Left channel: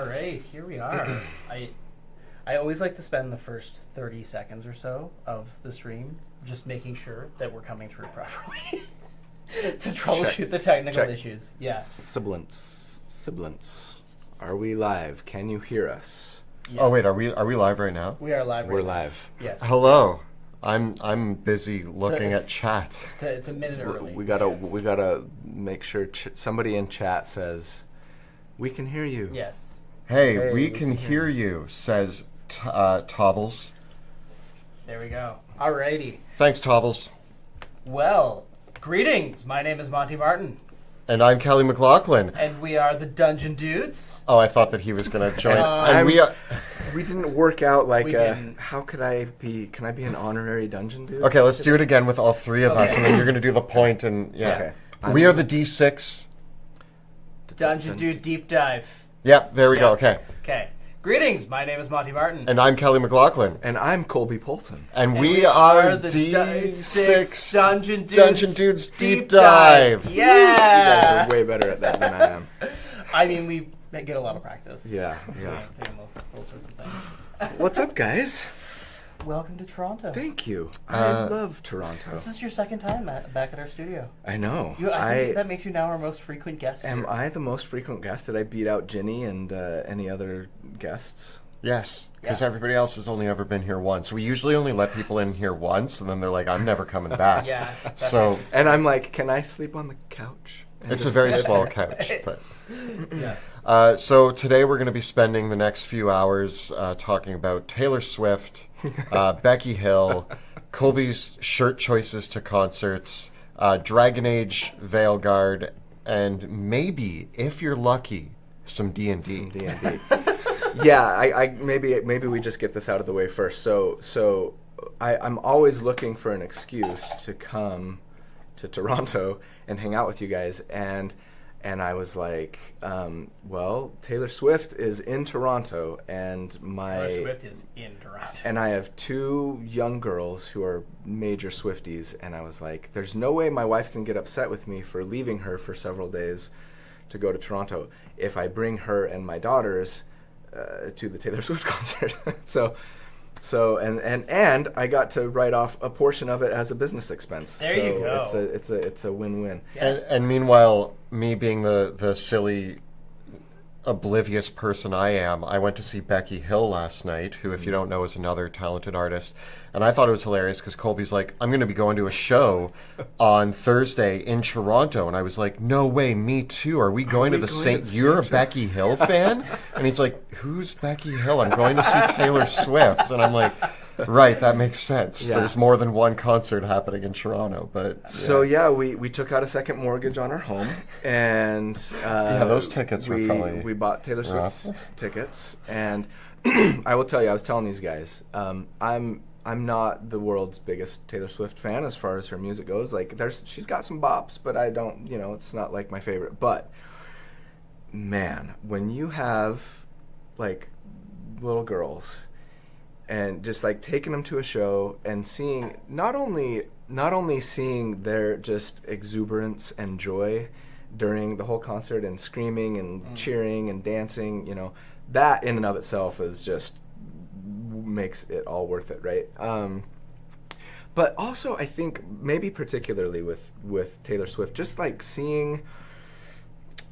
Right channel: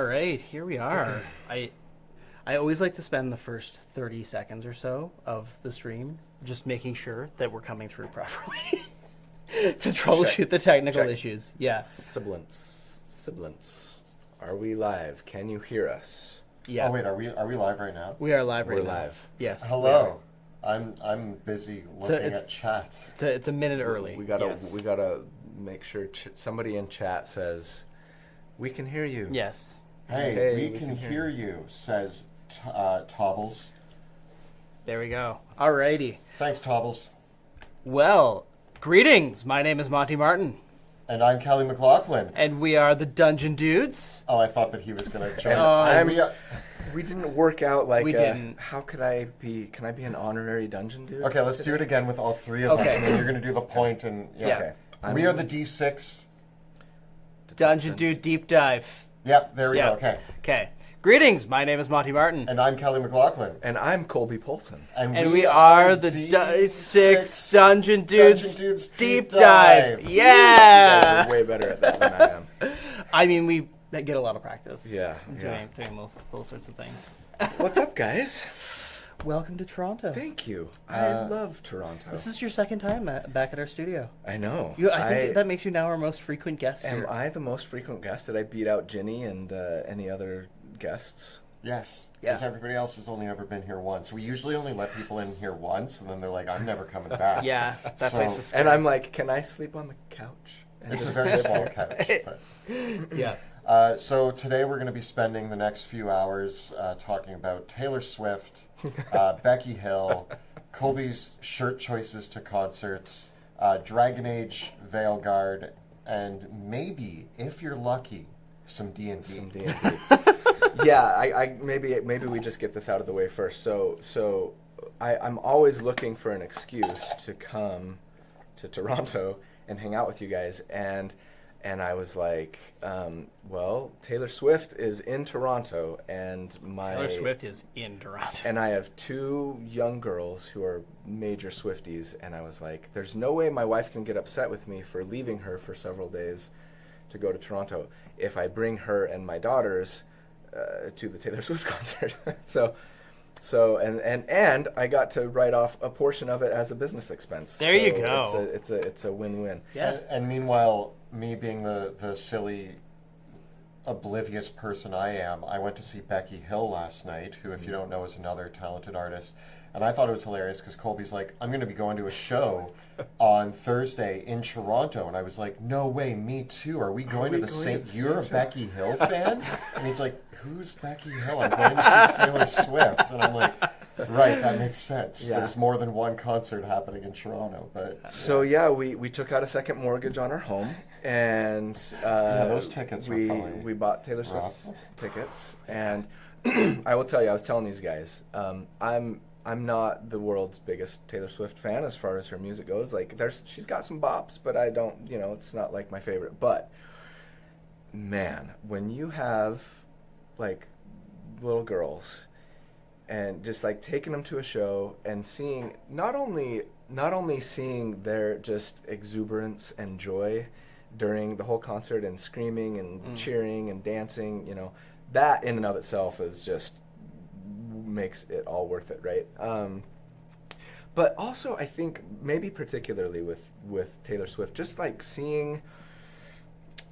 All right, here we are. I always like to spend the first 30 seconds or so of the stream just making sure that we're coming through properly to troubleshoot the technical issues. Yeah. Sibilance. Are we live? Can you hear us? Yeah. Oh wait, are we live right now? We are live right now. We're live. Yes. Hello. I'm busy looking at chat. It's a minute early. We gotta make sure somebody in chat says we can hear you. Yes. Hey, we can hear you, says Tobbles. There we go. Alrighty. Thanks, Tobbles. Well, greetings. My name is Monty Martin. And I'm Kelly McLaughlin. And we are the Dungeon Dudes. Oh, I thought that he was going to join. We didn't work out how could I be? Can I be an honorary dungeon dude? Okay, let's do it again with all three of us, and then you're going to do the point. And Okay. We are the D6 Dungeon Dude Deep Dive. Yep, there we go. Okay. Greetings. My name is Monty Martin. And I'm Kelly McLaughlin. And I'm Colby Polson. And we are the D6 Dungeon Dudes Deep Dive. Yeah. You guys are way better at that than I am. I mean, we get a lot of practice. Yeah. Doing all sorts of things. What's up, guys? Welcome to Toronto. Thank you. I love Toronto. This is your second time back at our studio. I know. I think that makes you now our most frequent guest. Am I the most frequent guest? Did I beat out Ginny and any other guests? Yes, because everybody else has only ever been here once. We usually only let people in here once, and then they're like, I'm never coming back. Yeah. And I'm like, can I sleep on the couch? It's a very small couch. But yeah. So today we're going to be spending the next few hours talking about Taylor Swift, Becky Hill, Colby's shirt choices to concerts, Dragon Age Veilguard, and maybe, if you're lucky, some D&D. Some D&D. Yeah, I maybe we just get this out of the way first. So I'm always looking for an excuse to come to Toronto and hang out with you guys, and I was like, well, Taylor Swift is in Toronto, and Taylor Swift is in Toronto. And I have two young girls who are major Swifties, and I was like, there's no way my wife can get upset with me for leaving her for several days to go to Toronto if I bring her and my daughters to the Taylor Swift concert. So and I got to write off a portion of it as a business expense. There you go. It's a win-win. Yeah. And meanwhile, me being the silly, oblivious person I am, I went to see Becky Hill last night, who, if you don't know, is another talented artist. And I thought it was hilarious because Colby's like, I'm going to be going to a show on Thursday in Toronto. And I was like, no way, me too. Are we going to the same... You're a Becky Hill fan? And he's like, who's Becky Hill? I'm going to see Taylor Swift. And I'm like, right, that makes sense. Yeah. There's more than one concert happening in Toronto. But So, we took out a second mortgage on our home. And those tickets were probably we bought Taylor Swift tickets. And I will tell you, I was telling these guys, I'm not the world's biggest Taylor Swift fan as far as her music goes. Like, she's got some bops, but I don't, it's not like my favorite. But man, when you have like little girls and just like taking them to a show and seeing not only seeing their just exuberance and joy during the whole concert and screaming and cheering and dancing, that in and of itself is just makes it all worth it, right? But also, I think maybe particularly with Taylor Swift, just like seeing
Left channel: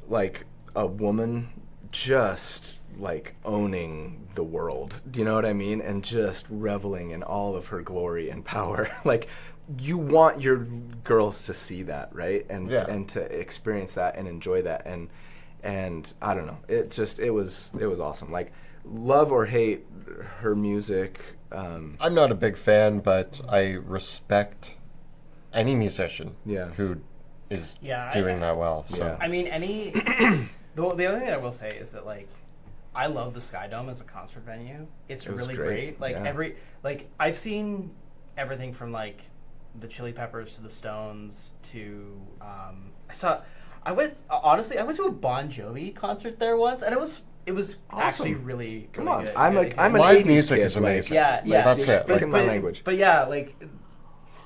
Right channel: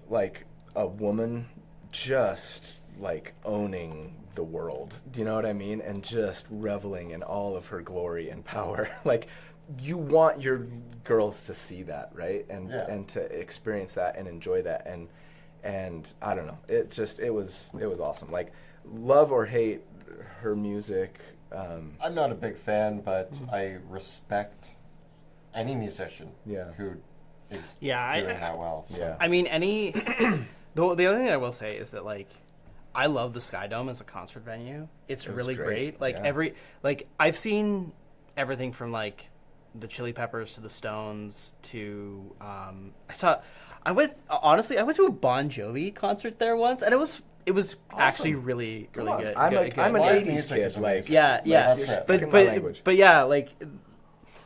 like a woman just like owning the world, do you know what I mean? And just reveling in all of her glory and power. Like, you want your girls to see that, right? And to experience that and enjoy that, and I don't know, it was awesome. Like, love or hate her music. I'm not a big fan, but I respect any musician who is doing that well. So. Yeah. I mean, the other thing I will say is that, like, I love the Sky Dome as a concert venue. It's really great. Like, I've seen everything from, like, the Chili Peppers to the Stones to, I went to a Bon Jovi concert there once, and it was awesome. Actually really Come on, good. I'm an live 80s music kid, is amazing. Yeah, that's it. But my language. But yeah, like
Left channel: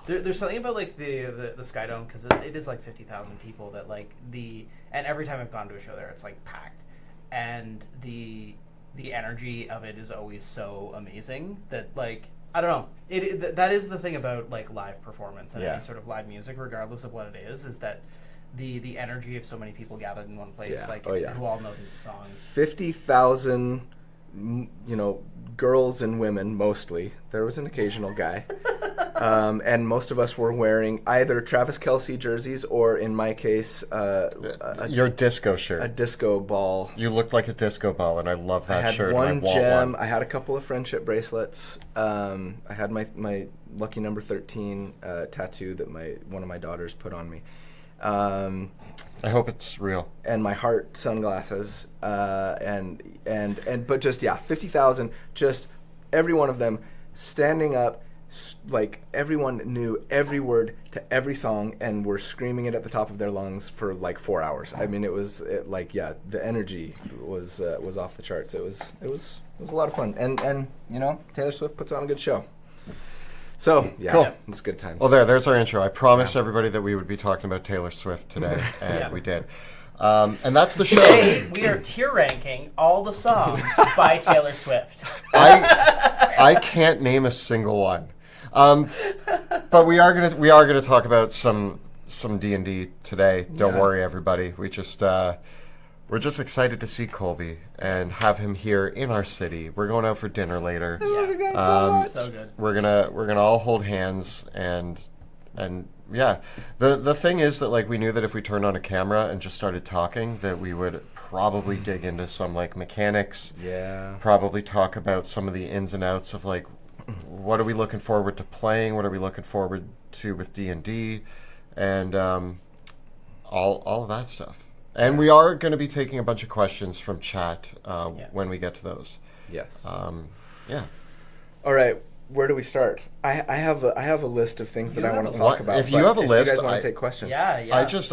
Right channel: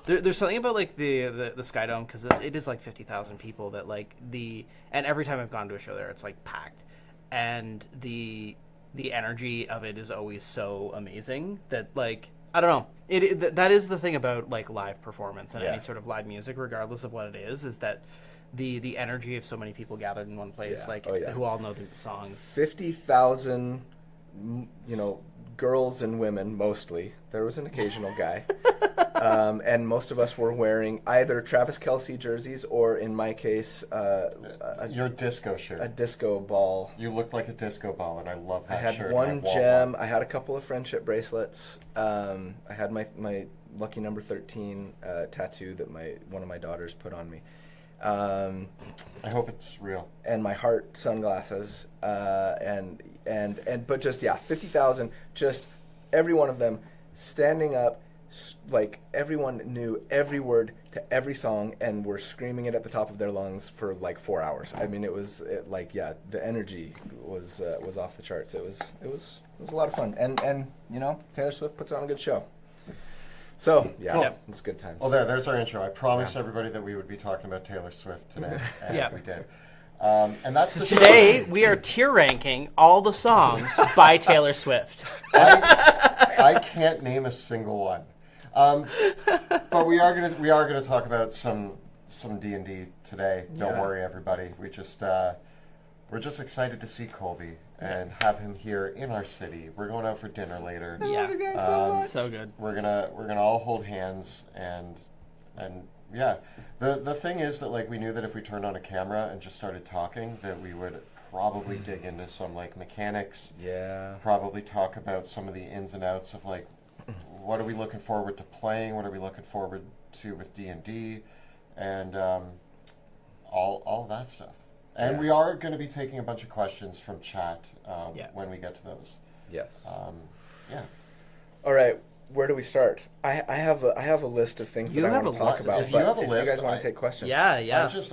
there's something about like the Sky Dome, because it is like 50,000 people that like and every time I've gone to a show there, it's like packed. and the energy of it is always so amazing that like I don't know. That is the thing about like live performance and any sort of live music, regardless of what it is that the energy of so many people gathered in one place, who all know the songs. 50,000, girls and women mostly. There was an occasional guy, and most of us were wearing either Travis Kelce jerseys or, in my case, your disco shirt, a disco ball. You looked like a disco ball, and I love that shirt. I had one gem. I had a couple of friendship bracelets. I had my lucky number 13 tattoo that one of my daughters put on me. I hope it's real. And my heart sunglasses, but just 50,000, just every one of them standing up, like everyone knew every word to every song and were screaming it at the top of their lungs for like 4 hours. I mean, the energy was off the charts. It was a lot of fun, and Taylor Swift puts on a good show. So, cool. It was good times. Well, there's our intro. I promised everybody that we would be talking about Taylor Swift today, and we did. And that's the show. Today, we are tier ranking all the songs by Taylor Swift. I can't name a single one. But we are gonna talk about some D&D today. Don't worry, everybody. We're just excited to see Colby and have him here in our city. We're going out for dinner later. I love you guys so much. So good. We're gonna all hold hands and yeah. The thing is that like we knew that if we turned on a camera and just started talking, that we would probably dig into some like mechanics. Yeah. Probably talk about some of the ins and outs of like what are we looking forward to playing, what are we looking forward to with D&D, and all of that stuff. And we are going to be taking a bunch of questions from chat when we get to those. Yes. Yeah. All right. Where do we start? I have a list of things that I want to talk about. If you have a list, you guys want to take questions. Yeah. I just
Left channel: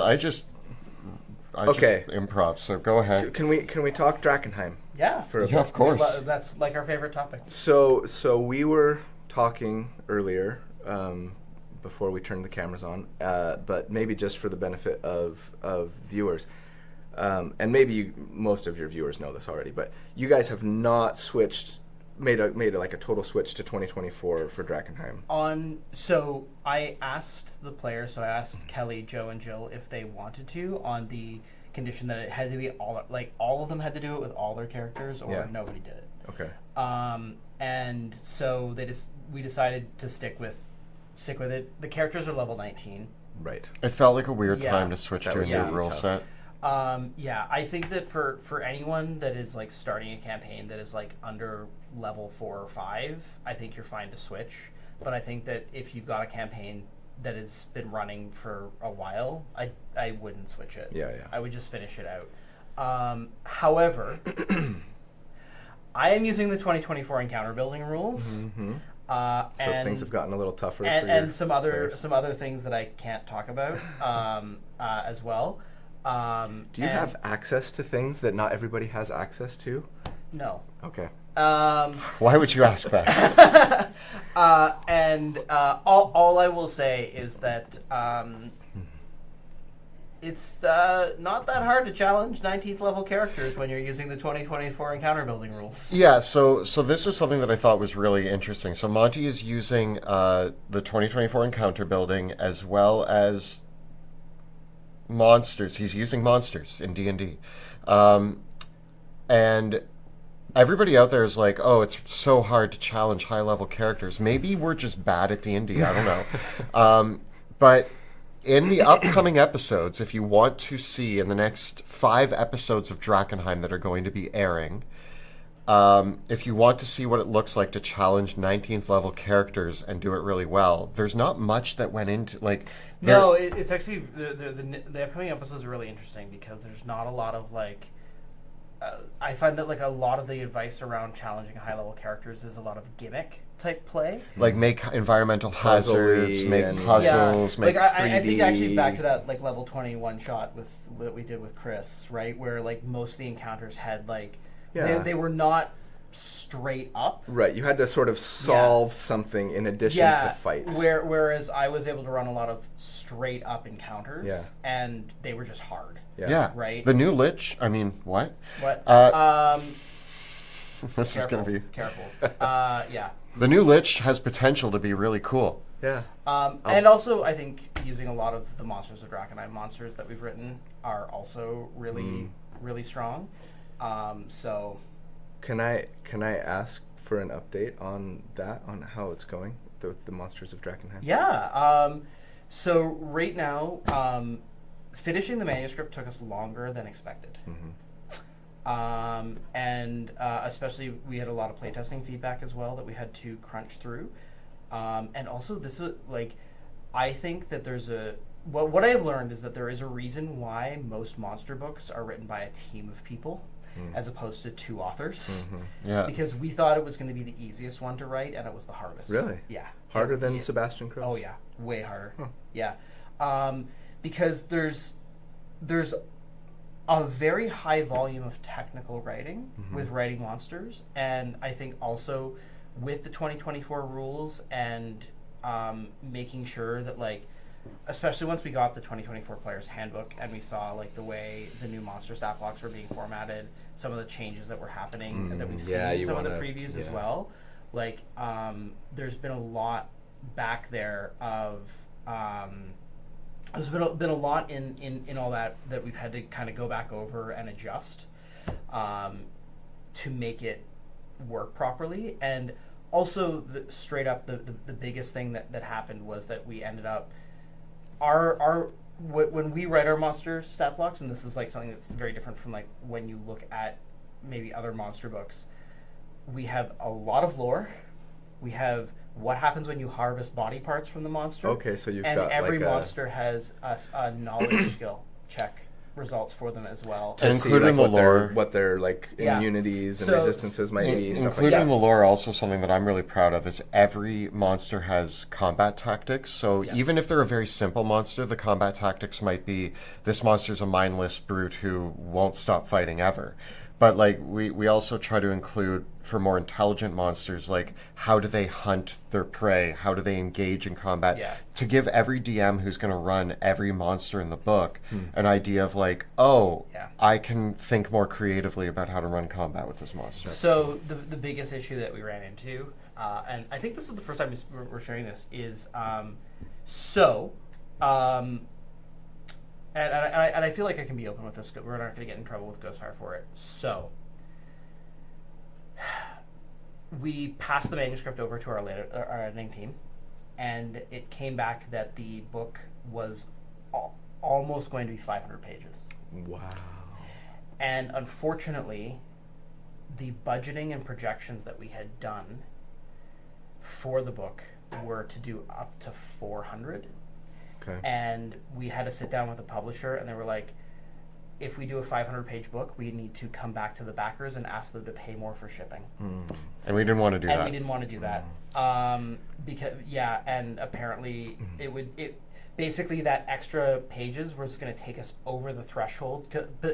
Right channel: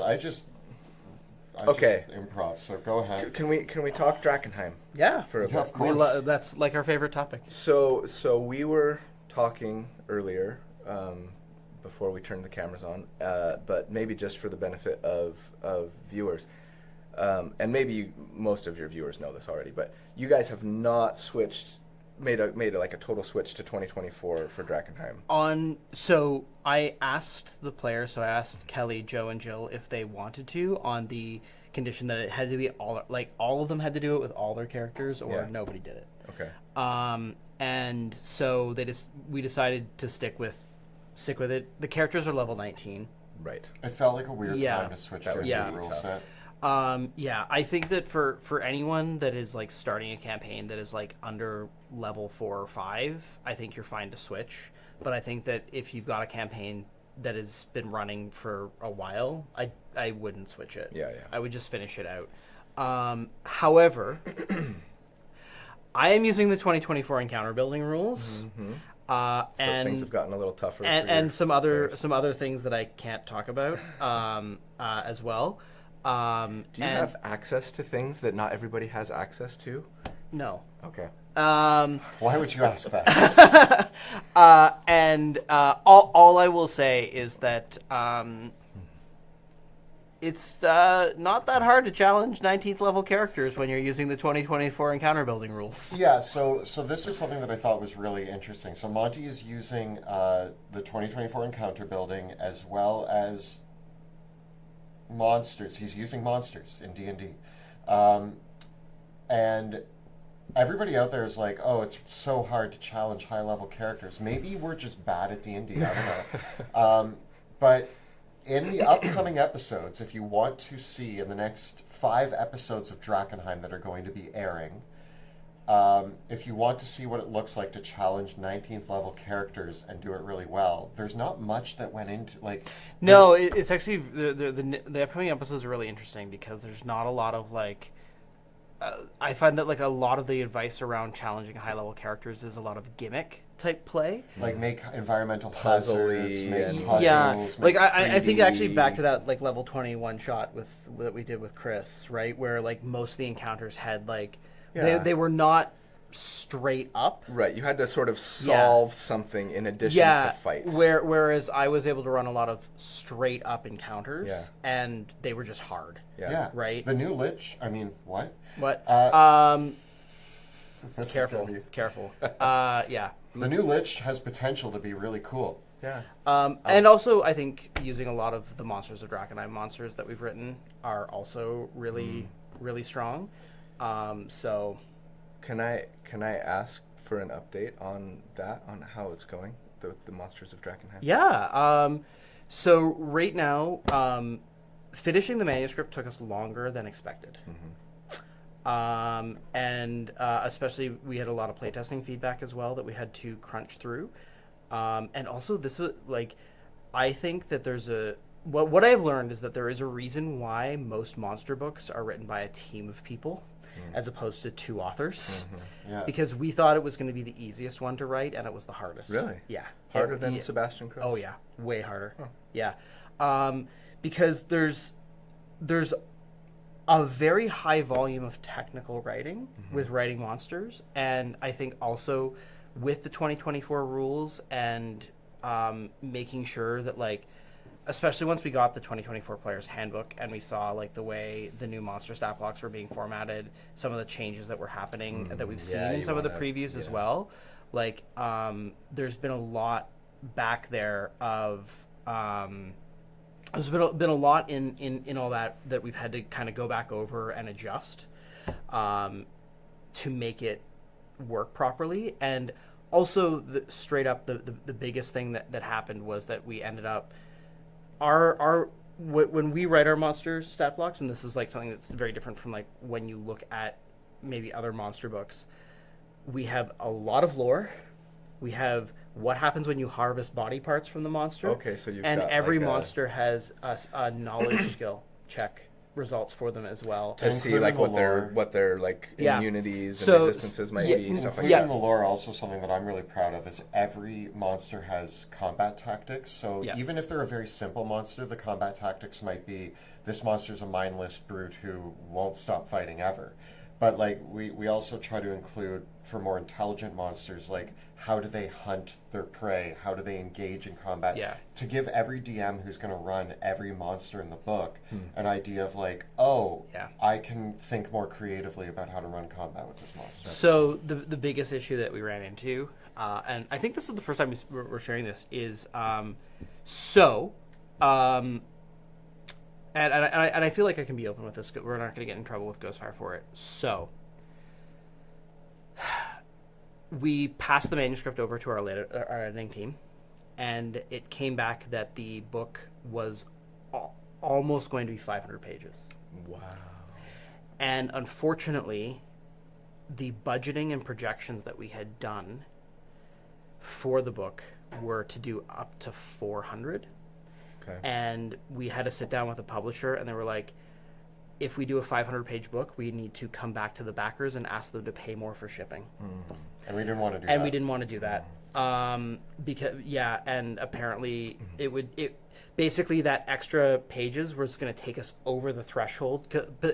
okay. Improv. So go ahead. Can we talk Drakenheim? Yeah. For a bit? Of course. That's like our favorite topic. So we were talking earlier. Before we turned the cameras on, but maybe just for the benefit of viewers. And maybe most of your viewers know this already, but you guys have not made a total switch to 2024 for Drakenheim. So I asked the players, I asked Kelly, Joe, and Jill if they wanted to, on the condition that it had to be all of them had to do it with all their characters, or nobody did it. Okay. And so we decided to stick with it. The characters are level 19. Right. It felt like a weird time to switch to a new rule set. I think that for anyone that is like starting a campaign that is like under level 4 or 5, I think you're fine to switch. But I think that if you've got a campaign that has been running for a while, I wouldn't switch it. Yeah. I would just finish it out. However, I am using the 2024 encounter building rules. Mm-hmm. So things have gotten a little tougher. And some other things that I can't talk about as well. Do you have access to things that not everybody has access to? No. Okay. Why would you ask that? All I will say is that it's not that hard to challenge 19th level characters when you're using the 2024 encounter building rules. Yeah, so this is something that I thought was really interesting. So Monty is using the 2024 encounter building as well as monsters. He's using monsters in D&D. And everybody out there is like, oh, it's so hard to challenge high-level characters. Maybe we're just bad at D&D. I don't know. But in the upcoming episodes, if you want to see in the next 5 episodes of Drakenheim that are going to be airing, if you want to see what it looks like to challenge 19th level characters and do it really well, there's not much that went into like. No, it's actually the upcoming episodes are really interesting because there's not a lot of like. I find that like a lot of the advice around challenging high level characters is a lot of gimmick type play. Like make environmental hazards, make puzzles, make I think actually back to that like level 21 shot that we did with Chris, right? Where like most of the encounters had like they were not straight up. Right, you had to sort of solve something in addition to fight. Whereas I was able to run a lot of straight up encounters, and they were just hard. Yeah. Right? The new Lich, I mean, what? What? This is going to be... Careful. Yeah. The new Lich has potential to be really cool. Yeah. And also, I think using a lot of the Monsters of Drakenheim monsters that we've written are also really, really strong. So... Can I ask for an update on that, on how it's going, the Monsters of Drakenheim? Yeah. So right now, finishing the manuscript took us longer than expected. And especially we had a lot of playtesting feedback as well that we had to crunch through. And also this was like, I think that there's what I have learned is that there is a reason why most monster books are written by a team of people as opposed to 2 authors. Yeah. Because we thought it was going to be the easiest one to write, and it was the hardest. Really? Yeah. Harder than Sebastian Crow? Oh yeah, way harder. Huh. Yeah. Because there's a very high volume of technical writing with writing monsters, and I think also with the 2024 rules and making sure that, like, especially once we got the 2024 Player's Handbook and we saw like the way the new monster stat blocks were being formatted, some of the changes that were happening that we've seen in some of the previews as well. Like, there's been a lot back there of there's been a lot in all that we've had to kind of go back over and adjust to make it work properly. And also, straight up, the biggest thing that happened was that we ended up when we write our monster stat blocks, and this is like something that's very different from like when you look at maybe other monster books, we have a lot of lore. We have what happens when you harvest body parts from the monster. Okay, so you've got every like monster has a knowledge skill check results for them as well. to see like what their like immunities and resistances might be, stuff like that. Including the lore, also something that I'm really proud of is every monster has combat tactics. So even if they're a very simple monster, the combat tactics might be, this monster's a mindless brute who won't stop fighting ever. But like we also try to include, for more intelligent monsters, like how do they hunt their prey? How do they engage in combat? Yeah. To give every DM who's going to run every monster in the book an idea of like, I can think more creatively about how to run combat with this monster. So the biggest issue that we ran into, and I think this is the first time we're sharing this, is and I feel like I can be open with this. We're not going to get in trouble with Ghostfire for it. So, we passed the manuscript over to our editing team, and it came back that the book was almost going to be 500 pages. Wow. And unfortunately, the budgeting and projections that we had done for the book were to do up to 400. Okay. And we had to sit down with the publisher, and they were like, if we do a 500-page book, we need to come back to the backers and ask them to pay more for shipping. And we didn't want to do that. And we didn't want to do that. Because, and apparently it basically that extra pages was going to take us over the threshold.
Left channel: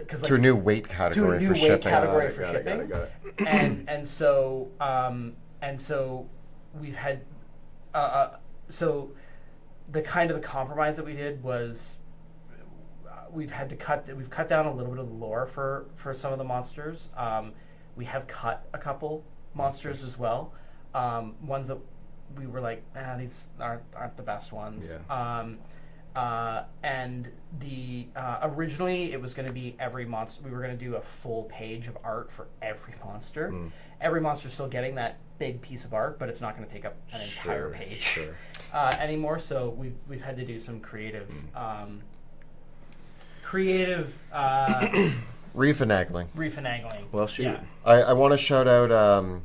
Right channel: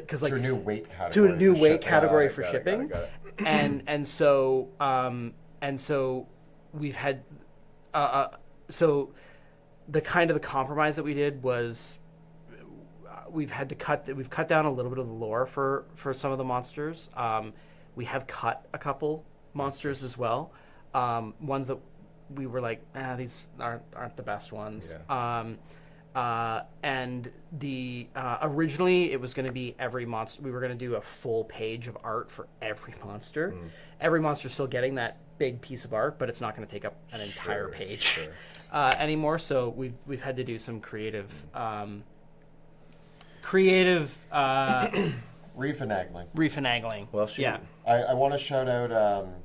Cause like, to a new weight category for shipping. Got it. And so we've had, the kind of the compromise that we did was we've cut down a little bit of the lore for some of the monsters. We have cut a couple monsters as well. Ones that we were like, these aren't the best ones. Yeah. And the originally it was going to be every monster. We were going to do a full page of art for every monster. Every monster's still getting that big piece of art, but it's not going to take up an entire page anymore. So we've had to do some creative refinagling. Well, shoot. Yeah. I want to shout out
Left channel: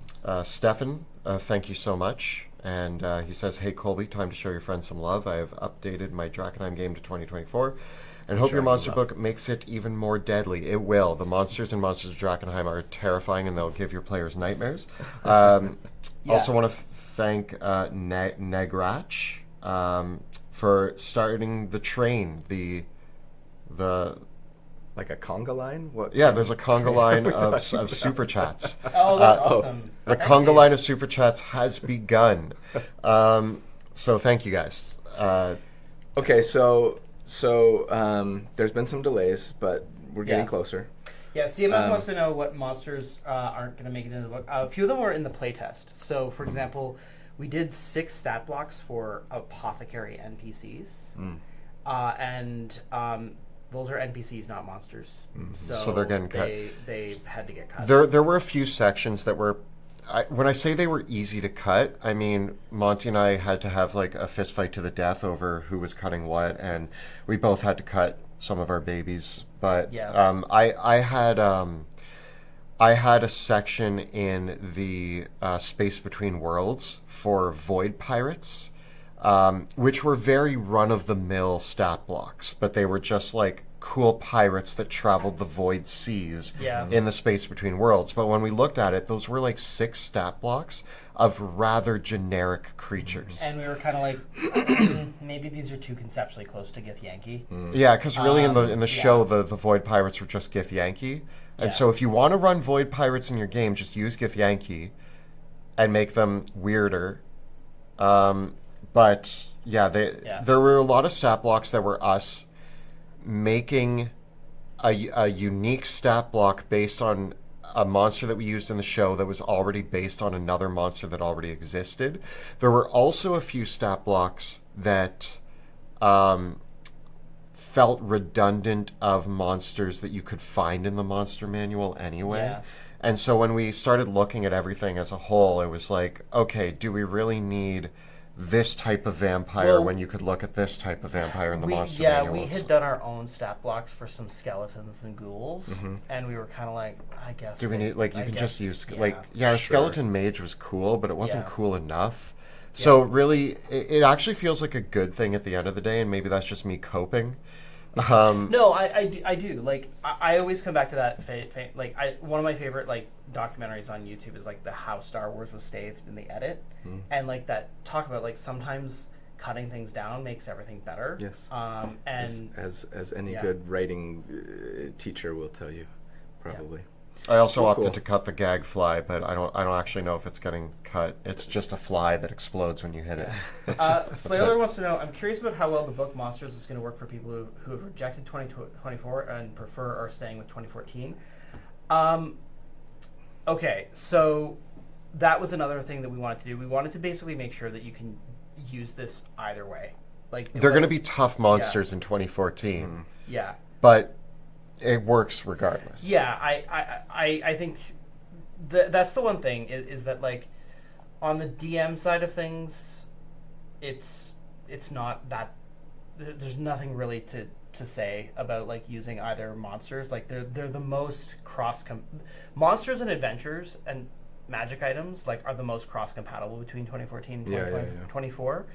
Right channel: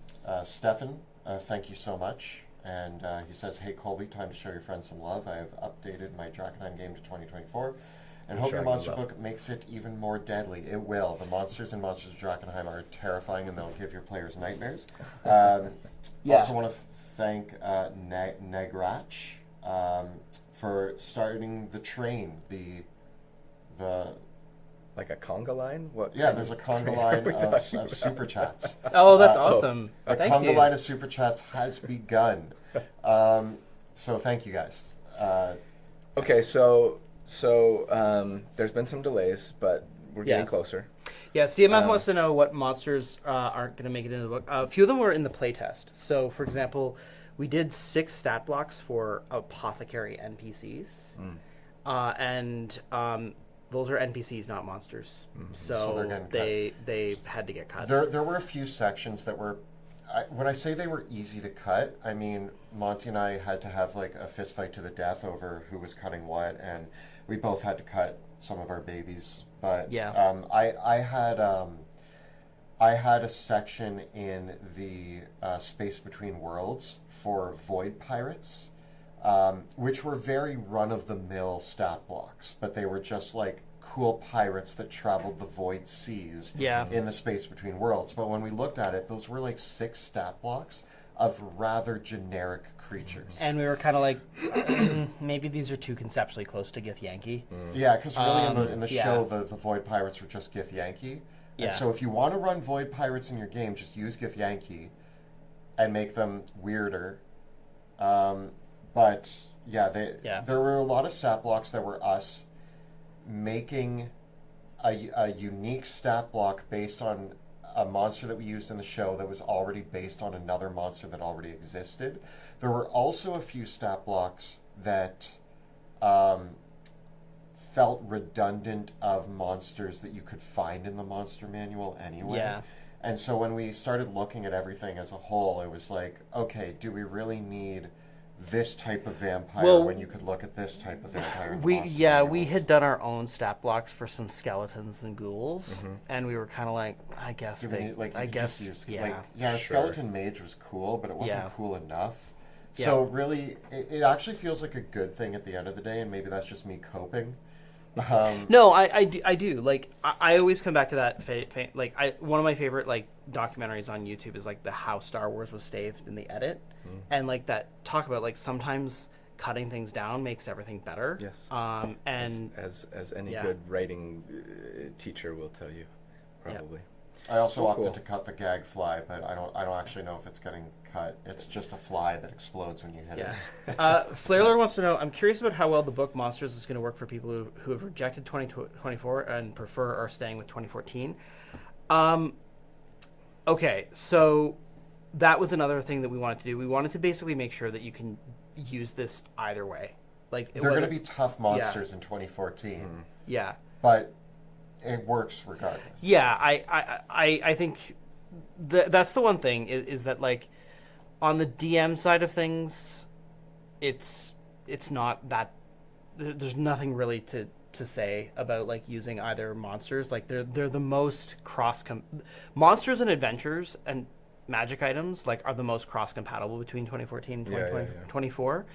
Stefan. Thank you so much. And he says, hey, Colby, time to show your friends some love. I have updated my Drakenheim game to 2024 and hope your monster book makes it even more deadly. It will. The monsters in Monsters of Drakenheim are terrifying, and they'll give your players nightmares. Also want to thank Negrach for starting the train, the Like a conga line? What? Yeah, there's a conga line of super chats. Oh, that's awesome. The conga line of super chats has begun. So thank you guys. Okay, so there's been some delays, but we're getting closer. Yeah, CMF wants to know what monsters aren't going to make it into the book. A few of them were in the playtest. So, for example, we did 6 stat blocks for apothecary NPCs. And those are NPCs, not monsters. So they're getting cut. They had to get cut. There were a few sections that were... when I say they were easy to cut, I mean Monty and I had to have like a fist fight to the death over who was cutting what, and we both had to cut some of our babies. But I had a section in the space between worlds for void pirates, which were very run-of-the-mill stat blocks, but they were just like cool pirates that traveled the void seas in the space between worlds. But when we looked at it, those were like 6 stat blocks of rather generic creatures. And we were kind of like, maybe these are too conceptually close to Githyanki. Yeah, because really in the show, the void pirates were just Githyanki. And so if you want to run void pirates in your game, just use Githyanki and make them weirder. But there were a lot of stat blocks that were us making a unique stat block based on a monster that we used in the show that was already based on another monster that already existed. There were also a few stat blocks that felt redundant of monsters that you could find in the monster manual anyway. Yeah. And so when we started looking at everything as a whole, it was like, okay, do we really need this type of vampire when you could look at this type of vampire in the monster manuals? We had done our own stat blocks for some skeletons and ghouls, and we were kind of like, I guess. Do we need, like, you could just use, our skeleton mage was cool, but it wasn't cool enough. So really, it actually feels like a good thing at the end of the day, and maybe that's just me coping. No, I do. Like, I always come back to that. One of my favorite documentaries on YouTube is like the how Star Wars was saved in the edit, and like that talk about like sometimes cutting things down makes everything better. Yes. And as any good writing teacher will tell you, probably. I also opted to cut the gag fly, but I don't actually know if it's getting cut. It's just a fly that explodes when you hit it. Flaylor wants to know, I'm curious about how well the book Monsters is going to work for people who have rejected 2024 and prefer or staying with 2014. Okay, so that was another thing that we wanted to do. We wanted to basically make sure that you can use this either way. Like they're going to be tough monsters in 2014. Yeah. But it works regardless. Yeah, I think that's the one thing is that like on the DM side of things, it's not that there's nothing really to say about like using either monsters. Like they're the most monsters and adventures and magic items like are the most cross compatible between 2014 and 2024.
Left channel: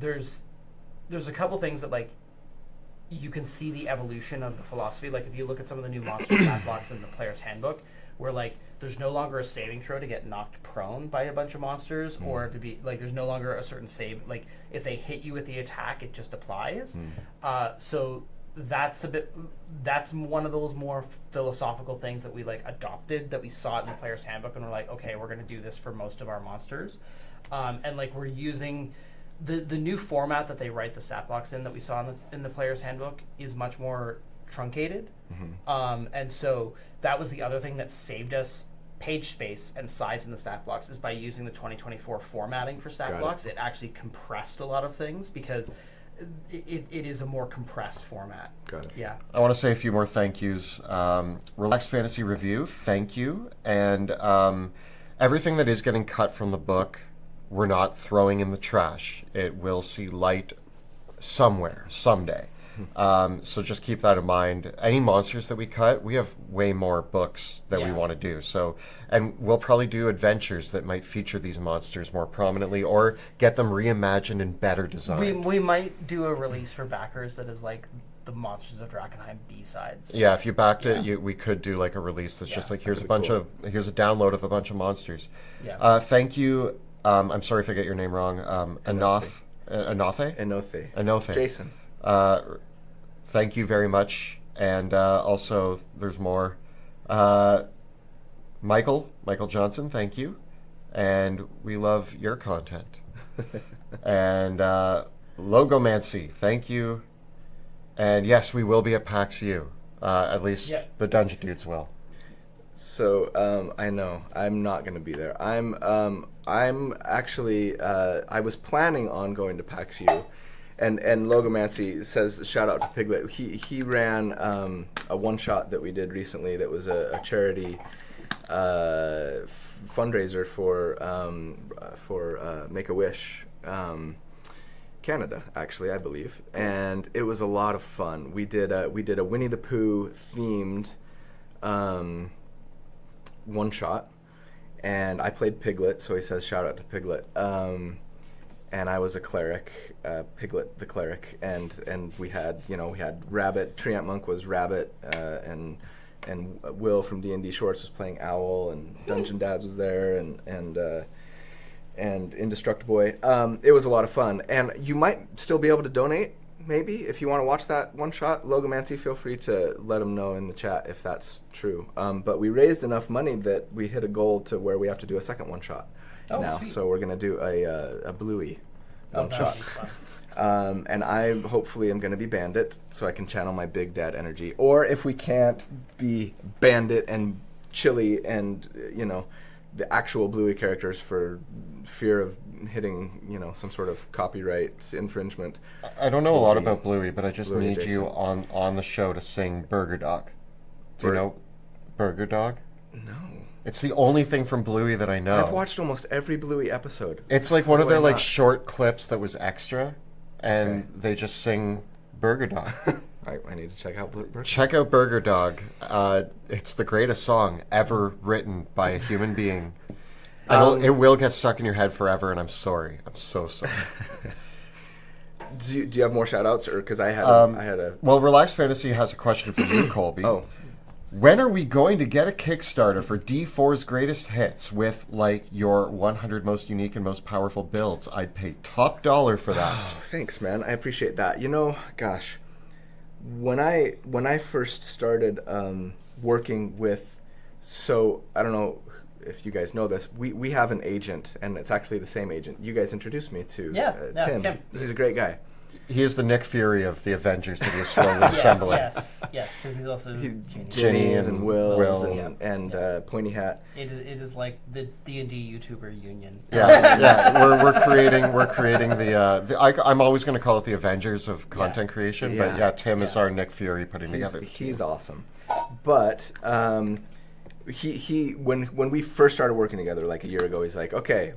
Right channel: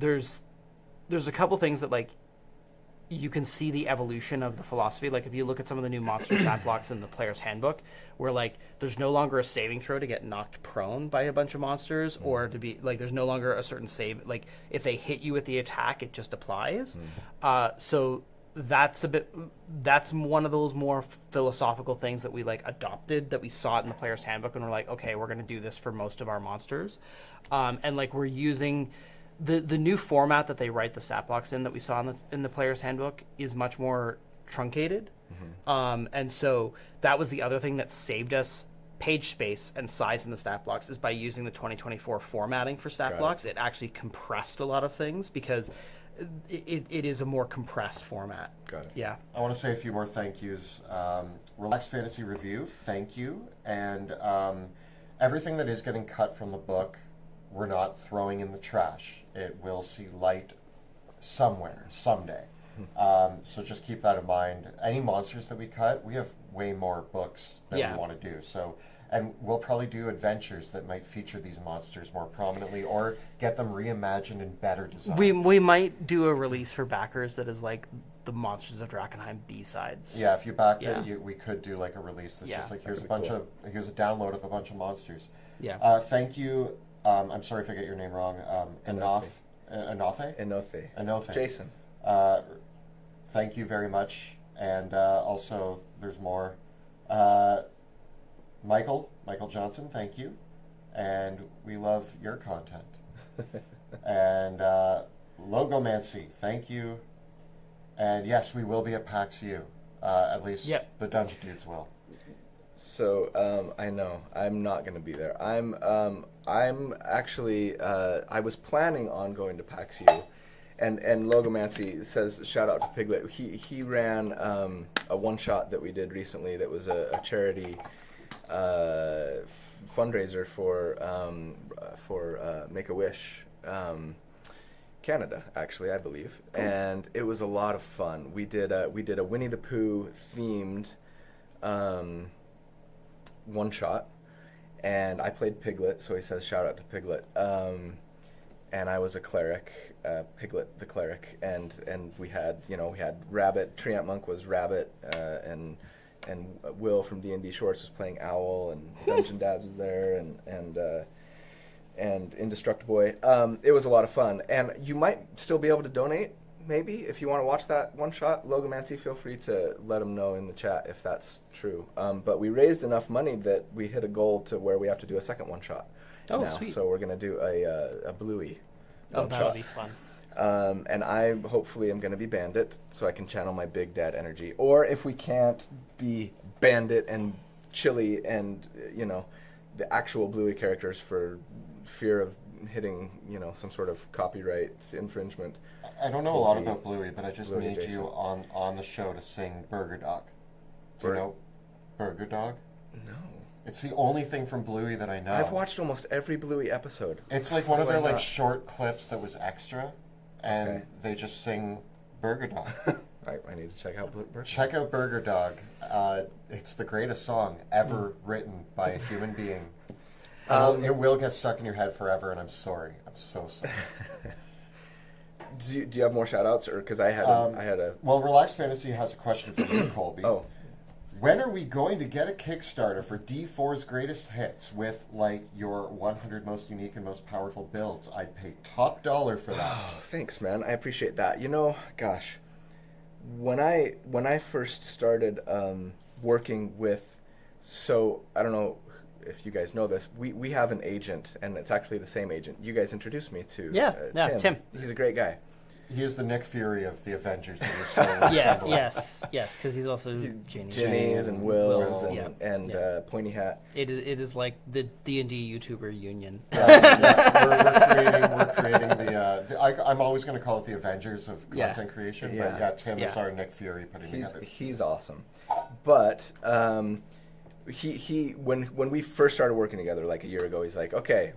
There's a couple things that like you can see the evolution of the philosophy. Like if you look at some of the new monster stat blocks in the player's handbook, where like there's no longer a saving throw to get knocked prone by a bunch of monsters, or to be like there's no longer a certain save. Like if they hit you with the attack, it just applies. So that's one of those more philosophical things that we like adopted, that we saw it in the player's handbook, and we're like, okay, we're going to do this for most of our monsters, and like we're using. The new format that they write the stat blocks in that we saw in the player's handbook is much more truncated. And so that was the other thing that saved us page space and size in the stat blocks, is by using the 2024 formatting for stat blocks. It actually compressed a lot of things because it is a more compressed format. Got it. Yeah. I want to say a few more thank yous. Relaxed Fantasy Review, thank you. And everything that is getting cut from the book, we're not throwing in the trash. It will see light somewhere, someday. So just keep that in mind. Any monsters that we cut, we have way more books that we want to do. So, and we'll probably do adventures that might feature these monsters more prominently, or get them reimagined and better designed. We might do a release for backers that is like the Monsters of Drakkenheim B-sides. Yeah, if you backed it, we could do like a release that's just like here's a download of a bunch of monsters. Yeah. Thank you. I'm sorry if I get your name wrong. Anothe. Enothe. Jason. thank you very much. And also, there's more. Michael Johnson, thank you. And we love your content. And Logomancy, thank you. And yes, we will be at PAX U. At least the Dungeon Dudes will. So I know I'm not going to be there. I'm actually I was planning on going to PAX U, and Logomancy says shout out to Piglet. He ran a one shot that we did recently that was a charity fundraiser for Make-A-Wish Canada, actually, I believe, and it was a lot of fun. We did a Winnie the Pooh themed one shot, and I played Piglet, so he says shout out to Piglet. And I was a cleric, Piglet the cleric, and we had Rabbit. Treant Monk was Rabbit, and Will from D&D Shorts was playing Owl, and Dungeon Dad was there, and Indestructible Boy. It was a lot of fun, and you might still be able to donate. Maybe if you want to watch that one shot, Logomancy, feel free to let them know in the chat if that's true. But we raised enough money that we hit a goal to where we have to do a second one shot now. Sweet. So we're going to do a Bluey one shot. And I hopefully am going to be Bandit, so I can channel my Big Dad energy. Or if we can't be Bandit and Chili and the actual Bluey characters for fear of hitting some sort of copyright infringement. I don't know a lot about Bluey, but I just need you on the show to sing Burger Dog. Do you know Burger Dog? No. It's the only thing from Bluey that I know. I've watched almost every Bluey episode. It's like one of their like short clips that was extra, and they just sing Burger Dog. I need to check out Burger Dog. Check out Burger Dog. It's the greatest song ever written by a human being. It will get stuck in your head forever, and I'm sorry. I'm so sorry. Do you have more shout-outs? Because I had a... Well, Relaxed Fantasy has a question for you, Colby. Oh. When are we going to get a Kickstarter for D4's greatest hits with, like, your 100 most unique and most powerful builds? I'd pay top dollar for that. Oh, thanks, man. I appreciate that. Gosh, when I first started working with... So, I don't know if you guys know this. We have an agent, and it's actually the same agent you guys introduced me to. Tim. He's a great guy. He is the Nick Fury of the Avengers that you're slowly assembling. Yes, because he's also Ginny's and Will's and Pointy Hat. It is like the D&D YouTuber union. We're creating the. I'm always going to call it the Avengers of content creation, but Tim is our Nick Fury putting together. He's awesome, but he when we first started working together like a year ago, he's like, okay,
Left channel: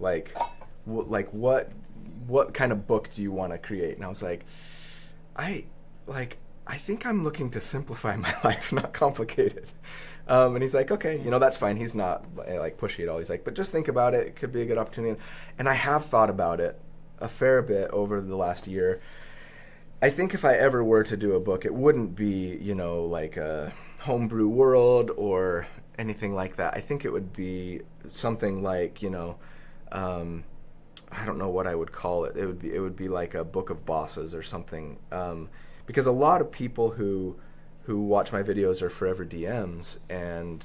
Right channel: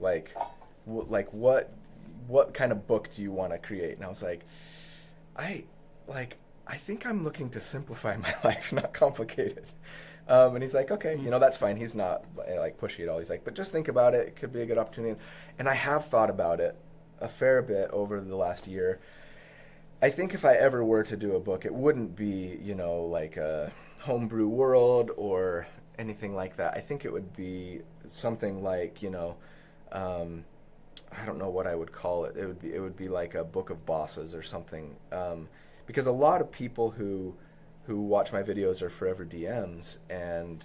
what kind of book do you want to create? And I was like, I think I'm looking to simplify my life, not complicate it. And he's like, okay, that's fine. He's not like pushy at all. He's like, but just think about it. It could be a good opportunity. And I have thought about it a fair bit over the last year. I think if I ever were to do a book, it wouldn't be, like a homebrew world or anything like that. I think it would be something like, I don't know what I would call it. It would be like a book of bosses or something, because a lot of people who watch my videos are forever DMs, and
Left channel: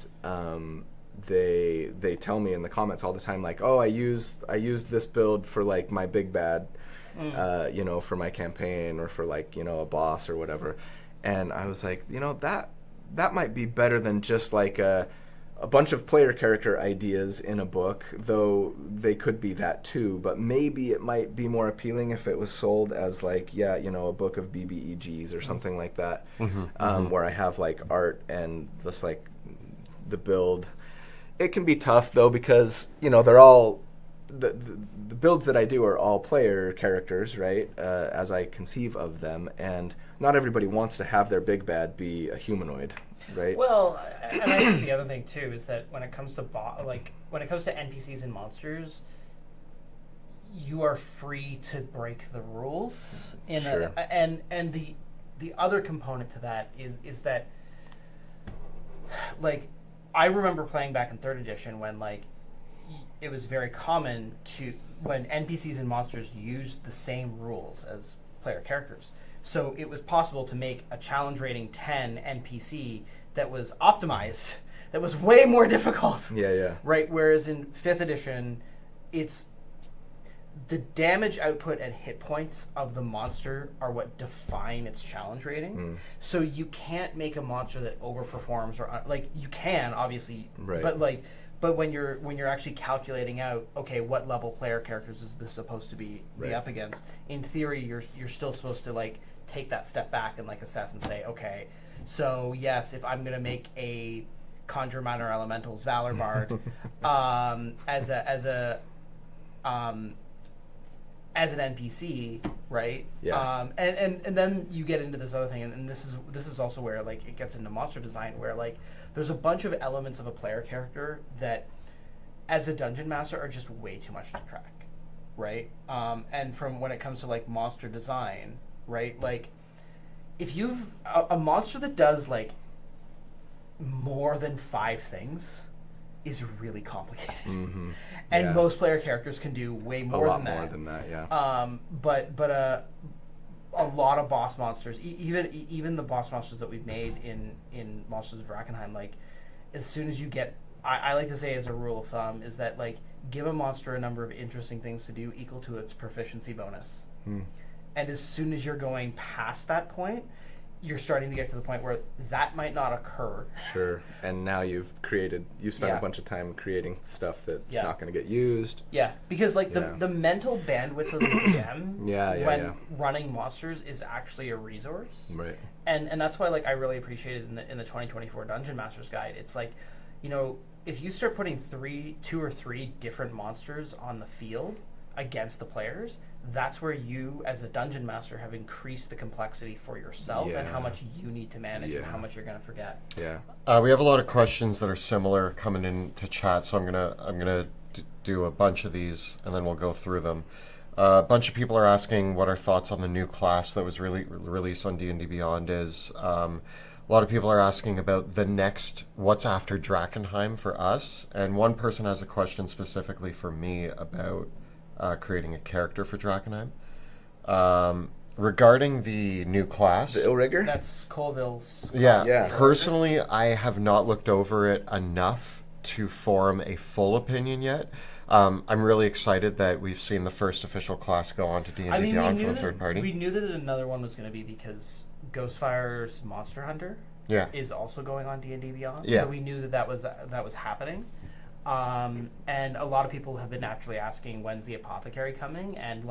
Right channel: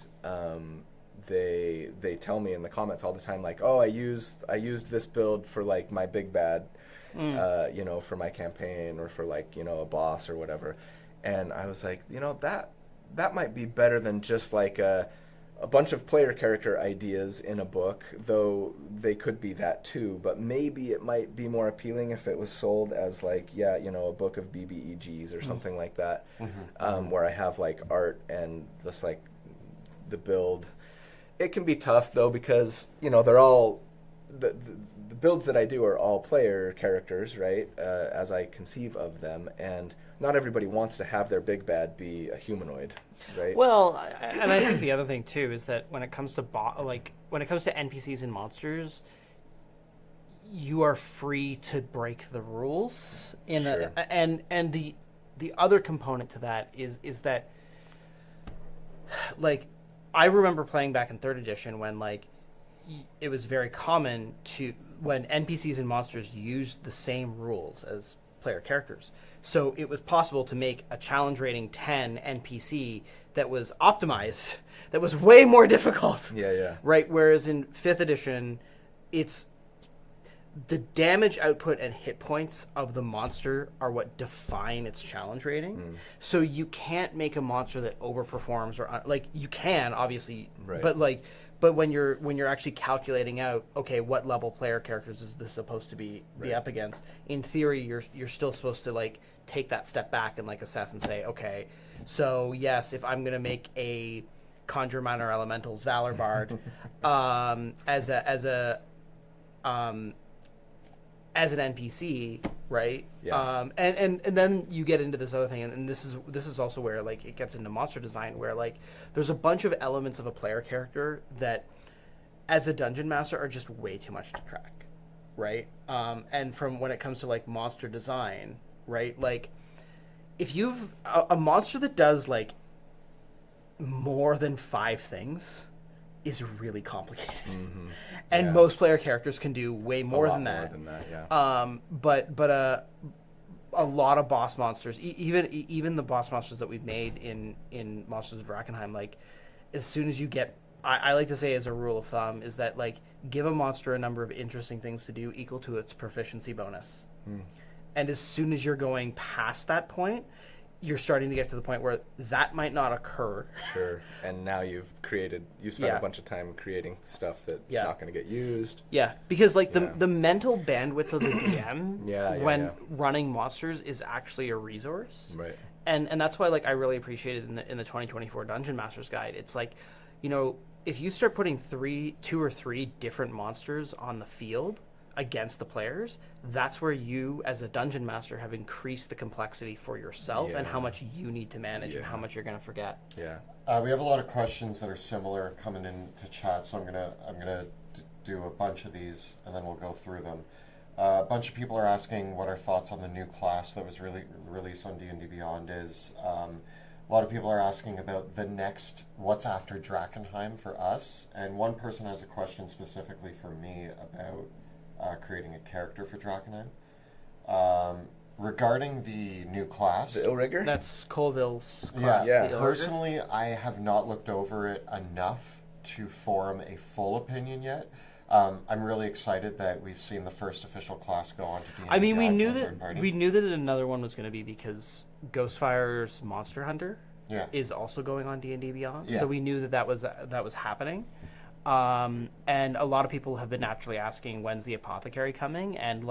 they tell me in the comments all the time, like, oh, I used this build for like my big bad, for my campaign or for like a boss or whatever, and I was like, that might be better than just like a bunch of player character ideas in a book, though they could be that too, but maybe it might be more appealing if it was sold as like, a book of BBEGs or something like that, where I have like art and just like the build. It can be tough though, because, they're all, the builds that I do are all player characters, right, as I conceive of them, and not everybody wants to have their big bad be a humanoid. Right. Well, and I think the other thing too is that when it comes to NPCs and monsters, you are free to break the rules. And the other component to that is that, like, I remember playing back in 3rd edition when like it was very common when NPCs and monsters used the same rules as player characters, So it was possible to make a challenge rating 10 NPC that was optimized, that was way more difficult. Yeah. Right? Whereas in 5th edition, it's the damage output and hit points of the monster are what define its challenge rating. So you can't make a monster that overperforms or like you can obviously, but when you're actually calculating out, okay, what level player characters is this supposed to be up against? In theory, you're still supposed to like take that step back and like assess and say, okay, so yes, if I'm gonna make a Conjure Minor Elementals Valor Bard as an NPC, right? Yeah. And then you get into this other thing, and this is also where like it gets into monster design, where like there's a bunch of elements of a player character that, as a dungeon master, are just way too much to track, right? And from when it comes to like monster design, right? Like if you've a monster that does like more than 5 things is really complicated. And most player characters can do way more than that. A lot more than that, yeah. But a lot of boss monsters, even the boss monsters that we've made in Monsters of Drakkenheim, like as soon as you get, I like to say as a rule of thumb is that like give a monster a number of interesting things to do equal to its proficiency bonus. And as soon as you're going past that point, you're starting to get to the point where that might not occur. Sure. And now you've spent a bunch of time creating stuff that's not going to get used. Yeah, because like the mental bandwidth of the DM when running monsters is actually a resource. Right. And that's why like I really appreciated in the 2024 Dungeon Masters Guide. It's like, you know, if you start putting 2 or 3 different monsters on the field against the players, that's where you as a dungeon master have increased the complexity for yourself and how much you need to manage and how much you're going to forget. We have a lot of questions that are similar coming into chat, so I'm gonna do a bunch of these and then we'll go through them. A bunch of people are asking what our thoughts on the new class that was released on D&D Beyond is. A lot of people are asking about the next, what's after Drakkenheim for us, and one person has a question specifically for me about creating a character for Drakkenheim. Regarding the new class... The Illrigger? That's Colville's class. Yeah. Personally, I have not looked over it enough to form a full opinion yet. I'm really excited that we've seen the first official class go on to D&D Beyond from the third party. We knew that another one was going to be because Ghostfire's Monster Hunter is also going on D&D Beyond. So we knew that was happening. And a lot of people have been actually asking when's the Apothecary coming, and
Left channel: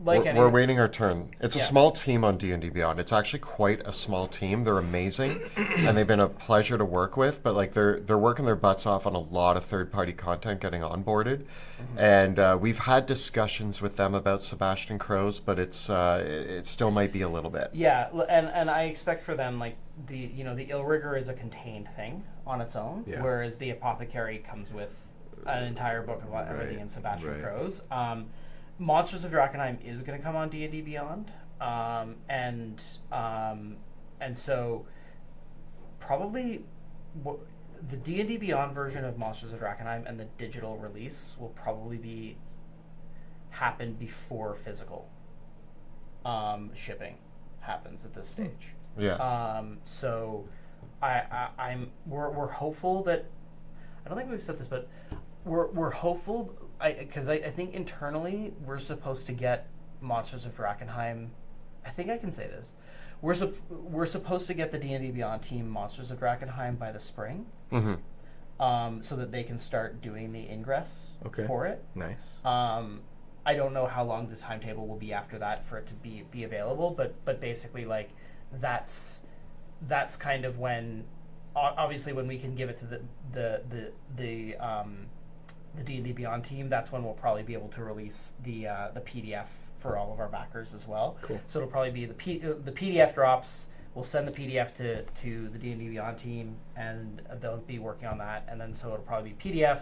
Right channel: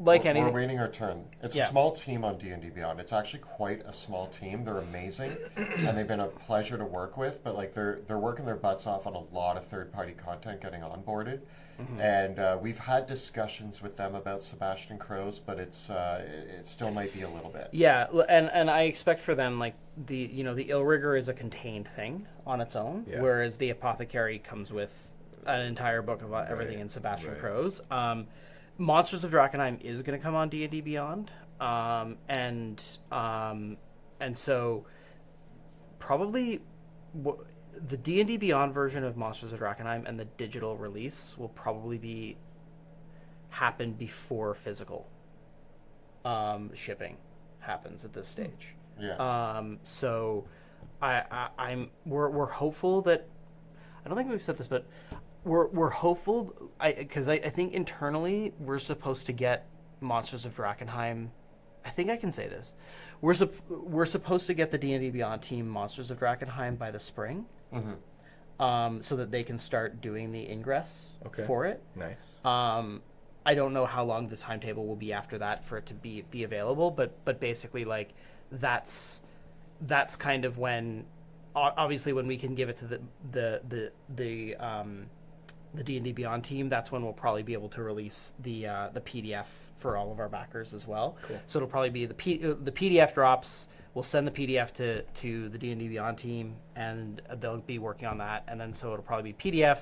we're waiting our turn. It's a small team on D&D Beyond. It's actually quite a small team. They're amazing, and they've been a pleasure to work with. But like they're working their butts off on a lot of third-party content getting onboarded, and we've had discussions with them about Sebastian Crows, but it still might be a little bit. Yeah, and I expect for them like the Illrigger is a contained thing on its own, whereas the Apothecary comes with an entire book of everything in Sebastian Crows. Monsters of Drakkenheim is going to come on D&D Beyond, and so probably the D&D Beyond version of Monsters of Drakkenheim and the digital release will probably happen before physical shipping happens at this stage. So we're hopeful that, I don't think we've said this, but we're hopeful, because I think internally we're supposed to get Monsters of Drakkenheim. I think I can say this. We're supposed to get the D&D Beyond team Monsters of Drakkenheim by the spring, so that they can start doing the ingress for it. Nice. I don't know how long the timetable will be after that for it to be available, but basically like that's kind of when, obviously when we can give it to the D&D Beyond team, that's when we'll probably be able to release the PDF for all of our backers as well. Cool. So it'll probably be the PDF drops. We'll send the PDF to the D&D Beyond team, and they'll be working on that. And then so it'll probably be PDF,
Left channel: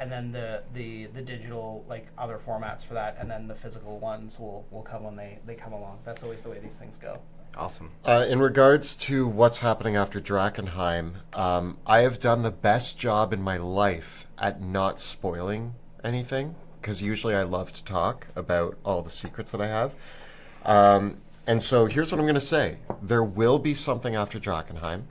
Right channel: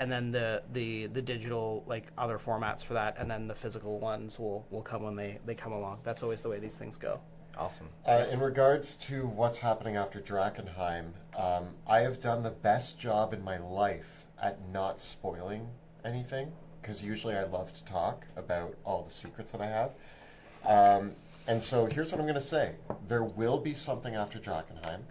and then the digital like other formats for that, and then the physical ones will come when they come along. That's always the way these things go. Awesome. In regards to what's happening after Drakkenheim, I have done the best job in my life at not spoiling anything, because usually I love to talk about all the secrets that I have. And so here's what I'm going to say. There will be something after Drakenheim.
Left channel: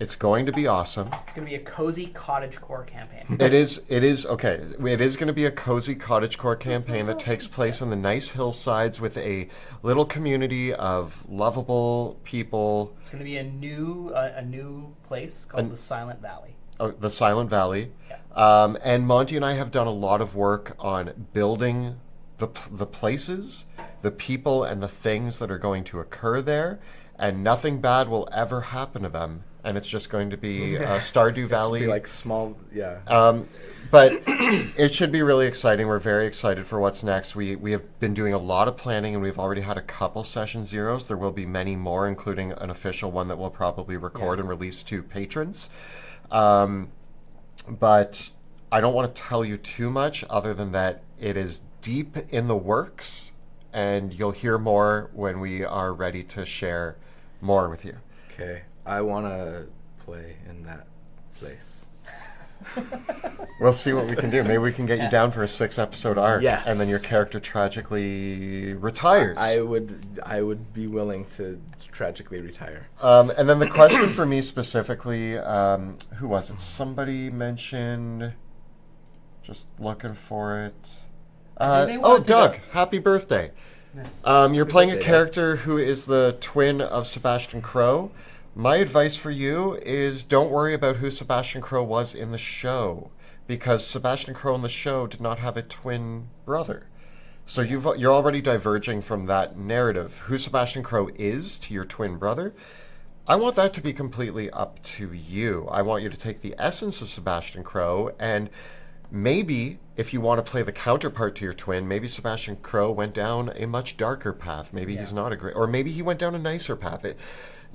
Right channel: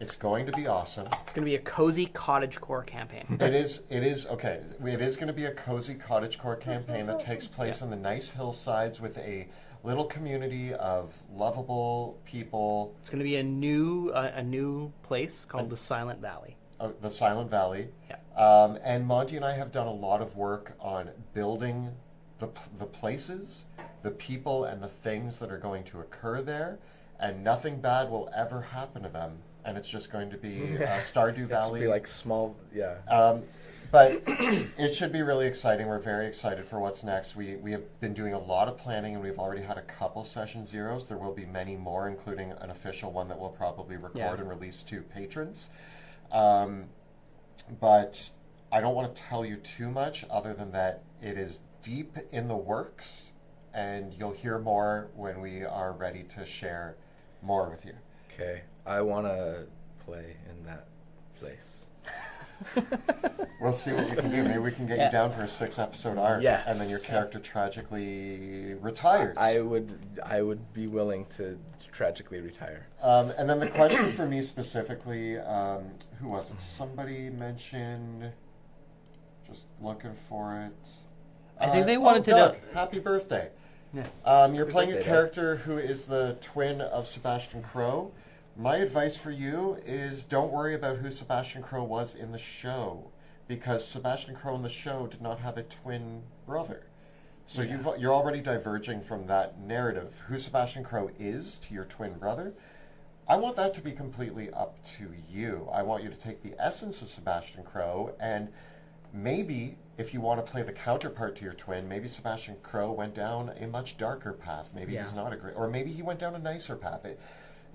It's going to be awesome. It's going to be a cozy cottagecore campaign. It is okay. It is going to be a cozy cottagecore campaign that takes place in the nice hillsides with a little community of lovable people. It's going to be a new place called the Silent Valley. Oh, the Silent Valley. Yeah. And Monty and I have done a lot of work on building the places, the people, and the things that are going to occur there, and nothing bad will ever happen to them. And it's just going to be Stardew Valley. It's be like small, yeah. But it should be really exciting. We're very excited for what's next. We have been doing a lot of planning, and we've already had a couple session zeros. There will be many more, including an official one that we'll probably record and release to patrons. But I don't want to tell you too much other than that it is deep in the works, and you'll hear more when we are ready to share more with you. Okay. I want to play in that place. We'll see what we can do. Maybe we can get you down for a 6-episode arc, yes. And then your character tragically retires. I would be willing to tragically retire. And then the question for me specifically, who was it? Somebody mentioned. Just looking for it. Doug! Happy birthday! Yeah. You're playing a character who is the twin of Sebastian Crow. My advice for you is don't worry about who Sebastian Crow was in the show, because Sebastian Crow in the show did not have a twin brother. So you're already diverging from that narrative. Who Sebastian Crow is to your twin brother, I want that to be completely up to you. I want you to take the essence of Sebastian Crow, and maybe if you want to play the counterpart to your twin, maybe Sebastian Crow went down a much darker path. Maybe he's not a great, or maybe he went down a nicer path.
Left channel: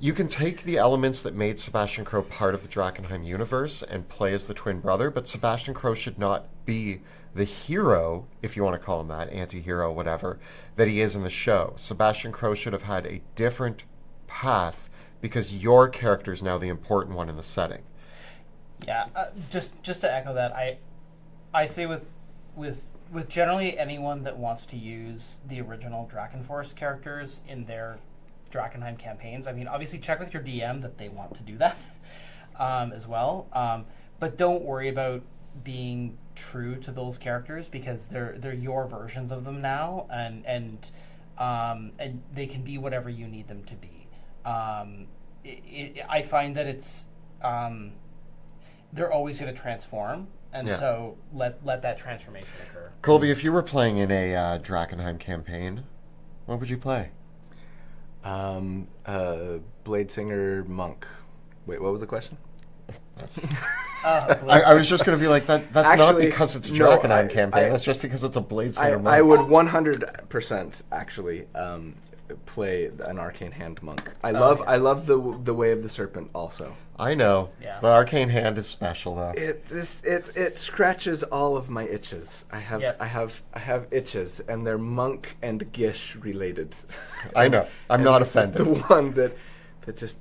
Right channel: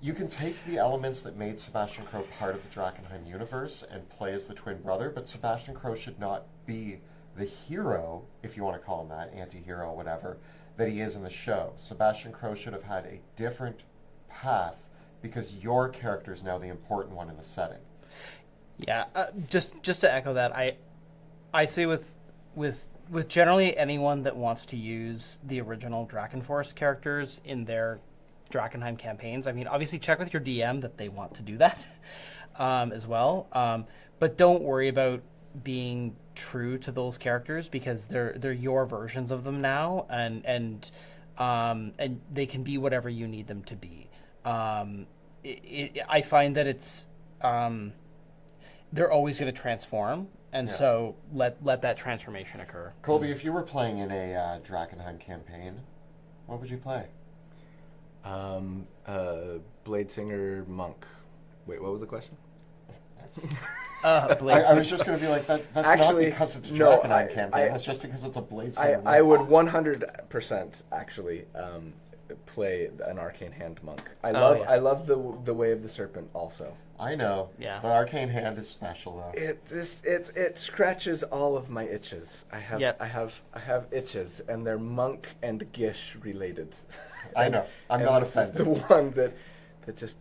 You can take the elements that made Sebastian Crow part of the Drakenheim universe and play as the twin brother, but Sebastian Crow should not be the hero, if you want to call him that, anti-hero, whatever, that he is in the show. Sebastian Crow should have had a different path because your character is now the important one in the setting. Yeah, just to echo that, I say with generally anyone that wants to use the original Drakenforce characters in their Drakenheim campaigns. I mean, obviously check with your DM that they want to do that as well. But don't worry about being true to those characters because they're your versions of them now, and they can be whatever you need them to be. I find that it's they're always going to transform, and so let that transformation occur. Colby, if you were playing in a Drakenheim campaign, what would you play? Blade Singer Monk. Wait, what was the question? I was just going to be like, that's actually, not because it's a Drakenheim campaign. That's just because it's a Blade Singer Monk. I would 100% actually play an Arcane Hand Monk. I love the Way of the Serpent also. I know. Yeah. The Arcane Hand is special though. It scratches all of my itches. I have itches, and they're monk and gish related. I know. I'm not offended. The one that just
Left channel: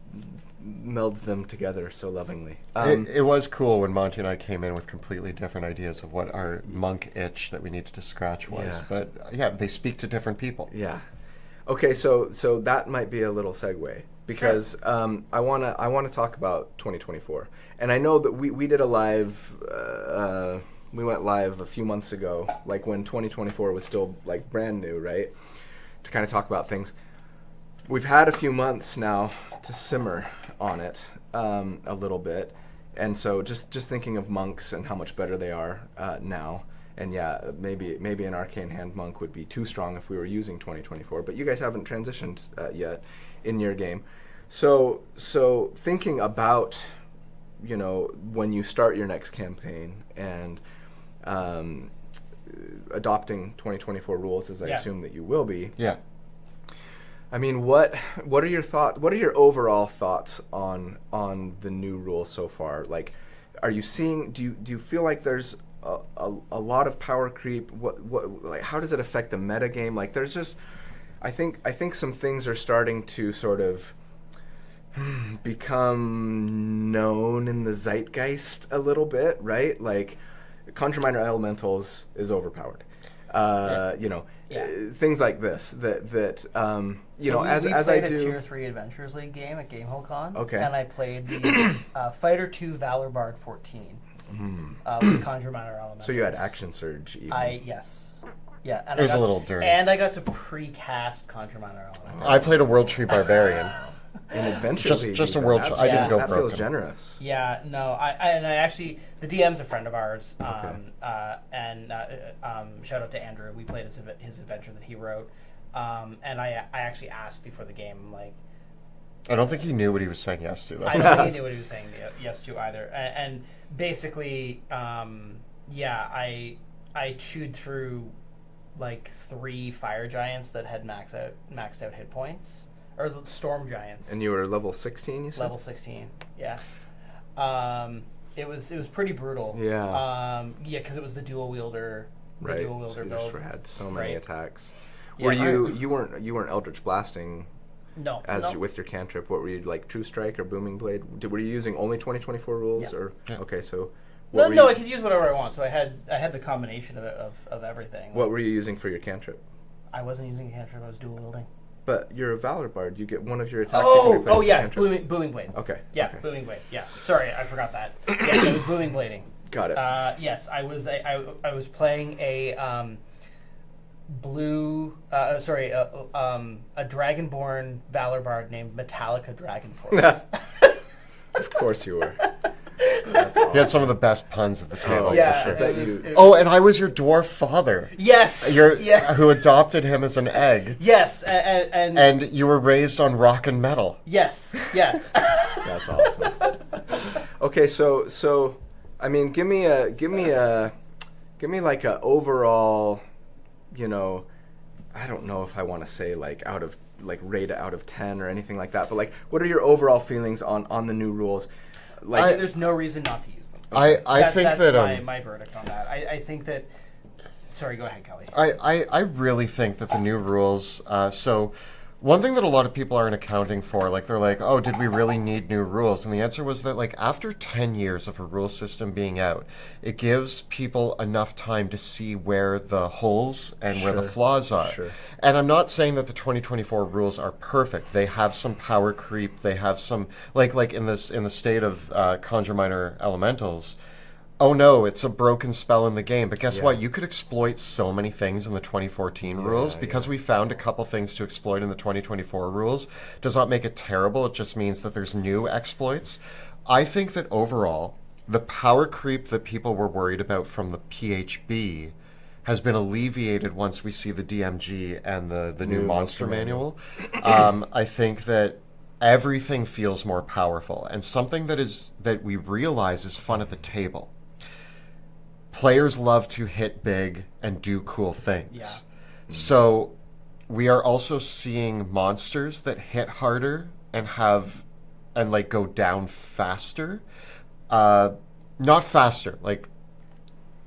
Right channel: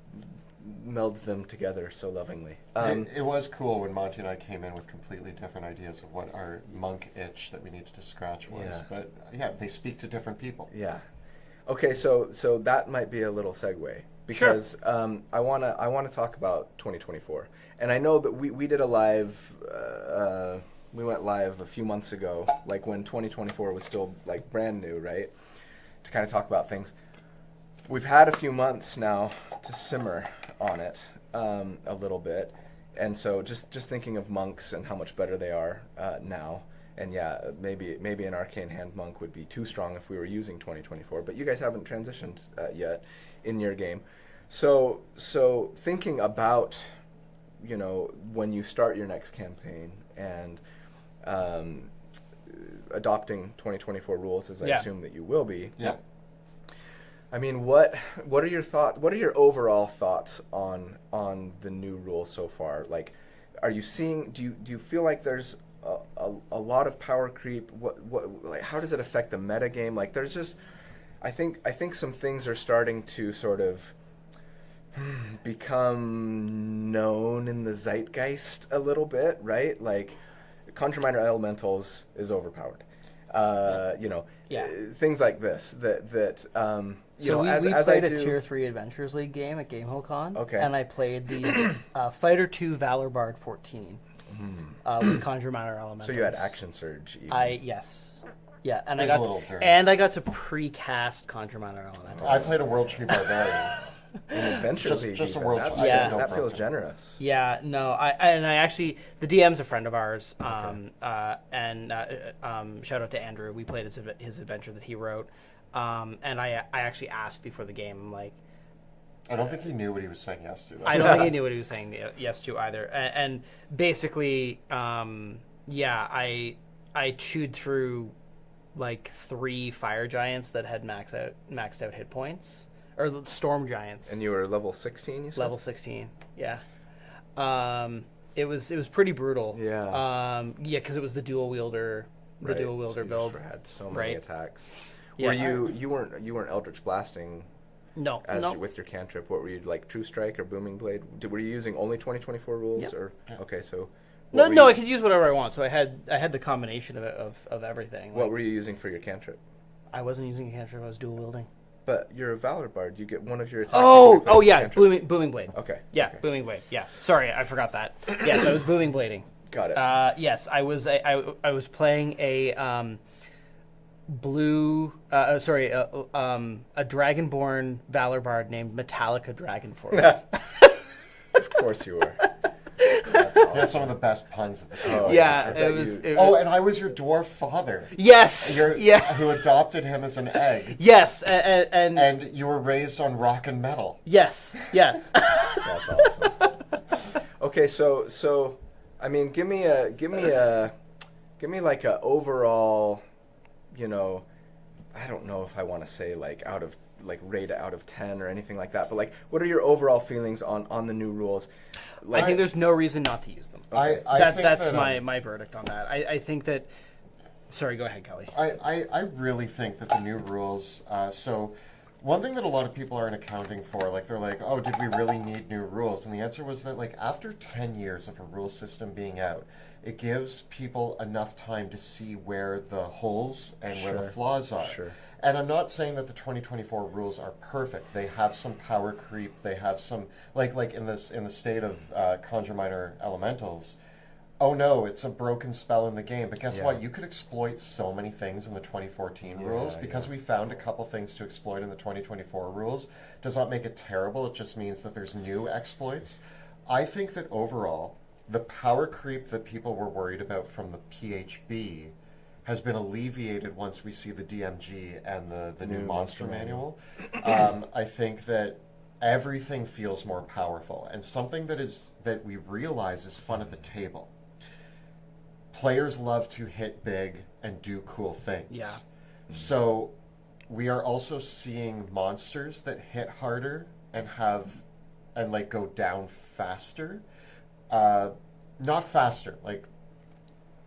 melds them together so lovingly. It was cool when Monty and I came in with completely different ideas of what our monk itch that we needed to scratch was. Yeah. But yeah, they speak to different people. Yeah. Okay, so that might be a little segue because I wanna talk about 2024, and I know that we did a live. We went live a few months ago, like when 2024 was still like brand new, right? To kind of talk about things. We've had a few months now to simmer on it a little bit, and so just thinking of monks and how much better they are now. And yeah, maybe an Arcane Hand Monk would be too strong if we were using 2024, but you guys haven't transitioned yet in your game. So thinking about, when you start your next campaign and adopting 2024 rules, as I assume that you will be. Yeah. I mean, what are your thoughts? What are your overall thoughts on the new rules so far? Like, are you seeing? Do you feel like there's a lot of power creep? Like, how does it affect the meta game? Like, there's just, I think some things are starting to sort of become known in the zeitgeist a little bit, right? Like, Conjure Minor Elementals is overpowered. things like this that as I do. We played a Tier 3 Adventures League game at GamehoCon. Okay. And I played the Fighter 2 Valor Bard 14 with Conjure Minor Elementals. So you had Action Surge. Even. Yes. Yeah, and it was a little dirty. And I got to pre-cast Conjure Minor Elementals. I played a World Tree Barbarian. An adventure league. Just a world. I didn't go that broken. feels generous. Yeah, no, I actually, the DM's a friend of ours, shout out to Andrew. We played his adventure that he wrote, and I actually asked before the game, I'm like, I don't think he knew what he was saying yes to, though. I don't think he knew what he was saying yes to either, and basically, I chewed through like 3 fire giants that had maxed out hit points. Or storm giants. And you were level 16, you said? Level 16, yeah. It was pretty brutal. Yeah. Because it was the dual wielder. Right. Dual wielder so build. You had so many attacks. Yeah. Were you weren't Eldritch Blasting? No. With your cantrip, what were you, like True Strike or Booming Blade? Were you using only 2024 rules or okay? So no, I could use whatever I want. So I had the combination of everything. What were you using for your cantrip? I wasn't using a cantrip. I was dual wielding. But you're a Valor Bard. You get one of your attacks. Booming Blade. Okay. Yeah, okay. Booming Blade. Yeah. Sorry, I forgot that. Yeah, so it was Booming Blading. Got it. Yes, I was playing a a Dragonborn Valor Bard named Metallica Dragonforce. Of course you were. Awesome. He had some of the best puns at the table. And I was your dwarf father. Yes. Who adopted him as an egg. Yes, and you were raised on rock and metal. Yes. Yeah. That's awesome. Okay, so I mean, give me like a overall, I don't know if I want to say rate out of 10 or anything like that, but like, what are your overall feelings on the new rules? Like, I think there's no reason not to use them. Okay. I think that's my verdict on that. I think that. Sorry, go ahead, Kelly. I really think that the new rules. So, one thing that a lot of people aren't accounting for, like they're like, oh, did we really need new rules? And the answer was that, like, after 10 years of a rule system being out, it gives people enough time to see where the holes and where the flaws are. Sure. And I'm not saying that the 2024 rules are perfect. They have some power creep. They have some like in the state of Conjure Minor Elementals. Oh no, it's a broken spell in the game. But guess what? You could exploit so many things in the 2014 rules because we found a couple things to exploit in the 2024 rules. Does not make it terrible. It just means that there's new exploits. I think that overall, the power creep that people were worried about from the PHB has been alleviated once we see the DMG and the new monster manual. I think that everything feels more powerful, and something that we realize is fun at the table. Players love to hit big and do cool things. Yeah. So we are also seeing monsters that hit harder and go down faster. Not faster, like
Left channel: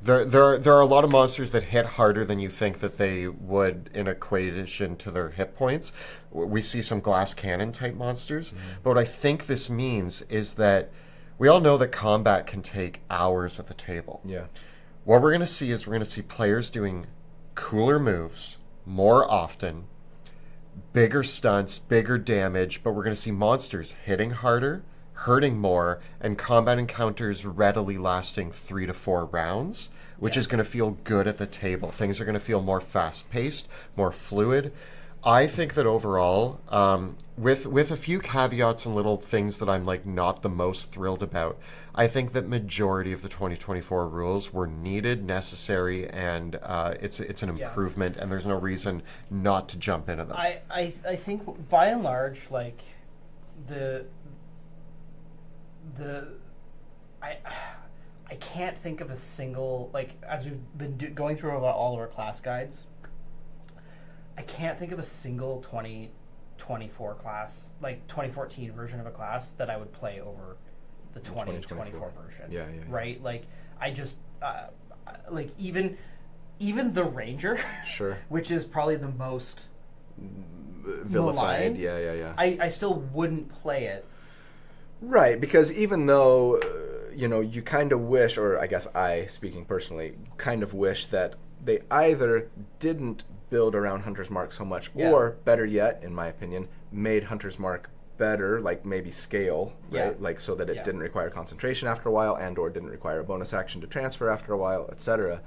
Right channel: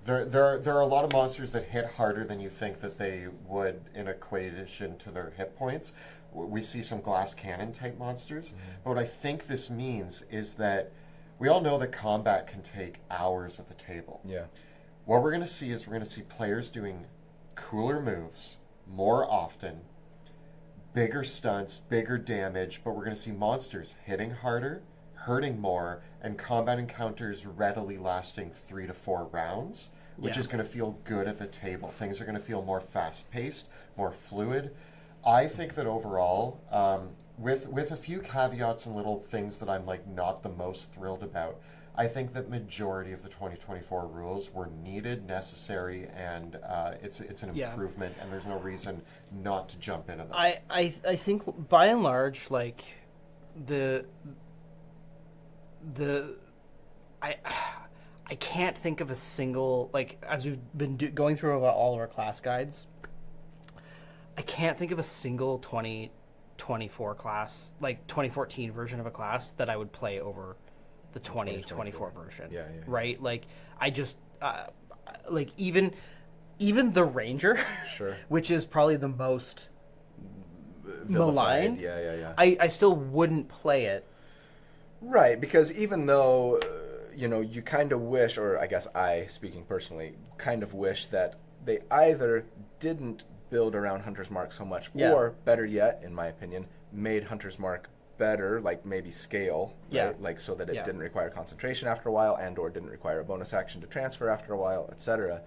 there are a lot of monsters that hit harder than you think that they would in equation to their hit points. We see some glass cannon type monsters, but what I think this means is that we all know that combat can take hours at the table. Yeah. What we're going to see is players doing cooler moves more often, bigger stunts, bigger damage, but we're going to see monsters hitting harder, hurting more, and combat encounters readily lasting 3 to 4 rounds, which is going to feel good at the table. Things are going to feel more fast-paced, more fluid. I think that overall, with a few caveats and little things that I'm like not the most thrilled about, I think that majority of the 2024 rules were needed, necessary, and it's an improvement, and there's no reason not to jump into them. I think by and large, like I can't think of a single, like, as we've been going through all of our class guides, I can't think of a single 2024 class, like 2014 version of a class that I would play over the 2024 version. Yeah. Right? Like, I just, like, even the Ranger, sure, which is probably the most vilified. maligned, Yeah. I still wouldn't play it. Right, because even though, you kind of wish, or I guess I, speaking personally, kind of wish that they either didn't build around Hunter's Mark so much, or better yet, in my opinion, made Hunter's Mark better, like maybe scale, right? Like so that it didn't require concentration after a while, and or didn't require a bonus action to transfer after a while, etc.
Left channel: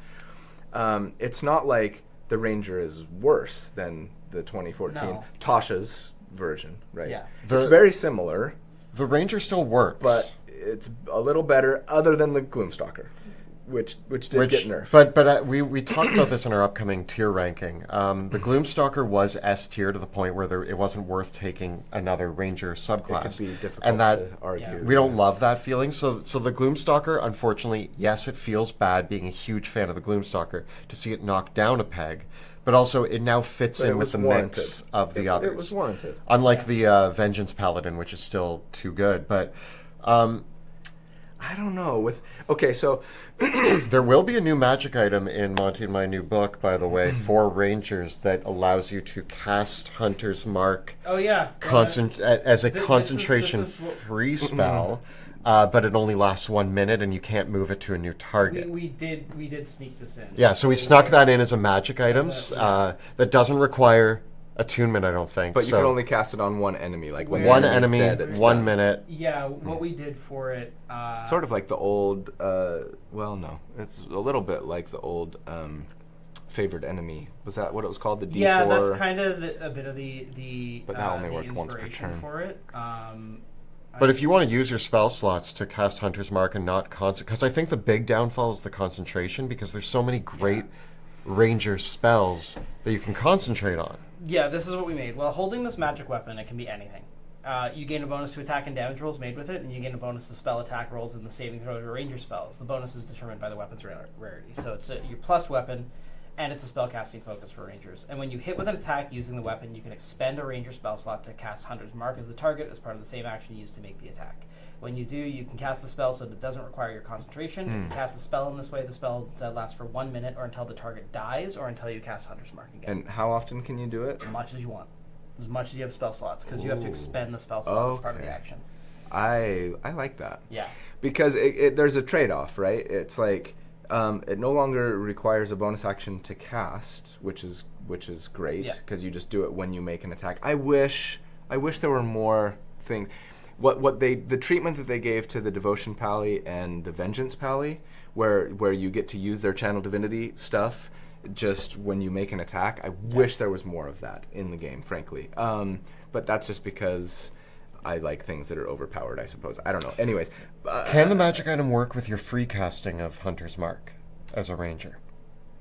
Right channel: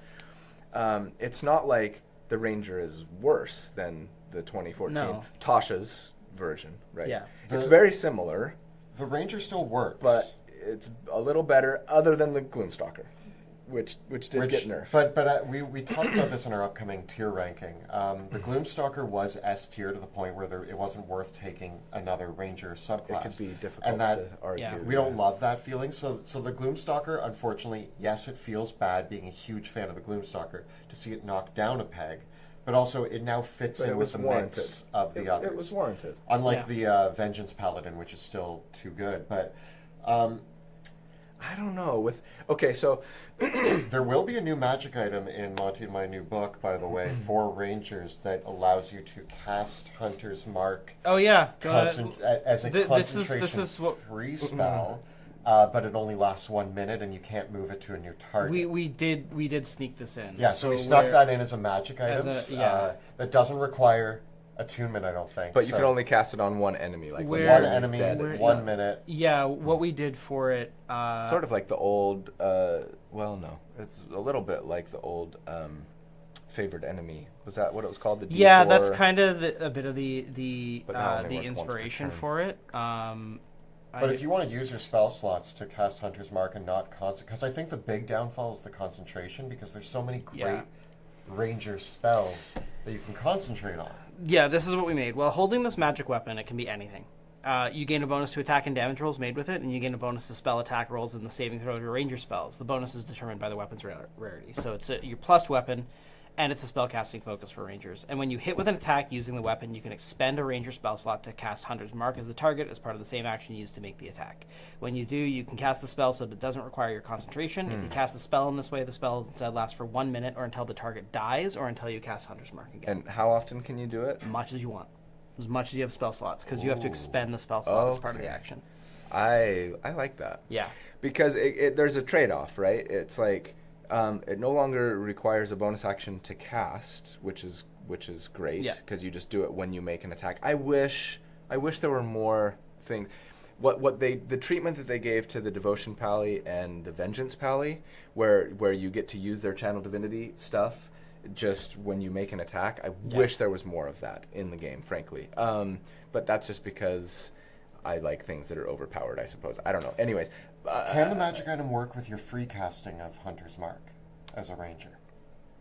It's not like the Ranger is worse than the 2014 Tasha's version, right? Yeah. It's very similar. The Ranger still works, but it's a little better, other than the Gloomstalker, which did get nerfed. But we talked about this in our upcoming tier ranking. The Gloomstalker was S tier to the point where it wasn't worth taking another Ranger subclass. It could be difficult to argue. We don't love that feeling. So the Gloomstalker, unfortunately, yes, it feels bad being a huge fan of the Gloomstalker to see it knocked down a peg. But also, it now fits in with the mix of the others. It was warranted. Unlike the Vengeance Paladin, which is still too good. But I don't know. So there will be a new magic item in Monty and my new book, by the way, for Rangers that allows you to cast Hunter's Mark. Oh yeah, as a concentration-free spell. But it only lasts 1 minute, and you can't move it to a new target. We did sneak this in. Yeah, so we snuck that in as a magic item that doesn't require attunement, I don't think. But you can only cast it on one enemy, like when one enemy, dead, 1 minute. Yeah, what we did for it. Sort of like the old. Well, no, it's a little bit like the old. Favored enemy, was that what it was called? The D4? Yeah, that's kind of a bit of the but that only the worked once per inspiration turn. for it. But if you want to use your spell slots to cast Hunter's Mark and not concentrate, because I think the big downfall is the concentration, because there's so many great Ranger spells that you can concentrate on. Yeah, this is what we made. Well, holding this magic weapon, it can be anything. You gain a bonus to attack and damage rolls made with it, and you gain a bonus to spell attack rolls and the saving throw of your Ranger spells. The bonus is determined by the weapon's rarity. So it's your plus weapon, and it's a spellcasting focus for Rangers. And when you hit with an attack using the weapon, you can expend a Ranger spell slot to cast Hunter's Mark as the target as part of the same action used to make the attack. When you do, you can cast the spell so that it doesn't require your concentration. You can cast the spell in this way. The spell instead lasts for 1 minute or until the target dies or until you cast Hunter's Mark again. And how often can you do it? As much as you want. As much as you have spell slots, because you have to expend the spell slot as part of the action. I like that. Yeah. Because there's a trade-off, right? It's like... it no longer requires a bonus action to cast, which is great because you just do it when you make an attack. I wish there were more things. The treatment that they gave to the Devotion Pally and the Vengeance Pally, where you get to use their Channel Divinity stuff just when you make an attack. I wish there was more of that in the game, frankly. But that's just because I like things that are overpowered, I suppose. I don't know. Anyways. Can the magic item work with your free casting of Hunter's Mark as a Ranger?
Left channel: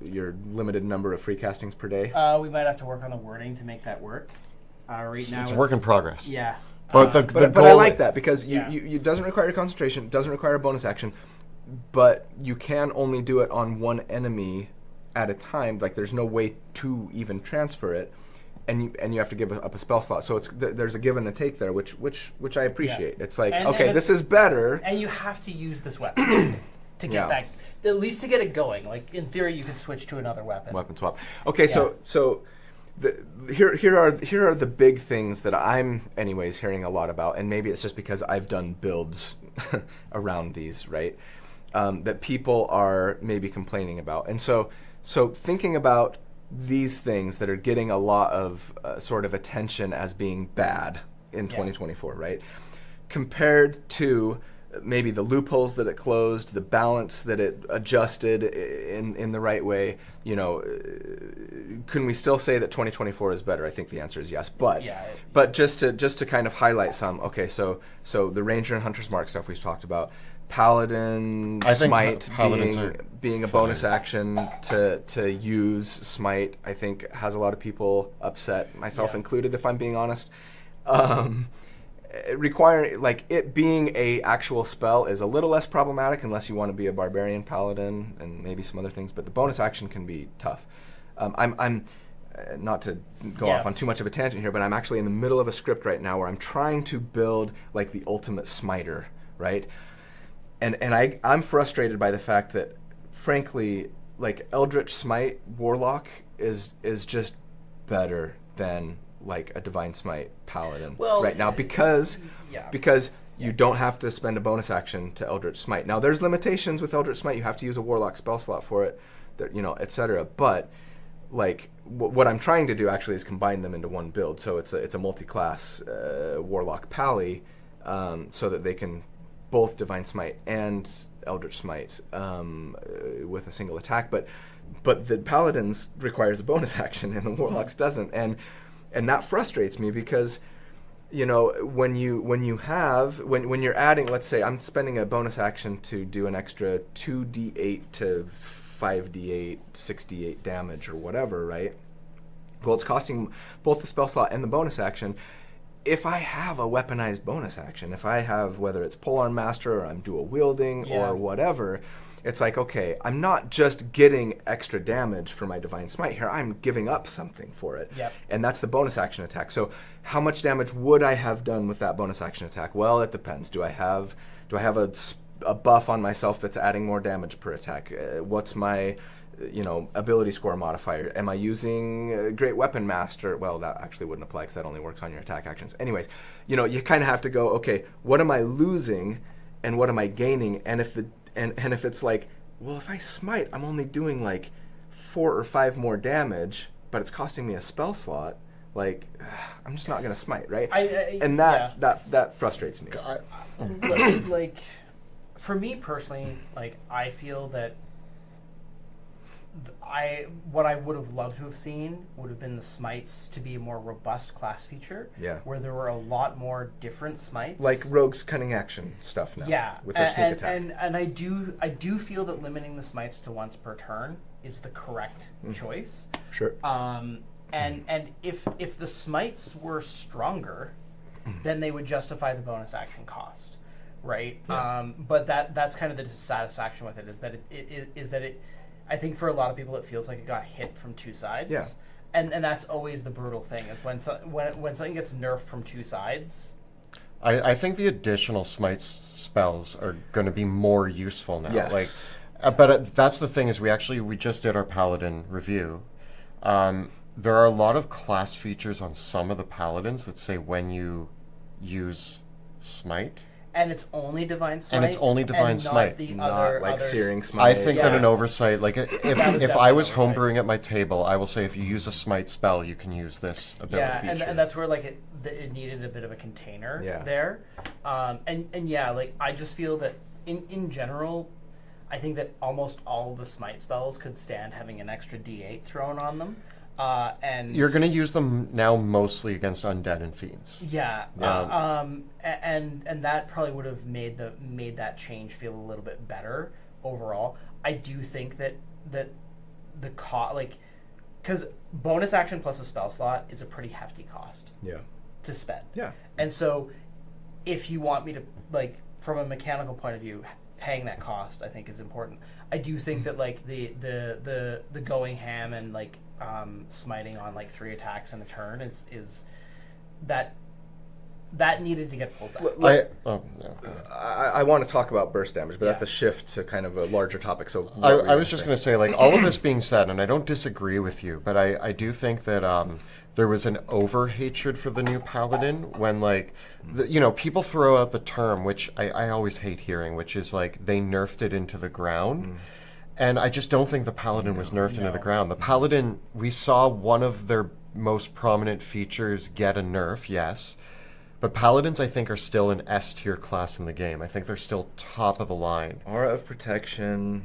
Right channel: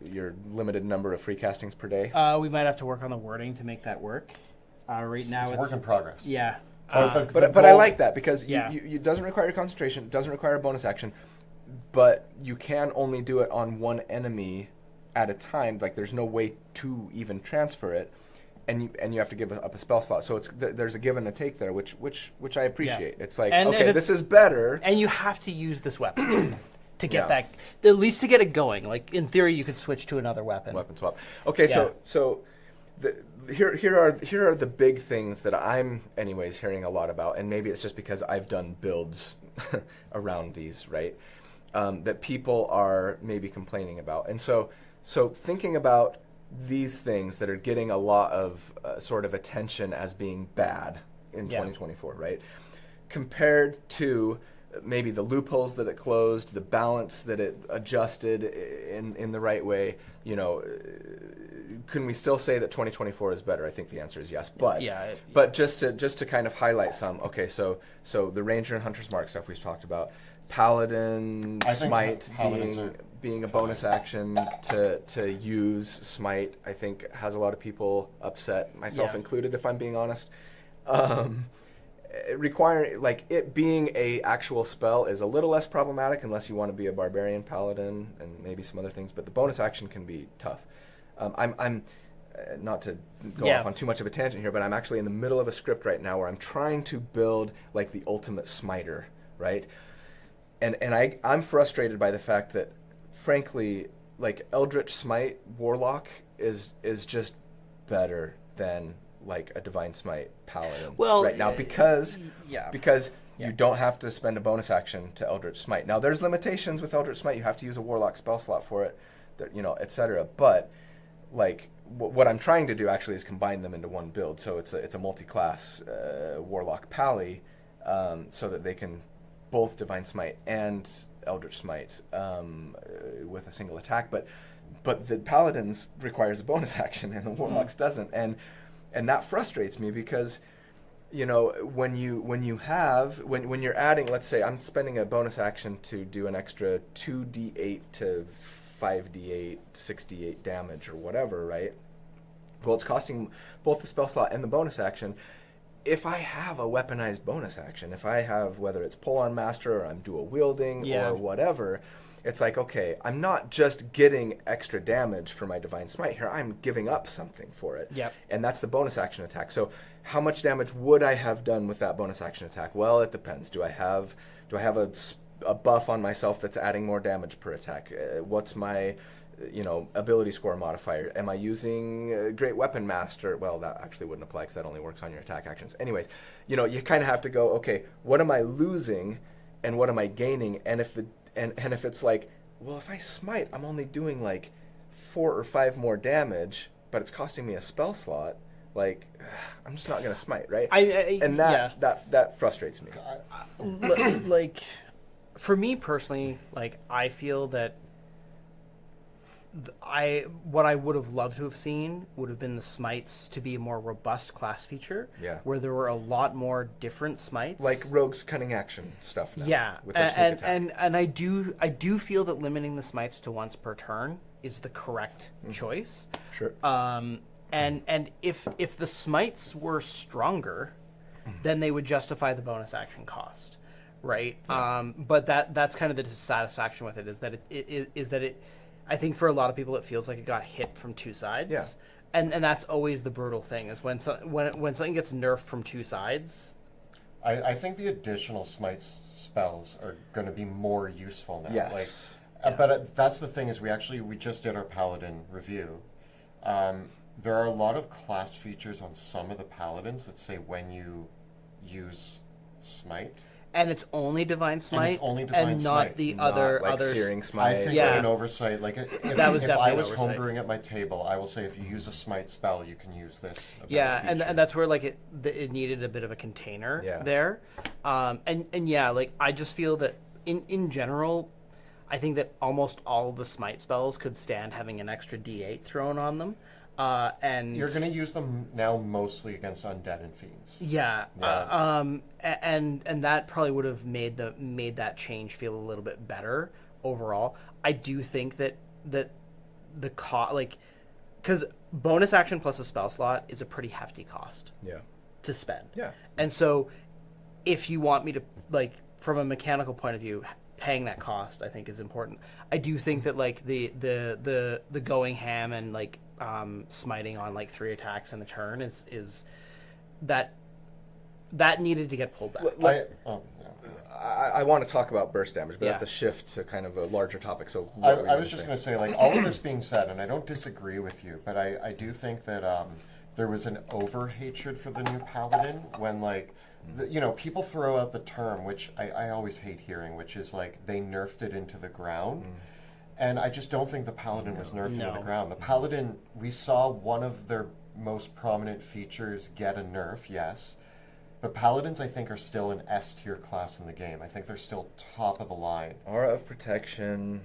Your limited number of free castings per day? We might have to work on the wording to make that work. Right now it's work in progress. Yeah. But I like that because it doesn't require your concentration, it doesn't require a bonus action, but you can only do it on one enemy at a time. Like there's no way to even transfer it. And you have to give up a spell slot, so there's a give and a take there, which I appreciate. Yeah. It's like, and this is better, and you have to use this weapon to get back, at least to get it going. Like in theory, you could switch to another weapon. Weapon swap. Okay, so here are the big things that I'm anyways hearing a lot about, and maybe it's just because I've done builds around these, right? That people are maybe complaining about, and so thinking about these things that are getting a lot of sort of attention as being bad in 2024, right? Compared to maybe the loopholes that it closed, the balance that it adjusted in the right way, can we still say that 2024 is better? I think the answer is yes. But just to kind of highlight some, okay, so the Ranger and Hunter's Mark stuff we've talked about, Paladin Smite being a bonus action to use Smite, I think has a lot of people upset, myself included, if I'm being honest. Requiring, like, it being a actual spell is a little less problematic unless you want to be a barbarian paladin and maybe some other things, but the bonus action can be tough. I'm not to go off on too much of a tangent here, but I'm actually in the middle of a script right now where I'm trying to build like the ultimate smiter, right? And I'm frustrated by the fact that, frankly, like Eldritch Smite Warlock is just better than like a Divine Smite Paladin right now because you don't have to spend a bonus action to Eldritch Smite. Now there's limitations with Eldritch Smite. You have to use a Warlock spell slot for it. etc. But like what I'm trying to do actually is combine them into one build. So it's a multi-class Warlock Pally, so that they can both Divine Smite and Eldritch Smite with a single attack. But the Paladins requires a bonus action, and the Warlocks doesn't, and that frustrates me because, when you're adding, let's say I'm spending a bonus action to do an extra 2d8 to 5d8, 6d8 damage or whatever, right? Well, it's costing both the spell slot and the bonus action. If I have a weaponized bonus action, if I have, whether it's Polearm Master or I'm dual wielding or whatever, it's like, okay, I'm not just getting extra damage for my Divine Smite here, I'm giving up something for it. Yep. And that's the bonus action attack. So how much damage would I have done with that bonus action attack? Well, it depends. Do I have a buff on myself that's adding more damage per attack? What's my ability score modifier? Am I using Great Weapon Master? Well, that actually wouldn't apply because that only works on your attack actions. Anyways, you kind of have to go, okay, what am I losing and what am I gaining? And if it's like, well, if I smite, I'm only doing like 4 or 5 more damage, but it's costing me a spell slot. Like, I'm just not going to smite, right? That frustrates me. Like, for me personally, like, I feel that what I would have loved to have seen would have been the smites to be a more robust class feature. Yeah. Where there were a lot more different smites. Like Rogue's Cunning Action stuff now. Yeah. With their sneak attack. And I do feel that limiting the smites to once per turn is the correct choice. Sure. And if the smites were stronger, then they would justify the bonus action cost, right? Yeah. But that's kind of the dissatisfaction with it is that it I think for a lot of people it feels like it got hit from two sides. Yeah. And that's always the brutal thing is when something gets nerfed from two sides. I think the additional smite spells are going to be more useful now. Yes. But that's the thing is we just did our Paladin review. There are a lot of class features on some of the Paladins that say when you use smite. And it's only Divine Smite. And it's only Divine Smite. Not like Searing Smite. I think that an oversight, like if I was homebrewing at my table, I will say if you use a Smite spell, you can use this ability feature. and that's where like it needed a bit of a container there. Like I just feel that in general, I think that almost all of the Smite spells could stand having an extra D8 thrown on them. And you're going to use them now mostly against undead and fiends. Yeah. And that probably would have made that change feel a little bit better overall. I do think that the cost, like, because bonus action plus a spell slot is a pretty hefty cost. Yeah. To spend. Yeah. And so, if you want me to, like, from a mechanical point of view, paying that cost I think is important. I do think that like the going ham and like smiting on like 3 attacks in a turn is that needed to get pulled back. I want to talk about burst damage, but that's a shift to kind of a larger topic. So I was just going to say, like, all of this being said, and I don't disagree with you, but I do think that there was an over-hatred for the new Paladin when, like, people throw out the term, which I always hate hearing, which is, like, they nerfed it into the ground. And I just don't think the Paladin was nerfed into the ground. The Paladin, we saw one of their most prominent features get a nerf, yes. But Paladins, I think, are still an S-tier class in the game. I think they're still top of the line. Aura of Protection,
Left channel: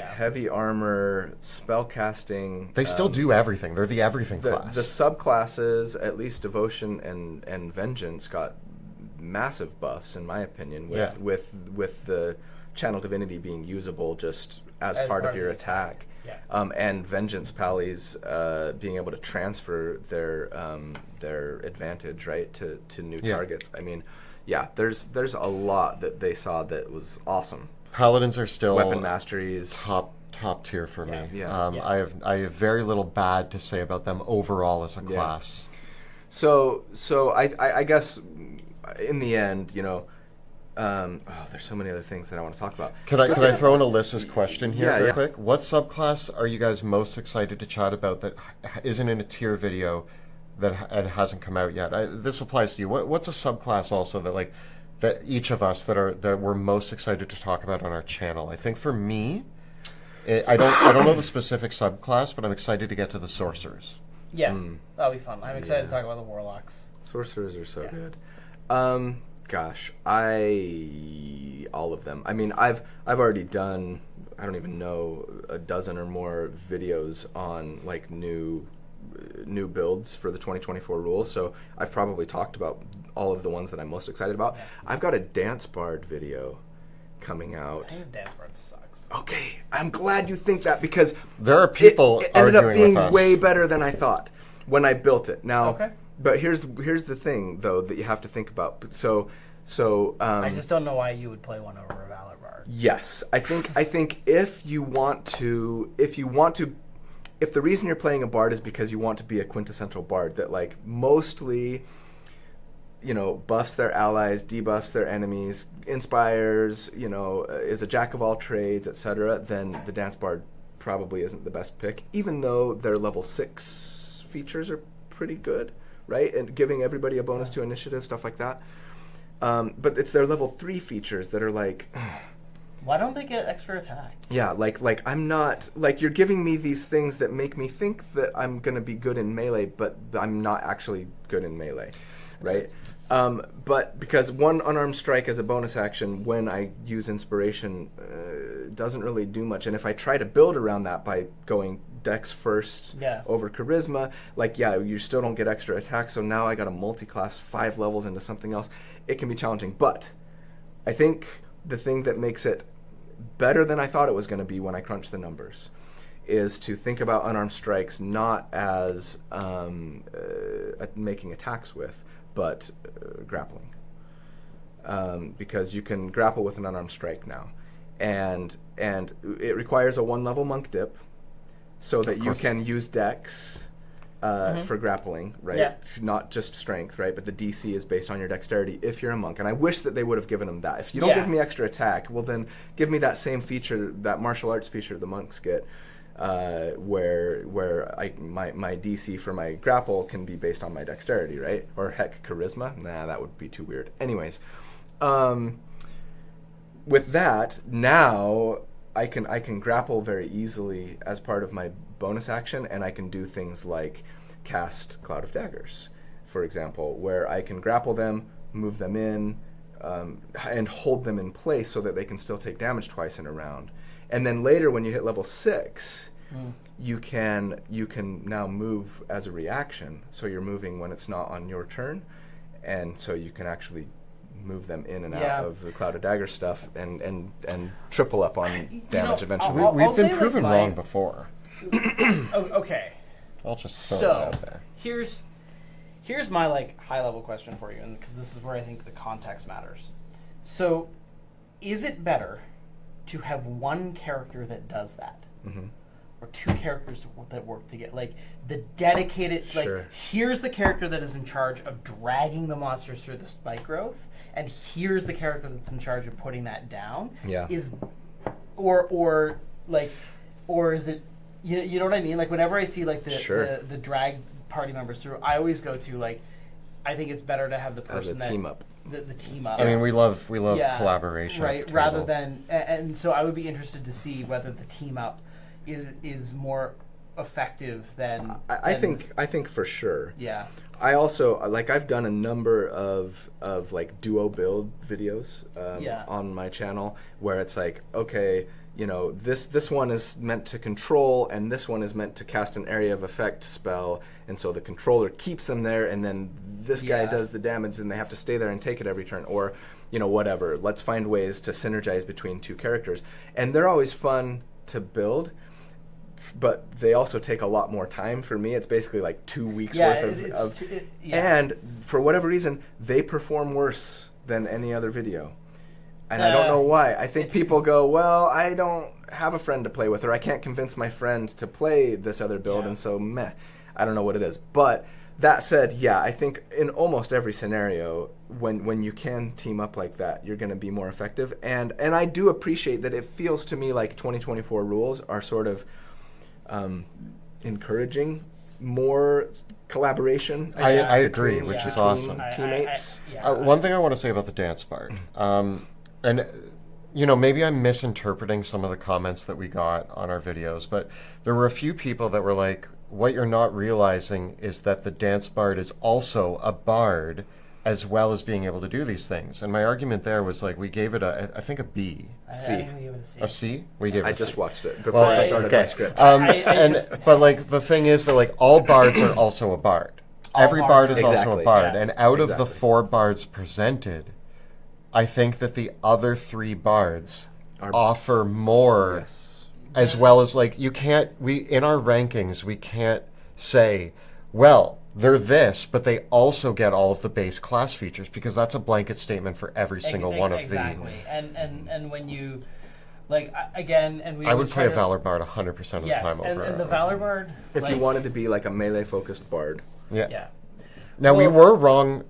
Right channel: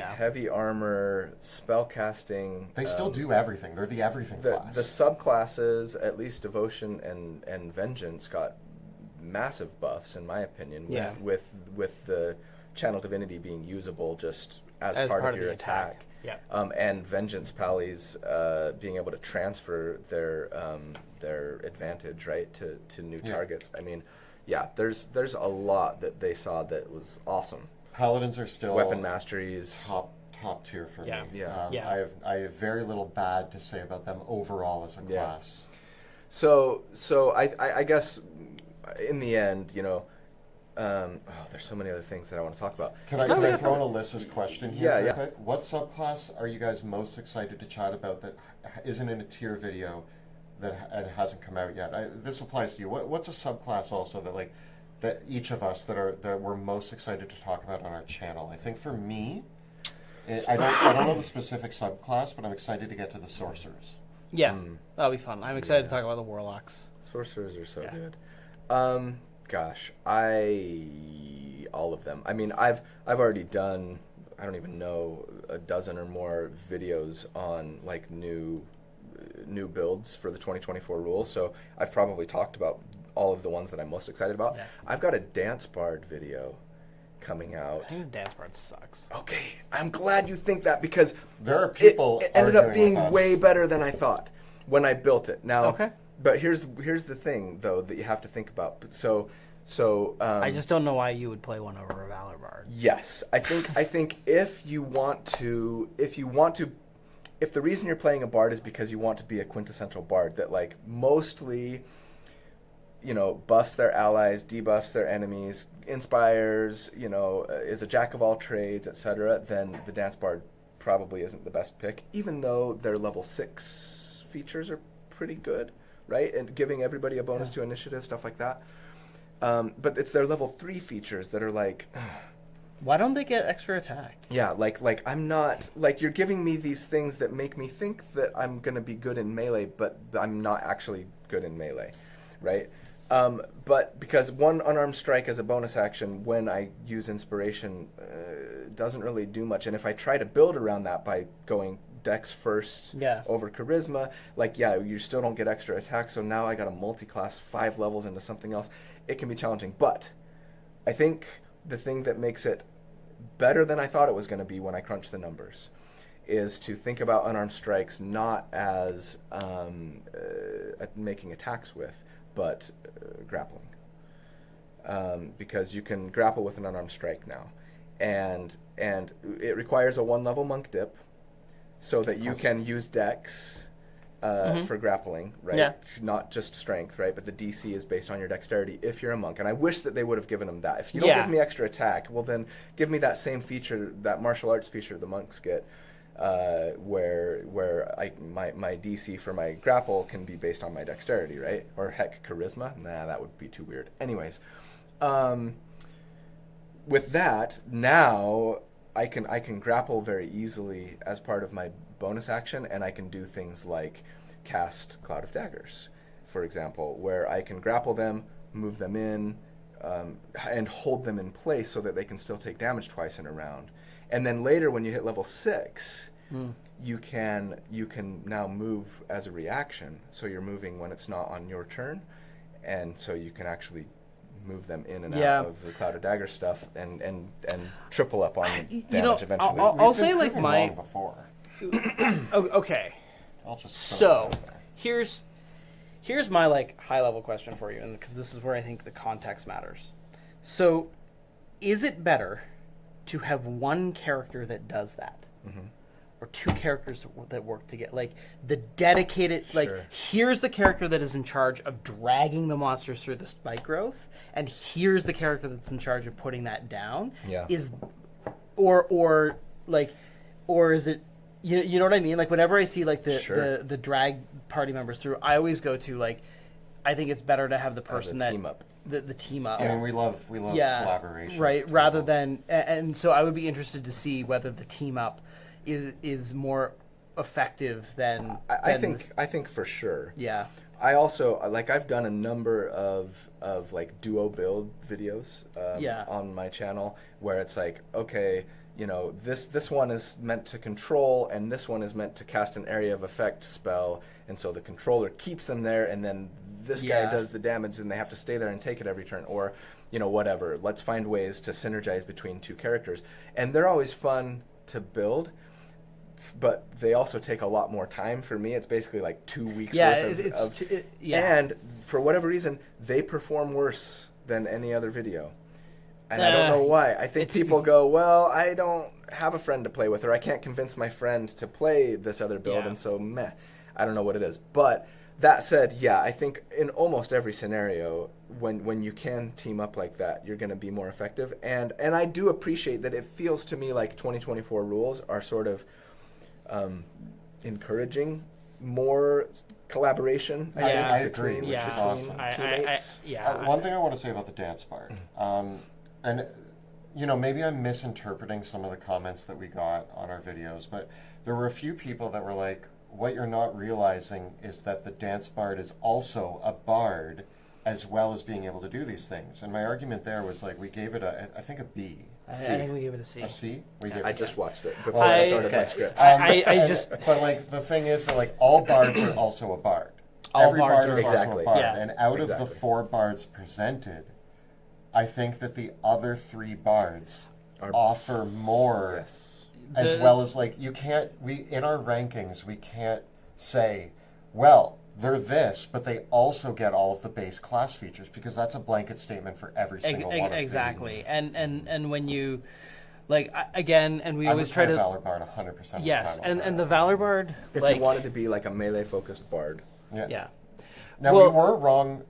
heavy armor, spell casting. They still do everything. They're the everything class. The subclasses, at least Devotion and Vengeance, got massive buffs, in my opinion, with the Channel Divinity being usable just as part of your attack. And Vengeance Pallies being able to transfer their advantage, right, to new targets. I mean, there's a lot that they saw that was awesome. Paladins are still weapon masteries, top tier for me. I have very little bad to say about them overall as a class. So I guess in the end, there's so many other things that I want to talk about. Can I throw in Alyssa's question here real quick? What subclass are you guys most excited to chat about that isn't in a tier video that hasn't come out yet? This applies to you. What's a subclass also that each of us that we're most excited to talk about on our channel? I think for me, I don't know the specific subclass, but I'm excited to get to the sorcerers. Yeah, that'll be fun. I'm excited to talk about the warlocks. Sorcerers are so good. Gosh, all of them. I mean, I've already done, I don't even know, a dozen or more videos on like new builds for the 2024 rules. So I've probably talked about all of the ones that I'm most excited about. I've got a Dance Bard video coming out. I think Dance Bard sucks. Okay, I'm glad you think that, because there are people it ended up arguing being with us. way better than I thought when I built it. Now, Okay. but here's the thing though that you have to think about. So I just don't know why you would play one over a Valor Bard. yes, I think if the reason you're playing a bard is because you want to be a quintessential bard that like mostly, you know, buffs their allies, debuffs their enemies, inspires, you know, is a jack of all trades, etc., then the Dance Bard probably isn't the best pick, even though their level 6 features are pretty good, right? And giving everybody a bonus to initiative, stuff like that. But it's their level 3 features that are like... Why don't they get extra attack? Yeah, like I'm not, like, you're giving me these things that make me think that I'm going to be good in melee, but I'm not actually good in melee, right? But because one unarmed strike as a bonus action when I use inspiration doesn't really do much, and if I try to build around that by going dex first over charisma, like, yeah, you still don't get extra attack, so now I got a multi-class 5 levels into something else. It can be challenging, but I think the thing that makes it better than I thought it was going to be when I crunched the numbers is to think about unarmed strikes not as making attacks with, but grappling. Because you can grapple with an unarmed strike now. And it requires a 1-level monk dip so that you can use dex for grappling, right? Yeah. Not just strength, right? But the DC is based on your dexterity if you're a monk. And I wish that they would have given them that. If you don't give me extra attack, well then give me that same feature, that martial arts feature the monks get, where my DC for my grapple can be based on my dexterity, right? Or heck, charisma? Nah, that would be too weird. Anyways, with that, now I can grapple very easily as part of my bonus action, and I can do things like cast Cloud of Daggers, for example, where I can grapple them, move them in, and hold them in place so that they can still take damage twice in a round. And then later, when you hit level 6, you can now move as a reaction. So you're moving when it's not on your turn, and so you can actually move them in and out of the Cloud of Dagger stuff and triple up on damage eventually. We've been proven wrong before. Okay. I'll just throw it out there. Here's my like high level question for you, and because this is where I think the context matters. So, is it better to have one character that does that, or two characters that work together? Like the dedicated, like here's the character that is in charge of dragging the monsters through the spike growth, and here's the character that's in charge of putting that down. Yeah. Or is it? You know what I mean? Like whenever I see like the drag party members through, I always go to like, I think it's better to have the person that team up. The team up. I mean, we love collaboration, right? Rather than, and so I would be interested to see whether the team up is more effective than. I think for sure. Yeah. I also I've done a number of like duo build videos on my channel where it's like, okay, you know, this one is meant to control and this one is meant to cast an area of effect spell, and so the controller keeps them there, and then this guy does the damage and they have to stay there and take it every turn, or you know, whatever. Let's find ways to synergize between two characters, and they're always fun to build. But they also take a lot more time for me. It's basically like 2 weeks worth and for whatever reason, they perform worse than any other video. And I don't know why. I think people go, well, I don't have a friend to play with, or I can't convince my friend to play this other build, and so meh. I don't know what it is. But that said, yeah, I think in almost every scenario, when you can team up like that, you're going to be more effective. And I do appreciate that it feels to me like 2024 rules are sort of encouraging more collaboration. I agree, which is awesome. Teammates. One thing I want to say about the Dance Bard, and maybe I'm misinterpreting some of the comments that we got on our videos, but there were a few people that were like, what you're not realizing is that the dance bard is also a bard as well as being able to do these things. And my argument there was like, we gave it I think a B. I think we gave it a C. A C? We gave it I a C. just watched it before I started my script. But like the thing is that like all bards are also a bard. Every bard is also a bard. Yeah. And out of the 4 bards presented, I think that the other 3 bards offer more, as well as like in our rankings we can't say, well, they're this, but they also get all of the base class features, because that's a blanket statement for every single one of them. Exactly. And when you like again, and I would play a Valor Bard 100% of the time. Yes, and the Valor Bard, if you wanted to be like a melee focused bard. Yeah. Now we were wrong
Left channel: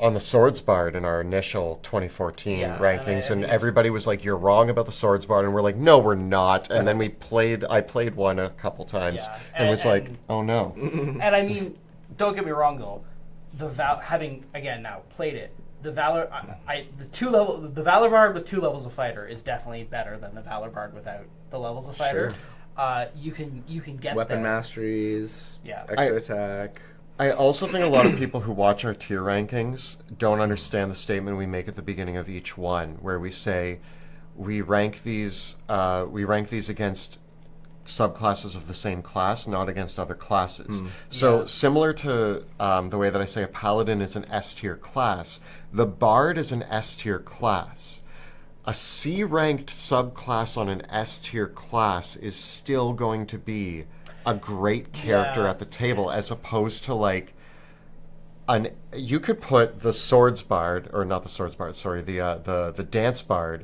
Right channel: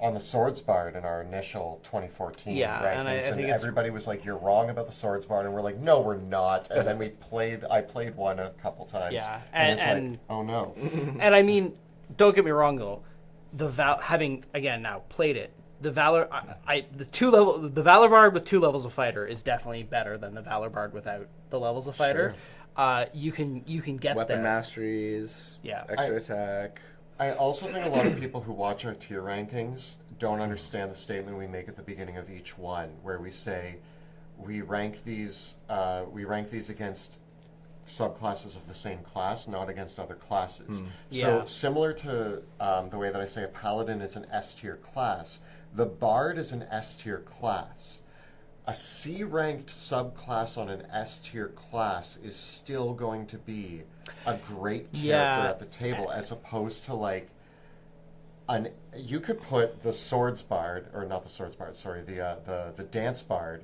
on the Swords Bard in our initial 2014 rankings, and everybody was like, "You're wrong about the Swords Bard," and we're like, "No, we're not." And then I played one a couple times, and was like, "Oh no." And I mean, don't get me wrong though, having again now played it, the Valor, the Valor Bard with 2 levels of fighter is definitely better than the Valor Bard without the levels of fighter. Sure. You can get weapon masteries, extra attack. I also think a lot of people who watch our tier rankings don't understand the statement we make at the beginning of each one, where we say we rank these against subclasses of the same class, not against other classes. So similar to the way that I say a paladin is an S tier class, the bard is an S tier class. A C ranked subclass on an S tier class is still going to be a great character at the table, as opposed to like you could put the Swords Bard, or not the Swords Bard, sorry, the Dance Bard,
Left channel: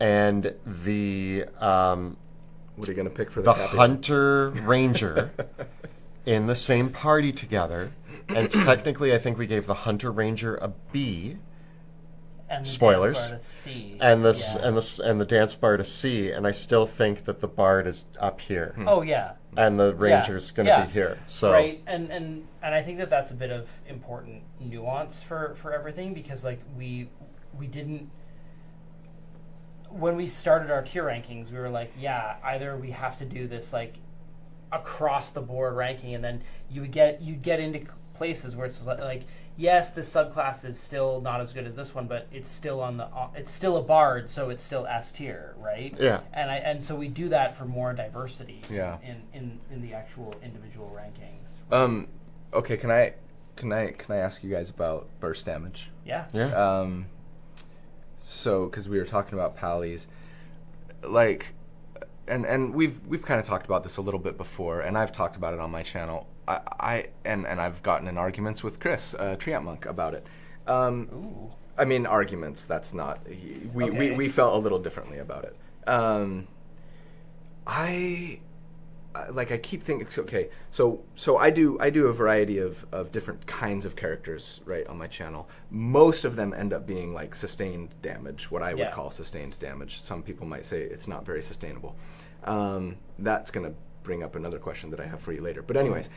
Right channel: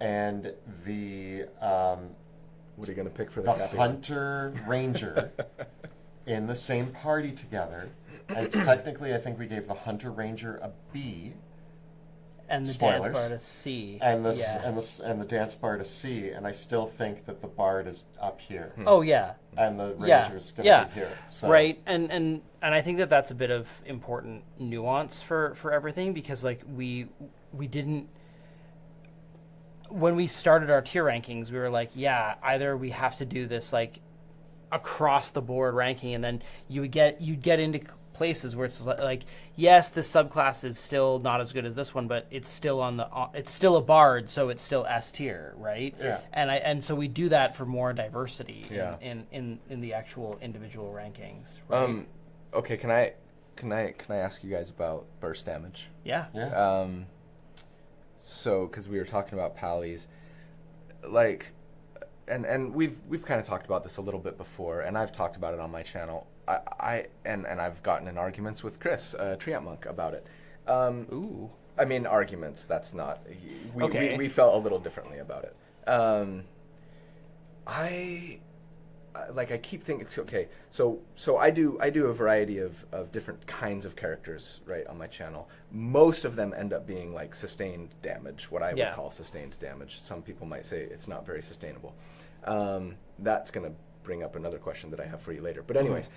and the what are you going to pick for the Hunter Ranger in the same party together, and technically I think we gave the Hunter Ranger a B. And the spoilers. Dance Bard a C. And the Dance Bard a C, and I still think that the Bard is up here. Oh yeah. And the Ranger's going to be here. So right, and I think that that's a bit of important nuance for everything, because like we didn't, when we started our tier rankings, we were like, either we have to do this like across the board ranking, and then you'd get into places where it's like, yes, this subclass is still not as good as this one, but it's still it's still a bard, so it's still S tier, right? Yeah. And so we do that for more diversity in the actual individual rankings. Right? Okay, can I ask you guys about burst damage? Yeah. So, because we were talking about pallies, like, and we've kind of talked about this a little bit before, and I've talked about it on my channel. And I've gotten in arguments with Chris, Treant Monk, about it. Ooh. I mean, arguments. That's not. We felt a little differently about it. I keep thinking. Okay, so I do a variety of different kinds of characters, right, on my channel. Most of them end up being like sustained damage, what I would call sustained damage. Some people might say it's not very sustainable. That's gonna bring up another question that I have for you later. But anyways.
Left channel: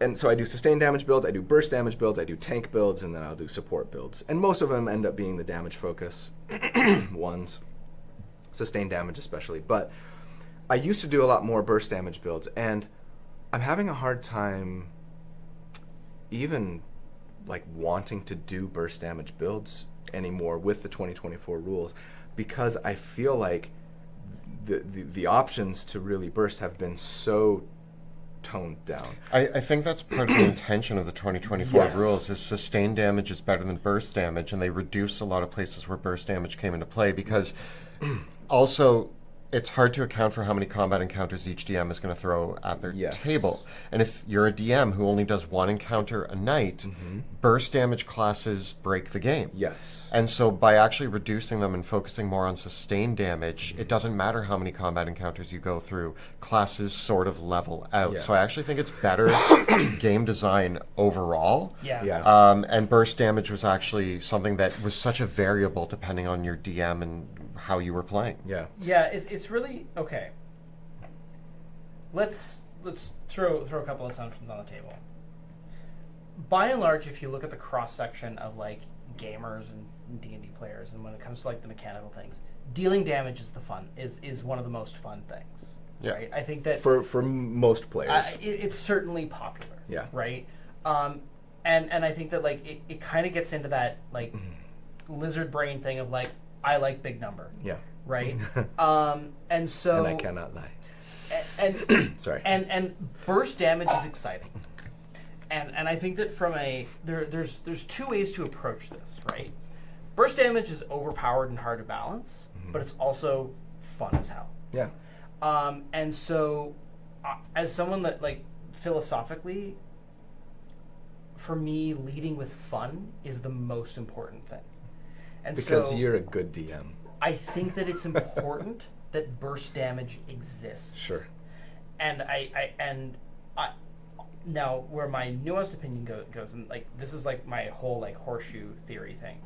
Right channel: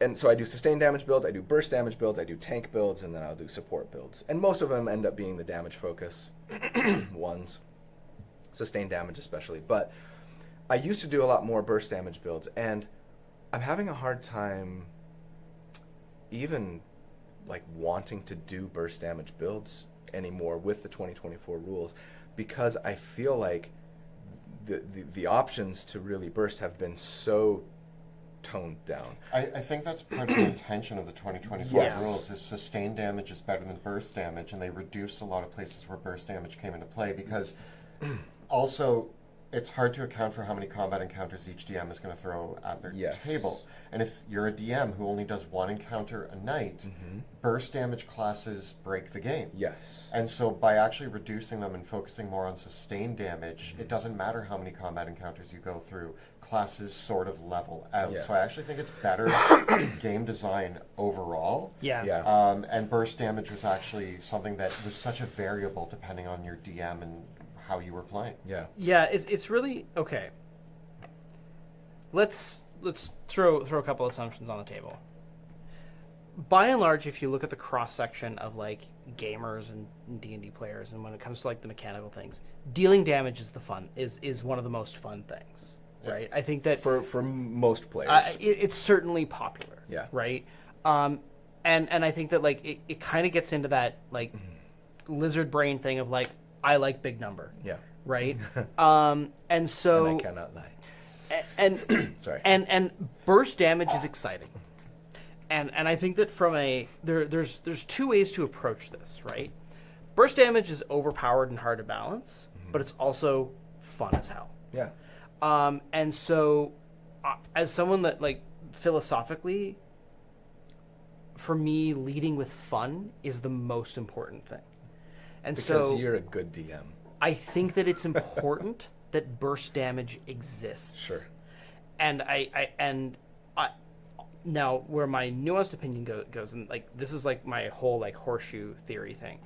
And so I do sustained damage builds, I do burst damage builds, I do tank builds, and then I'll do support builds. And most of them end up being the damage focus ones, sustained damage especially. But I used to do a lot more burst damage builds, and I'm having a hard time even like wanting to do burst damage builds anymore with the 2024 rules, because I feel like the options to really burst have been so toned down. I think that's part of the intention of the 2024 rules, is sustained damage is better than burst damage, and they reduce a lot of places where burst damage came into play, because also it's hard to account for how many combat encounters each DM is going to throw at their table. And if you're a DM who only does one encounter a night, burst damage classes break the game. Yes. And so by actually reducing them and focusing more on sustained damage, it doesn't matter how many combat encounters you go through, classes sort of level out. Yes. So I actually think it's better game design overall. And burst damage was actually something that was such a variable depending on your DM and how you were playing. It's really okay. Let's throw a couple assumptions on the table. By and large, if you look at the cross section of like gamers and D&D players, and when it comes to like the mechanical things, dealing damage is one of the most fun things. Yeah. Right? I think that for most players, it's certainly popular. Yeah. Right. And I think that like it kind of gets into that like lizard brain thing of like I like big number. Yeah. Right. And so and I cannot lie. And sorry. And burst damage is exciting. And I think that from there's two ways to approach this, right? Burst damage is overpowered and hard to balance, but it's also fun as hell. Yeah. And so, as someone that like philosophically, for me, leading with fun is the most important thing. And because so, you're a good DM. I think that it's important that burst damage exists. Sure. And I now where my nuanced opinion goes, and like this is like my whole like horseshoe theory thing.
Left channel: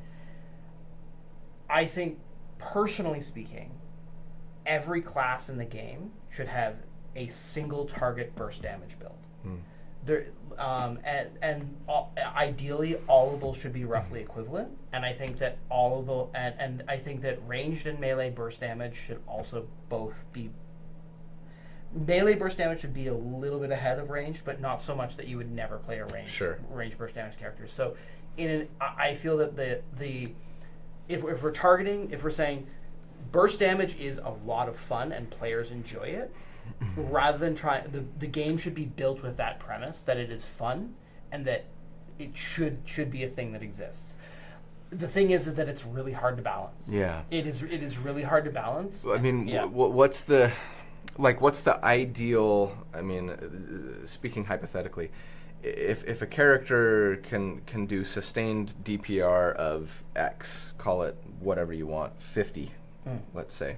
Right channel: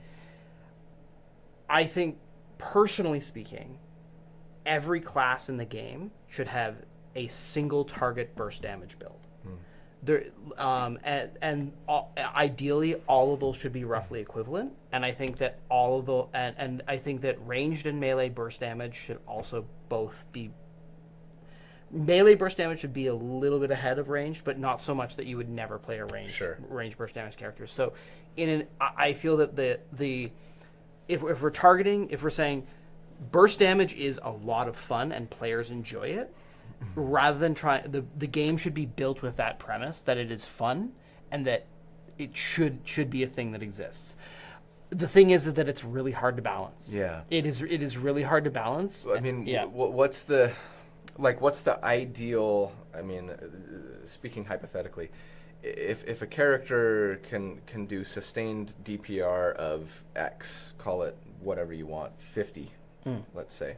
I think, personally speaking, every class in the game should have a single target burst damage build. There, ideally, all of those should be roughly equivalent. And I think that all of the and I think that ranged and melee burst damage should also both be. Melee burst damage should be a little bit ahead of ranged, but not so much that you would never play a range burst damage character. So, I feel that if we're saying burst damage is a lot of fun and players enjoy it, rather than the game should be built with that premise that it is fun and that it should be a thing that exists. The thing is that it's really hard to balance. Yeah, it is really hard to balance. I mean, yeah. what's the ideal? I mean, speaking hypothetically, if a character can do sustained DPR of X, call it whatever you want, 50, let's say,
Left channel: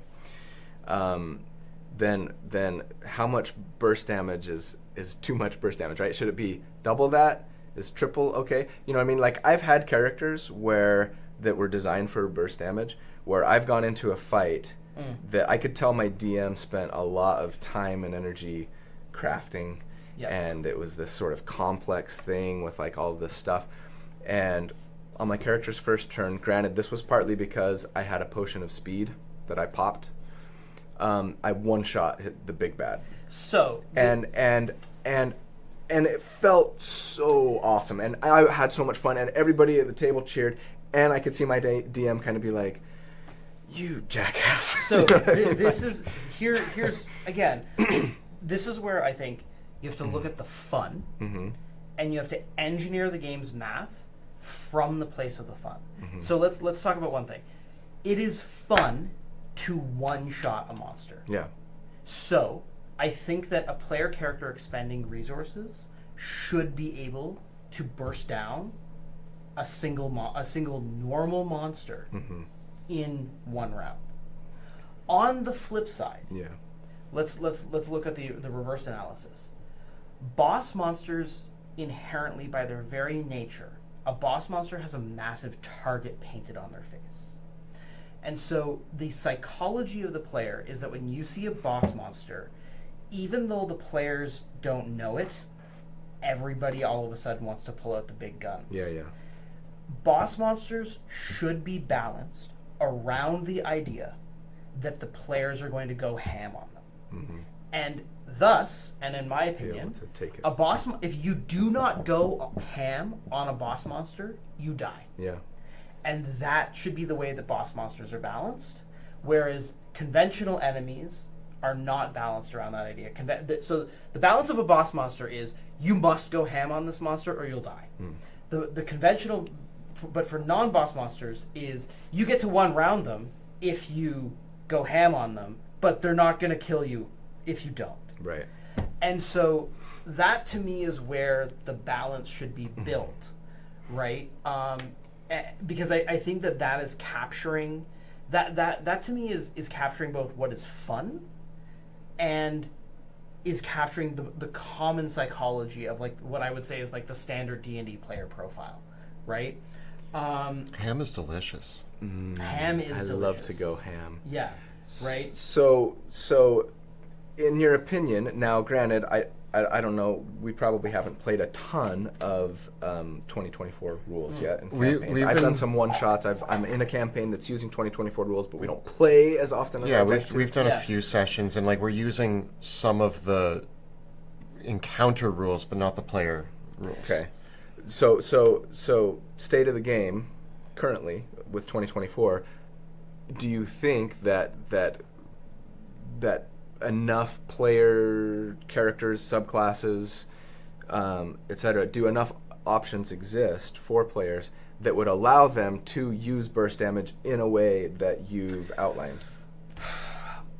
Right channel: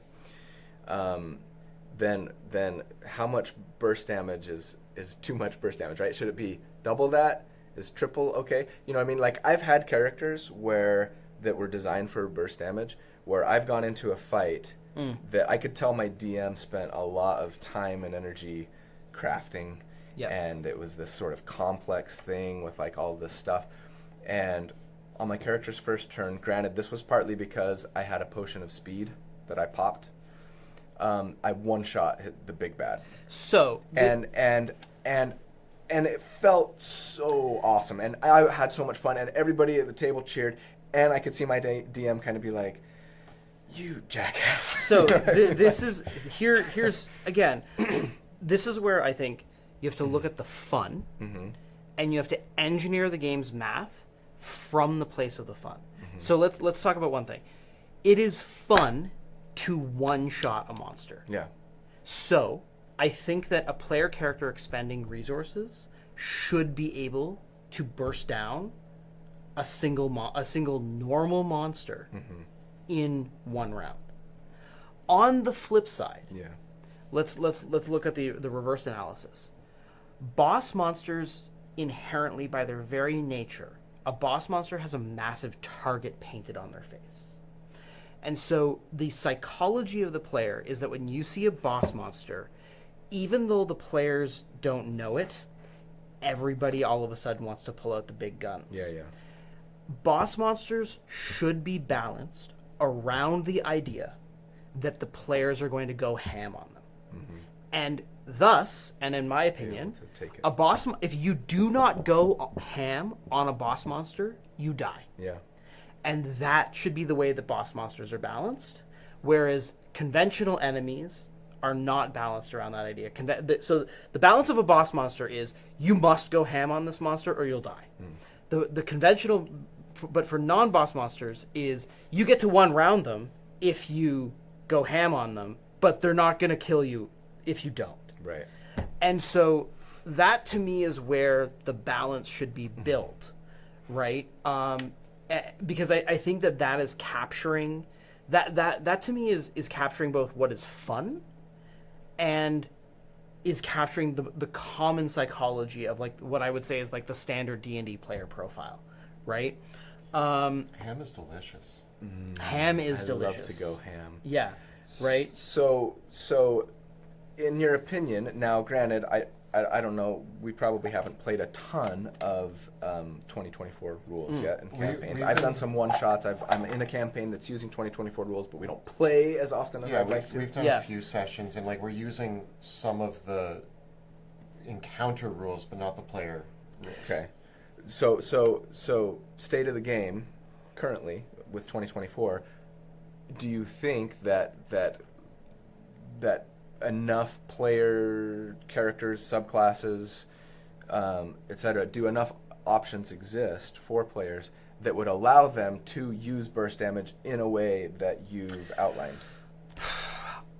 then how much burst damage is too much burst damage, right? Should it be double that? Is triple okay? You know what I mean? Like, I've had characters that were designed for burst damage, where I've gone into a fight that I could tell my DM spent a lot of time and energy crafting. Yep. And it was this sort of complex thing with like all of this stuff. And on my character's first turn, granted, this was partly because I had a potion of speed that I popped. I one-shot hit the big bad. So and it felt so awesome, and I had so much fun, and everybody at the table cheered, and I could see my DM kind of be like, "You jackass." So here's again, this is where I think you have to look at the fun, and you have to engineer the game's math from the place of the fun. So let's talk about one thing. It is fun to one-shot a monster. Yeah. So I think that a player character expending resources should be able to burst down a single normal monster in one round. On the flip side, let's look at the reverse analysis. Boss monsters inherently, by their very nature, a boss monster has a massive target painted on their face. And so the psychology of the player is that when you see a boss monster, even though the players don't know it, everybody all of a sudden wants to pull out the big guns. Yeah. Boss monsters should be balanced around the idea that the players are going to go ham on them. And thus, and in my opinion, if you do not go ham on a boss monster, you die. Yeah. And that should be the way that boss monsters are balanced, whereas conventional enemies are not balanced around that idea. So the balance of a boss monster is you must go ham on this monster or you'll die. The conventional, but for non-boss monsters, is you get to one round them if you go ham on them, but they're not going to kill you if you don't. Right. And so that to me is where the balance should be built, right? Because I think that is capturing that to me is capturing both what is fun and is capturing the common psychology of like what I would say is like the standard D&D player profile, right? Ham is delicious. Ham is delicious. I love to go ham. Yeah, right? So in your opinion, now granted, I don't know. We probably haven't played a ton of 2024 rules yet in campaigns. I've done some one-shots. I'm in a campaign that's using 2024 rules, but we don't play as often as I'd like to. We've done a few sessions, and like we're using some of the encounter rules, but not the player rules. Okay. So state of the game currently with 2024, do you think that enough player characters, subclasses, etc., do enough options exist for players that would allow them to use burst damage in a way that you've outlined?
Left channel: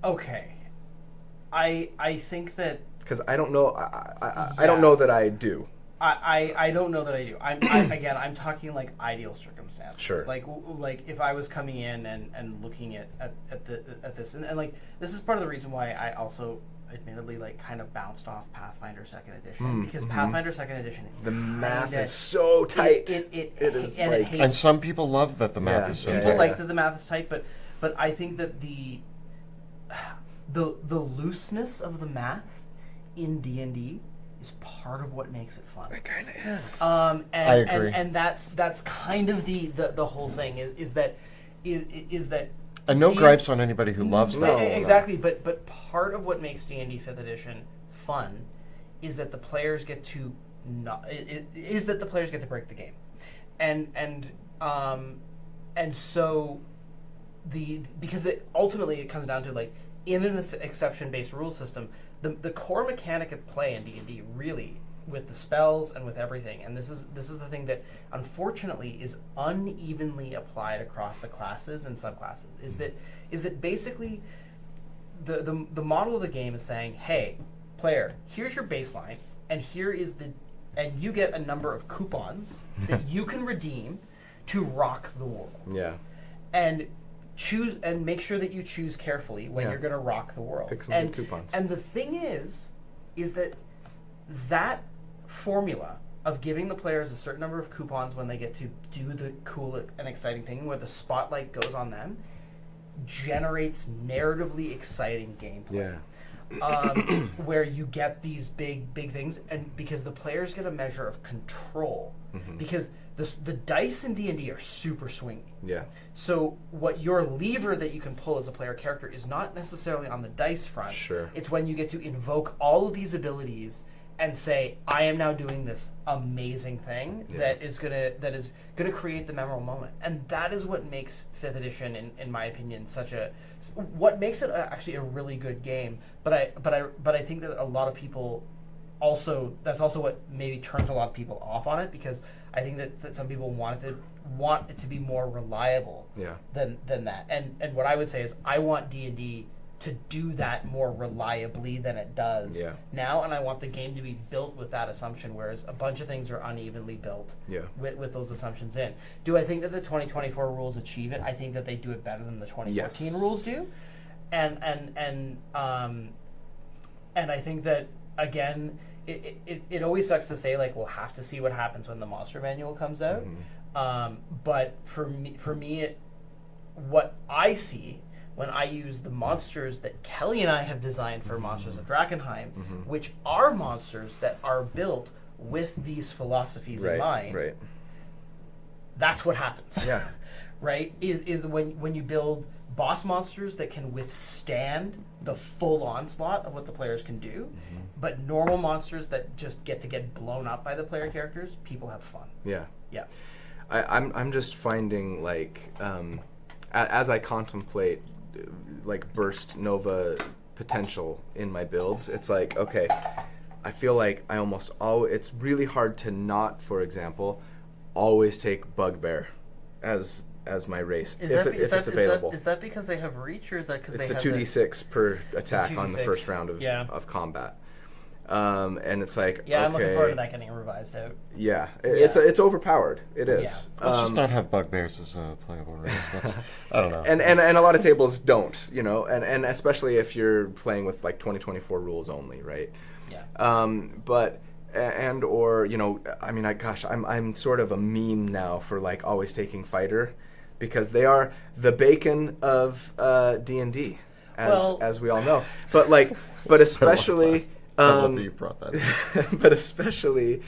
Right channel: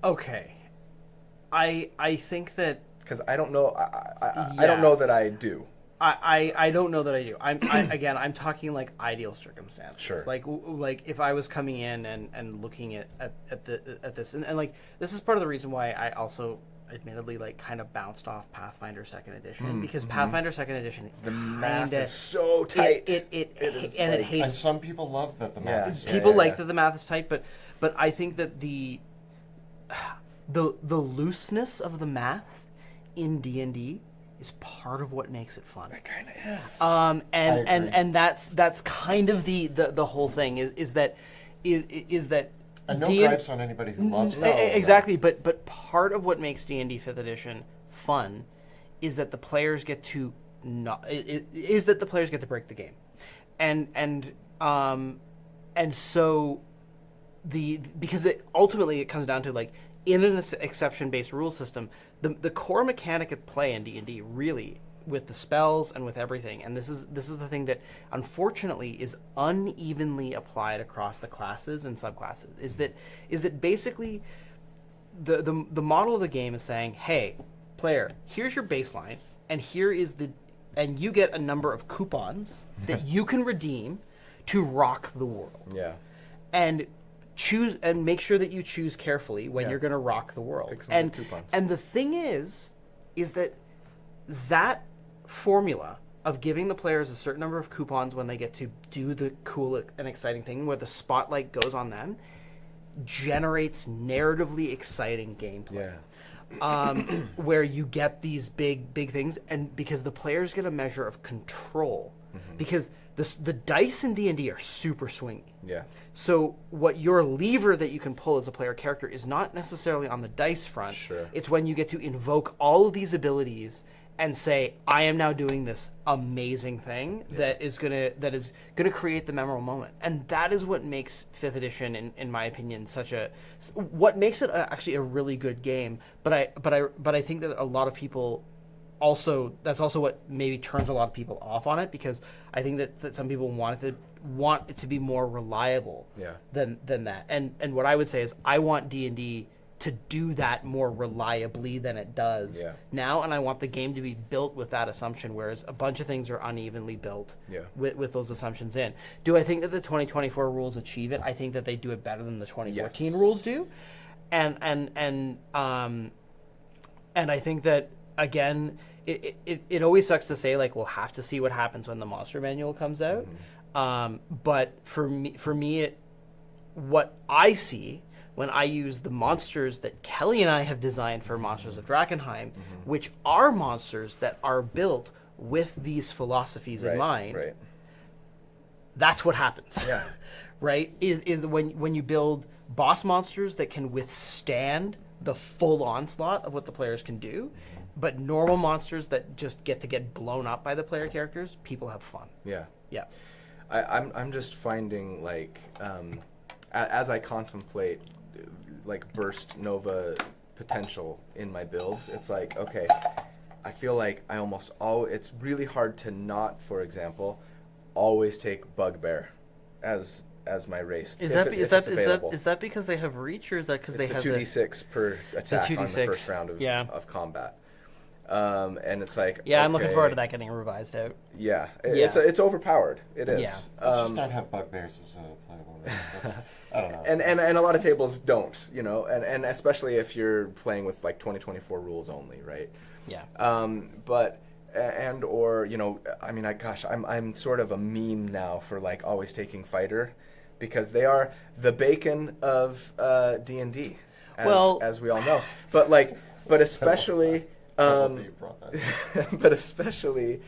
Okay. I think that... Because I don't know. I don't know that I do. I don't know that I do. I'm talking like ideal circumstances. Sure. Like if I was coming in and looking at this and like this is part of the reason why I also admittedly like kind of bounced off Pathfinder 2nd Edition because Pathfinder 2nd Edition the math is so tight. It is like, and some people love that the math is so tight. People like that the math is tight, but I think that the looseness of the math in D&D is part of what makes it fun. It kind of is. I agree. And that's kind of the whole thing is that and no gripes on anybody who loves that. Exactly, but part of what makes D&D 5th Edition fun is that the players get to break the game, and so because ultimately it comes down to like in an exception-based rule system. The core mechanic at play in D&D really, with the spells and with everything, and this is the thing that unfortunately is unevenly applied across the classes and subclasses, is that basically the model of the game is saying, hey, player, here's your baseline, and and you get a number of coupons that you can redeem to rock the world. Yeah. And choose and make sure that you choose carefully when you're going to rock the world. Pick some good coupons. And the thing is that formula of giving the players a certain number of coupons when they get to do the cool and exciting thing where the spotlight goes on them generates narratively exciting gameplay. Yeah. Where you get these big things, and because the players get a measure of control, because the dice in D&D are super swingy. Yeah. So what your lever that you can pull as a player character is not necessarily on the dice front. Sure. It's when you get to invoke all of these abilities and say, I am now doing this amazing thing that is gonna create the memorable moment. And that is what makes 5th edition, in my opinion, what makes it actually a really good game. But I think that a lot of people that's also what maybe turns a lot of people off on it, because I think that some people want it to be more reliable than that. And what I would say is I want D&D to do that more reliably than it does now, and I want the game to be built with that assumption, whereas a bunch of things are unevenly built with those assumptions in. Do I think that the 2024 rules achieve it? I think that they do it better than the 2014 rules do. And I think that, again, it always sucks to say, like, we'll have to see what happens when the monster manual comes out. But for me, what I see when I use the monsters that Kelly and I have designed for Monsters of Drakenheim, which are monsters that are built with these philosophies in mind, that's what happens. Yeah. Right? Is when you build boss monsters that can withstand the full onslaught of what the players can do, but normal monsters that just get blown up by the player characters, people have fun. Yeah. Yeah. I'm just finding, like, as I contemplate like burst nova potential in my builds, it's like, okay, I feel like I almost it's really hard to not, for example, always take Bugbear as my race if it's available. Is that because they have reach, or is that because it's they have a 2d6 per attack on the first round of combat? And it's like, I'm looking forward to that getting revised out. Yeah, it's overpowered. It is. Let's just not have Bugbears as a playable race. I don't know. And a lot of tables don't, and especially if you're playing with like 2024 rules only, right? Yeah. But or I mean, I'm sort of a meme now for like always taking fighter, because they are the bacon of D&D, as we all know. But especially I love that you brought that up. But especially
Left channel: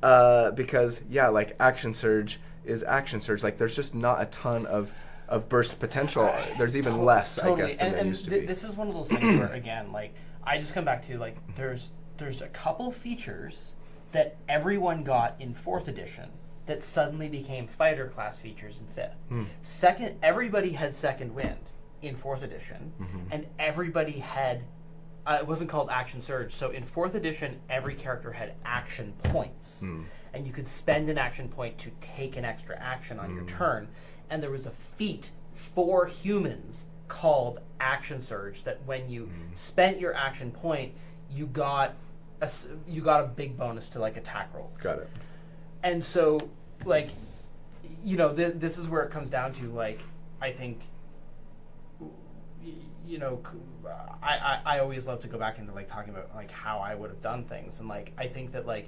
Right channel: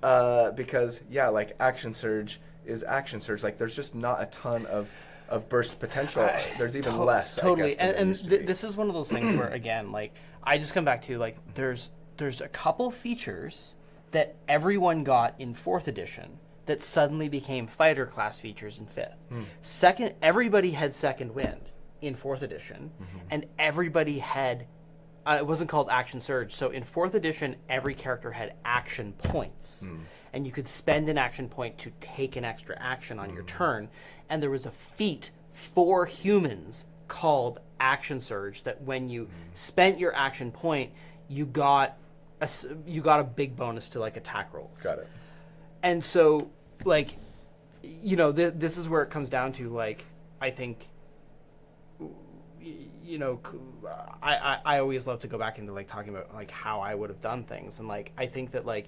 because, like Action Surge is Action Surge. Like, there's just not a ton of burst potential. There's even less, totally. I guess, than there used to be. This is one of those things where, again, like, I just come back to, like, there's a couple features that everyone got in 4th edition that suddenly became fighter class features in 5th. Everybody had Second Wind in 4th edition, and everybody had, it wasn't called Action Surge, so in 4th edition, every character had action points, and you could spend an action point to take an extra action on your turn, and there was a feat for humans called Action Surge that when you spent your action point, you got a big bonus to, like, attack rolls. Got it. And so, like, you know, this is where it comes down to, like, I think, you know, I always love to go back into, like, talking about, like, how I would have done things. And, like, I think that, like,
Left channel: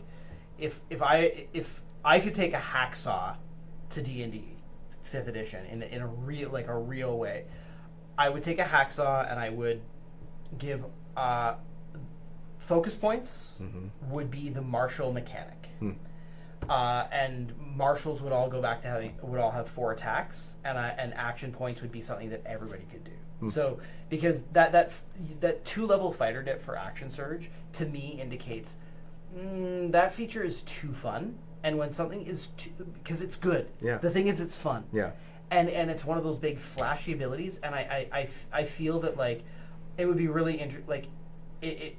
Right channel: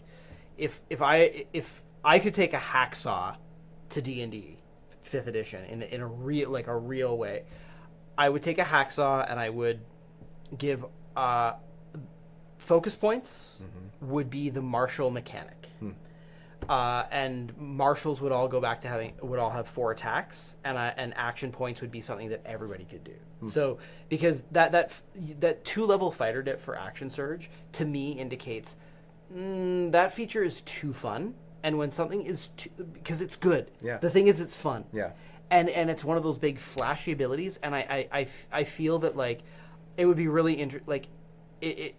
if I could take a hacksaw to D&D 5th edition in a real way, I would take a hacksaw and I would give focus points would be the martial mechanic. And marshals would all go back to would all have 4 attacks, and action points would be something that everybody could do. So because that 2-level fighter dip for Action Surge to me indicates that feature is too fun, and when something is because it's good. Yeah. The thing is, it's fun. Yeah. And it's one of those big flashy abilities, and I feel that, like, it would be really like it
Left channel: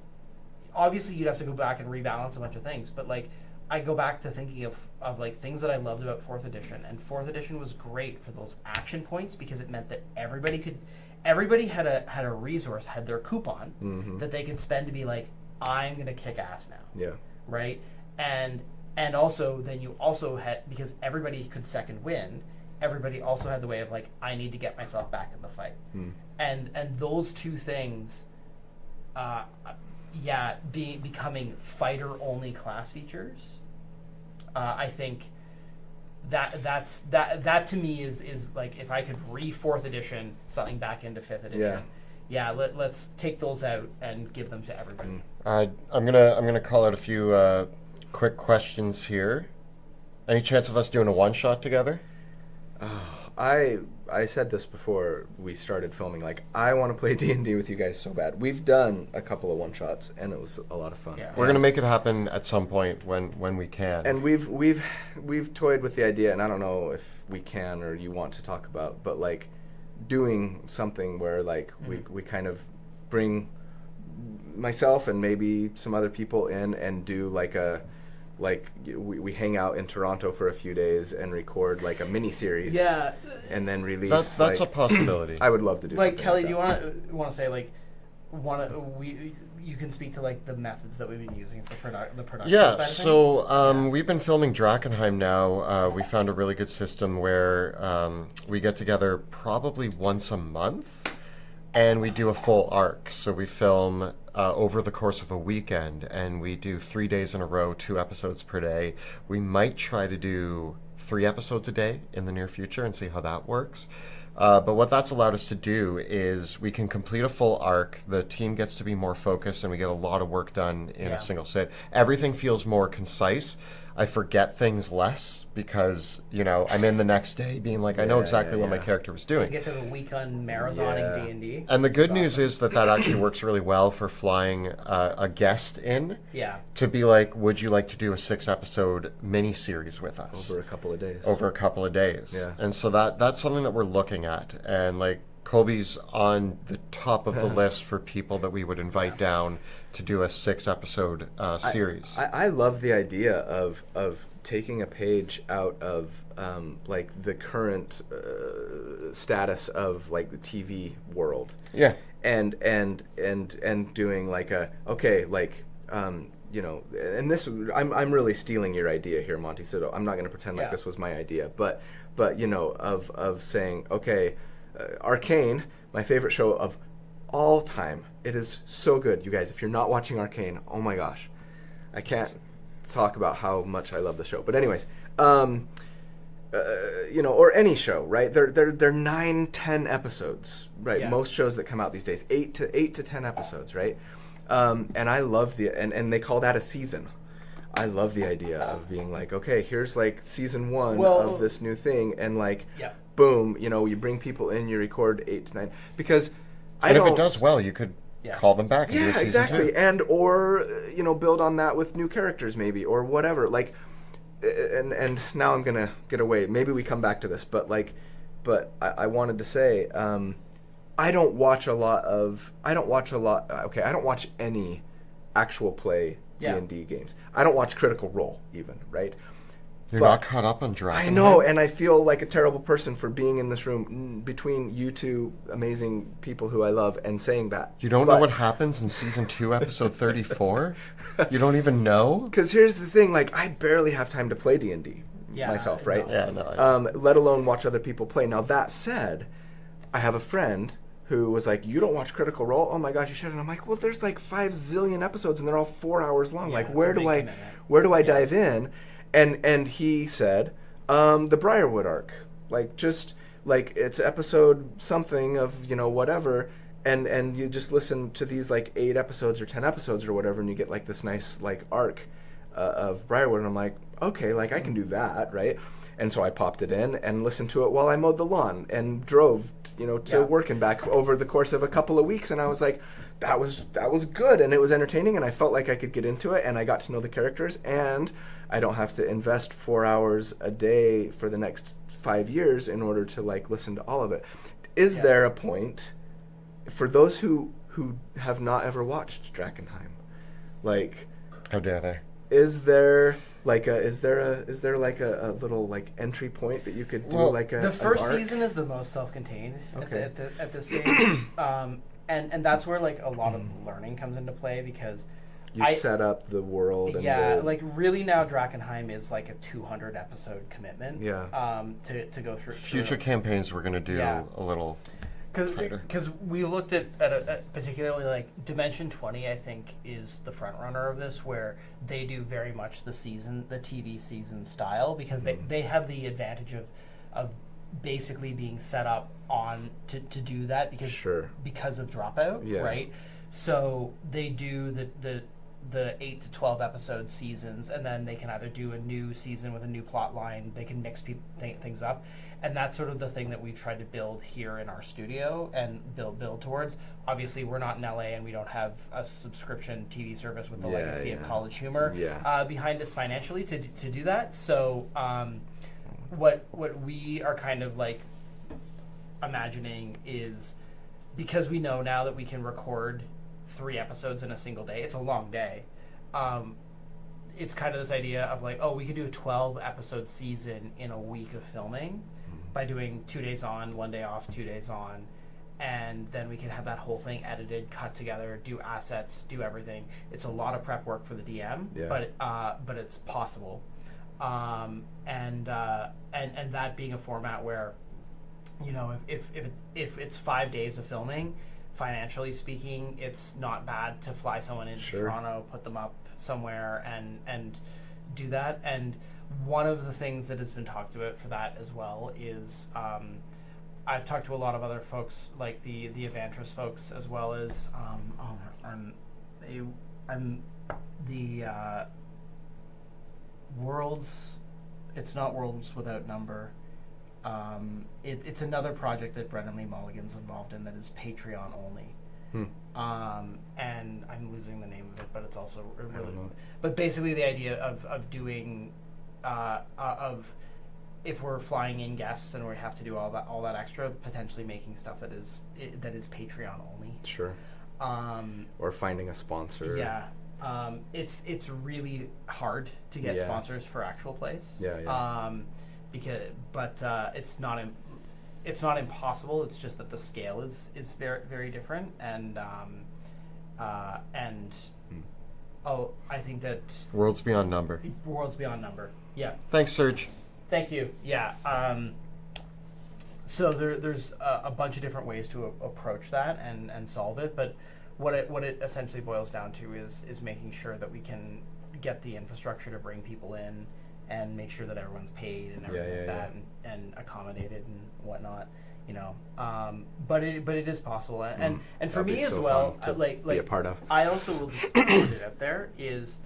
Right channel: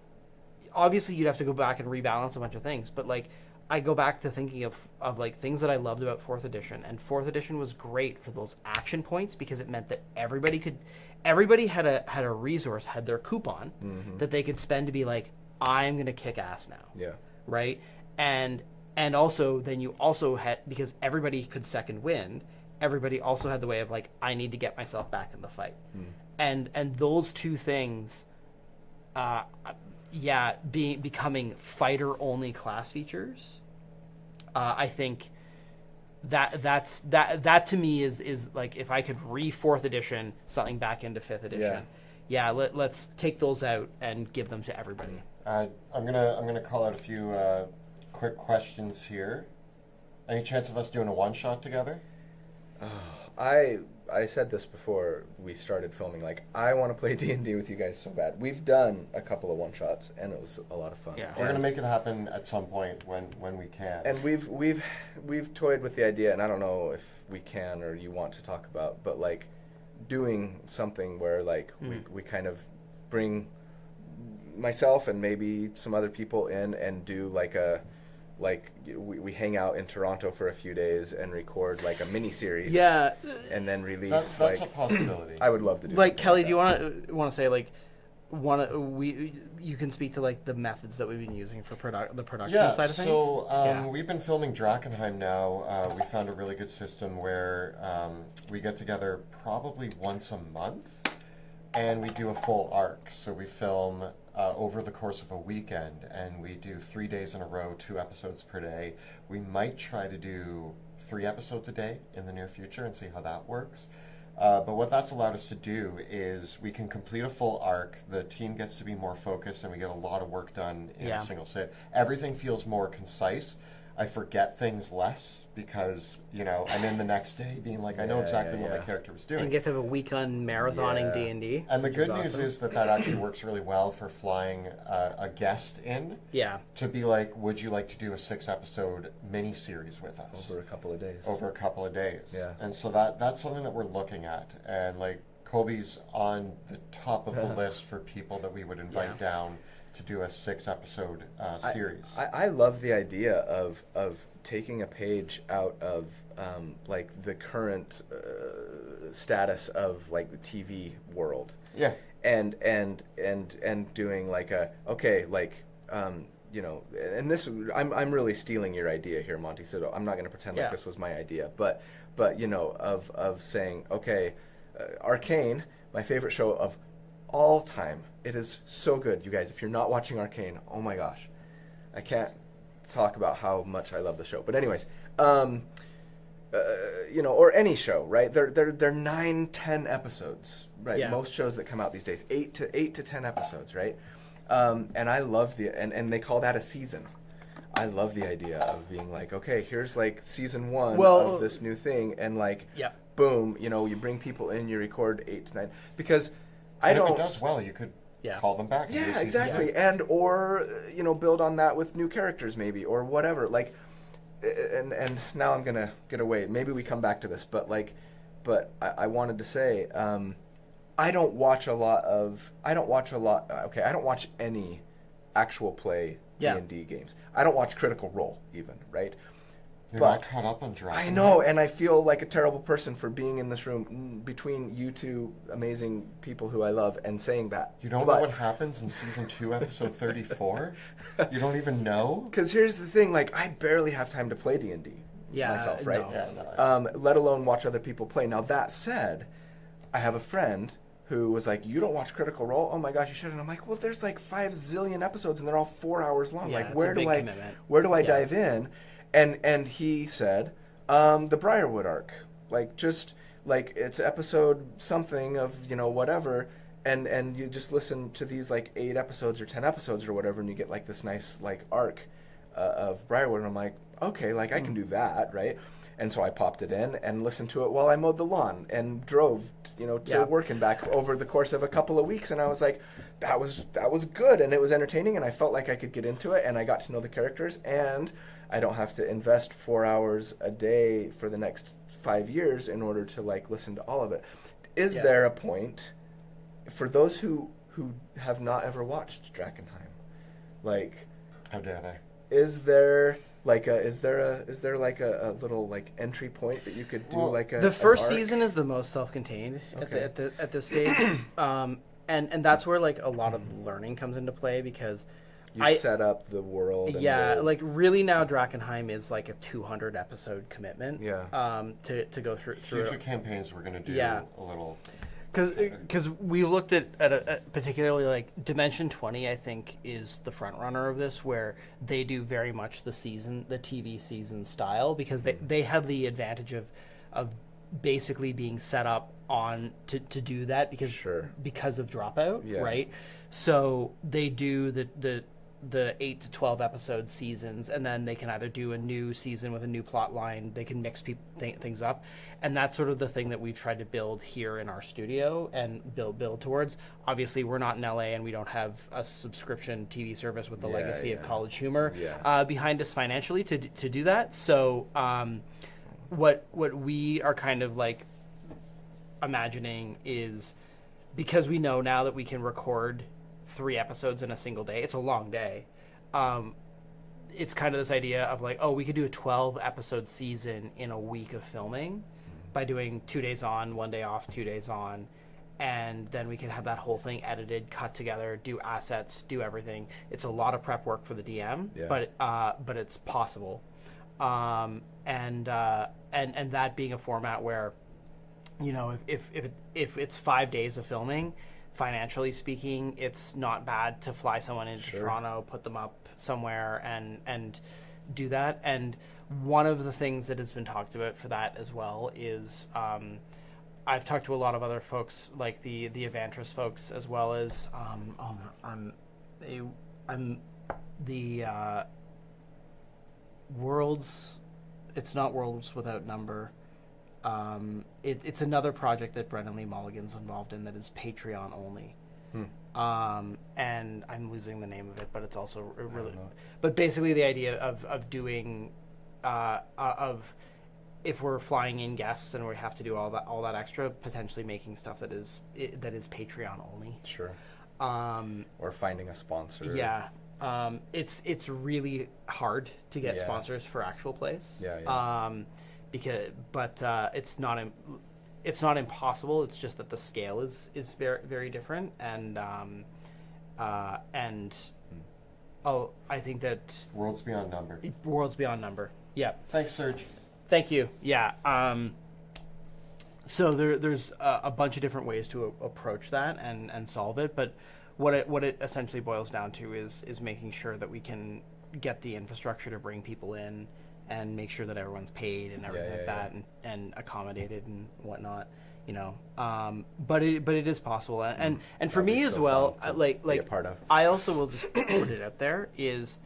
obviously you'd have to go back and rebalance a bunch of things, but, like, I go back to thinking of like things that I loved about 4th edition, and 4th edition was great for those action points because it meant that everybody had a resource, had their coupon that they could spend to be like, I'm gonna kick ass now. Yeah. Right? And also then you also had, because everybody could Second Wind, everybody also had the way of, like, I need to get myself back in the fight. And those two things becoming fighter-only class features, I think that to me is like, if I could re-4th edition something back into 5th edition, let's take those out and give them to everybody. I'm gonna call out a few quick questions here. Any chance of us doing a one-shot together? I said this before we started filming. Like, I want to play D&D with you guys so bad. We've done a couple of one-shots, and it was a lot of fun. Yeah. We're gonna make it happen at some point when we can. And we've toyed with the idea, and I don't know if we can or you want to talk about, but, like, doing something where, like, we kind of bring myself and maybe some other people in and do we hang out in Toronto for a few days and record, like, a mini series. Yeah. And then release. That's a possibility. I would love to do like, something Kelly, like that. Do you want to say, like, you can speak to, like, the methods that we've been using for the production side of things? So we've been filming Drakkenheim now. We found a really good system where we get together probably once a month, and we do a full arc. So we film over the course of a weekend, and we do 3 days in a row, 2 episodes per day. We might try to do 3 episodes a day in the near future and see how that works. But what that's allowed us to do is we can complete a full arc, the team gets to be more focused, and we get a lot of work done in a single sit. Everything feels more concise. I forget things less because, you know, I'm in the next day being like, I know exactly what my character was doing. You get to have a week on marathoning D&D. And the good news is that actually works really well for flying a guest in. Yeah. To be like, would you like to do a 6-episode mini-series with us? Over a couple of days. Yeah. And so that's something that we're looking at. And, like, Colby's on the top of the list for people that we would invite down to do a 6-episode series. I love the idea of taking a page out of like the current status of, like, the TV world. Yeah. And doing, like, you know, and this I'm really stealing your idea here, Monty. So I'm not going to pretend like this was my idea, but you know, of saying, okay, Arcane, my favorite show of all time. It is so good, you guys. If you're not watching Arcane, oh my gosh, I can't talk about how much I love the show. But anyways, you know, or any show, right? They're 9-10 episodes, right? Yeah. Most shows that come out these days, 8 to 10 episodes, right? And I love and they call that a season. I love the idea of being like, okay, here's like season 1 of this new thing, and like, boom, you know, you bring people in, you record 8 to 9, because if it does well, you could call them back and do a season exactly, 2. and or you know, build on that with new characters maybe, or whatever. Like, and now I'm gonna get away. Maybe we come back to this, but I wanted to say, I don't watch any actual play D&D games. I don't watch Critical Role even, right? You're not caught up on Dragon. I know, and I feel like a terrible person for being in this room between you two amazing people who I love and saying that. You don't know what happens in season 2, episode 34? You don't even know? Because here's the thing, like, I barely have time to play D&D myself, right? No. Let alone watch other people play. Now, that said, I have a friend who was like, you don't watch Critical Role? Oh my gosh, you should. And I'm like, well, there's like 5 zillion episodes and they're all 4 hours long. Like, where do I dive in? And he said, the Briarwood arc, like, just like, it's episode something of, you know, whatever, and you just listen to these like 8 episodes or 10 episodes or whatever, and you get like this nice like arc of Briarwood, and I'm like, okay, like, I can do that, right? And so I popped it in and listened to it while I mowed the lawn and drove, you know, to work and back over the course of a couple of weeks, and I was like, that was good, and it was entertaining, and I felt like I could get into it, and I got to know the characters, and I don't have to invest 4 hours a day for the next 5 years in order to like listen to all of it. Is there a point for those who have not ever watched Drakkenheim? Like, how dare they? Is there like a little like entry point that you could do, like a the first an arc? season is the most self-contained at this stage, and that's where like a lot of learning comes into play, because you set up the world. And like really now Drakkenheim is like a 200 episode commitment. To go through future campaigns. We're gonna do a little. Because we looked at particularly like Dimension 20, I think, is the front runner of this, where they do very much the TV season style, because they have the advantage of basically being set up on to do that because of Dropout, right? So they do the 8 to 12 episode seasons, and then they can either do a new season with a new plot line. They can mix things up, and that's sort of the thing that we've tried to build here in our studio and build towards. Obviously, we're not in LA, and we don't have a subscription TV service with the legacy of College Humor behind us financially to do that. So what we are kind of like imagining is, because we know now that we can record 3 episodes in a single day. It's a long day. It's kind of this idea of like, we could do a 12 episode season in a week of filming by doing 2 days on, 1 day off, 2 days on, and then we could have that whole thing edited, cut together, do assets, do everything. It's a lot of prep work for the DM, but it's possible. And that being a format where, you know, if it's 5 days of filming, financially speaking, it's not bad to fly someone into Toronto, put them up somewhere, and do that. And one of the things that has been talked about for that as well is, I've talked to a lot of other folks, like the Evantris folks, as well as I'm the Worlds. It's not Worlds Without Number. It's another project that Brennan Lee Mulligan's involved in that is Patreon only. And I'm losing the name of it, but it's also really. But basically, the idea of doing of if we're flying in guests and we have to do all that extra, potentially making stuff that is Patreon only. Sure. Or finding a sponsor. Yeah. It's really hard to get sponsors for actual plays. It's not impossible. It's just that the scale is very, very different, and I think that Worlds Beyond Number. Yeah. Thanks, Serge. Thank you. Yeah. So there's a bunch of different ways to approach that and solve it, but what it essentially boils down to is making sure that we can get the infrastructure to bring people in and make sure that everyone's paid and everything like that and accommodated and whatnot. you know. But it is possible, and for That'd me be as so well, fun to like be a part of. I also will just put it out there is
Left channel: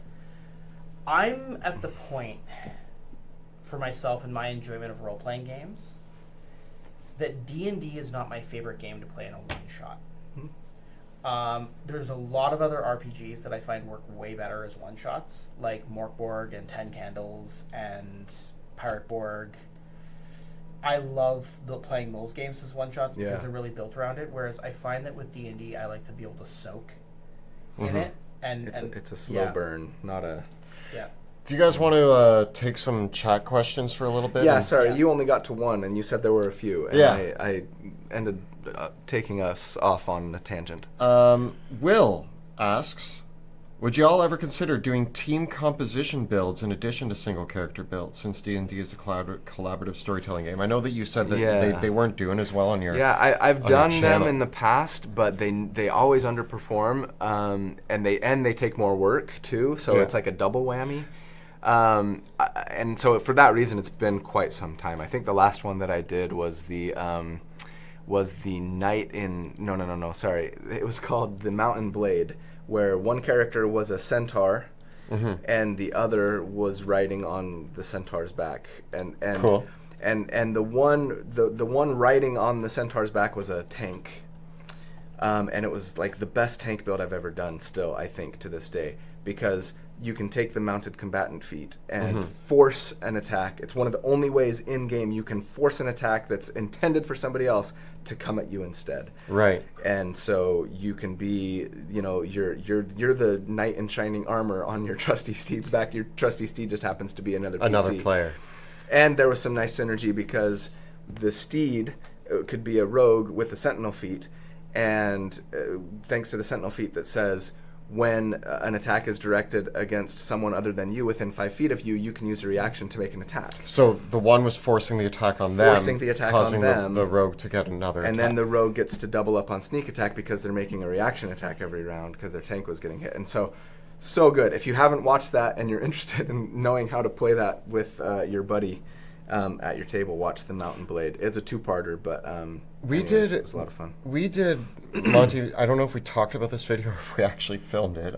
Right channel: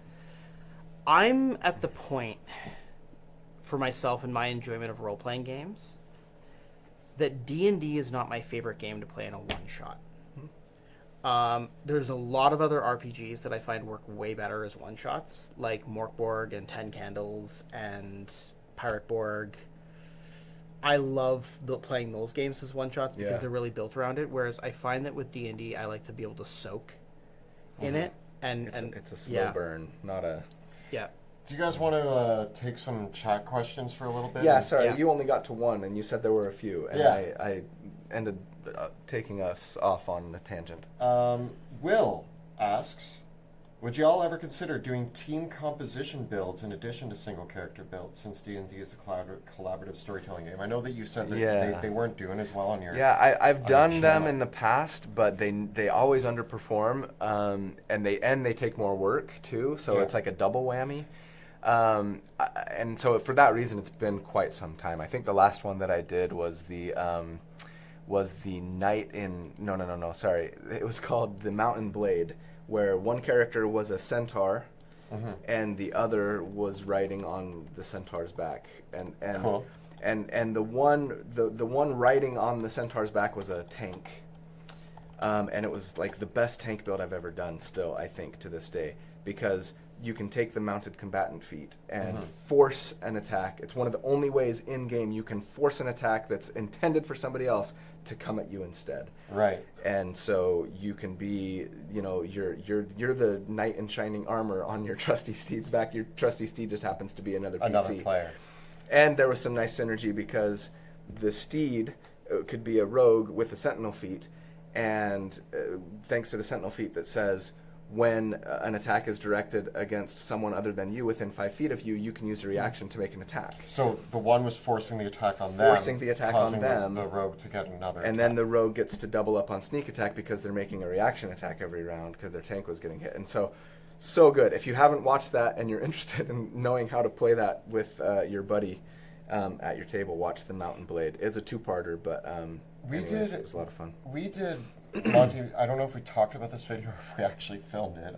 I'm at the point for myself and my enjoyment of role-playing games that D&D is not my favorite game to play in a one-shot. There's a lot of other RPGs that I find work way better as one-shots, like Morkborg and Ten Candles and Pirate Borg. I love playing those games as one-shots because they're really built around it, whereas I find that with D&D, I like to be able to soak in it. And it's a slow burn, not a... Yeah. Do you guys want to take some chat questions for a little bit? Yeah, sorry, you only got to one, and you said there were a few, and Yeah. I ended taking us off on a tangent. Will asks, would you all ever consider doing team composition builds in addition to single character builds, since D&D is a collaborative storytelling game? I know that you said that they weren't doing as well on your I've done them channel. in the past, but they always underperform, and they take more work too, so it's like a double whammy. And so for that reason, it's been quite some time. I think the last one that I did was the Night in... No, sorry. It was called The Mountain Blade, where one character was a centaur, and the other was riding on the centaur's back. And cool. And the one riding on the centaur's back was a tank. And it was like the best tank build I've ever done still, I think, to this day. Because you can take the mounted combatant feat and force an attack. It's one of the only ways in-game you can force an attack that's intended for somebody else to come at you instead. Right. And so you can be, you're the knight in shining armor on your trusty steed's back. Your trusty steed just happens to be another PC. Another player. And there was some nice synergy because the steed could be a rogue with a sentinel feat, and thanks to the sentinel feat that says, when an attack is directed against someone other than you within 5 feet of you, you can use a reaction to make an attack. So the one was forcing the attack on them, Forcing the attack causing on them. the rogue to get another And attack. then the rogue gets to double up on sneak attack because they're making a reaction attack every round because their tank was getting hit. And so good. If you haven't watched that and you're interested in knowing how to play that with your buddy at your table, watch The Mountain Blade. It's a two-parter, but it was a lot of fun. We did, Monty, I don't know if we talked about this video or if we actually filmed it.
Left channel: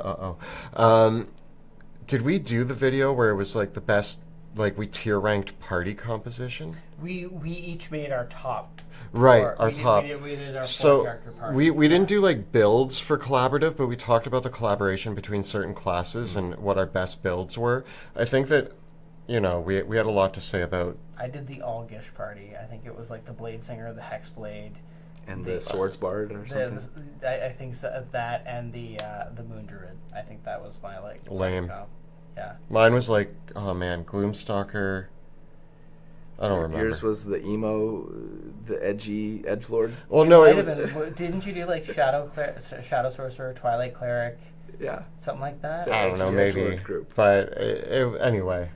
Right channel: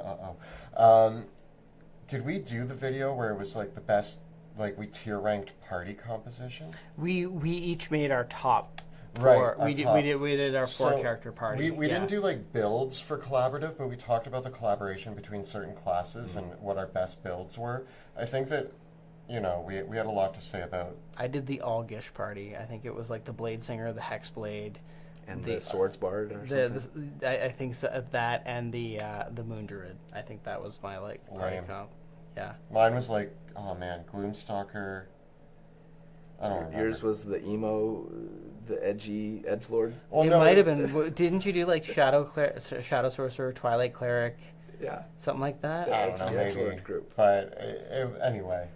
Did we do the video where it was like the best, like we tier-ranked party composition? We each made our top. Right, We did our 4-character party. We didn't do like builds for collaborative, but we talked about the collaboration between certain classes and what our best builds were. I think that, we had a lot to say about... I did the All-Gish party. I think it was like the Blade Singer, the Hex Blade. And the Swords Bard or something? I think so, that and the Moon Druid. I think that was my, lame. Yeah. Mine was like, oh man, Gloomstalker. I don't remember. Yours was the emo, the edgy edgelord? Well, It no, might have been. Didn't you do like Shadow Sorcerer, Twilight Cleric? Yeah. Something like that? The I don't know, edgy maybe. edgelord group. But anyway.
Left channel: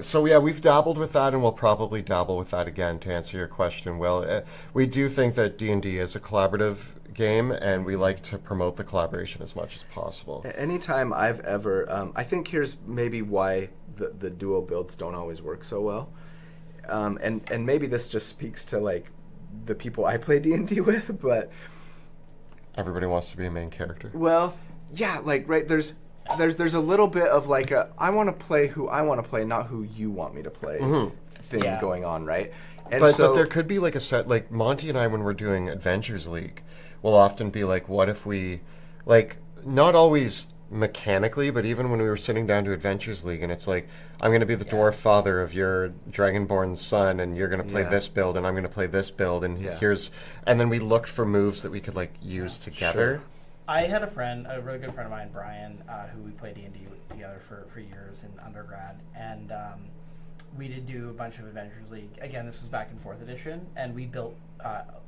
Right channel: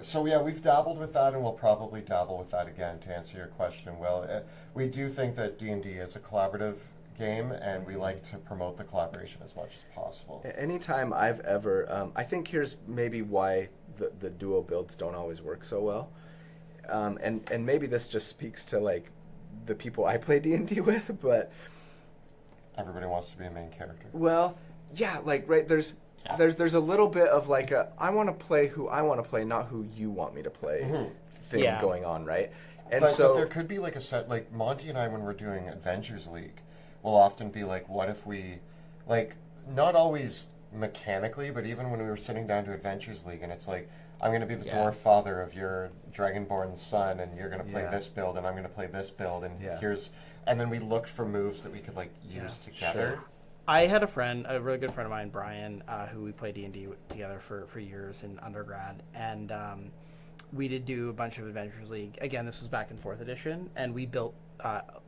So yeah, we've dabbled with that, and we'll probably dabble with that again to answer your question, Will. We do think that D&D is a collaborative game, and we like to promote the collaboration as much as possible. Anytime I've ever... I think here's maybe why the duo builds don't always work so well. And maybe this just speaks to, like, the people I play D&D with, but... Everybody wants to be a main character. Well... Yeah, like, right, there's a little bit of like I want to play who I want to play, not who you want me to play thing going on, right? And but there could be like a set, like Monty and I, when we're doing Adventures League, will often be like, what if we, like, not always mechanically, but even when we were sitting down to Adventures League, and it's like, I'm going to be the dwarf father of your dragonborn son, and you're going to play this build, and I'm going to play this build, and and then we looked for moves that we could like use together. Sure. I had a really good friend of mine, Brian, who we played D&D together for years in undergrad, and we did do a bunch of Adventures League. Again, this was back in 4th edition, and we built,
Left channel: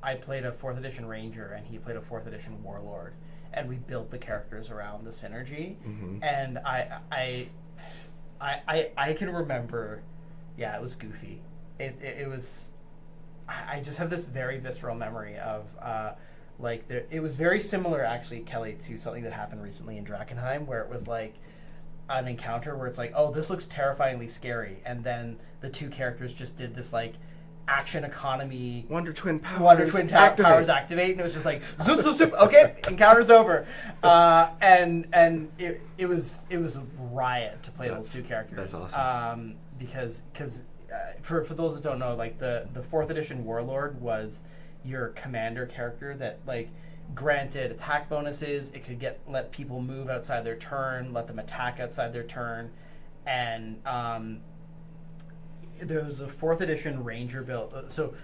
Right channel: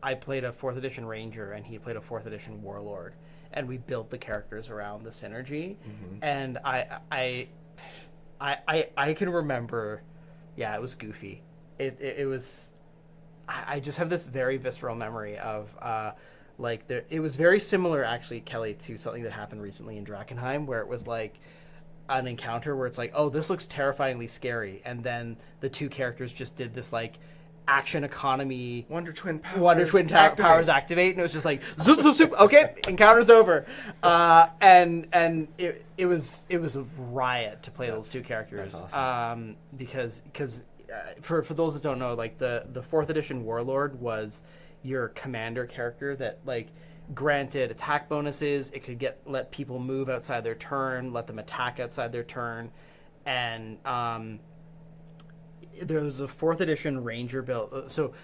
I played a 4th edition Ranger, and he played a 4th edition Warlord, and we built the characters around the synergy, and I can remember, it was goofy. It was, I just have this very visceral memory of, it was very similar, actually, Kelly, to something that happened recently in Drakkenheim, where it was like an encounter where it's like, oh, this looks terrifyingly scary, and then the two characters just did this like action economy. Wonder Twin powers activate, and it was just like zoop zoop zoop. Okay, encounter's over, and it was a riot to play those two characters. That's awesome. Because for those that don't know, like the 4th edition Warlord was your commander character that like granted attack bonuses. It could let people move outside their turn, let them attack outside their turn, and there was a 4th edition Ranger build. So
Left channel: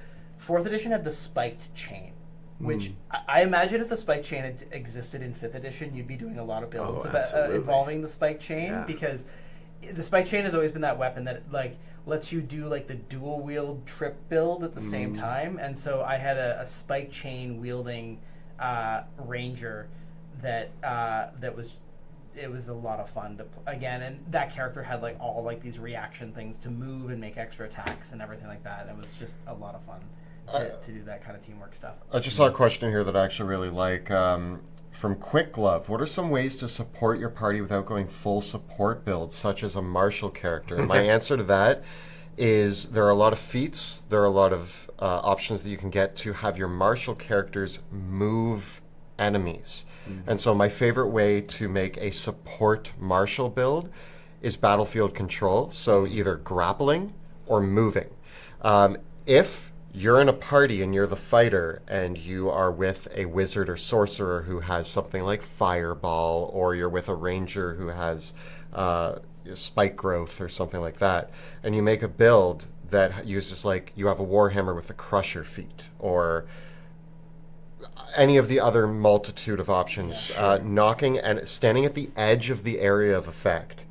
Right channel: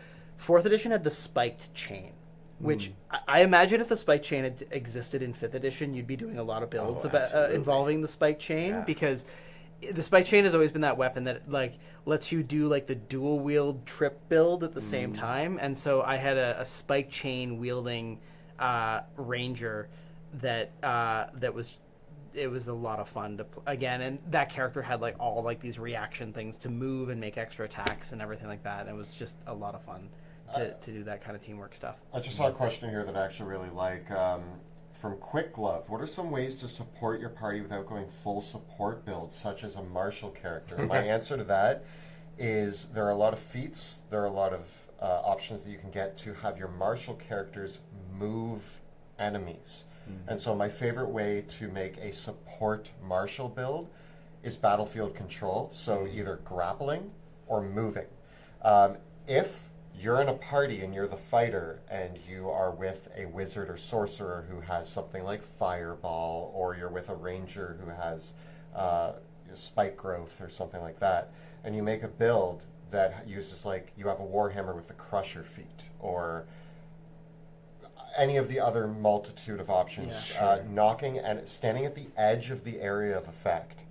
4th edition had the spiked chain, which I imagine if the spiked chain had existed in 5th edition, you'd be doing a lot of builds involving the spiked chain, because the spiked chain has always been that weapon that like lets you do like the dual wield trip build at the same time. And so I had a spiked chain wielding Ranger that was. It was a lot of fun to again, and that character had like all like these reaction things to move and make extra attacks and everything like that. And it was just a lot of fun to do that kind of teamwork stuff. I just saw a question here that I actually really like from Quick Glove. What are some ways to support your party without going full support builds, such as a martial character? And my answer to that is there are a lot of feats, there are a lot of options that you can get to have your martial characters move enemies. And so my favorite way to make a support martial build is battlefield control, so either grappling or moving. If you're in a party and you're the fighter and you are with a wizard or sorcerer who has something like fireball, or you're with a ranger who has spike growth or something like that, and you make a build that uses like you have a warhammer with a crusher feat, or any of the other multitude of options, knocking and standing at the edge of the area of effect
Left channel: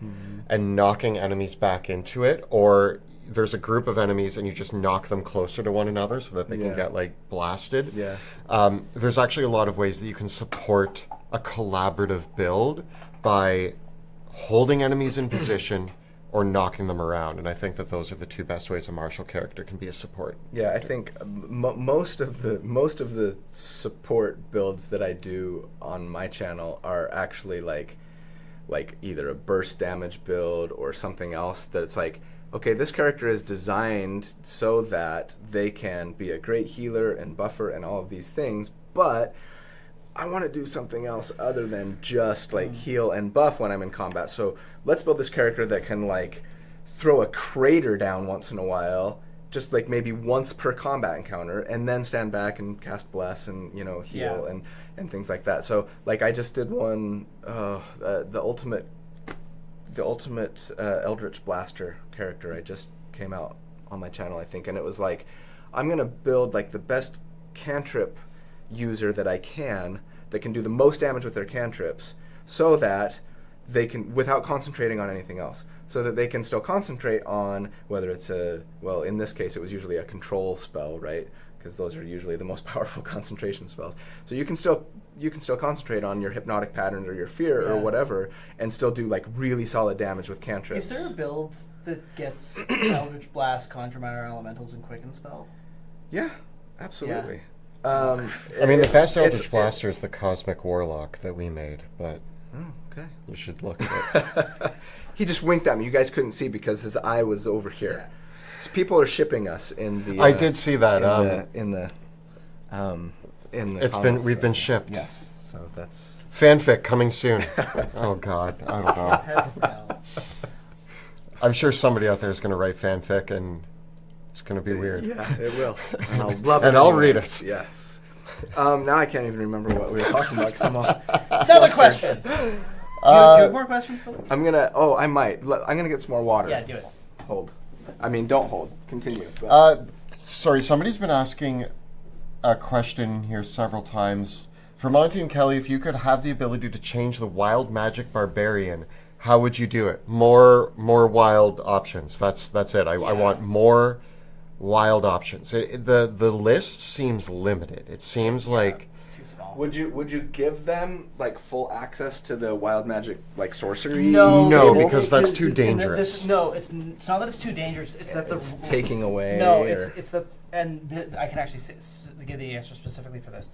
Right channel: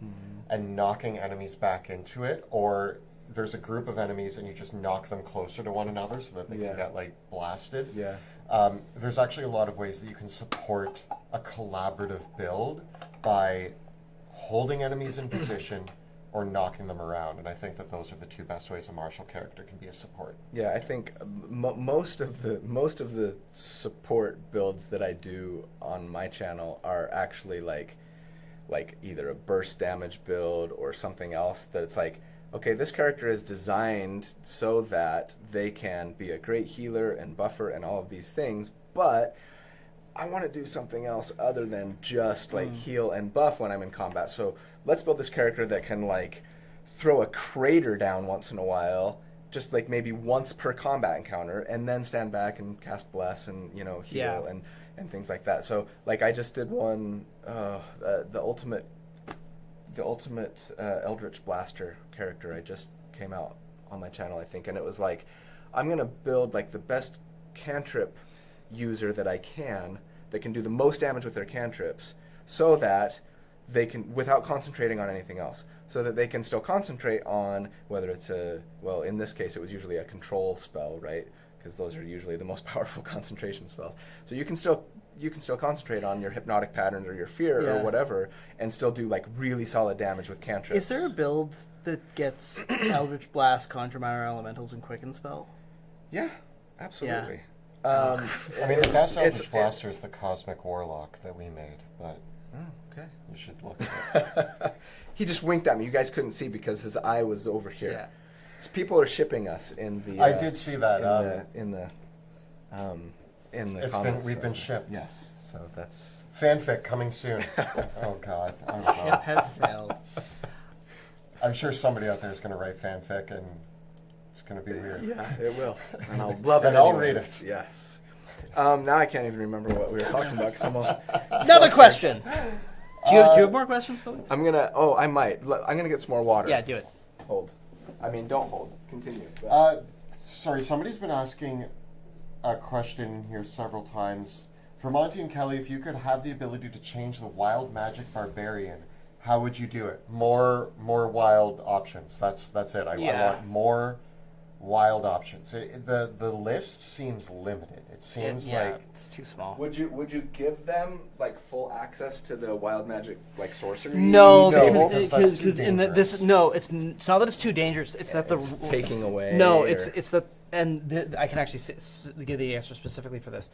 and knocking enemies back into it, or there's a group of enemies and you just knock them closer to one another so that they can get like blasted. There's actually a lot of ways that you can support a collaborative build by holding enemies in position or knocking them around, and I think that those are the two best ways a martial character can be a support. Yeah, I think most of the support builds that I do on my channel are actually like either a burst damage build or something else that's like, okay, this character is designed so that they can be a great healer and buffer and all of these things, but I want to do something else other than just like heal and buff when I'm in combat. So let's build this character that can like throw a crater down once in a while, just like maybe once per combat encounter, and then stand back and cast bless and heal and things like that. So like I just did one, the ultimate Eldritch Blaster character I just came out on my channel, I think, and it was like, I'm gonna build like the best cantrip user that I can that can do the most damage with their cantrips, so that they can, without concentrating on anything else, so that they can still concentrate on whether it's in this case it was usually a control spell, right? Because those are usually the most powerful concentration spells. So you can still concentrate on your hypnotic patterns or your fear or whatever, and still do like really solid damage with cantrips. Is there a build that gets Eldritch Blast, Conjure Minor Elementals, and Quicken Spell? Yeah, absolutely. Yeah. I mean, the best Eldritch Blaster is the Cosmic Warlock that we made, but you should look at it. He just winked at me. You guys couldn't see because his eye was over here. Yeah. So people are shipping us in the. I did see that in the. We've been shipped. Yes, so that's fanfic coming soon. Oh God, I don't know. I'm sure somebody out there is going to write fanfic and. It's going to be weird. Yeah, it will. And I'll love it. And I'll read it. Yes. Now I can't even remember what we were talking about. Another question. Do you have more questions, Philip? I might. I'm going to get some more water. Yeah, do it. Hold. I mean, don't hold. Continue. Sorry, somebody's been asking a question here several times. For Monty and Kelly, if you could have the ability to change the wild magic barbarian, how would you do it? More wild options. That's it. I want more wild options. The list seems limited. It seems like it's too small. Would you give them like full access to the wild magic like sorcery? No, because that's too dangerous. It's not that it's too dangerous. It's that it's taking away. No, it's that, and I can actually give the answer specifically for this.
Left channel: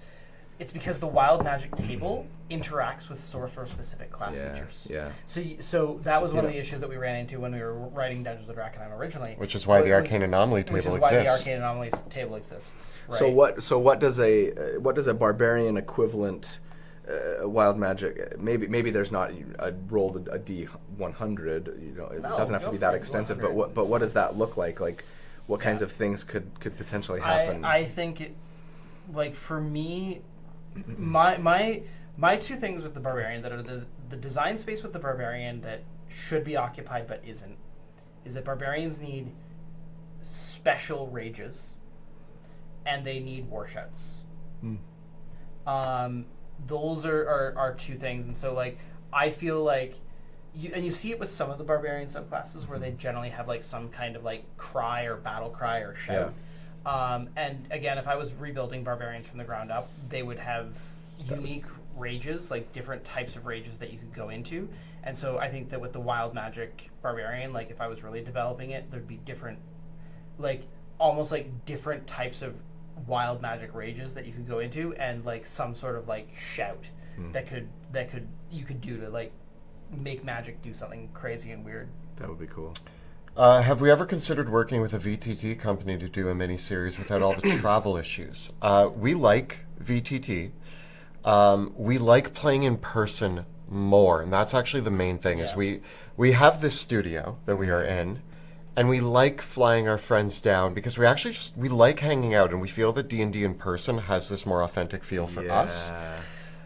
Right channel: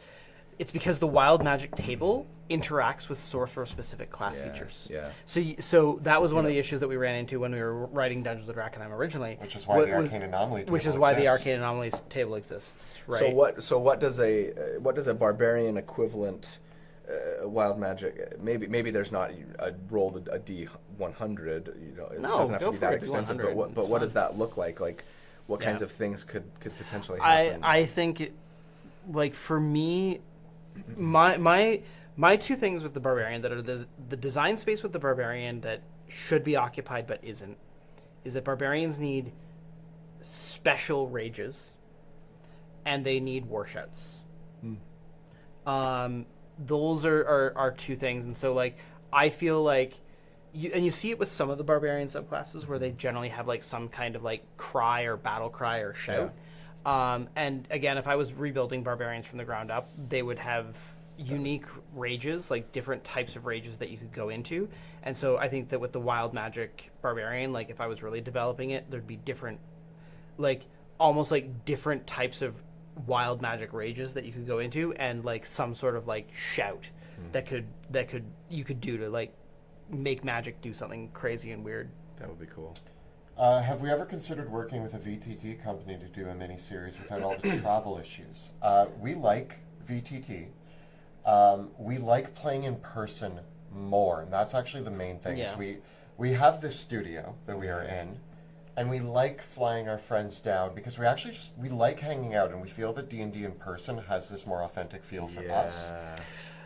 it's because the wild magic table interacts with sorcerer-specific class features. Yeah. So that was one of the issues that we ran into when we were writing Dungeons of Drakenheim originally. Which is why the Arcane Anomaly table exists. Which is why the Arcane Anomaly table exists. Right? So what does a barbarian equivalent wild magic? Maybe there's not a rolled a D100. You know, it doesn't have to be that extensive. But what does that look like? Like, what kinds of things could potentially happen? I think, like for me, my two things with the barbarian that are the design space with the barbarian that should be occupied but isn't, is that barbarians need special rages and they need war shouts. Those are two things, and so like I feel like you see it with some of the barbarian subclasses where they generally have like some kind of like cry or battle cry or shout. And again, if I was rebuilding barbarians from the ground up, they would have unique rages, like different types of rages that you could go into. And so I think that with the wild magic barbarian, like if I was really developing it, there'd be different, like almost like different types of wild magic rages that you could go into, and like some sort of like shout that you could do to like make magic do something crazy and weird. That would be cool. Have we ever considered working with a VTT company to do a mini-series without all the travel issues? We like VTT. We like playing in person more, and that's actually the main thing. Is we have this studio that we are in, and we like flying our friends down because we like hanging out, and we feel that D&D in person has this more authentic feel for us.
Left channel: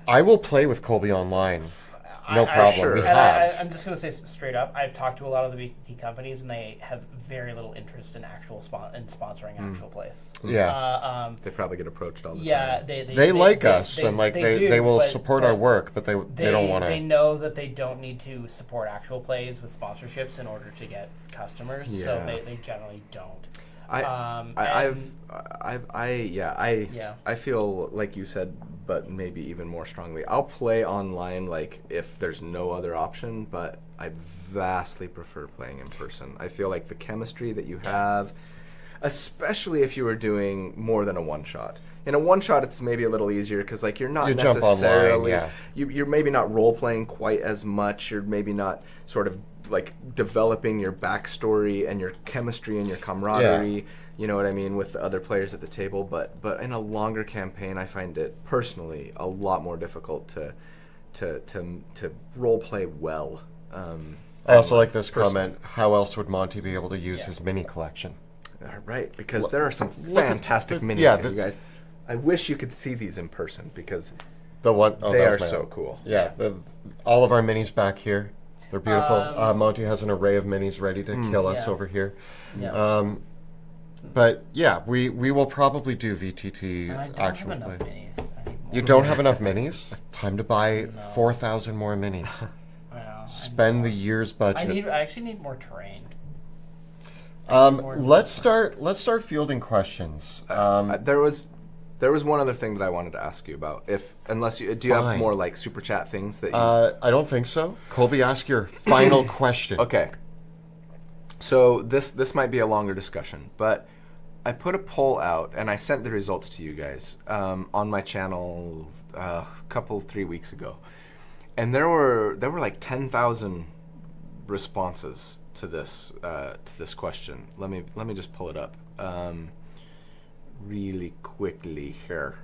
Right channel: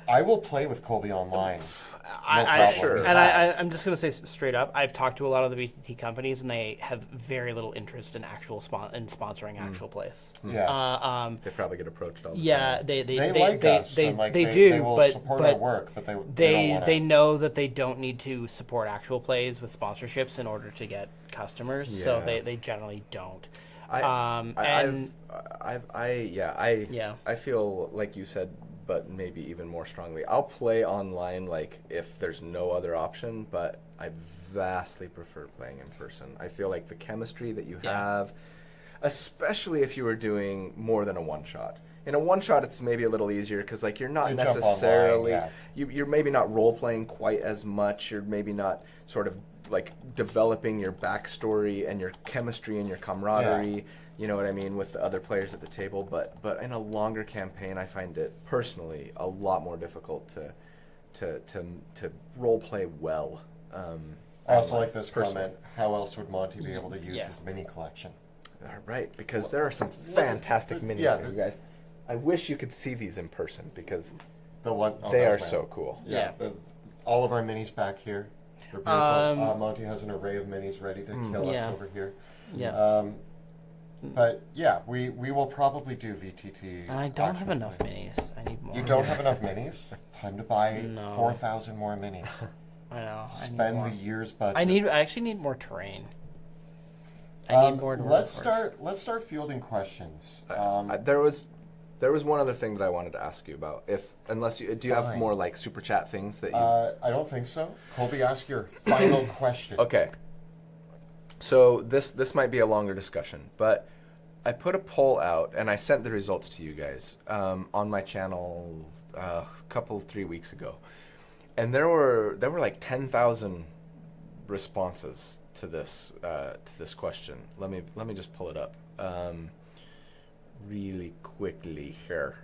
I will play with Colby online. No problem. Sure. We And have. I'm just going to say straight up, I've talked to a lot of the VTT companies, and they have very little interest in sponsoring actual plays. Yeah. They probably get approached all the time. Yeah, They like us, and like they will support our work, but they don't want to. They know that they don't need to support actual plays with sponsorships in order to get customers, so they generally don't. I feel like you said, but maybe even more strongly. I'll play online, like if there's no other option, but I vastly prefer playing in person. I feel like the chemistry that you have, especially if you were doing more than a one shot. In a one shot, it's maybe a little easier because like you're not necessarily online, you're maybe not role playing quite as much. You're maybe not sort of like developing your backstory and your chemistry and your camaraderie. You know what I mean, with the other players at the table. But in a longer campaign, I find it personally a lot more difficult to role play well. I also like this comment. How else would Monty be able to use his mini collection? Right, because there are some fantastic minis here, you guys. I wish you could see these in person because they are so cool. Yeah, all of our minis back here. They're beautiful. Monty has an array of minis ready to kill us over here. But yeah, we will probably do VTT. I don't have enough minis. I need more. You don't have enough minis? Time to buy 4,000 more minis. I know. Spend the year's budget. I actually need more terrain. Let's start fielding questions. There was one other thing that I wanted to ask you about. Do you have more like super chat things that you? I don't think so. Colby, ask your final question. Okay. So this might be a longer discussion, but I put a poll out and I sent the results to you guys on my channel 3 weeks ago, and there were like 10,000 responses to this question. Let me just pull it up really quickly here.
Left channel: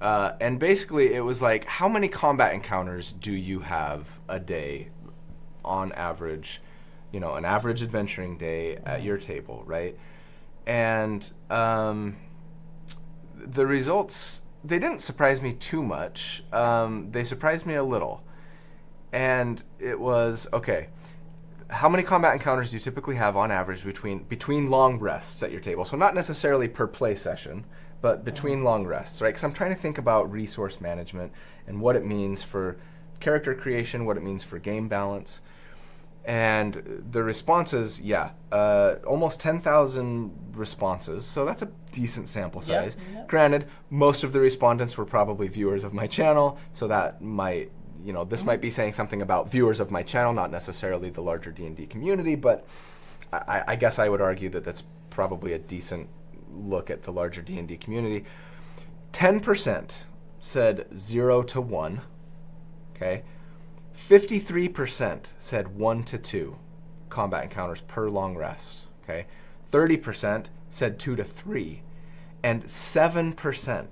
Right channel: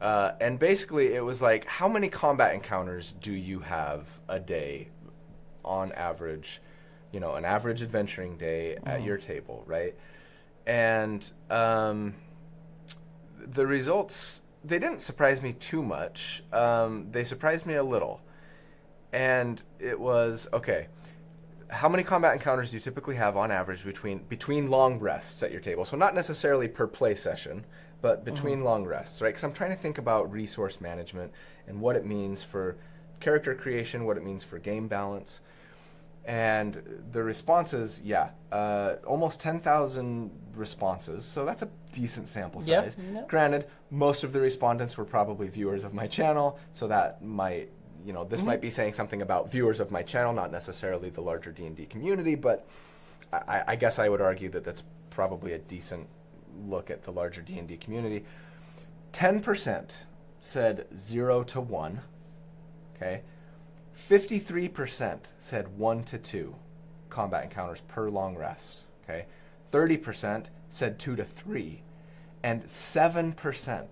And basically it was like, how many combat encounters do you have a day on average? You know, an average adventuring day at your table, right? And the results, they didn't surprise me too much. They surprised me a little. And it was, okay, how many combat encounters do you typically have on average between long rests at your table? So not necessarily per play session, but between long rests, right? Because I'm trying to think about resource management and what it means for character creation, what it means for game balance. And the responses, almost 10,000 responses. So that's a decent sample size. Yeah. Granted, most of the respondents were probably viewers of my channel, so that might, this might be saying something about viewers of my channel, not necessarily the larger D&D community, but I guess I would argue that that's probably a decent look at the larger D&D community. 10% said 0 to 1. Okay. 53% said 1 to 2 combat encounters per long rest. Okay. 30% said 2 to 3. And 7%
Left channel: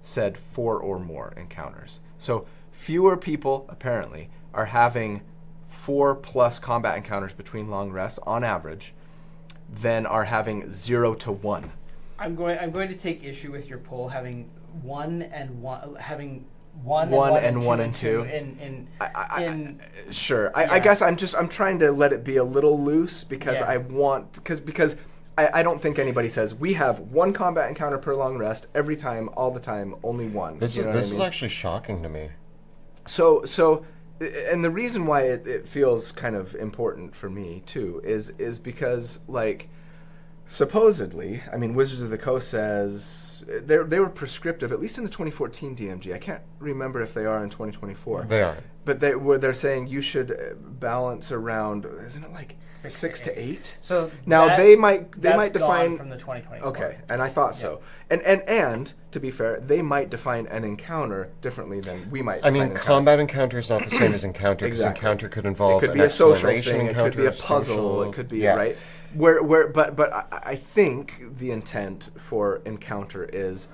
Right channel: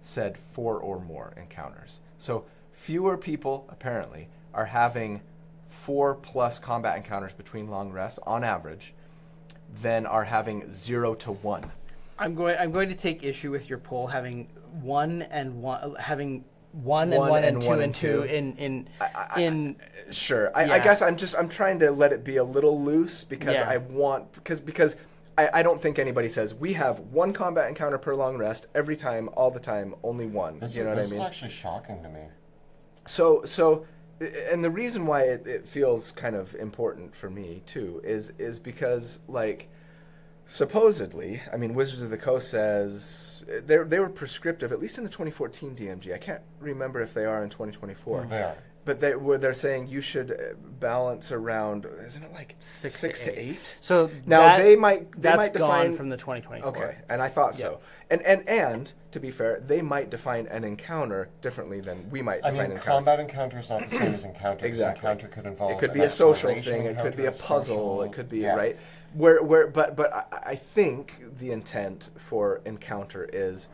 said 4 or more encounters. So fewer people, apparently, are having 4+ combat encounters between long rests on average than are having 0 to 1. I'm going to take issue with your poll having one and two in sure. I guess I'm trying to let it be a little loose because I want because I don't think anybody says we have 1 combat encounter per long rest every time, all the time, only 1. This you know is what I mean? actually shocking to me. So, and the reason why it feels kind of important for me too is because, like, supposedly, I mean, Wizards of the Coast says they were prescriptive, at least in the 2014 DMG. I can't remember if they are in 2024. They are. But they're saying you should balance around, isn't it like 6 to 8? So now they might define gone from the 2024. Okay, and I thought so. And to be fair, they might define an encounter differently than we might. I define mean, an combat encounter is not the same as encounter. Exactly. Encounter could involve. It could be an a social exploration thing. It could be a puzzle. social- It could be right. But I think the intent for encounter is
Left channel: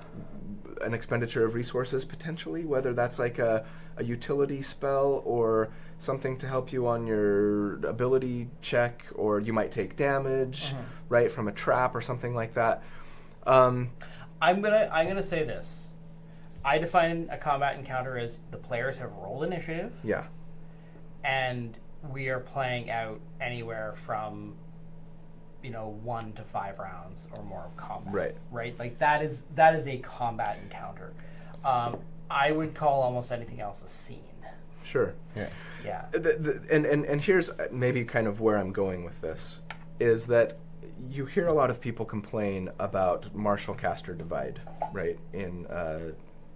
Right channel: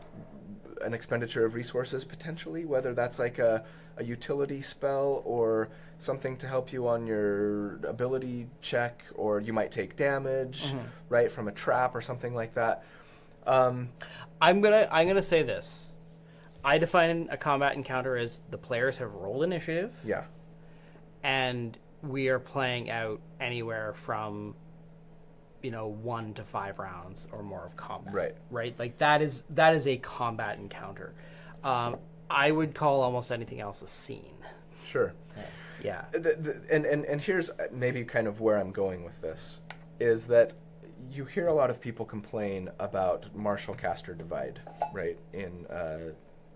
an expenditure of resources potentially, whether that's like a utility spell or something to help you on your ability check, or you might take damage, right, from a trap or something like that. I'm gonna say this. I define a combat encounter as the players have rolled initiative. Yeah. And we are playing out anywhere from 1 to 5 rounds or more of combat. Right. Like that is a combat encounter. I would call almost anything else a scene. Sure. Yeah. And here's maybe kind of where I'm going with this, is that you hear a lot of people complain about martial caster divide, right, in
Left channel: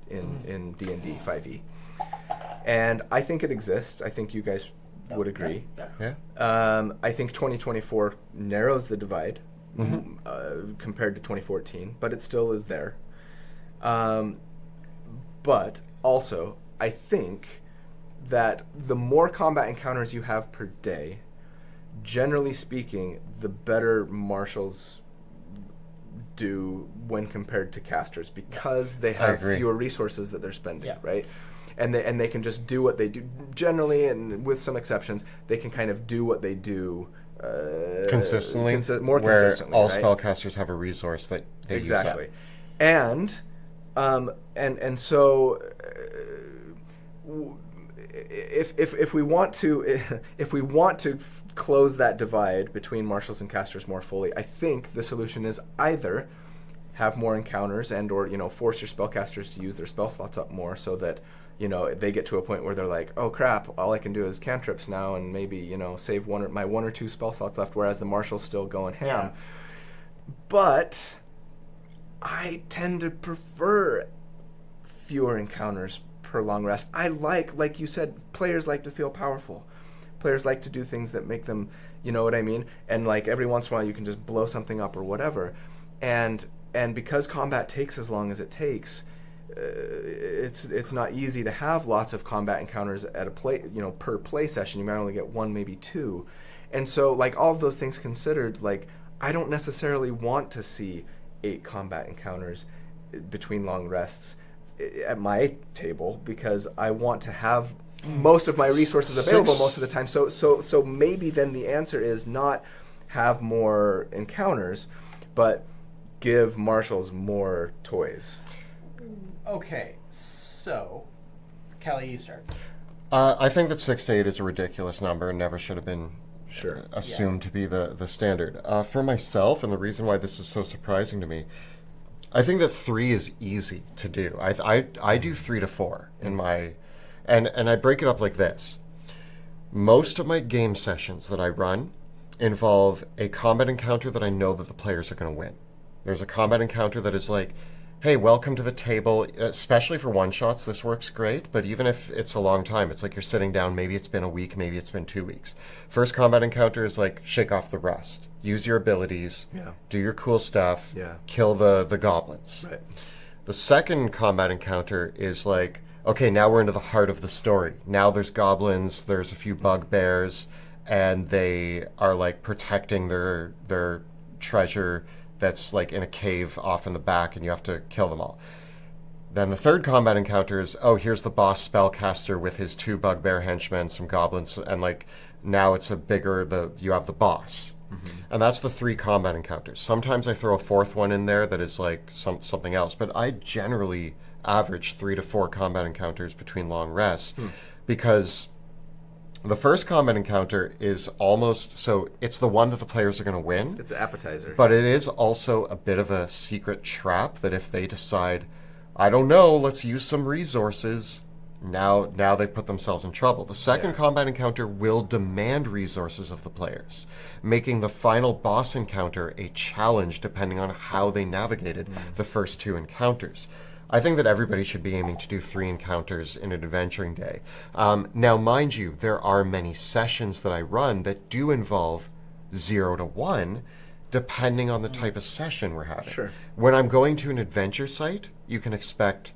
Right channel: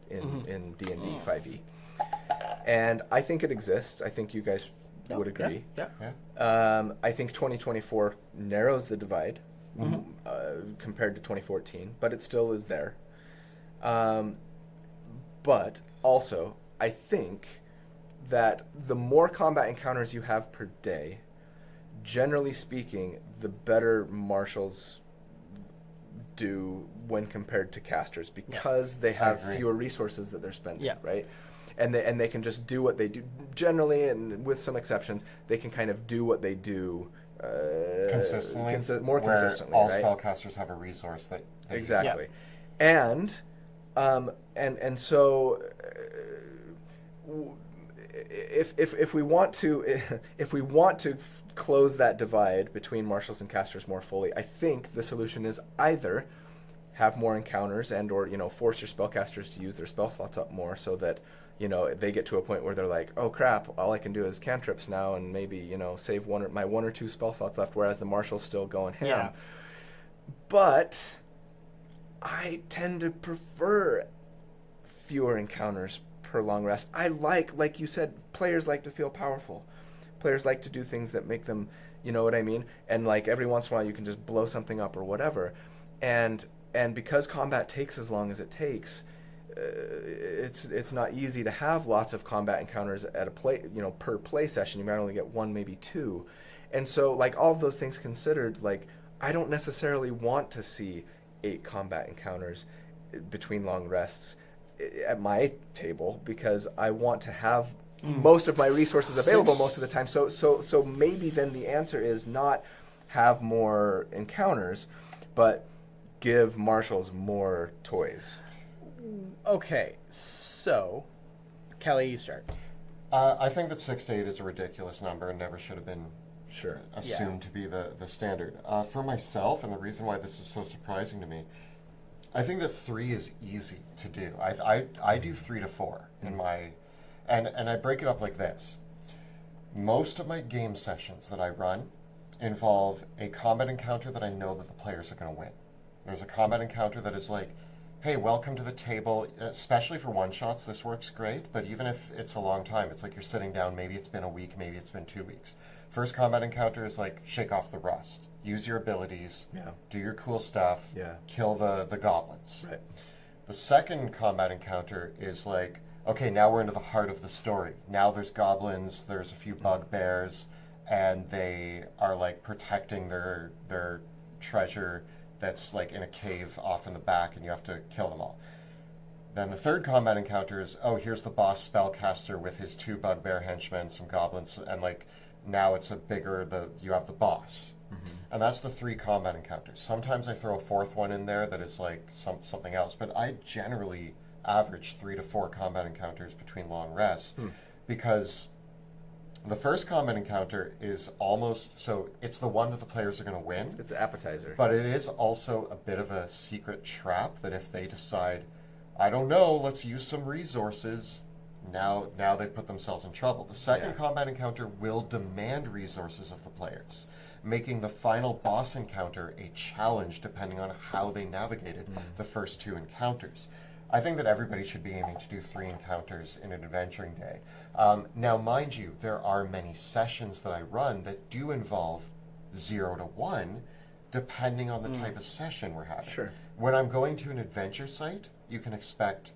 D&D 5e. And I think it exists. I think you guys would agree. Yeah. I think 2024 narrows the divide compared to 2014, but it still is there. But also, I think that the more combat encounters you have per day, generally speaking, the better marshals do when compared to casters, because they have fewer resources that they're spending, right? And they can just do what they do generally, and with some exceptions, they can kind of do what they do consistently, more where consistently. All right? spellcasters have a resource that they exactly, use. And so if we want to close that divide between marshals and casters more fully, I think the solution is either have more encounters and or force your spellcasters to use their spell slots up more, so that they get to a point where they're like, oh crap, all I can do is cantrips now, and maybe save my 1 or 2 spell slots left, whereas the marshal's still going ham. But I tend to prefer fewer encounters per long rest. I like you said, players like to feel powerful. Players like to do things that make them, you know what I mean? And like every once in a while you can just blow something up or whatever. And because combat takes as long as it takes, it's not easy to have lots of combat encounters at a play, per play session. You might only get 1, maybe 2. And so, like, all of those things considered, like, I don't necessarily want to see 8 combat encounters between long rests at my table, because I want to have most of my resources available most of the time. So maybe then the answer is not have more encounters, but give marshals more toys. Okay, so Kelly, you start. I think that 6 to 8 is a ridiculous number and never should have been assumed to be the standard. For myself, and the reason why this is so surprising to me, I think that 3 is easy to do. I do 3 to 4 in my, and I break it up like this. Most of my game sessions that I run involve a combat encounter that I know that the players are going to win. There's a combat encounter that is like, hey, welcome to the table, especially for one-shots, this works great, but even if it's a long time, it's like you're sitting down, maybe it's been a week, maybe it's been 2 weeks. First combat encounter is like, shake off the rust, use your abilities, do your cool stuff, kill the goblins. The second combat encounter is like, okay, now we're into the heart of the story. Now there's goblins, there's a few bugbears, and they are like protecting their treasure that's like in a cave off in the back, and you have to kill them all. Then the third combat encounter is, oh, here's the boss spellcaster with his 2 bugbear henchmen, some goblins, and like now it's you have the boss. And that's the 3 combat encounters. Sometimes I throw a 4th one in there that is like something else, but I generally average 3 to 4 combat encounters between long rests because the first combat encounter is almost, so it's the one that the players are going to win. It's an appetizer. But it is also a bit of a secret trap that if they decide, I don't know, let's use some resources, now they've put themselves in trouble. The second combat encounter will demand resources of the players, making the final boss encounter a challenge depending on how they navigated the first 2 encounters. I think that everybody should be aiming to do 3 encounters in an adventuring day. Now, mind you, there are many sessions that I run that do involve 0 to 1, depending on the type of session we're having. Sure. When I'm going to an adventure site, you can expect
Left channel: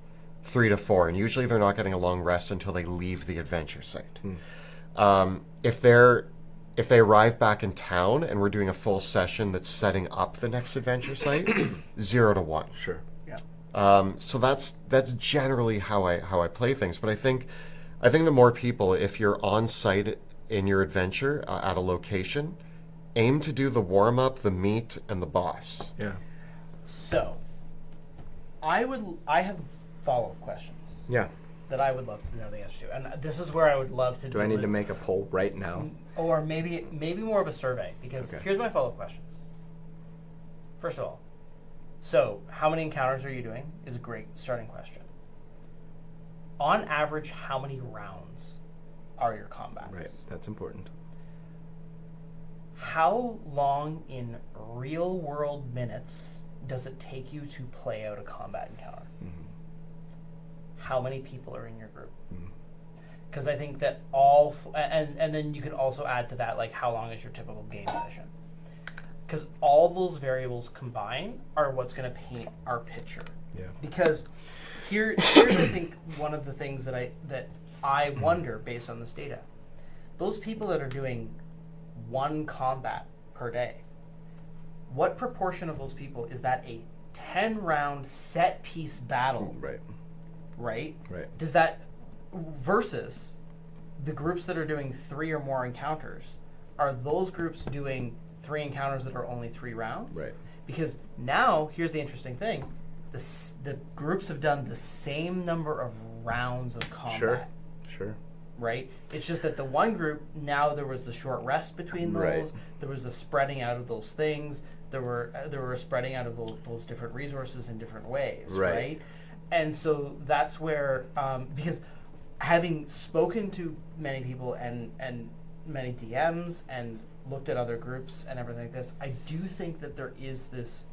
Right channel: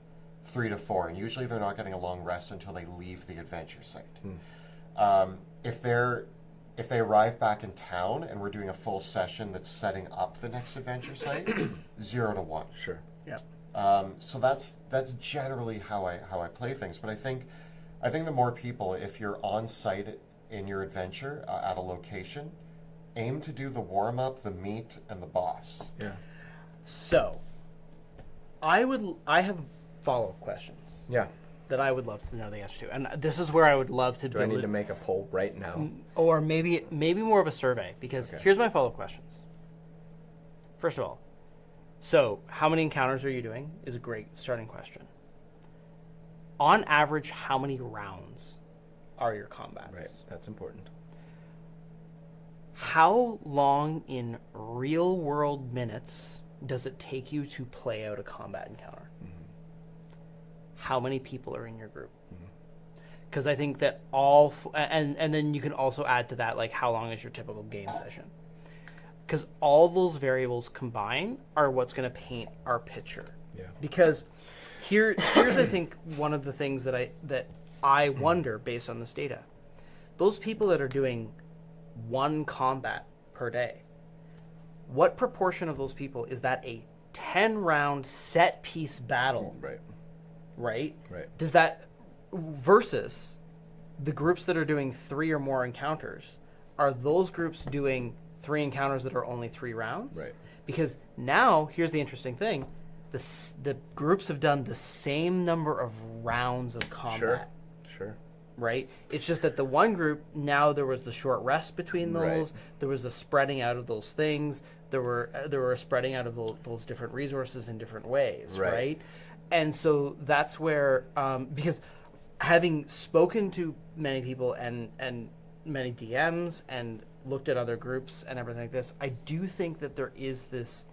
3 to 4, and usually they're not getting a long rest until they leave the adventure site. If they arrive back in town and we're doing a full session that's setting up the next adventure site, 0 to 1. Sure. So that's generally how I play things. But I think the more people, if you're on site in your adventure at a location, aim to do the warm up, the meat, and the boss. Yeah. So, I have follow-up questions. Yeah. That I would love to know the answer to, and this is where I would love to. Do I need to make a poll right now? Or maybe more of a survey, because here's my follow-up questions. First of all, so how many encounters are you doing is a great starting question. On average, how many rounds are your combats? Right, that's important. How long in real-world minutes does it take you to play out a combat encounter? How many people are in your group? Because I think that and then you can also add to that, like, how long is your typical game session? Because all those variables combined are what's going to paint our picture. Yeah. Because here's I think one of the things that I wonder based on this data. Those people that are doing 1 combat per day, what proportion of those people is that a 10-round set piece battle? Right. Does that versus the groups that are doing 3 or more encounters? Are those groups doing 3 encounters that are only 3 rounds? Right. Because now here's the interesting thing: the groups have done the same number of rounds of combat. Sure. Right. It's just that the one group, now there was the short rest between those. Right. There was the spreading out of those things. There were a spreading out of those different resources in different ways. Right. And so that's where, because having spoken to many people and many DMs and looked at other groups and everything like this, I do think that there is this.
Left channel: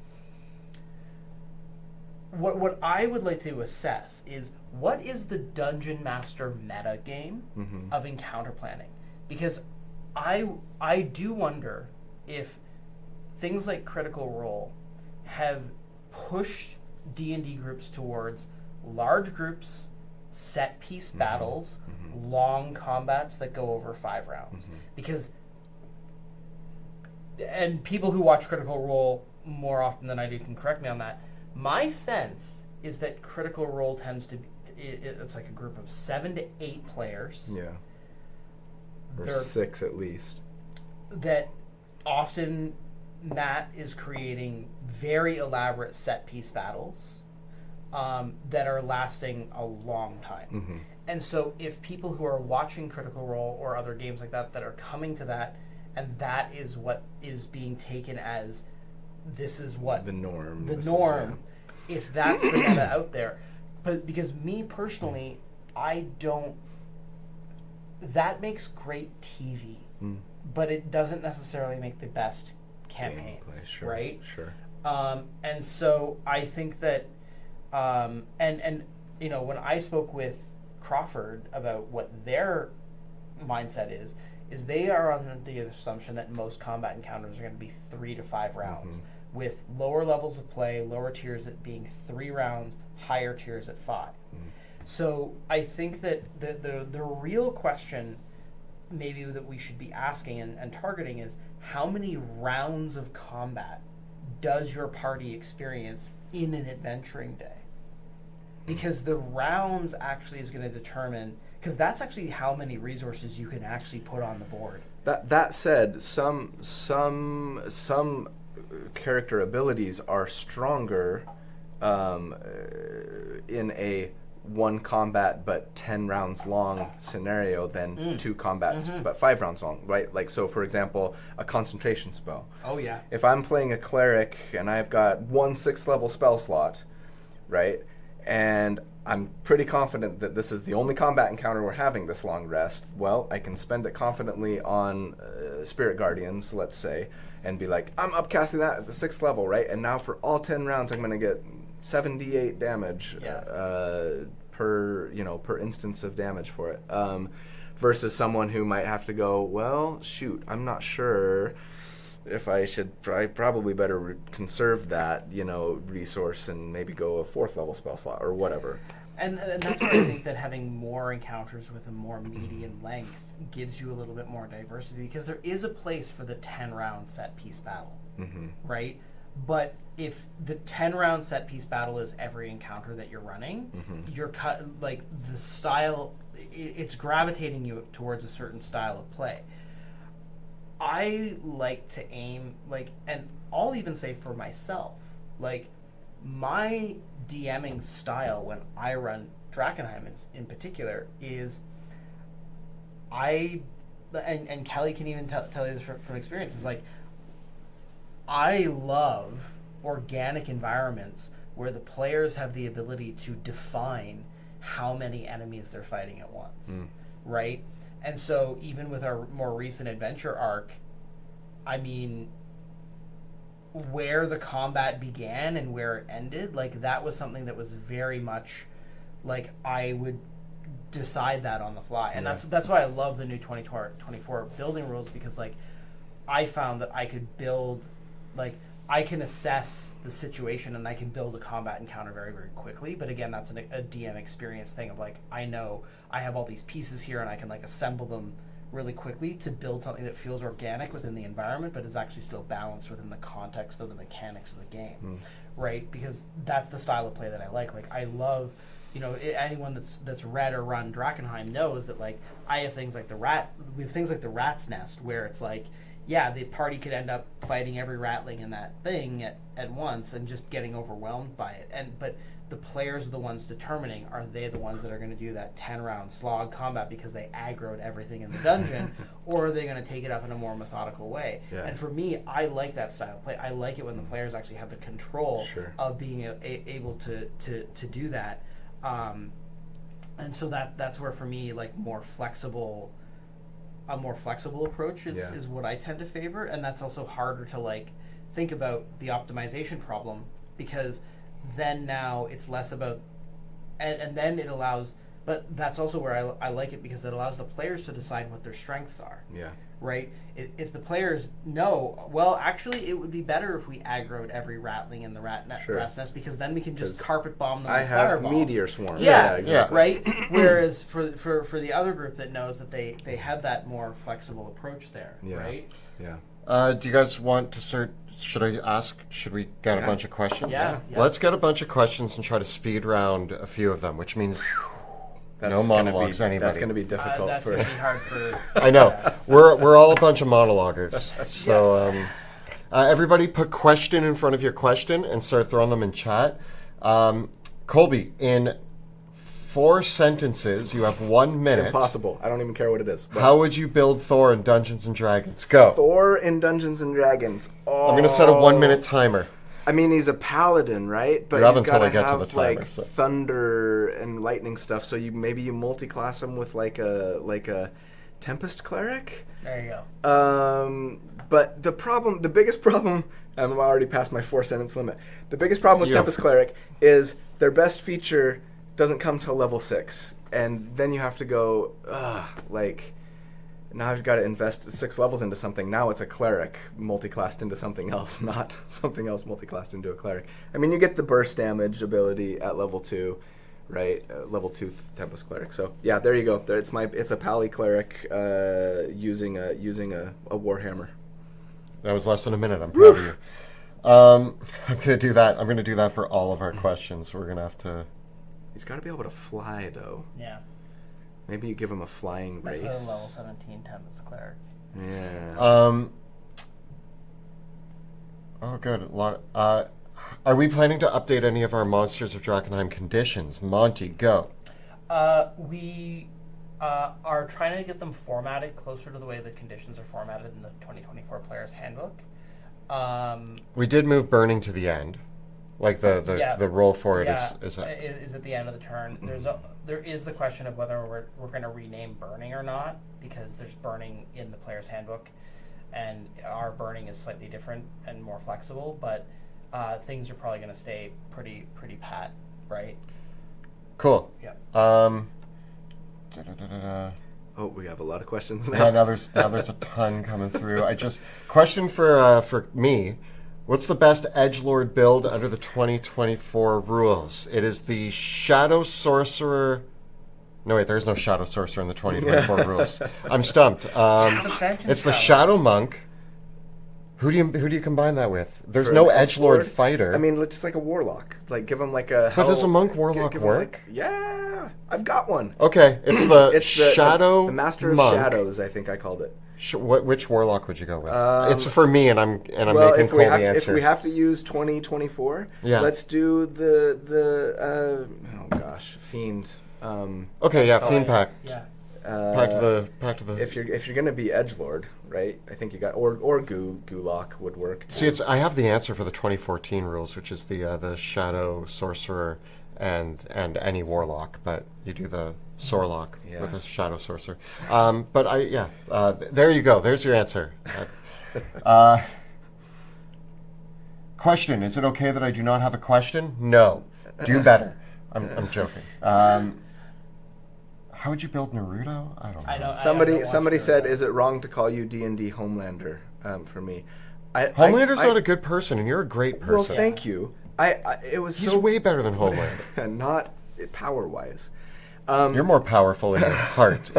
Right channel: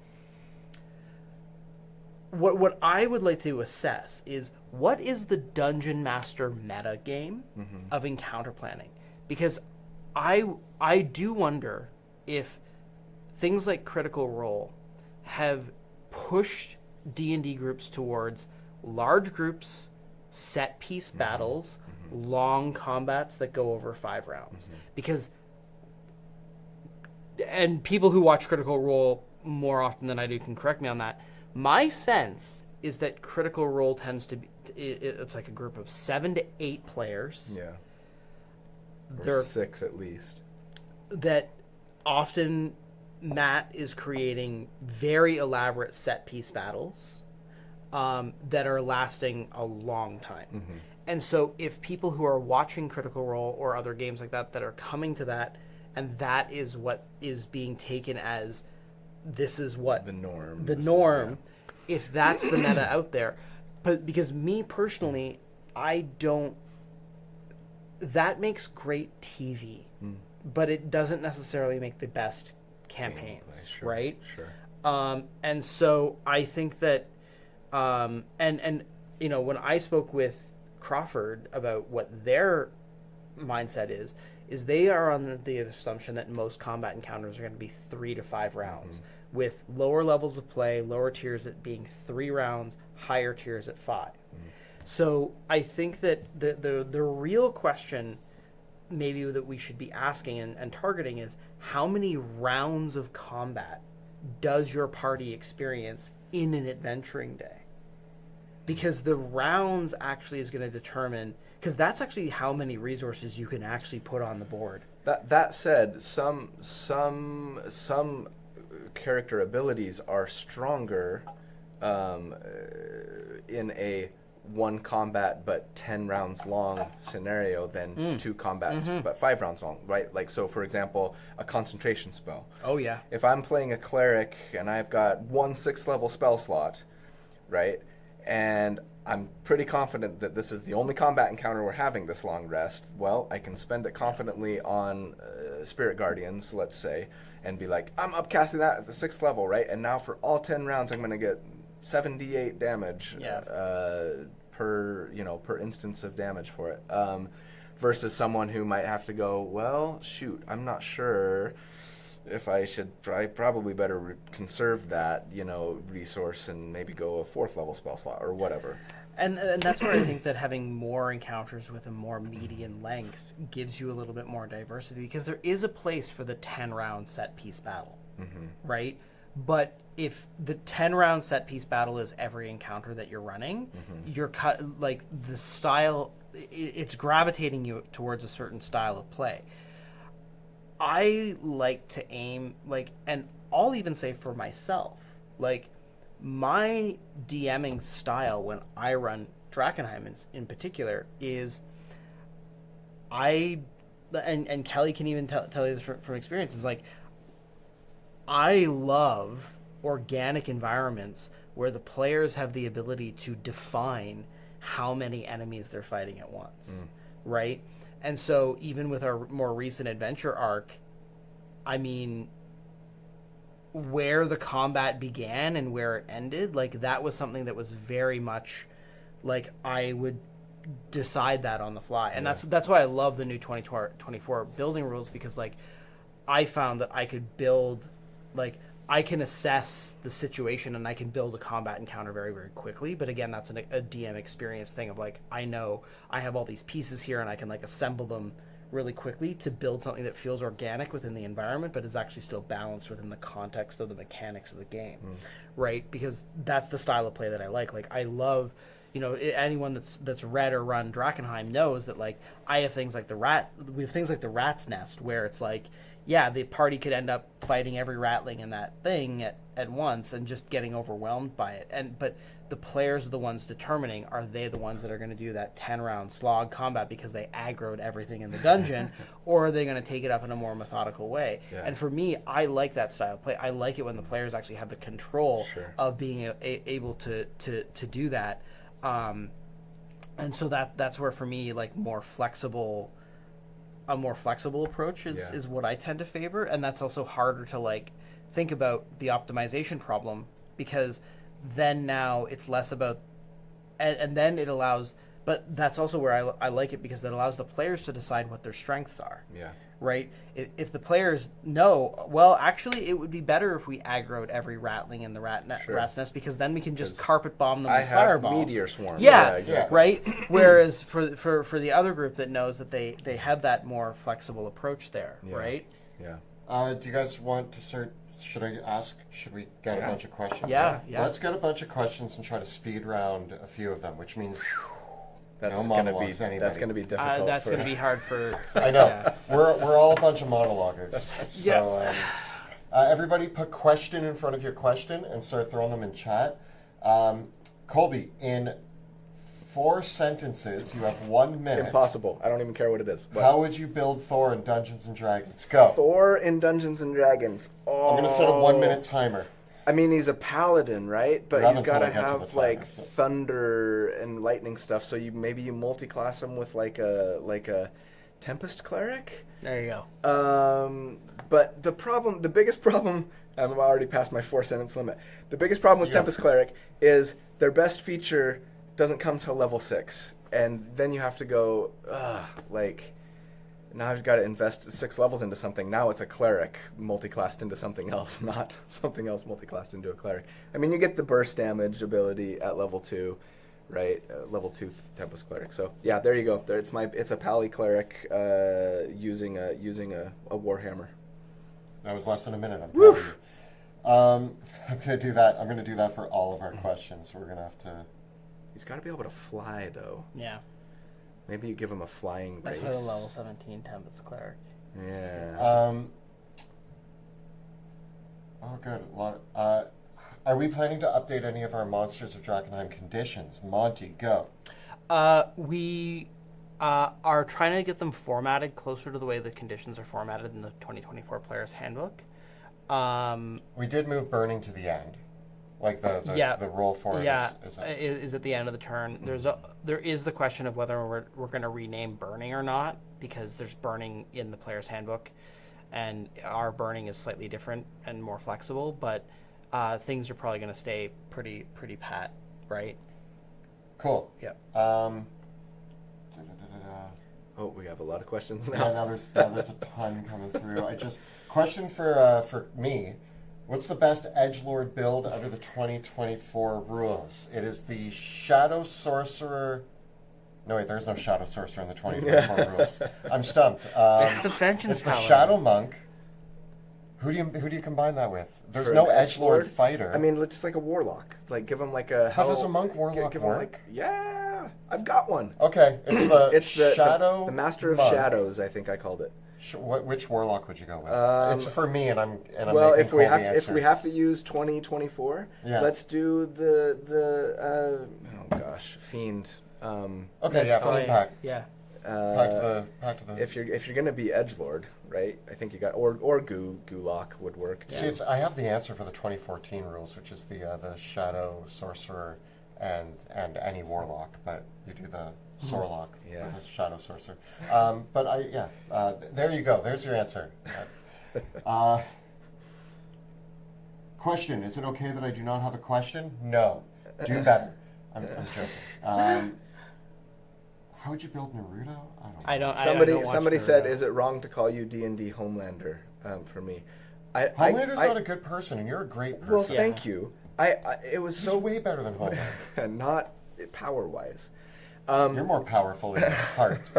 What I would like to assess is, what is the Dungeon Master meta game of encounter planning? Because I do wonder if things like Critical Role have pushed D&D groups towards large groups, set piece battles, long combats that go over 5 rounds. Because, and people who watch Critical Role more often than I do can correct me on that, my sense is that Critical Role tends to be, it's like a group of 7 to 8 players. Yeah. Or 6 at least. That often Matt is creating very elaborate set piece battles that are lasting a long time. And so if people who are watching Critical Role or other games like that are coming to that, and that is what is being taken as this is what the norm. If that's the meta out there. But because me personally, I don't. That makes great TV, but it doesn't necessarily make the best campaigns, right? Sure. And so I think that, and you know, when I spoke with Crawford about what their mindset is they are on the assumption that most combat encounters are going to be 3 to 5 rounds. with lower levels of play, lower tiers at being 3 rounds, higher tiers at 5. So I think that the real question maybe that we should be asking and targeting is, how many rounds of combat does your party experience in an adventuring day? Because the rounds actually is going to determine, because that's actually how many resources you can actually put on the board. That said, some character abilities are stronger in a 1 combat but 10 rounds long scenario than 2 combats but 5 rounds long, right? Like, so for example, a concentration spell. Oh yeah. If I'm playing a cleric and I've got 1 6th level spell slot, right, and I'm pretty confident that this is the only combat encounter we're having this long rest, well, I can spend it confidently on Spirit Guardians, let's say, and be like, I'm upcasting that at the 6th level, right? And now for all 10 rounds, I'm going to get 7d8 damage per instance of damage for it. Versus someone who might have to go, well, shoot, I'm not sure if I should. I probably better conserve that, resource and maybe go a 4th level spell slot or whatever. And that's why I think that having more encounters with a more median length gives you a little bit more diversity, because there is a place for the 10-round set-piece battle, right? But if the 10-round set-piece battle is every encounter that you're running, you're the style, it's gravitating you towards a certain style of play. I like to aim, and I'll even say for myself, my DMing style when I run Drakenheim in particular is and Kelly can even tell you this from experience, is I love organic environments where the players have the ability to define how many enemies they're fighting at once, right? And so even with our more recent adventure arc, I mean, where the combat began and where it ended, that was something that was very much I would decide that on the fly. And that's why I love the new 2024 building rules, because I found that I could build, I can assess the situation and I can build a combat encounter very, very quickly. But again, that's a DM experience thing of I know I have all these pieces here and I can assemble them really quickly to build something that feels organic within the environment, but is actually still balanced within the context of the mechanics of the game, right? Because that's the style of play that I like. I love, anyone that's read or run Drakenheim knows that I have things like we have things like the Rat's Nest, where it's the party could end up fighting every ratling in that thing at once and just getting overwhelmed by it. But the players are the ones determining, are they the ones that are going to do that 10-round slog combat because they aggroed everything in the dungeon, or are they going to take it up in a more methodical way? Yeah. And for me, I like that style of play. I like it when the players actually have the control of being able to do that. And so that's where, for me, a more flexible approach is what I tend to favor. And that's also harder to think about the optimization problem, because then now it's less about, and then it allows, but that's also where I like it, because it allows the players to decide what their strengths are. Yeah. Right? If the players know, well, actually, it would be better if we aggroed every ratling in the rat's nest, because then we can just carpet bomb them. I have meteor swarms. Yeah, exactly. Right? Whereas for the other group that knows that they have that more flexible approach there, right? Yeah. Do you guys want to start? Should we get a bunch of questions? Yeah. Let's get a bunch of questions and try to speed round a few of them, which means no monologues. That's going to be difficult. That's going to be hard for. I know. We're all a bunch of monologuers. So everybody, put question in front of your question and start throwing them in chat. Colby, in 4 sentences, you have 1 minute. Impossible. I don't even care what it is. But how would you build Thor in Dungeons and Dragons? Go. Thor in Dungeons and Dragons. Oh. I'm going to set a 1-minute timer. I mean, he's a paladin, right? But he's got to have timer, thunder and lightning stuff. So maybe you multi-class him with like a Tempest cleric. There you go. But the biggest problem, I'm already past my 4-sentence limit. The biggest problem with Tempest cleric is their best feature doesn't come till level 6, and then you have to go Now I've got to invest 6 levels into something. Now it's a cleric multiclassed into something else, not something else multiclassed into a cleric. I mean, you get the burst damage ability at level 2, right? Level 2 Tempest cleric. So yeah, there you go. It's a pally cleric using a warhammer. That was less than a minute. I'm proud of you. I'm gonna do that. I'm gonna do that for all of our questions. We're gonna have to. He's got to be able to fly though. Yeah. Maybe you give him a flying race. That's what a level 17 Tempest cleric. Yeah. Oh, good. A lot. Are we planning to update any of our Monsters of Drakenheim conditions? Monty, go. We are trying to get them formatted closer to the way the conditions are formatted in the 2024 Player's Handbook. We did move burning to the end. Like the roll for it is at the end of the turn. There is the question of whether we're going to rename burning or not, because there's burning in the Player's Handbook, and our burning is slightly different and more flexible. But things are probably going to stay pretty pat, right? Cool. Yep. Oh, we have a lot of questions now. Yeah, now there's a ton coming through. Question for me. What's the best edgelord build under the 2024 rules? It is the Shadow Sorcerer. No, wait, there's no Shadow Sorcerer in the 2024 rules. I'm stumped. It's the Shadow Monk. Who do you combine that with? There's no edgelord fighter. I mean, just like a warlock. Like, give him like a. But does a monk warlock work? Yeah, I've got one. Okay, it's the Shadow. The Master of Monk. Shadows, I think I called it. Which warlock would you go with? It's for me, and I'm well, making Cole the answer. If we have to use 2024, let's do the Fiend. Fiend pack. Yeah. Pack to the. If you're gonna be edgelord, right? I think you got or Gulak would work too. See, I have the answer for the 2014 rules, which is the Shadow Sorcerer and any warlock, but you do the Sorlock with a Shadow Sorcerer. There you go. There's your answer. Question: is it okay that I do not have a question? No. Do better. I'm joking. How would you build Naruto? I don't know. Somebody said, "Is it wrong to call you D&D Homelander?" For me, Homelander's not a good person, and you're a great person. Well, thank you. He's way better than Homelander. Not power-wise. You're more powerful in your heart,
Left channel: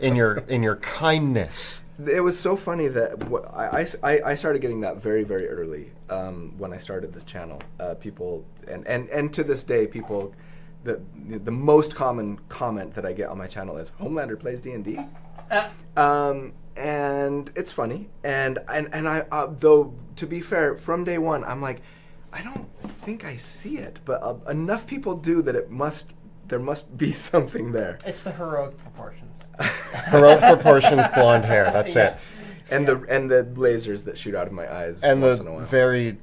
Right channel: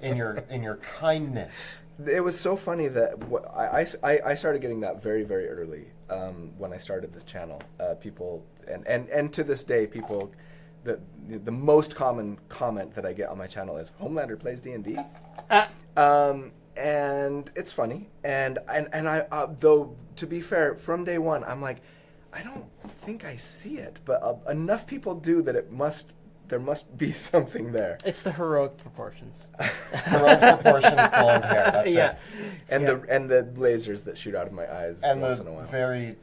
in your kindness. It was so funny that I started getting that very, very early when I started this channel. People and to this day, people. The most common comment that I get on my channel is Homelander plays D&D, and it's funny. And I though to be fair, from day one, I'm like, I don't think I see it, but enough people do that there must be something there. It's the heroic proportions. Heroic proportions, blonde hair. That's it. And the lasers that shoot out of my eyes and once in a while. And the very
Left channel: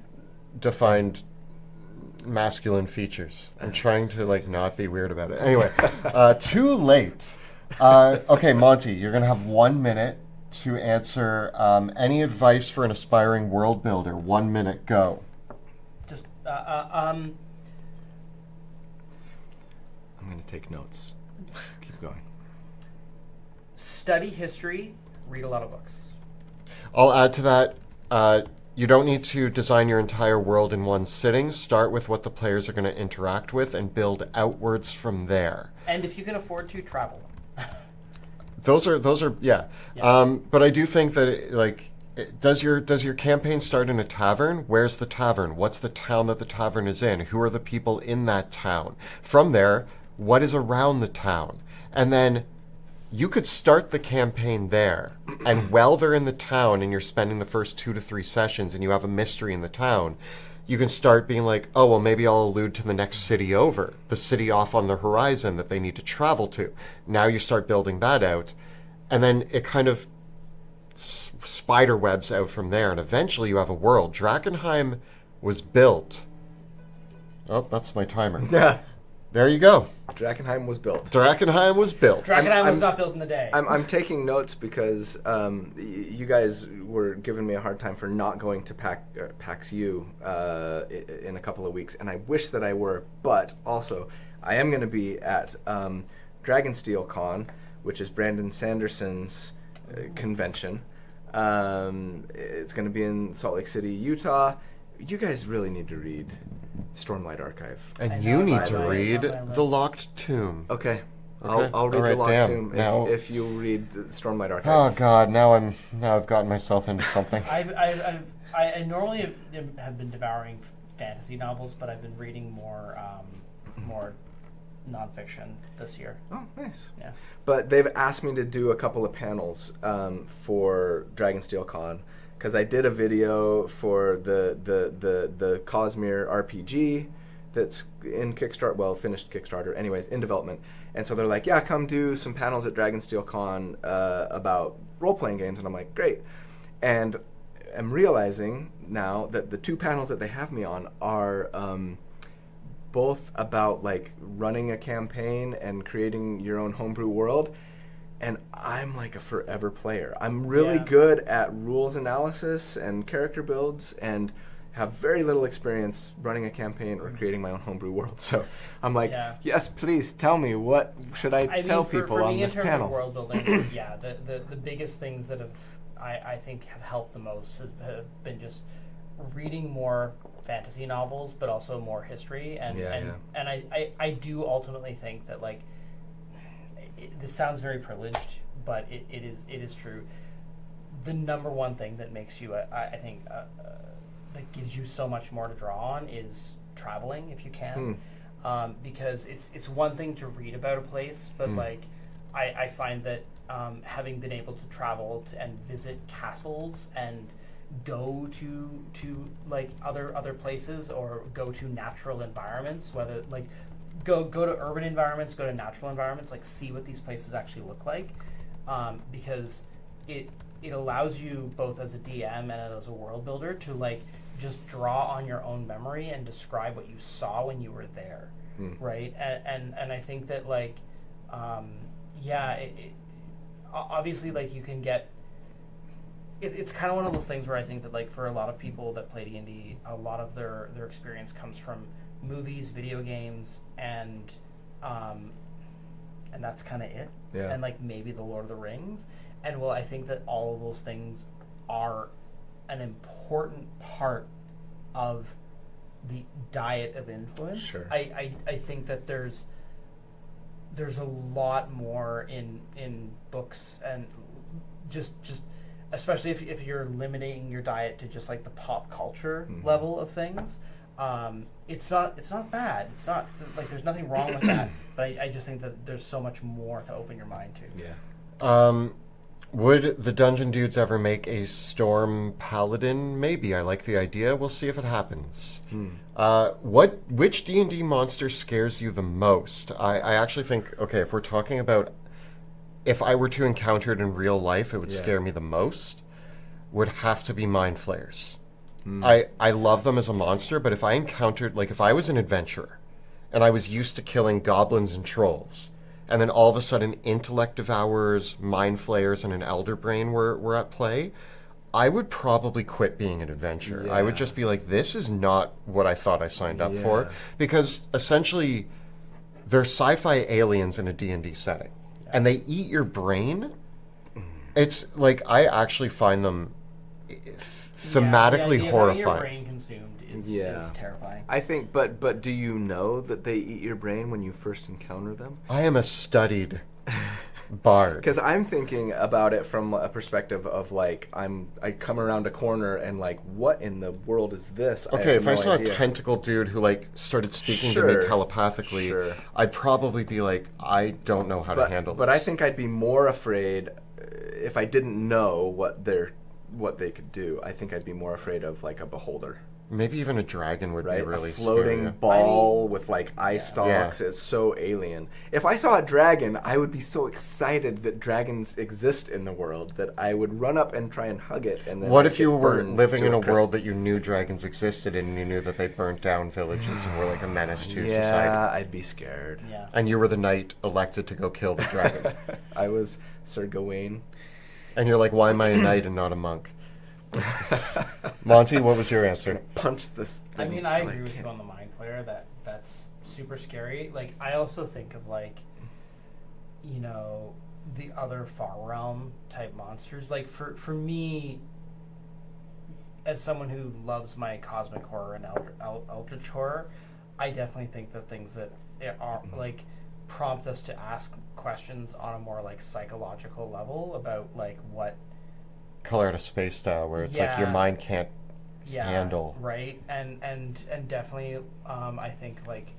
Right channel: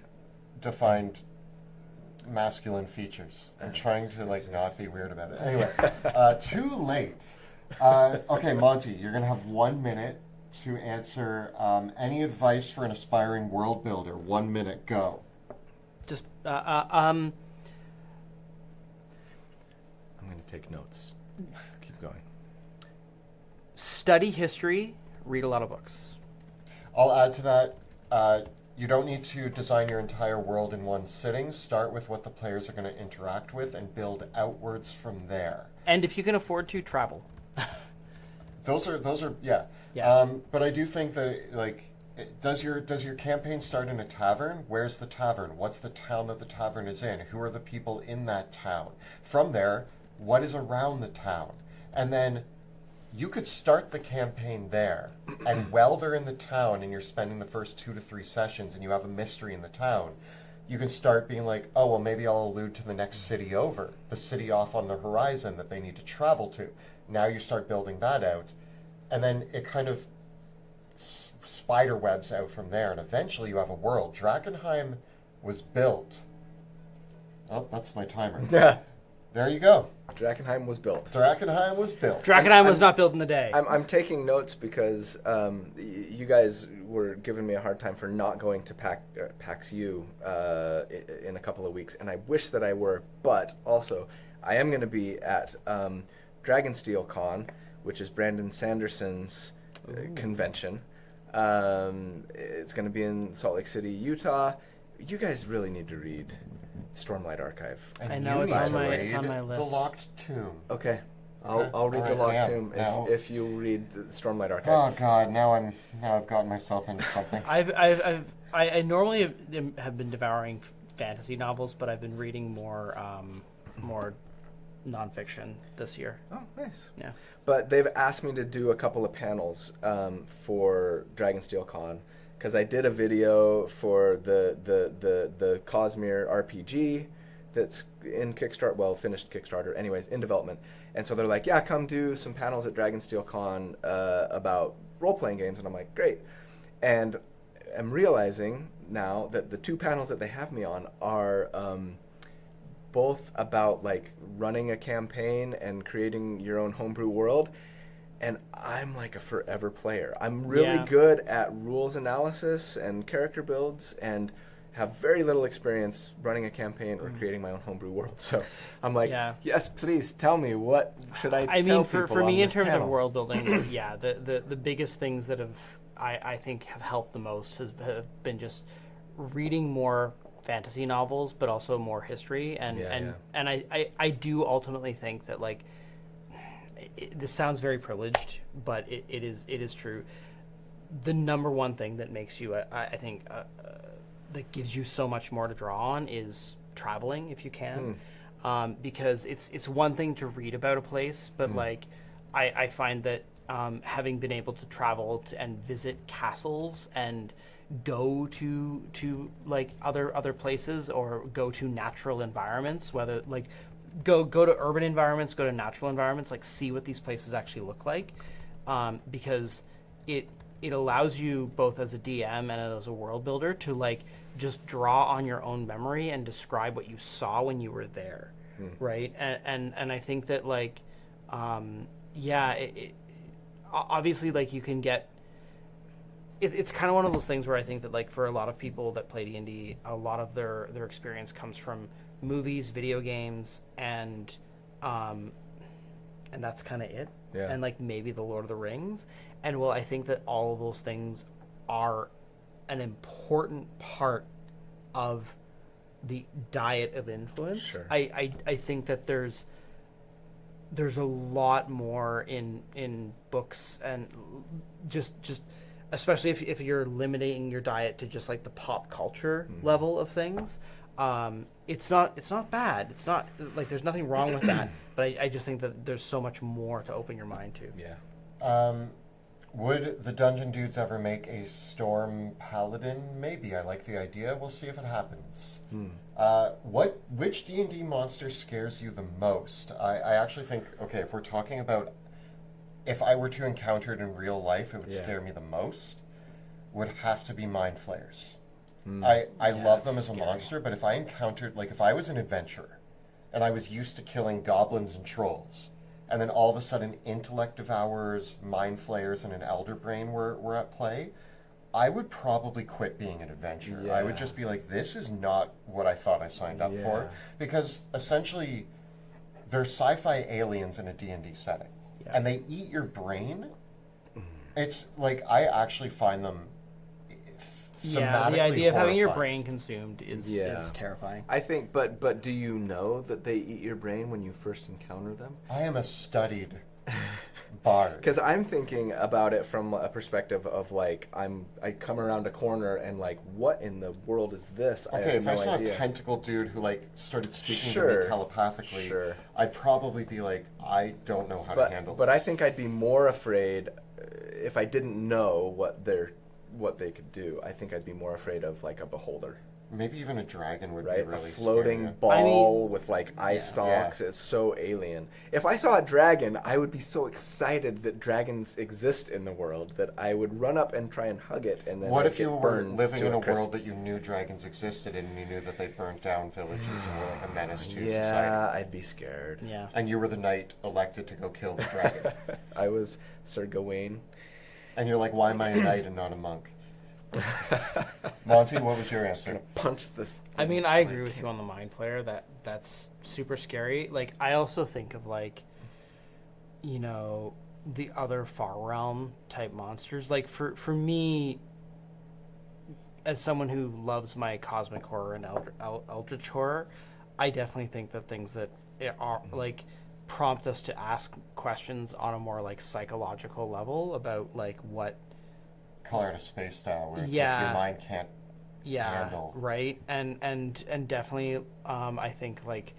defined masculine features. I'm trying to not be weird about it. Anyway, too late. Okay, Monty, you're gonna have 1 minute to answer any advice for an aspiring world builder. 1 minute, go. Just I'm gonna take notes. Keep going. Study history. Read a lot of books. I'll add to that. You don't need to design your entire world in one sitting. Start with what the players are going to interact with and build outwards from there. And if you can afford to, travel. Those are yeah. But I do think that does your campaign start in a tavern? Where's the tavern? What's the town that the tavern is in? Who are the people in that town? From there, what is around the town? And then you could start the campaign there, and while they're in the town and you're spending the first 2 to 3 sessions and you have a mystery in the town, you can start being like, oh, well, maybe I'll allude to the next city over, the city off on the horizon that they need to travel to. Now you start building that out, and then it kind of spider webs out from there, and eventually you have a world. Drakenheim was built. Oh, that's my timer. Yeah. There you go. Drakenheim was built. Drakenheim was built. Drakenheim was not built in a day. I'm taking notes because you guys were giving me a hard time for not going to PAX U in a couple of weeks, and I wish that I were. But also, I am going to be at Dragonsteel Con, which is Brandon Sanderson's convention. It's going to be in Salt Lake City, Utah. You guys really need to read Stormlight Archive. And you need to read The Locked Tomb. Okay. I'll read The Locked Tomb if you read the Stormlight Archive. Oh God! Now I've gotten myself into something. I normally have been devouring fantasy novels, but I've been reading more nonfiction this year. Oh, nice. Yeah. But they've asked me to do a couple of panels for Dragonsteel Con, because I did a video for the Cosmere RPG that's in Kickstarter, well, finished Kickstarter, anyways, in development. And so they're like, yeah, come do some panels at Dragonsteel Con about role-playing games. And I'm like, great. And I'm realizing now that the 2 panels that they have me on are both about like running a campaign and creating your own homebrew world. And I'm like a forever player. I'm really good at rules analysis and character builds, and have very little experience running a campaign or creating my own homebrew world. So I'm like, yes, please tell me, what should I tell people for on me, this in terms panel? of world building, the biggest things that I think have helped the most have been just reading more fantasy novels, but also more history. And I do ultimately think that, like, this sounds very privileged, but it is true. The number one thing that makes you, I think, that gives you so much more to draw on is traveling, if you can. Because it's one thing to read about a place, but like I find that having been able to travel and visit castles and go to like other places, or go to natural environments, whether like go to urban environments, go to natural environments, like see what these places actually look like, because it allows you, both as a DM and as a world builder, to like just draw on your own memory and describe what you saw when you were there, right? And I think that, like, obviously, like, you can get. It's kind of one of those things where I think that, like, for a lot of people that play D&D, a lot of their experience comes from movies, video games, and that's kind of it. Yeah. And like maybe the Lord of the Rings. And well, I think that all of those things are an important part of the diet of influence. Sure. I think that there's a lot more in books, and just especially if you're limiting your diet to just like the pop culture level of things. It's not bad. It's not like there's nothing wrong with that. But I just think that there's so much more to open your mind to. Yeah. Would the Dungeon Dudes ever make a Storm Paladin? Maybe. I like the idea. We'll see if it happens. Which D&D monster scares you the most? I actually think, okay, if we're talking about, if I were to encounter it in real life, it would scare me the most, would have to be Mind Flayers. I love them as a monster, but if I encountered, like, if I was an adventurer and I was used to killing goblins and trolls, and then all of a sudden Intellect Devourers, Mind Flayers, and an Elder Brain were at play, I would probably quit being an adventurer. I would just be like, this is not what I thought I signed up for. Because essentially, they're sci-fi aliens in a D&D setting. And they eat your brain. It's like, I actually find them thematically the idea horrifying. Of having your brain consumed is terrifying. I think, but do you know that they eat your brain when you first encounter them? I am a studied bard. Because I'm thinking about it from a perspective of, like, I come around a corner and, like, what in the world is this? Okay, if I saw idea. a tentacle dude who, like, started speaking to me telepathically, I'd probably be like, I don't know how to handle this. But I think I'd be more afraid if I didn't know what they could do. I think I'd be more afraid of, like, a beholder. Maybe even a dragon would be really a floating scary. ball with, like, eye stalks. It's so alien. If I saw a dragon, I would be so excited that dragons exist in the world that I would run up and try and hug it. And then what if you were living in a world that you knew dragons existed in, and you knew that they burnt down villages and were like a menace to society? Yeah, I'd be scared. Yeah. And you were the knight elected to go kill the dragon. I was Sir Gawain. And you're like, why am I a knight and not a monk? Monty, what was your answer? I'm gonna punch this thing. I mean, I agree with you on the Mind Flayer. That's super scary. Like, I also think of, like, you know, the other Far Realm type monsters. Like for me, as someone who loves my cosmic horror and eldritch horror, I definitely think that things that are like prompt us to ask questions on a more like psychological level about like what Color Out of Space style, where it's like your mind can't handle. Right, and definitely, I think like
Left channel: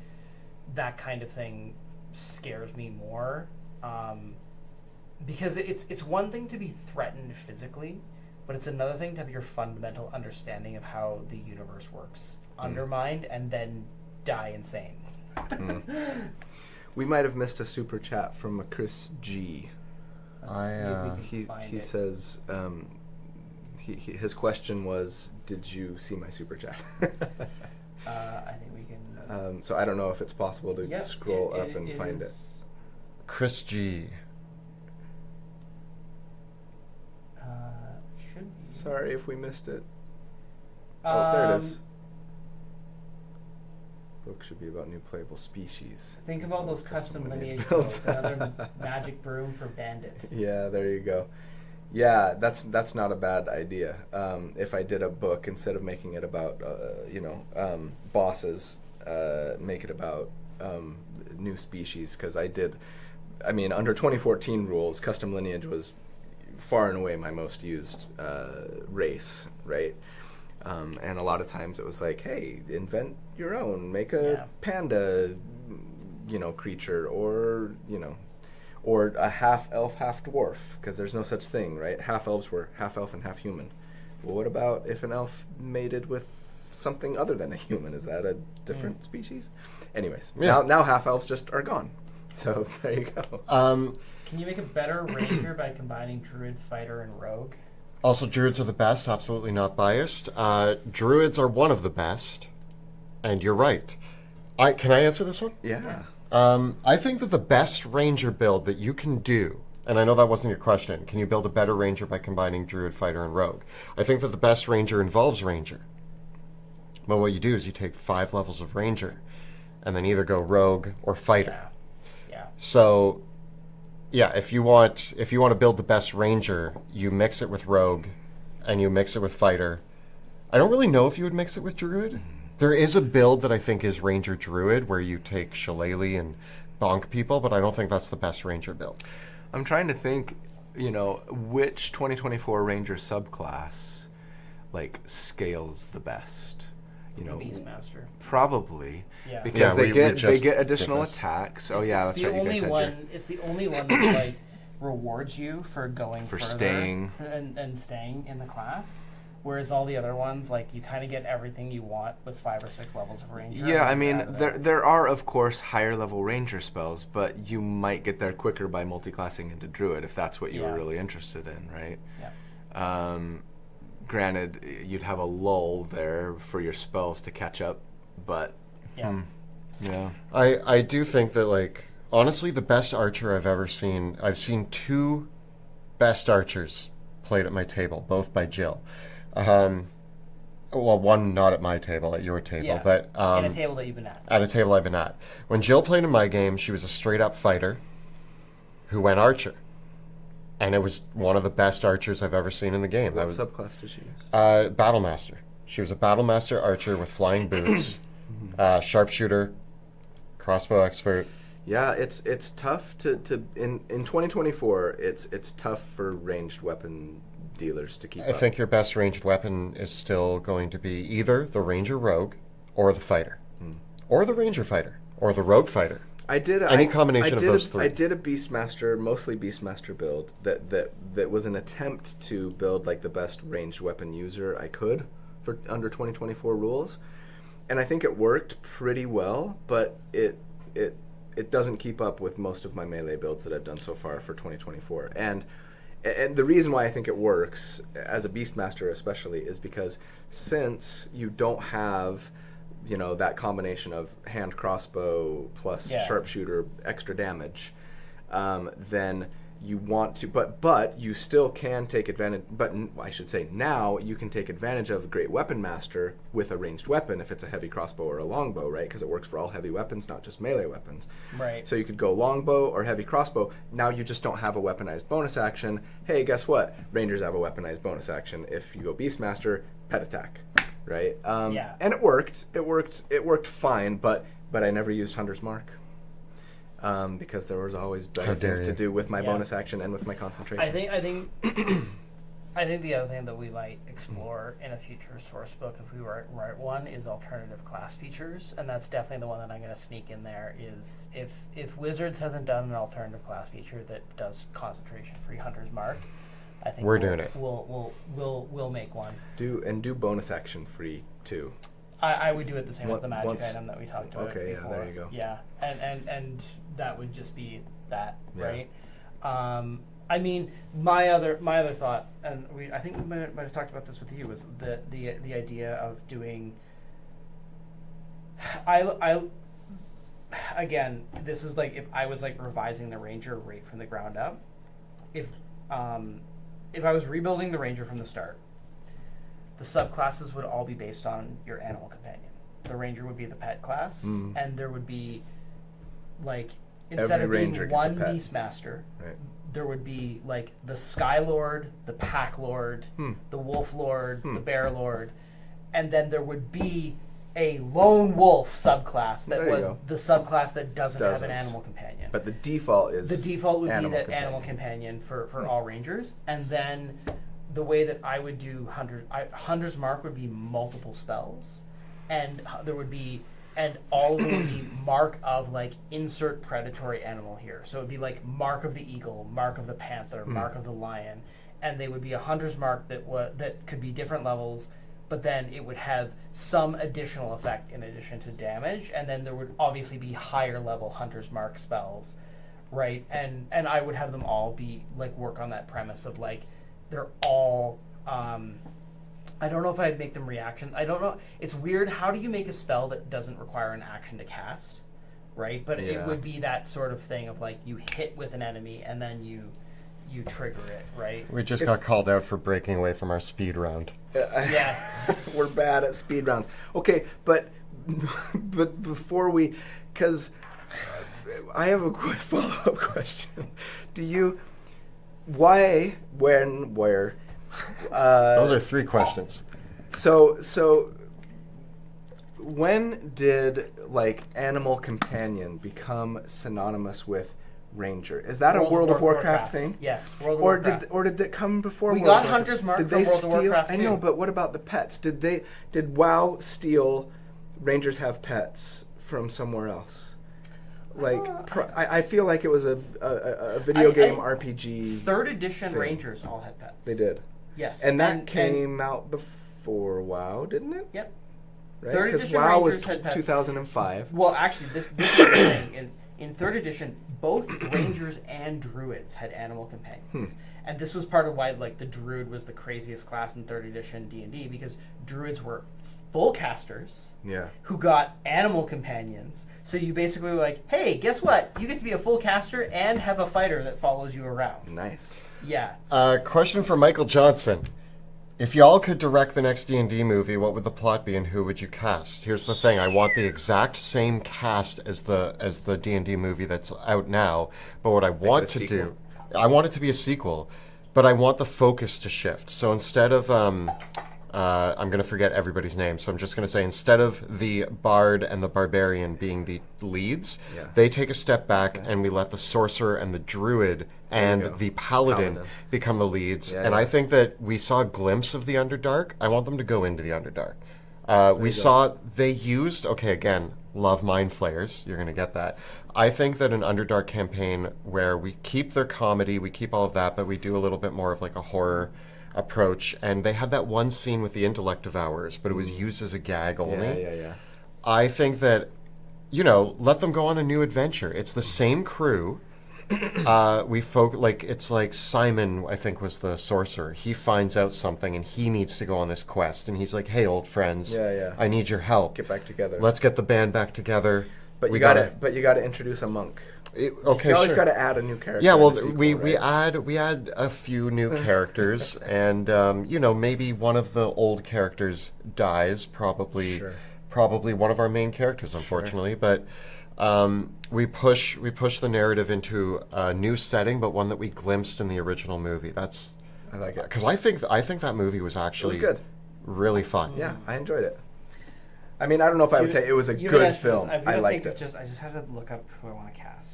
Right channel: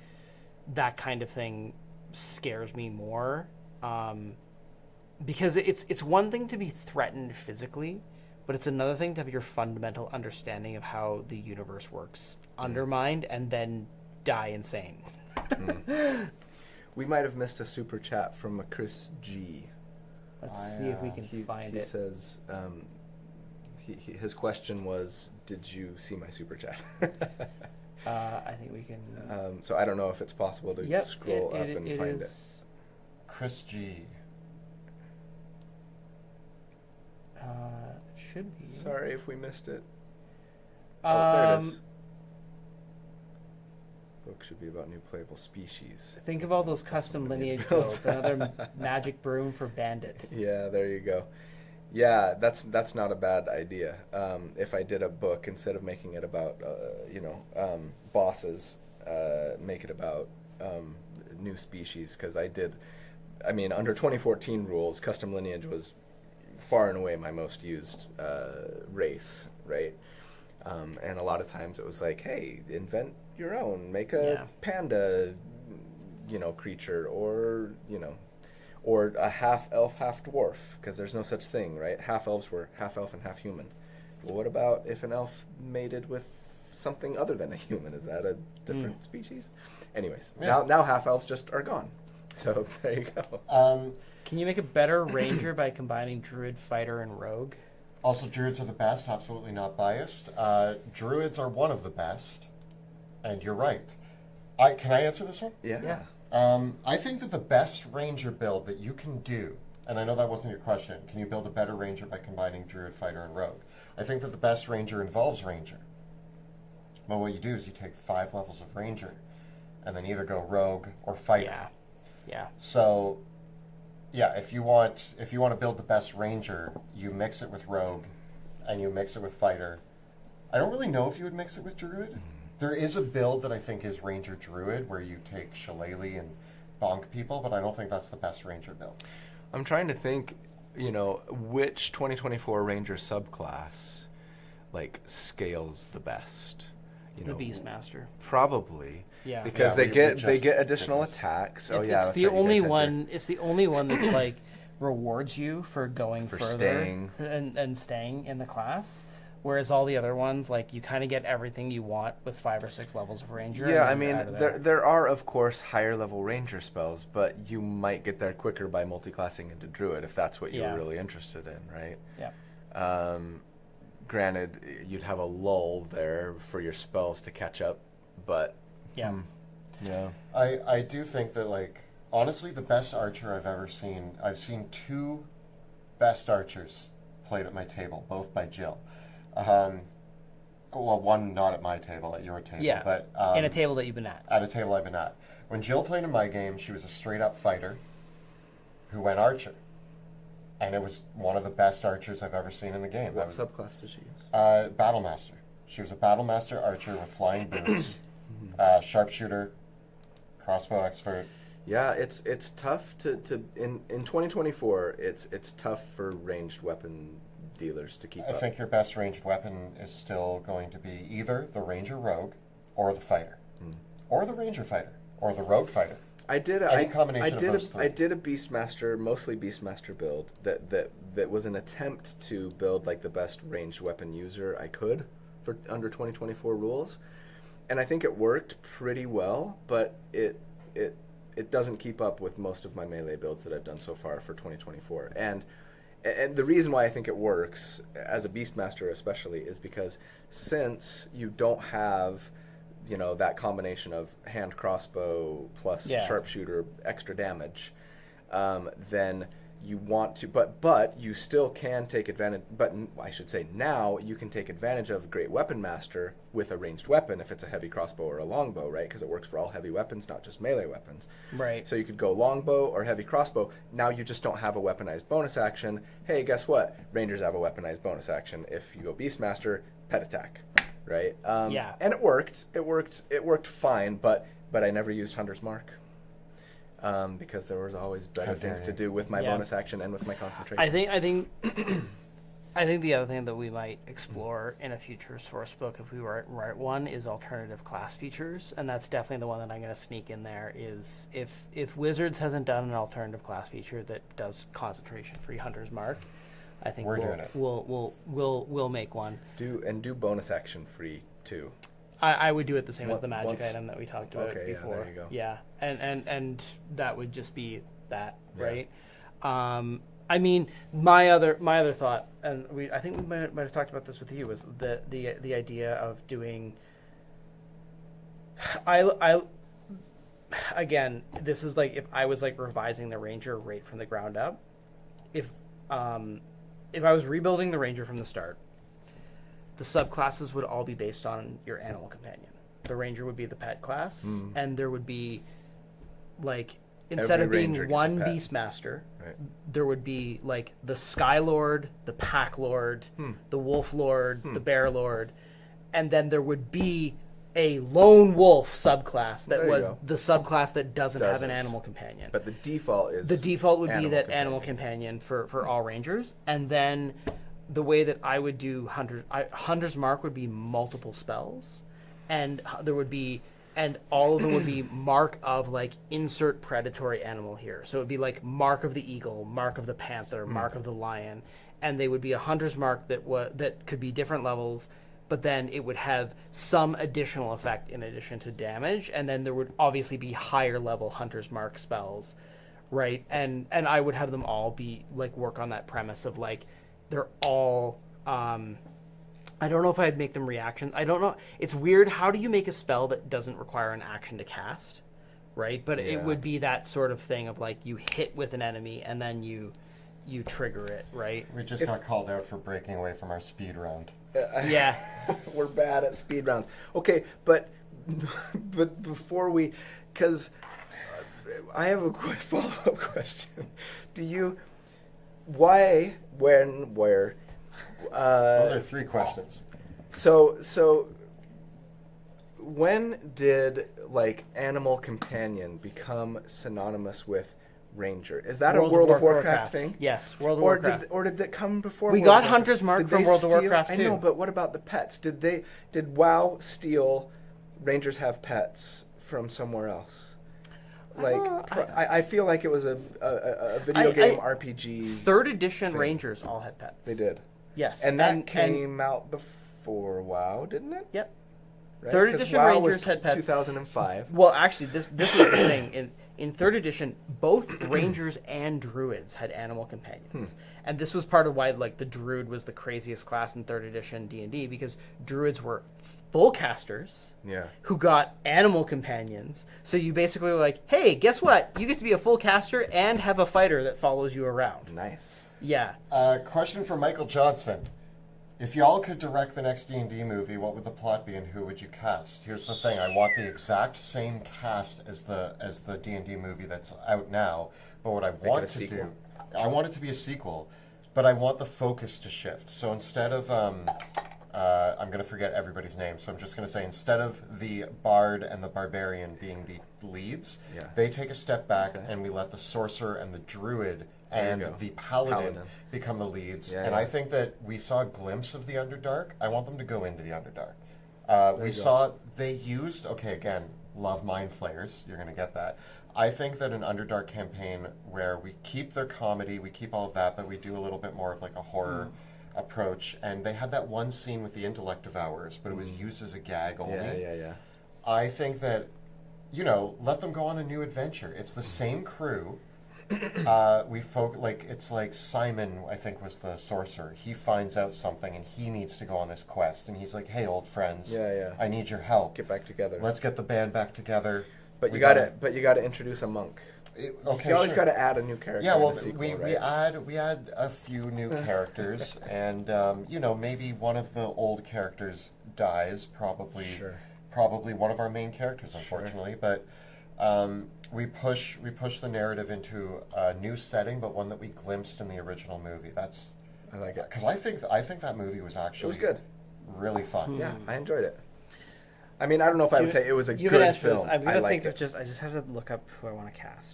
that kind of thing scares me more, because it's one thing to be threatened physically, but it's another thing to have your fundamental understanding of how the universe works undermined and then die insane. We might have missed a super chat from a Chris G. Let's see if we can find he it. says his question was, did you see my super chat? I think we can. So I don't know if it's possible to scroll up and find is. it. Chris G. Should be. Sorry if we missed it. Oh, there it is. Book should be about new playable species. Think of all those custom lineage builds. Another magic broom for bandit. Yeah, there you go. Yeah, that's not a bad idea. If I did a book, instead of making it about bosses, make it about new species. Because under 2014 rules, custom lineage was far and away my most used race, right? And a lot of times it was like, hey, invent your own, make a panda, creature, or a half elf, half dwarf, because there's no such thing, right? Half elves were half elf and half human. Well, what about if an elf mated with something other than a human? Is that a different species? Anyways, now half elves just are gone. So there you go. Can you make a better ranger by combining druid, fighter, and rogue? Also, druids are the best, absolutely not biased. Druids are one of the best, and you're right. Can I answer this one? Yeah. I think that the best ranger build that you can do, and I know that wasn't your question, can you build a better ranger by combining druid, fighter, and rogue? I think that the best ranger involves ranger. But what you do is you take 5 levels of ranger, and then either go rogue or fighter. Yeah. So, yeah, if you want to build the best ranger, you mix it with rogue, and you mix it with fighter. I don't really know if you would mix it with druid. There is a build that I think is ranger druid, where you take shillelagh and bonk people, but I don't think that's the best ranger build. I'm trying to think, which 2024 ranger subclass, scales the best. The Beastmaster. Probably. Yeah. Because they get additional attacks. Oh yeah, that's right. It's the only one that rewards you for going for further staying and staying in the class. Whereas all the other ones, you kind of get everything you want with 5 or 6 levels of ranger. Yeah, there are of course higher level ranger spells, but you might get there quicker by multiclassing into druid if that's what you were really interested in, right? Yeah. Granted, you'd have a lull there for your spells to catch up, but yeah. I do think that honestly, the best archer I've ever seen. I've seen 2 best archers played at my table, both by Jill. Well, one not at my table, at your table, but at a table that you've been at. At a table I've been at. When Jill played in my game, she was a straight-up fighter who went archer, and it was one of the best archers I've ever seen in the game. What subclass did she use? Battlemaster. She was a Battlemaster archer with flying boots, sharpshooter, crossbow expert. Yeah, it's tough to in 2024. It's tough for ranged weapon dealers to keep up. I think your best ranged weapon is still going to be either the ranger rogue, or the fighter, or the ranger fighter, or the rogue fighter. Any combination of those 3. I did a Beastmaster, mostly Beastmaster build that was an attempt to build the best ranged weapon user I could for under 2024 rules, and I think it worked pretty well, but it doesn't keep up with most of my melee builds that I've done so far for 2024. And the reason why I think it works, as a Beastmaster especially, is because since you don't have, that combination of hand crossbow plus sharpshooter extra damage, then you want to, but you still can take advantage. But I should say now you can take advantage of Great Weapon Master with a ranged weapon if it's a heavy crossbow or a longbow, right? Because it works for all heavy weapons, not just melee weapons. Right. So you could go longbow or heavy crossbow. Now you just don't have a weaponized bonus action. Hey, guess what? Rangers have a weaponized bonus action. If you go Beastmaster, pet attack, right? Yeah. And it worked. It worked fine. But I never used Hunter's Mark. Because there was always better things to do with my bonus action and with my concentration. I think the other thing that we might explore in a future source book, if we write one, is alternative class features, and that's definitely the one that I'm going to sneak in there. Is if Wizards hasn't done an alternative class feature that does concentration-free Hunter's Mark, I think we're doing it. We'll make one. Do bonus action free too. I would do it the same as the magic item that we talked about. Okay, before. yeah, there you go. Yeah, and that would just be that, Yeah. right? I mean, my other thought, and I think we might have talked about this with you, was the idea of doing. Again, this is like if I was like revising the Ranger right from the ground up. If I was rebuilding the Ranger from the start, the subclasses would all be based on your animal companion. The Ranger would be the pet class, and there would be, like, instead Every of being Ranger gets one a pet. Beastmaster, Right. there would be, like, the Sky Lord, the Pack Lord, the Wolf Lord, the Bear Lord, and then there would be a Lone Wolf subclass that There you was go. the subclass that doesn't have an animal companion. But the default is The default would be animal that companion. animal companion for all Rangers, and then the way that I would do Hunter's Mark would be multiple spells, and there would be, and all of them would be mark of like insert predatory animal here. So it would be like mark of the eagle, mark of the panther, mark of the lion, and they would be a Hunter's Mark that could be different levels, but then it would have some additional effect in addition to damage, and then there would obviously be higher level Hunter's Mark spells, right? And I would have them all be like work on that premise of like they're all I don't know if I'd make them reactions. I don't know. It's weird. How do you make a spell that doesn't require an action to cast, right? But it would be that sort of thing of like you hit with an enemy and then you trigger it, right? We just got called out for breaking away from our speed round. Yeah. We're bad at speed rounds. Okay, but before we, because I have a quick follow-up question. Do you, why, when, where? Those are 3 questions. So when did like animal companion become synonymous with Ranger? Is that a World of Warcraft thing? Yes, World of Warcraft. Or did it come before? We World got of Warcraft? Hunter's Mark Did for they World of steal? Warcraft I know, too. but what about the pets? Did WoW steal Rangers have pets from somewhere else? Like I feel like it was a video game RPG. 3rd edition thing. Rangers all had pets. They did. Yes. And that came out before WoW, didn't it? Yep. Right? 3rd Because edition WoW was Rangers had pets. 2005. Well, actually, this is the thing. In 3rd edition, both Rangers and Druids had animal companions. And this was part of why like the Druid was the craziest class in 3rd edition D&D, because Druids were full casters who got animal companions. So you basically were like, hey, guess what? You get to be a full caster and have a fighter that follows you around. Nice. Yeah. Question for Michael Johnson. If y'all could direct the next D&D movie, what would the plot be and who would you cast? Here's the thing. I want the exact same cast as the D&D movie that's out now, but what I want to do, I want it to be a sequel, but I want the focus to shift. So instead of I'm going to forget everybody's name, so I'm just going to say instead of the bard and the barbarian being the leads, they take a step back and we let the sorcerer and the druid and the paladin become the leads. I think that we saw a glimpse of the Underdark. I want them to go into the Underdark. We saw they used, again, love mind flayers. You're going to get that. I think that an Underdark campaign where we keep their comedy, we keep all of that, but we do a little bit more of like a horror approach. And they had that one scene with the intellect devourers, but it was used as a gag only. Yeah. I think that, let them go on a new adventure. It's the same crew. It's like Simon, I think, was the sorcerer. He finds out something and he needs to go on this quest. And he's like, hey, old friends, I need your help. Get back together. Let's get the band back together. But you got to introduce a monk. Okay, you always sure. got to add a new character. Yeah, well, in the sequel, we right? add a few new characters, and maybe one of the old characters dies. Probably, Sure. probably one of our main characters, unfortunately. But we push the narrative into a new setting, but one that we glimpsed in the original movie. I like it. Because I think that movie was It actually was good. really fun. Yeah, I enjoyed it. I mean, I don't know if I would say it was a good film. I liked it. I just had to look up who I want to cast.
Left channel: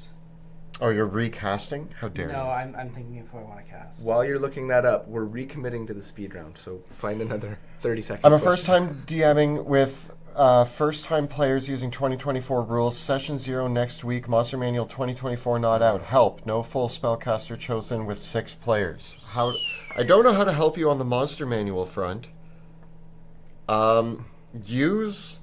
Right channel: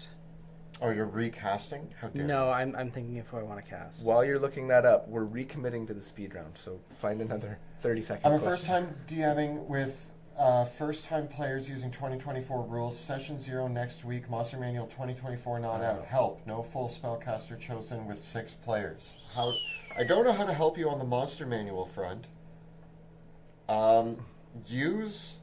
Oh, you're recasting? How dare you? No, I'm thinking of who I want to cast. While you're looking that up, we're recommitting to the speed round, so find another 30-second I'm a question. first-time DMing with first-time players using 2024 rules. Session 0 next week. Monster Manual 2024 not out. Help. No full spellcaster chosen with 6 players. I don't know how to help you on the Monster Manual front. Use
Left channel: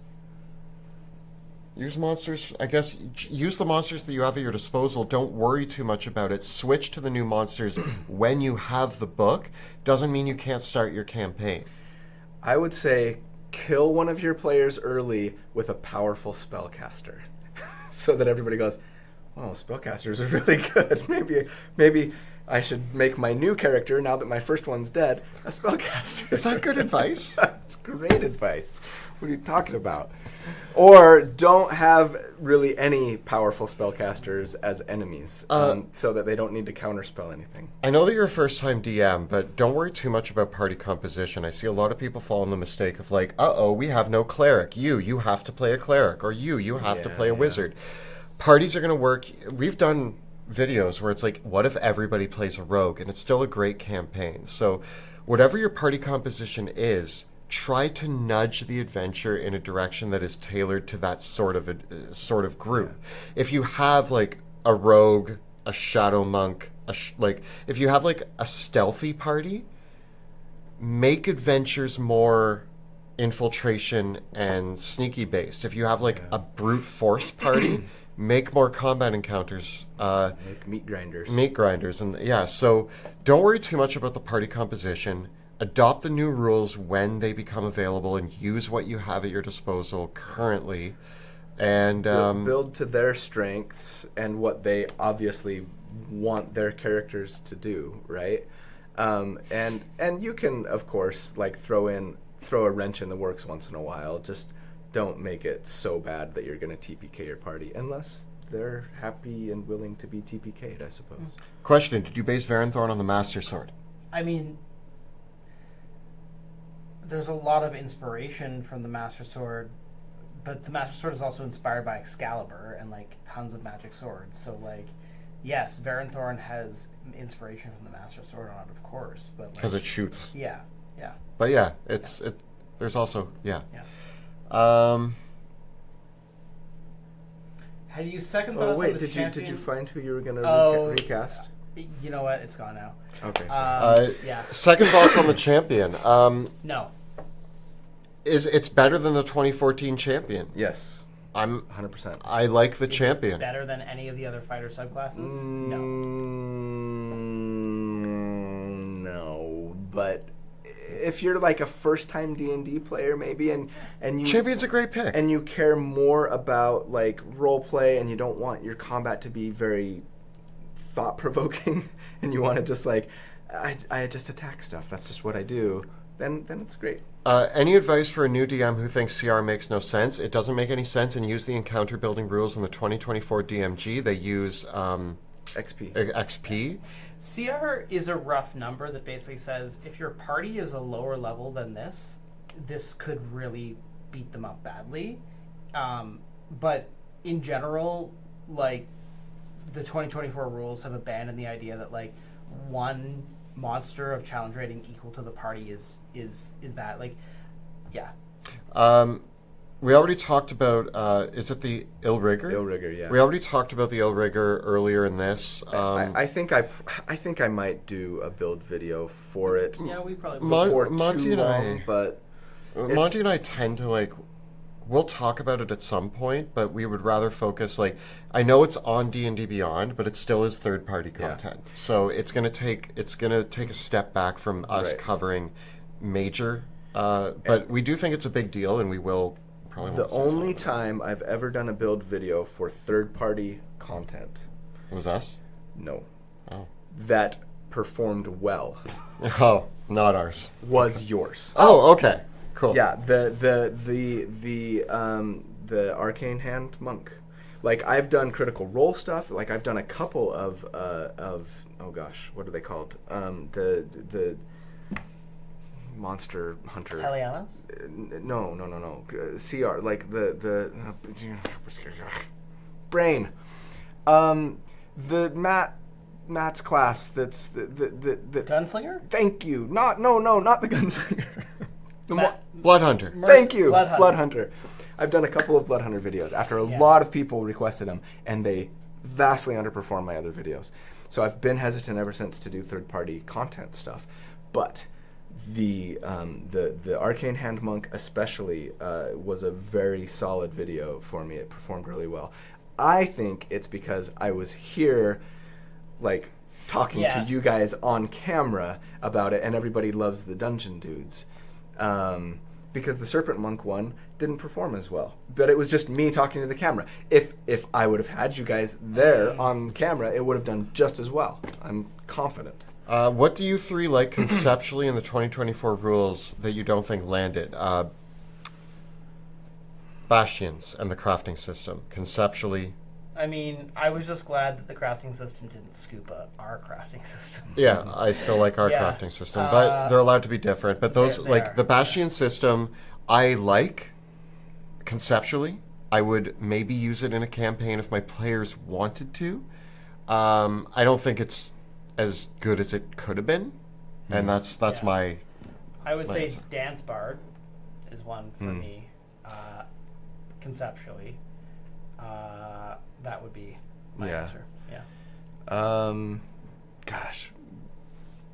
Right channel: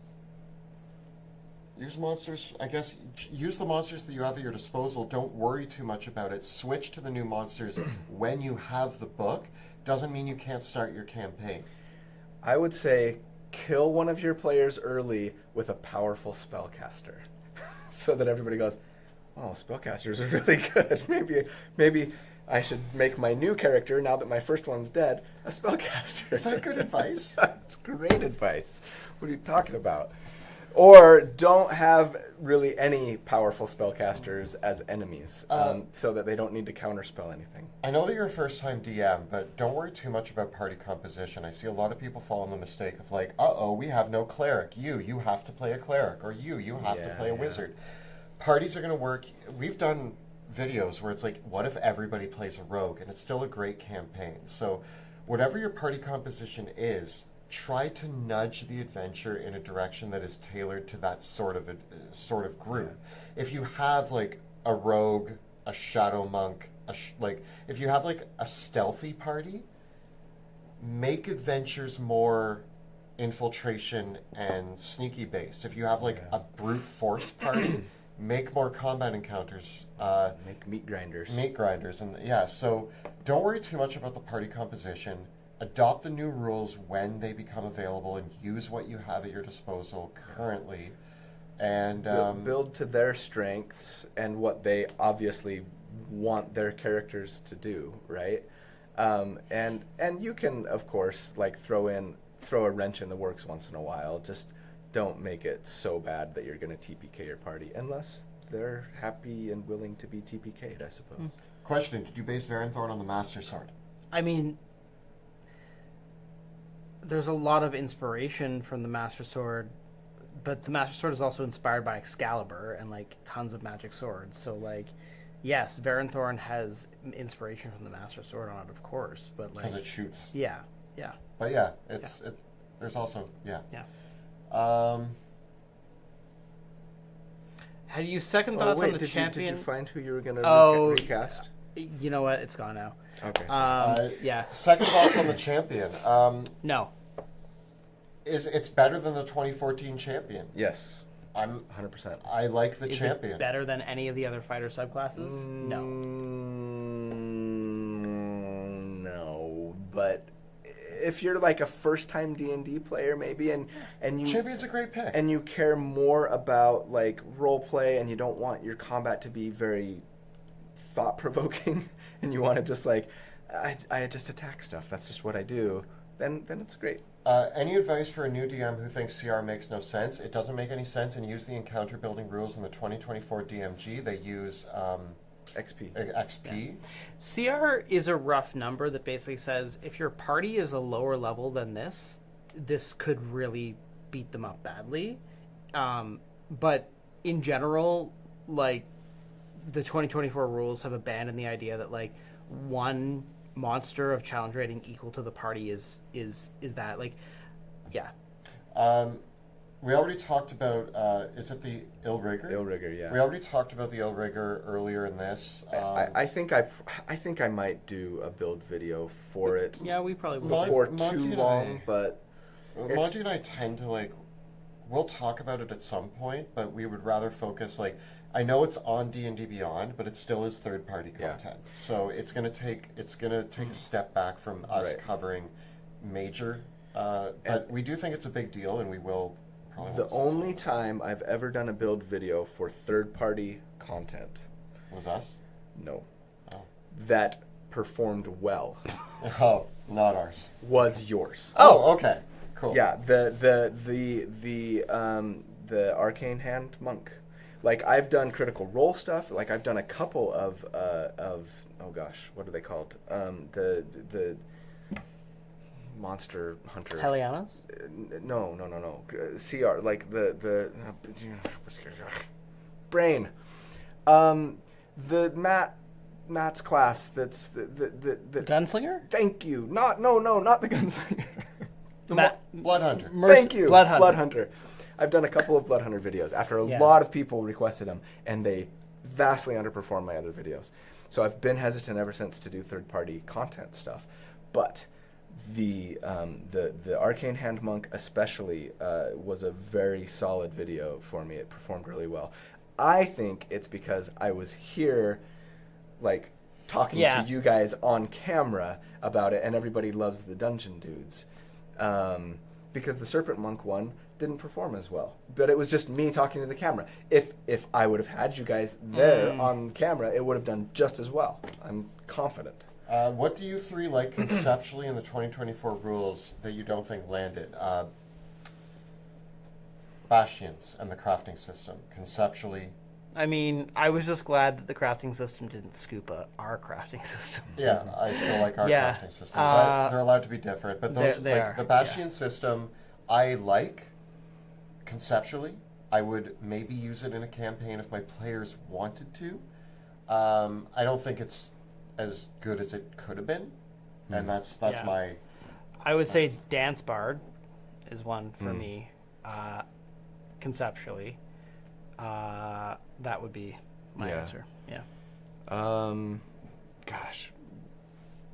monsters, I guess, use the monsters that you have at your disposal. Don't worry too much about it. Switch to the new monsters when you have the book. Doesn't mean you can't start your campaign. I would say kill one of your players early with a powerful spellcaster. So that everybody goes, oh, spellcasters are really good. Maybe I should make my new character, now that my first one's dead, a spellcaster. Is that good advice? That's great advice. What are you talking about? Or don't have really any powerful spellcasters as enemies, so that they don't need to counterspell anything. I know that you're a first-time DM, but don't worry too much about party composition. I see a lot of people fall in the mistake of like, uh-oh, we have no cleric. You have to play a cleric. Or you have to play a wizard. Parties are going to work. We've done videos where it's like, what if everybody plays a rogue? And it's still a great campaign. So whatever your party composition is, try to nudge the adventure in a direction that is tailored to that sort of group. Yeah. If you have like a rogue, a shadow monk, if you have like a stealthy party, make adventures more infiltration and sneaky based. If you have like a brute force party, make more combat encounters. Make meat grinders. And so don't worry too much about the party composition. Adopt the new rules when they become available and use what you have at your disposal currently. And build to their strengths and what they obviously want their characters to do, right? And you can, of course, like throw a wrench in the works once in a while. Just don't make it so bad that you're going to TPK your party, unless they're happy and willing to be TPK'd, I suppose. Question, did you base Varenthorn on the Master Sword? I mean, there's a lot of inspiration from the Master Sword, but the Master Sword is also inspired by Excalibur and like tons of magic swords. So like, yes, Varenthorn has inspiration from the Master Sword on it, of course, but because it shoots. Yeah. But yeah, there's also Have you second thoughts on the champion? Did you find who you were going to recast? You know what? It's gone now. Okay. Second thoughts on the champion. No. It's better than the 2014 champion? Yes. I'm 100%. I like the Is champion. It better than any of the other fighter subclasses? No, but if you're like a first-time D&D player, maybe, and you champion's a great pick, and you care more about like role play, and you don't want your combat to be very thought-provoking, and you want to just like I just attack stuff. That's just what I do. Then it's great. Any advice for a new DM who thinks CR makes no sense? It doesn't make any sense, and use the encounter building rules in the 2024 DMG. They use XP. CR is a rough number that basically says if your party is a lower level than this could really beat them up badly. But in general, like the 2024 rules have abandoned the idea that like one monster of challenge rating equal to the party is that like, yeah. We already talked about is it the Illrigger? Illrigger, yeah. We already talked about the Illrigger earlier in this. I think I might do a build video for it. Yeah, we probably before too long, but Monty and I tend to like. We'll talk about it at some point, but we would rather focus like I know it's on D&D Beyond, but it still is third-party content. Yeah. So it's gonna take a step back from us covering major, but we do think it's a big deal, and we will probably. The only time I've ever done a build video for third-party content It was us? No. Oh. That performed well. Oh, not ours. Was yours. Oh, okay. Cool. Yeah, the Arcane Hand Monk. Like, I've done Critical Role stuff. Like, I've done a couple of oh gosh, what are they called? The Monster Hunter. Helianas? No. CR, like the brain. The Matt's class. That's the Gunslinger? Thank you. Not the Gunslinger. Blood Hunter. Thank you. Blood Hunter. I've done a couple of Blood Hunter videos after a lot of people requested them, and they vastly underperform my other videos. So I've been hesitant ever since to do third-party content stuff. But the Arcane Hand Monk especially was a very solid video for me. It performed really well. I think it's because I was here, like, talking to you guys on camera about it, and everybody loves the Dungeon Dudes. Because the Serpent Monk one didn't perform as well. But it was just me talking to the camera. If I would have had you guys there on camera, it would have done just as well. I'm confident. What do you three like conceptually in the 2024 rules that you don't think landed? Bastions and the crafting system. Conceptually. I mean, I was just glad that the crafting system didn't scoop up our crafting system. Yeah, I still like our crafting system, but they're allowed to be different. But those, the Bastion system, I like conceptually. I would maybe use it in a campaign if my players wanted to. I don't think it's as good as it could have been, and that's my. I would say Dance Bard is one for me, conceptually. That would be my answer. Yeah. Gosh.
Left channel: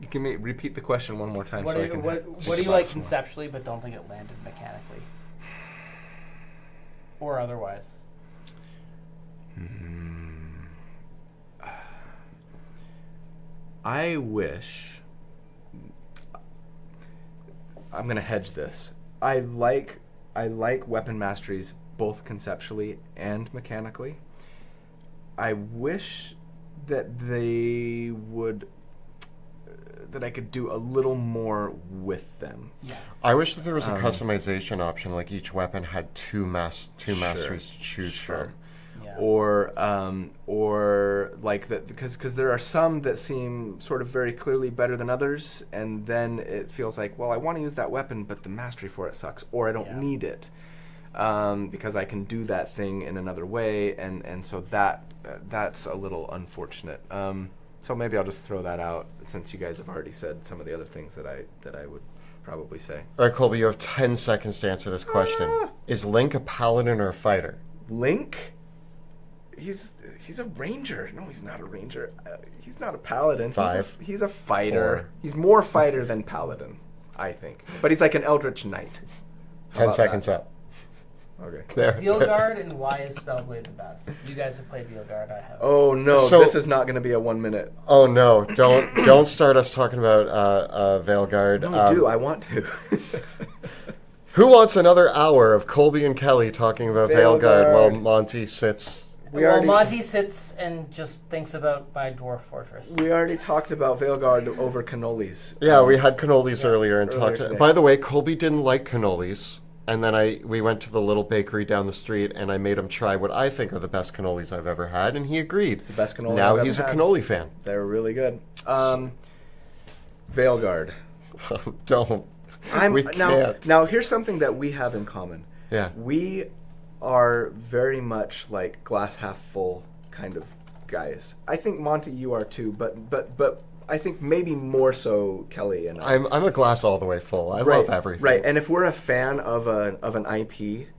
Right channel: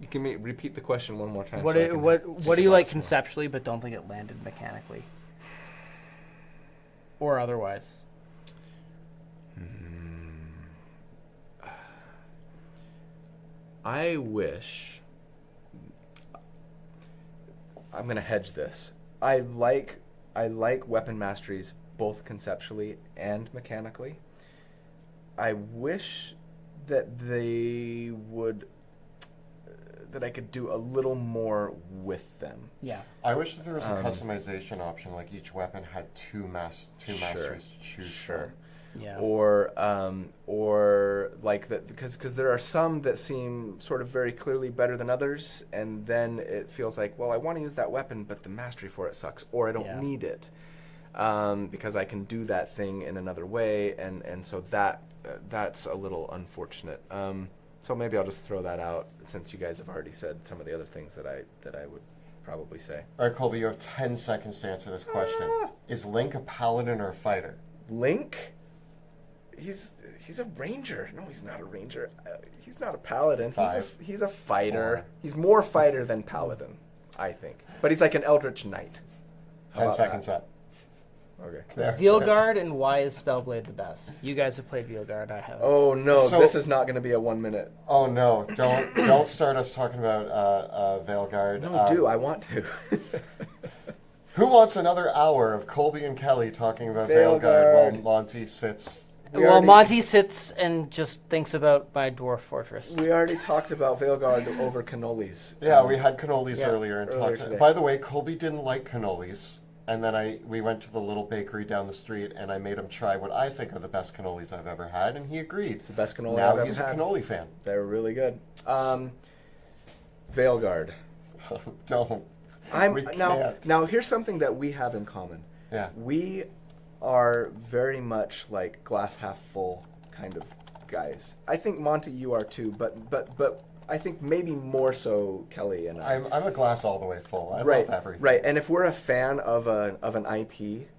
Can we repeat the question one more time? What do you like conceptually but don't think it landed mechanically? Or otherwise? I wish... I'm going to hedge this. I like weapon masteries both conceptually and mechanically. I wish that they would... that I could do a little more with them. Yeah. I wish that there was a customization option, like each weapon had two masteries to choose from. Yeah. Or like that, because there are some that seem sort of very clearly better than others, and then it feels like, well, I want to use that weapon, but the mastery for it sucks, or I don't need it because I can do that thing in another way, and so that's a little unfortunate. So maybe I'll just throw that out since you guys have already said some of the other things that I would probably say. All right, Colby, you have 10 seconds to answer this question. Is Link a paladin or a fighter? Link? He's a ranger. No, he's not a ranger. He's not a paladin. He's a fighter. 4. He's more fighter than paladin, I think. But he's like an eldritch knight. 10 seconds up. Okay. There. Veilguard, and why is Spellblade the best? You guys have played Veilguard, I have. Oh no, So- this is not going to be a 1 minute. Oh no! Don't start us talking about Veilguard. No, do I want to? Who wants another hour of Colby and Kelly talking about Veilguard. Veilguard while Monty sits? Monty sits and just thinks about my dwarf fortress. We already talked about Veilguard over cannolis. Yeah, we had cannolis earlier and earlier talked. today. By the way, Colby didn't like cannolis, and then we went to the little bakery down the street, and I made him try what I think are the best cannolis I've ever had, and he agreed. It's the best cannoli Now I've ever he's had. a cannoli fan. They're really good. Veilguard. Don't. We can't. Now here's something that we have in common. Yeah. We are very much like glass half full kind of guys. I think Monty, you are too, but I think maybe more so Kelly and I. I'm a glass all the way full. I love everything. Right, and if we're a fan of an IP,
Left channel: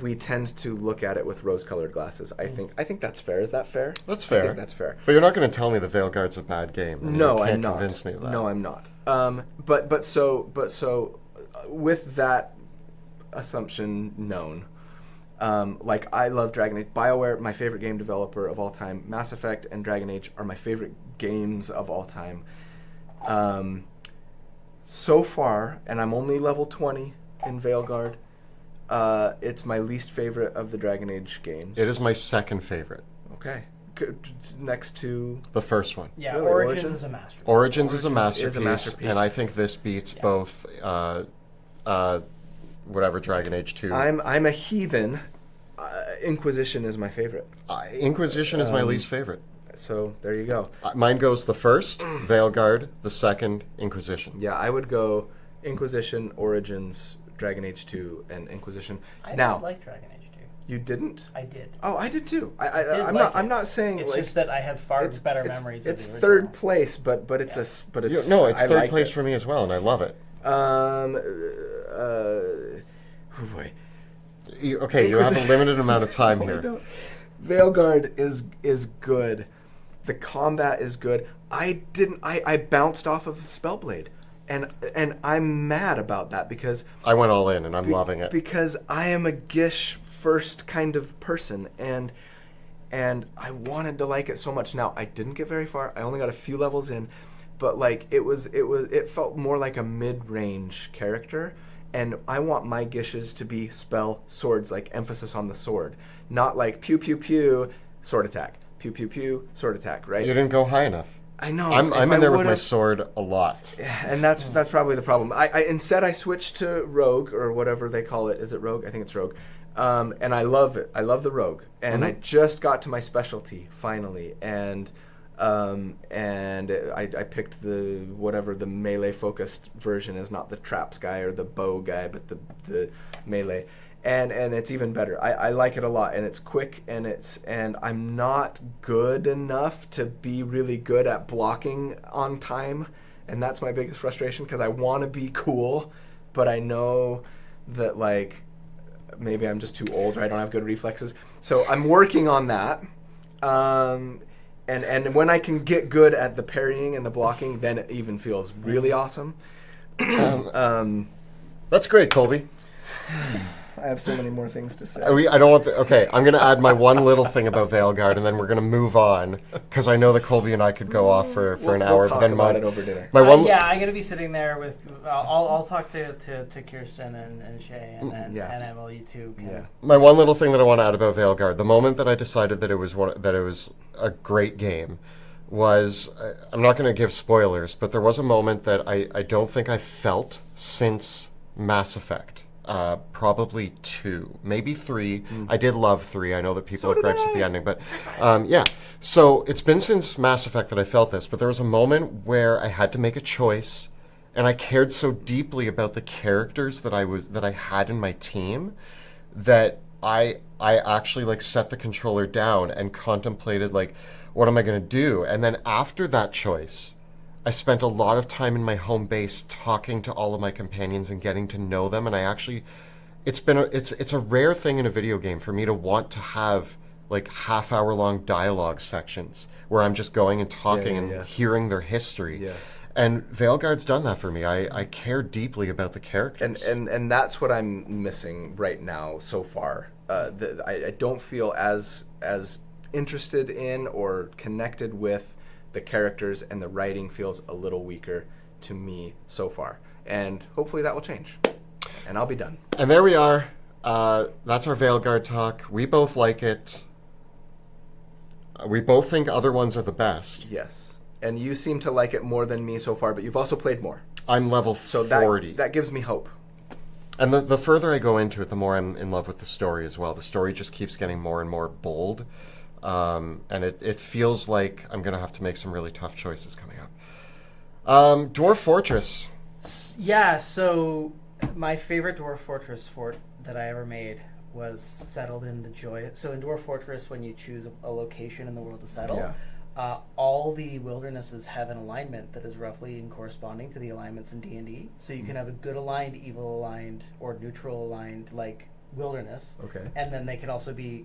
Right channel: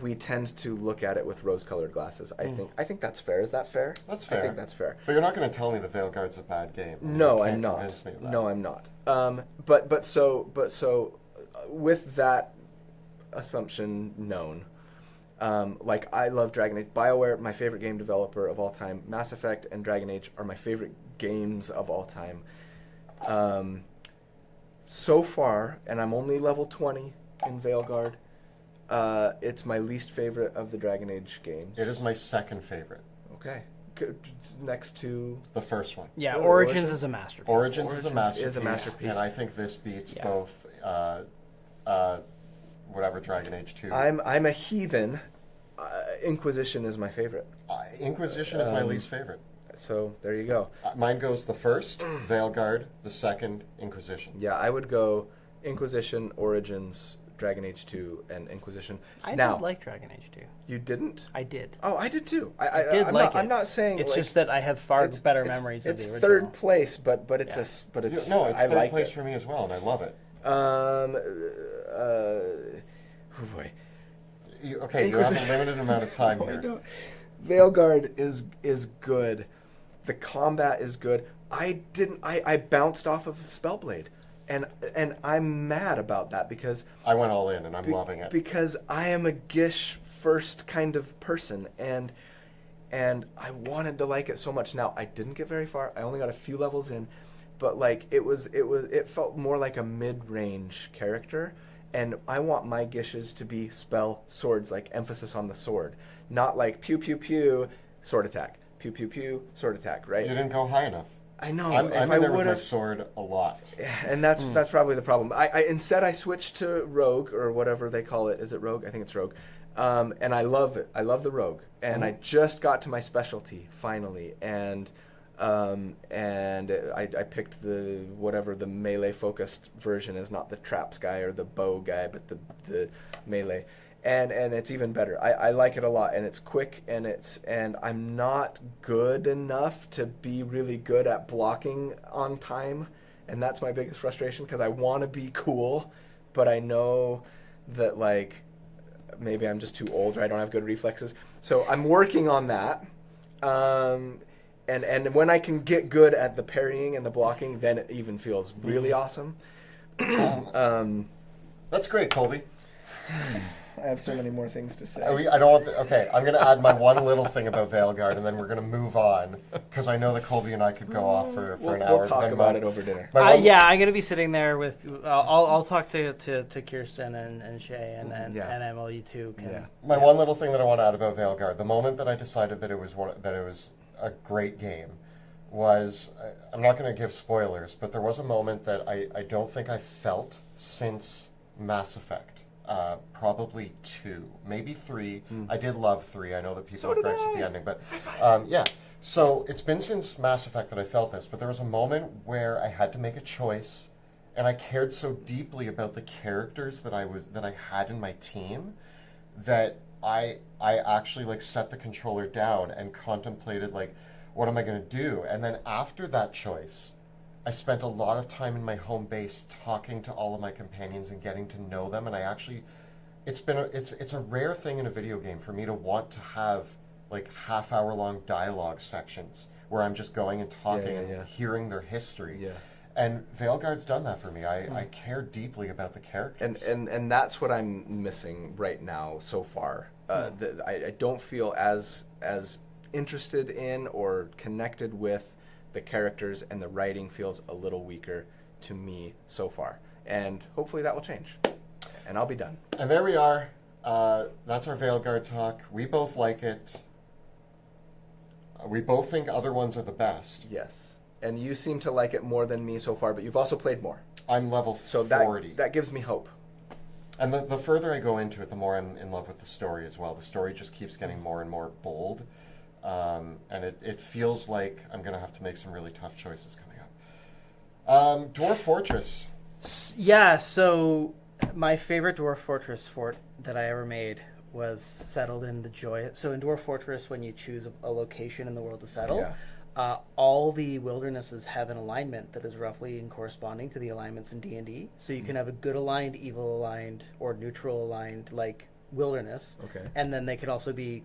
we tend to look at it with rose-colored glasses. I think that's fair. Is that fair? That's fair. I think that's fair. But you're not going to tell me the Veilguard's a bad game. No, You can't I'm not. Convince me of that. No, I'm not. But so with that assumption known, like I love Dragon Age. BioWare, my favorite game developer of all time. Mass Effect and Dragon Age are my favorite games of all time. So far, and I'm only level 20 in Veilguard, it's my least favorite of the Dragon Age games. It is my second favorite. Okay. next to the first one. Yeah, Really, Origins is a masterpiece. Origins is a masterpiece, and I and think this beats both. Whatever Dragon Age 2. I'm a heathen. Inquisition is my favorite. Inquisition is my least favorite. So there you go. Mine goes the first, Veilguard, the second, Inquisition. Yeah, I would go Inquisition, Origins, Dragon Age 2, and Inquisition. I now, did like Dragon Age 2. You didn't? I did. Oh, I did too. I'm not saying it's like, just that I have far better memories. It's of the third original. place, but it's it's third like place it. for me as well, and I love it. Oh boy. You have a limited amount of time here. Veilguard is good. The combat is good. I bounced off of Spellblade, and I'm mad about that because I went all in and I'm loving it. Because I am a Gish first kind of person, and I wanted to like it so much. Now I didn't get very far. I only got a few levels in, but like it felt more like a mid-range character. And I want my Gishes to be spell swords, like emphasis on the sword, not like pew pew pew sword attack, pew pew pew sword attack, right? You didn't go high enough. I know. I'm in there with my sword a lot. And that's probably the problem. I instead I switched to rogue or whatever they call it. Is it rogue? I think it's rogue. And I love it. I love the rogue. And I just got to my specialty finally, and I picked the melee focused version is not the traps guy or the bow guy, but the melee, and it's even better. I like it a lot, and it's quick, and I'm not good enough to be really good at blocking on time, and that's my biggest frustration because I want to be cool, but I know that like maybe I'm just too old or I don't have good reflexes, so I'm working on that. And when I can get good at the parrying and the blocking, then it even feels really awesome. That's great, Colby. I have so many more things to say. I don't want. Okay, I'm going to add my one little thing about Veilguard, and then we're going to move on because I know that Colby and I could go off for an hour. We'll talk about it over dinner. I'm going to be sitting there with. I'll talk to Kirsten and Shay and Emily too. Yeah. My one little thing that I want to add about Veilguard, the moment that I decided that it was a great game, was I'm not going to give spoilers, but there was a moment that I don't think I felt since Mass Effect. Probably 2, maybe 3. I did love 3. I know that people are gripes at the ending, but yeah. So it's been since Mass Effect that I felt this, but there was a moment where I had to make a choice, and I cared so deeply about the characters that I had in my team that I actually like set the controller down and contemplated like, what am I going to do? And then after that choice, I spent a lot of time in my home base talking to all of my companions and getting to know them, and I actually, it's a rare thing in a video game for me to want to have like half-hour long dialogue sections where I'm just going and talking and hearing their history. Yeah. And Veilguard's done that for me. I care deeply about the characters. And that's what I'm missing right now so far. I don't feel as interested in or connected with the characters, and the writing feels a little weaker to me so far. And hopefully that will change. And I'll be done. And there we are. That's our Veilguard talk. We both like it. We both think other ones are the best. Yes. And you seem to like it more than me so far, but you've also played more. I'm level 40. That gives me hope. And the further I go into it, the more I'm in love with the story as well. The story just keeps getting more and more bold. And it feels like I'm going to have to make some really tough choices coming up. Dwarf Fortress. Yeah, so my favorite Dwarf Fortress fort that I ever made was settled in the Joy. So in Dwarf Fortress, when you choose a location in the world to settle, all the wildernesses have an alignment that is roughly in corresponding to the alignments in D&D. So you can have a good aligned, evil aligned, or neutral aligned like wilderness. Okay. And then they can also be...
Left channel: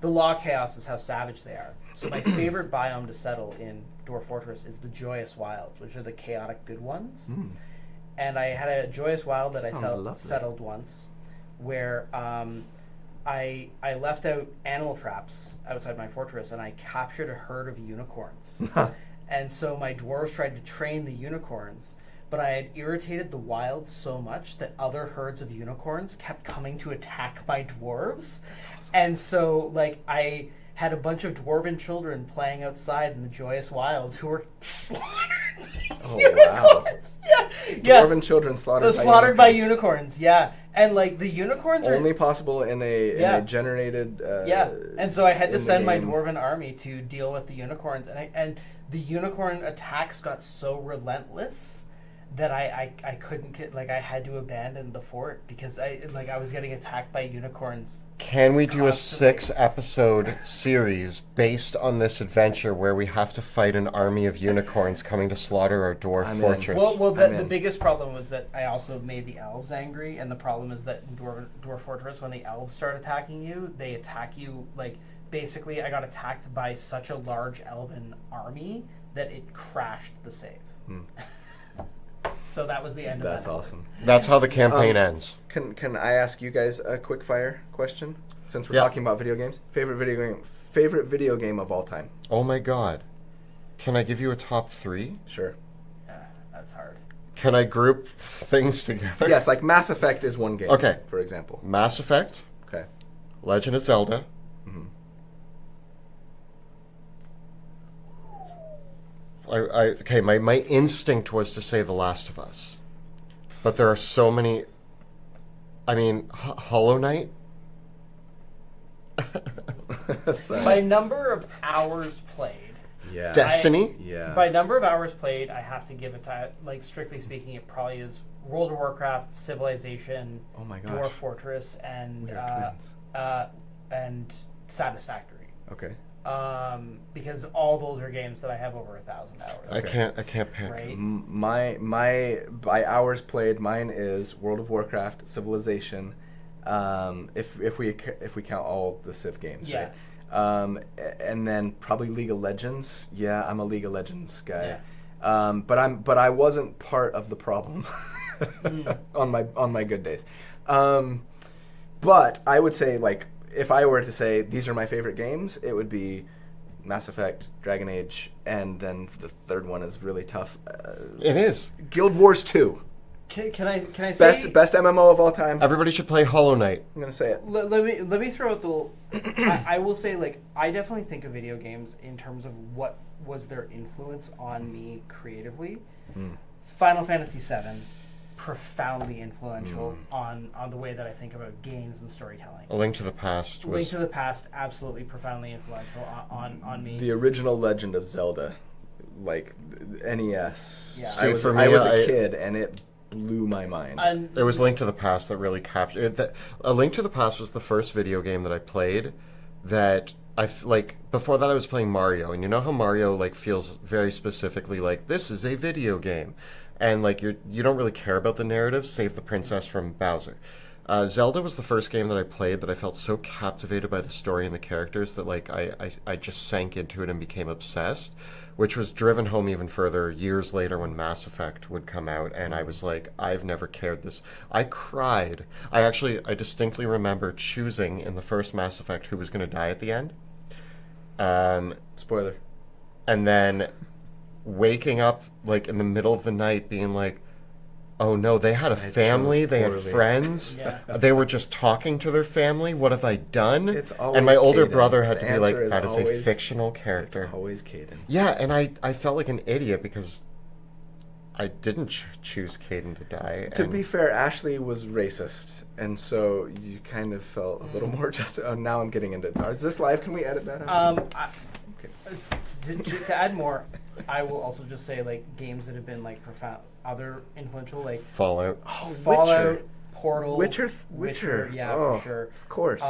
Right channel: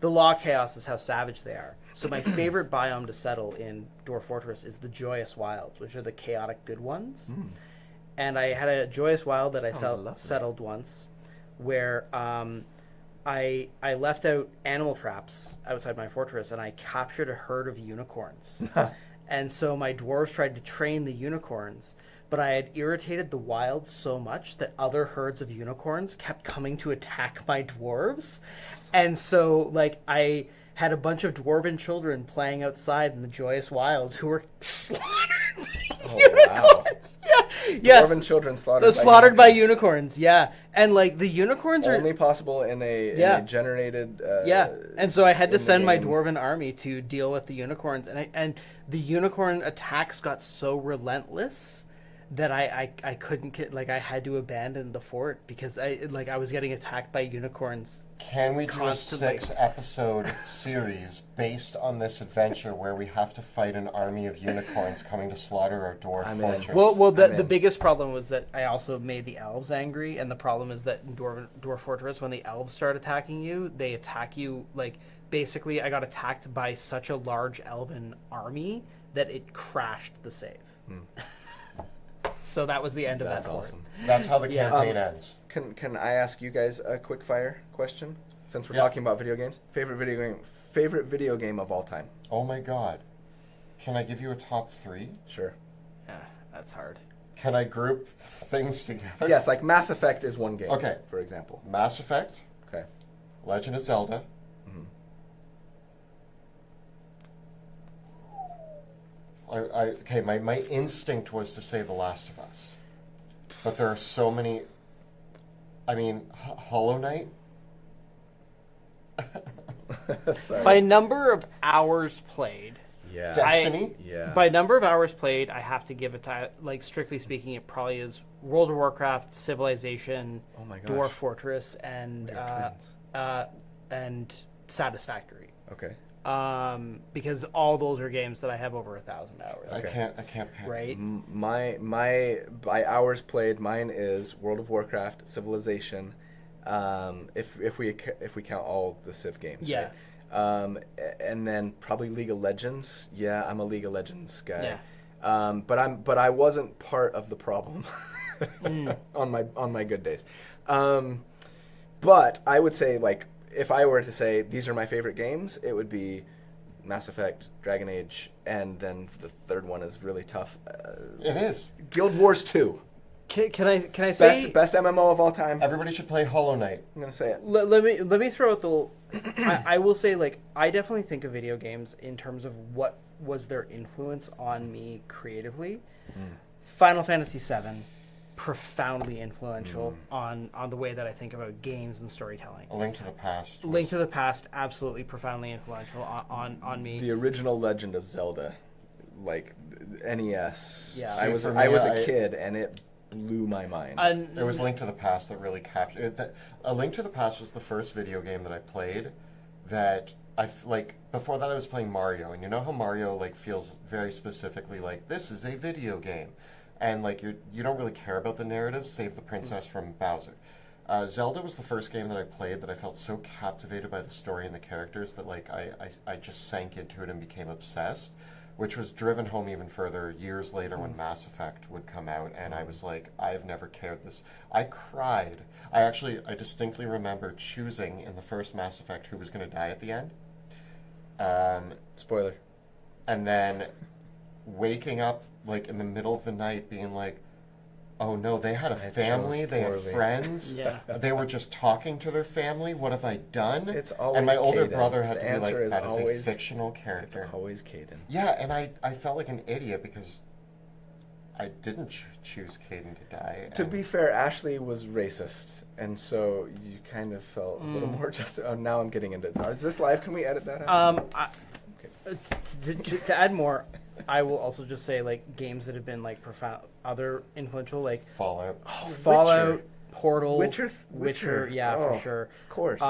The law chaos is how savage they are. So my favorite biome to settle in Dwarf Fortress is the Joyous Wilds, which are the chaotic good ones. And I had a Joyous Wild that I settled once, where I left out animal traps outside my fortress, and I captured a herd of unicorns. And so my dwarves tried to train the unicorns, but I had irritated the wild so much that other herds of unicorns kept coming to attack my dwarves. That's awesome. And so, like, I had a bunch of dwarven children playing outside in the joyous wilds who were slaughtered by unicorns. Dwarven children slaughtered by unicorns. Yeah, and like the unicorns are only possible in a generated. And so I had to send my dwarven army to deal with the unicorns, and the unicorn attacks got so relentless that I couldn't I had to abandon the fort because I was getting attacked by unicorns. Can we do constantly. A 6-episode series based on this adventure where we have to fight an army of unicorns coming to slaughter our dwarf fortress? Well, the biggest problem was that I also made the elves angry, and the problem is that in dwarf fortress, when the elves start attacking you, they attack you basically. I got attacked by such a large elven army that it crashed the save. So that was the end of that. That's awesome. That's how the campaign ends. Can I ask you guys a quick fire question? Since we're talking about video games, favorite video game of all time. Oh my god! Can I give you a top 3? Sure. Yeah, that's hard. Can I group things together? Yes, like Mass Effect is one game. Okay. For example. Mass Effect. Okay. Legend of Zelda. Mm-hmm. My instinct was to say The Last of Us, but there are so many. I mean, Hollow Knight. By number of hours played. Yeah. Destiny. By number of hours played, I have to give it to strictly speaking, it probably is World of Warcraft, Civilization, oh my gosh. Dwarf Fortress, and we are twins. And Satisfactory. Okay. Because all those are games that I have over 1,000 hours. Okay. I can't pick. Right? My by hours played, mine is World of Warcraft, Civilization. If we count all the Civ games, right? And then probably League of Legends. Yeah, I'm a League of Legends guy. Yeah. But I wasn't part of the problem on my good days. But I would say if I were to say these are my favorite games, it would be Mass Effect, Dragon Age, and then the third one is really tough. It is Guild Wars 2. Can I say best MMO of all time? Everybody should play Hollow Knight. I'm gonna say it. Let me throw out the. I will say I definitely think of video games in terms of what was their influence on me creatively. Final Fantasy VII, profoundly influential on the way that I think about games and storytelling. A Link to the Past. Link to the Past, absolutely profoundly influential on me. The original Legend of Zelda, NES. Yeah. I was a kid, and it blew my mind. It was Link to the Past that really captured it. A Link to the Past was the first video game that I played that before that I was playing Mario, and you know how Mario feels very specifically this is a video game, and you don't really care about the narrative, save the princess from Bowser. Zelda was the first game that I played that I felt so captivated by the story and the characters that I just sank into it and became obsessed, which was driven home even further years later when Mass Effect would come out, and I was I've never cared this. I cried. I distinctly remember choosing in the first Mass Effect who was going to die at the end. Spoiler. And then waking up in the middle of the night being oh no, they had a family, they had friends, they were just talking to their family, what have I done? It's always And my older Caden. brother had the to be is that always, is a fictional character. It's always Caden. Yeah, and I felt like an idiot because I didn't choose Caden to die. To be fair, Ashley was racist, and so you kind of felt a little more just. Oh, now I'm getting into. Is this live? Can we edit that out? Okay. To add more, I will also just say games that have been profound, other influential Fallout. Oh, Fallout, Portal, Witcher. Yeah, for sure. Of course.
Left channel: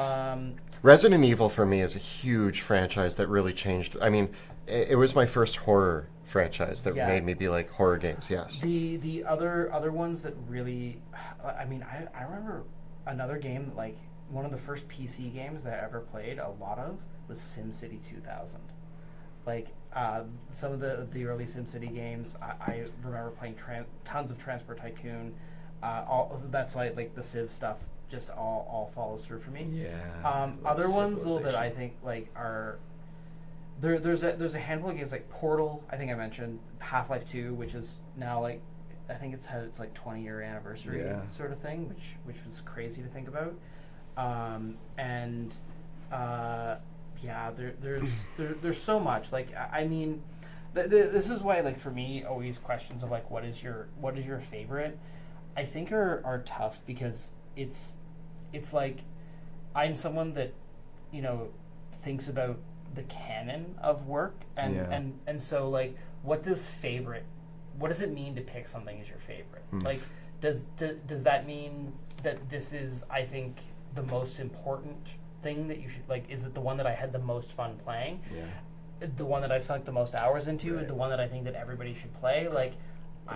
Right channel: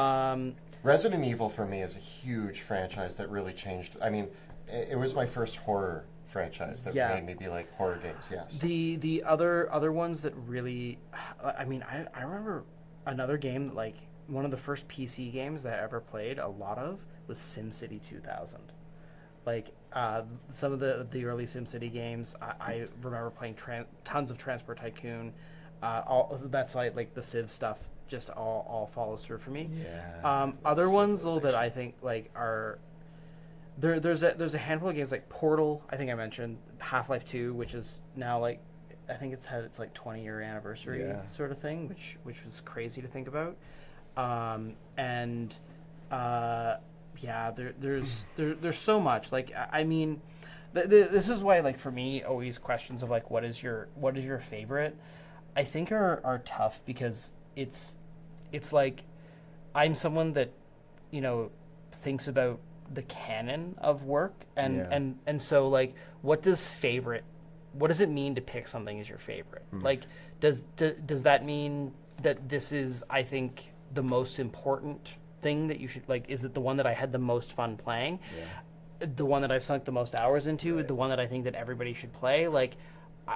Resident Evil for me is a huge franchise that really changed. I mean, it was my first horror franchise that made me be horror games. Yes. The other ones that really, I remember another game that one of the first PC games that I ever played a lot of was SimCity 2000. Some of the early SimCity games, I remember playing tons of Transport Tycoon. That's why the Civ stuff just all follows through for me. Yeah. Other ones though that I think are there's a handful of games like Portal. I think I mentioned Half-Life 2, which is now I think it's had its 20-year anniversary sort of thing, which was crazy to think about. yeah, there's so much. Like, I mean, this is why, like, for me, always questions of like, what is your favorite, I think are tough, because it's like, I'm someone that, you know, thinks about the canon of work, and so, like, what does it mean to pick something as your favorite? Like, does that mean that this is, I think, the most important thing that you should, like, is it the one that I had the most fun playing? Yeah. The one that I've sunk the most hours into? Right. The one that I think that everybody should play? Like,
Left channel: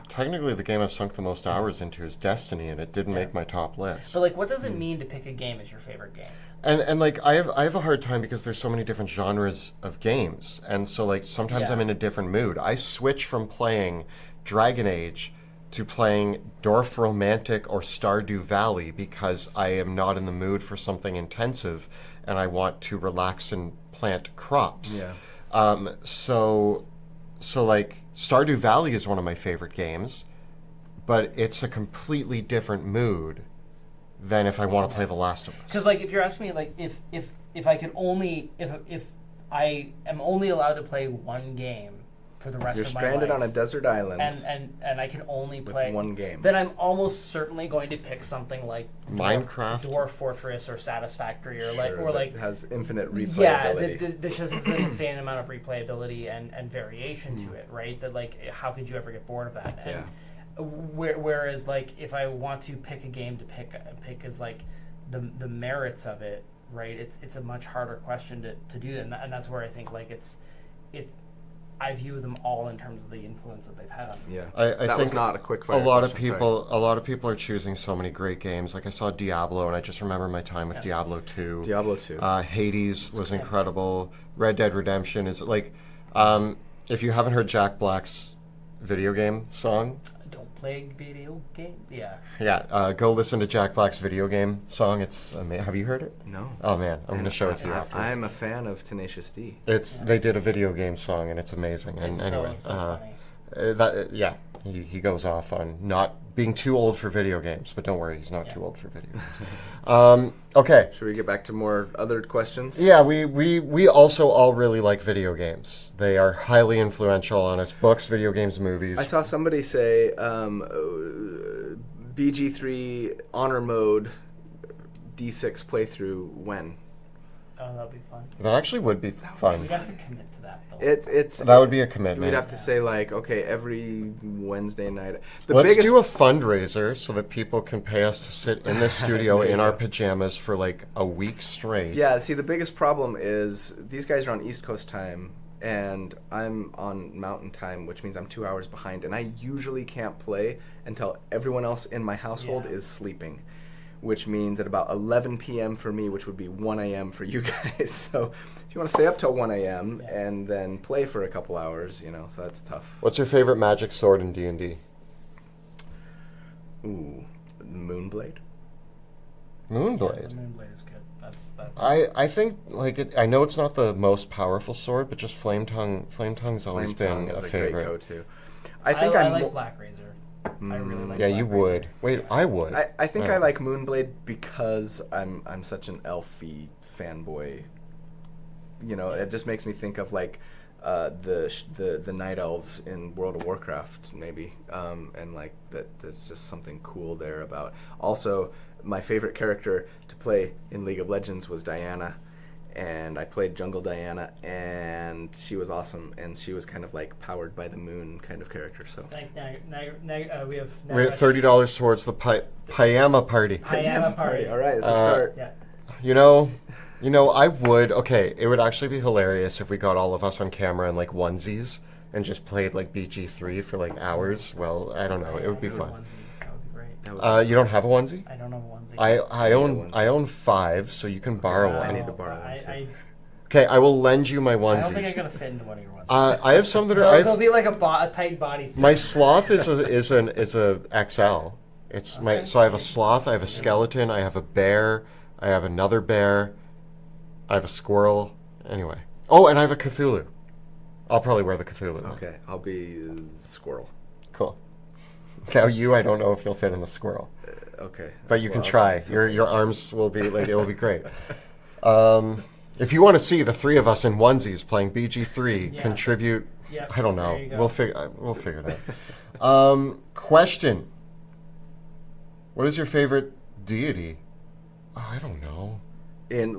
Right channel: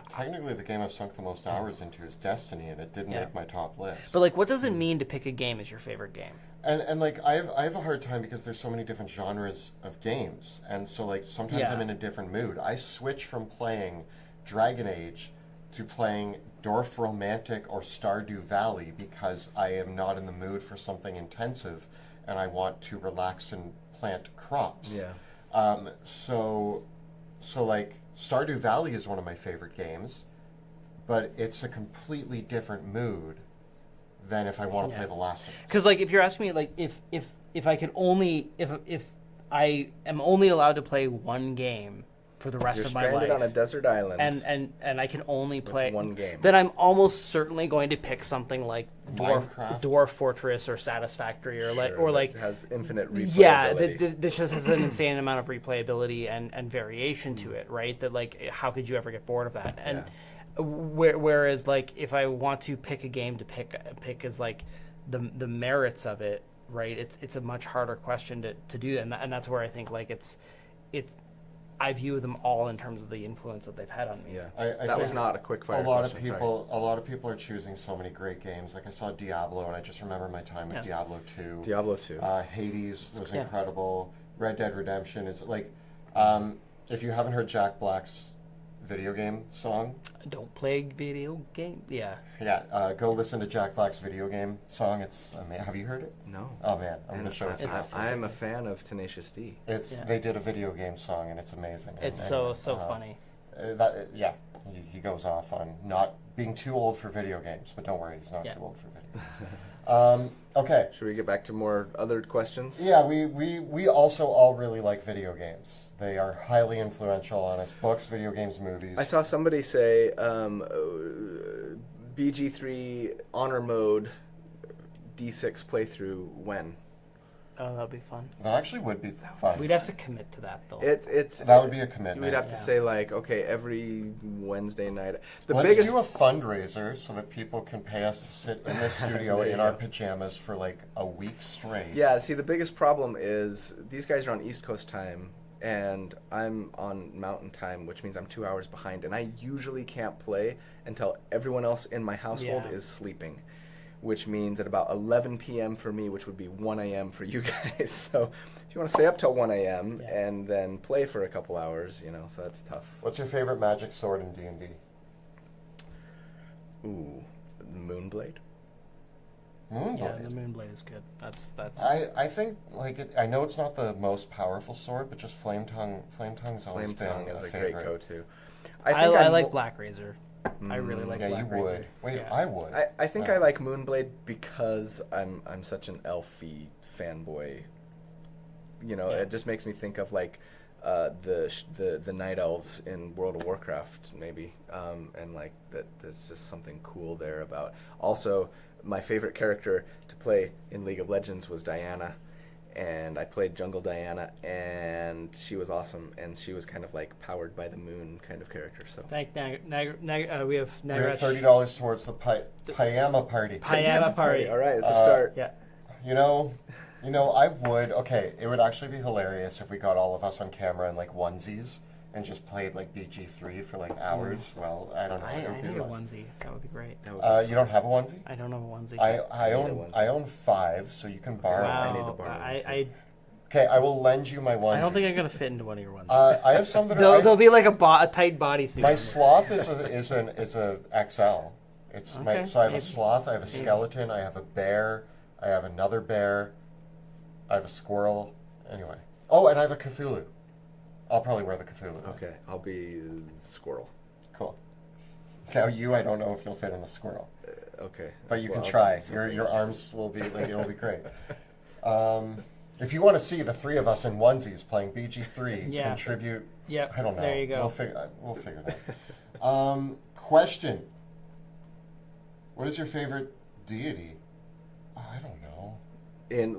technically, the game I've sunk the most hours into is Destiny, and it didn't make my top list. But, like, what does it mean to pick a game as your favorite game? And like, I have a hard time because there's so many different genres of games, and so, like, sometimes I'm in a different mood. I switch from playing Dragon Age to playing Dorf Romantic or Stardew Valley because I am not in the mood for something intensive, and I want to relax and plant crops. Yeah. So like, Stardew Valley is one of my favorite games, but it's a completely different mood than if I want to play The Last of Us. Because, like, if you're asking me, like, if I could only, if I am only allowed to play one game for the rest of my life. You're stranded on a desert island. And I can only play one game. Then I'm almost certainly going to pick something like Minecraft, Dwarf Fortress, or Satisfactory, or that has infinite replayability. Yeah, this just has an insane amount of replayability and variation to it, right? That, like, how could you ever get bored of that? And whereas, like, if I want to pick a game to pick as, like, the merits of it, right? It's a much harder question to do, and that's where I think, like, I view them all in terms of the influence that they've had on me. Yeah, I that was not a quick fire. A lot of people are choosing so many great games. Like, I saw Diablo, and I just remember my time with Diablo 2. Diablo 2. Hades was incredible. Red Dead Redemption is, like, if you haven't heard Jack Black's video game song. Don't play video game. Yeah. Yeah. Go listen to Jack Black's video game song. It's amazing. Have you heard it? No. Oh man, I'm going to show it to you. I'm a fan of Tenacious D. They did a video game song, and it's amazing. It's and anyway, so funny. He goes off on not being too old for video games, but don't worry, he's not too old for video games. Okay. Should we get back to more other questions? Yeah, we also all really like video games. They are highly influential on us. Books, video games, movies. I saw somebody say BG3 honor mode D6 playthrough when? Oh, that'd be fun. That actually would be fun. We'd have to commit to that, though. That would be a commitment. We'd have to say, like, okay, every Wednesday night. Let's do a fundraiser so that people can pay us to sit in the studio in our pajamas for, like, a week straight. Yeah, see, the biggest problem is these guys are on East Coast time, and I'm on Mountain time, which means I'm 2 hours behind, and I usually can't play until everyone else in my household is sleeping, which means at about 11 p.m. for me, which would be 1 a.m. for you guys. So if you want to stay up till 1 a.m. and then play for a couple hours, so that's tough. What's your favorite magic sword in D&D? Ooh, Moonblade. Moonblade? Yeah, Moonblade is good. That's. I think, like, I know it's not the most powerful sword, but just Flame Tongue's always been a favorite. Great go-to. I like Black Razor. I really like. Yeah, you would. Wait, I would. I think I like Moonblade because I'm such an elfy fanboy. It just makes me think of, like, the night elves in World of Warcraft, maybe, and, like, that. There's just something cool there about. Also, my favorite character to play in League of Legends was Diana. And I played Jungle Diana, and she was awesome, and she was kind of like powered by the moon kind of character. So we have $30 towards the Payama party. Payama party. All right, it's a start. Yeah. I would. Okay, it would actually be hilarious if we got all of us on camera in, like, onesies and just played, like, BG3 for, like, hours. Well, I don't know. It would be fun. That would be great. You don't have a onesie? I don't have a onesie. I own 5, so you can borrow one. I need to borrow one. Okay, I will lend you my onesies. I don't think I'm gonna fit into one of your onesies. I have some that are. They'll be like a tight bodysuit. My sloth is a XL. It's okay. So I have a sloth, I have a skeleton, I have a bear, I have another bear, I have a squirrel. Anyway. Oh, and I have a Cthulhu. I'll probably wear the Cthulhu. Okay, I'll be squirrel. Cool. Now I don't know if you'll fit in the squirrel. Okay. But you can try. Your arms will be, like, it will be great. If you want to see the three of us in onesies playing BG3 contribute, I don't know. There you go. We'll figure it out. Question: what is your favorite deity? Oh, I don't know. In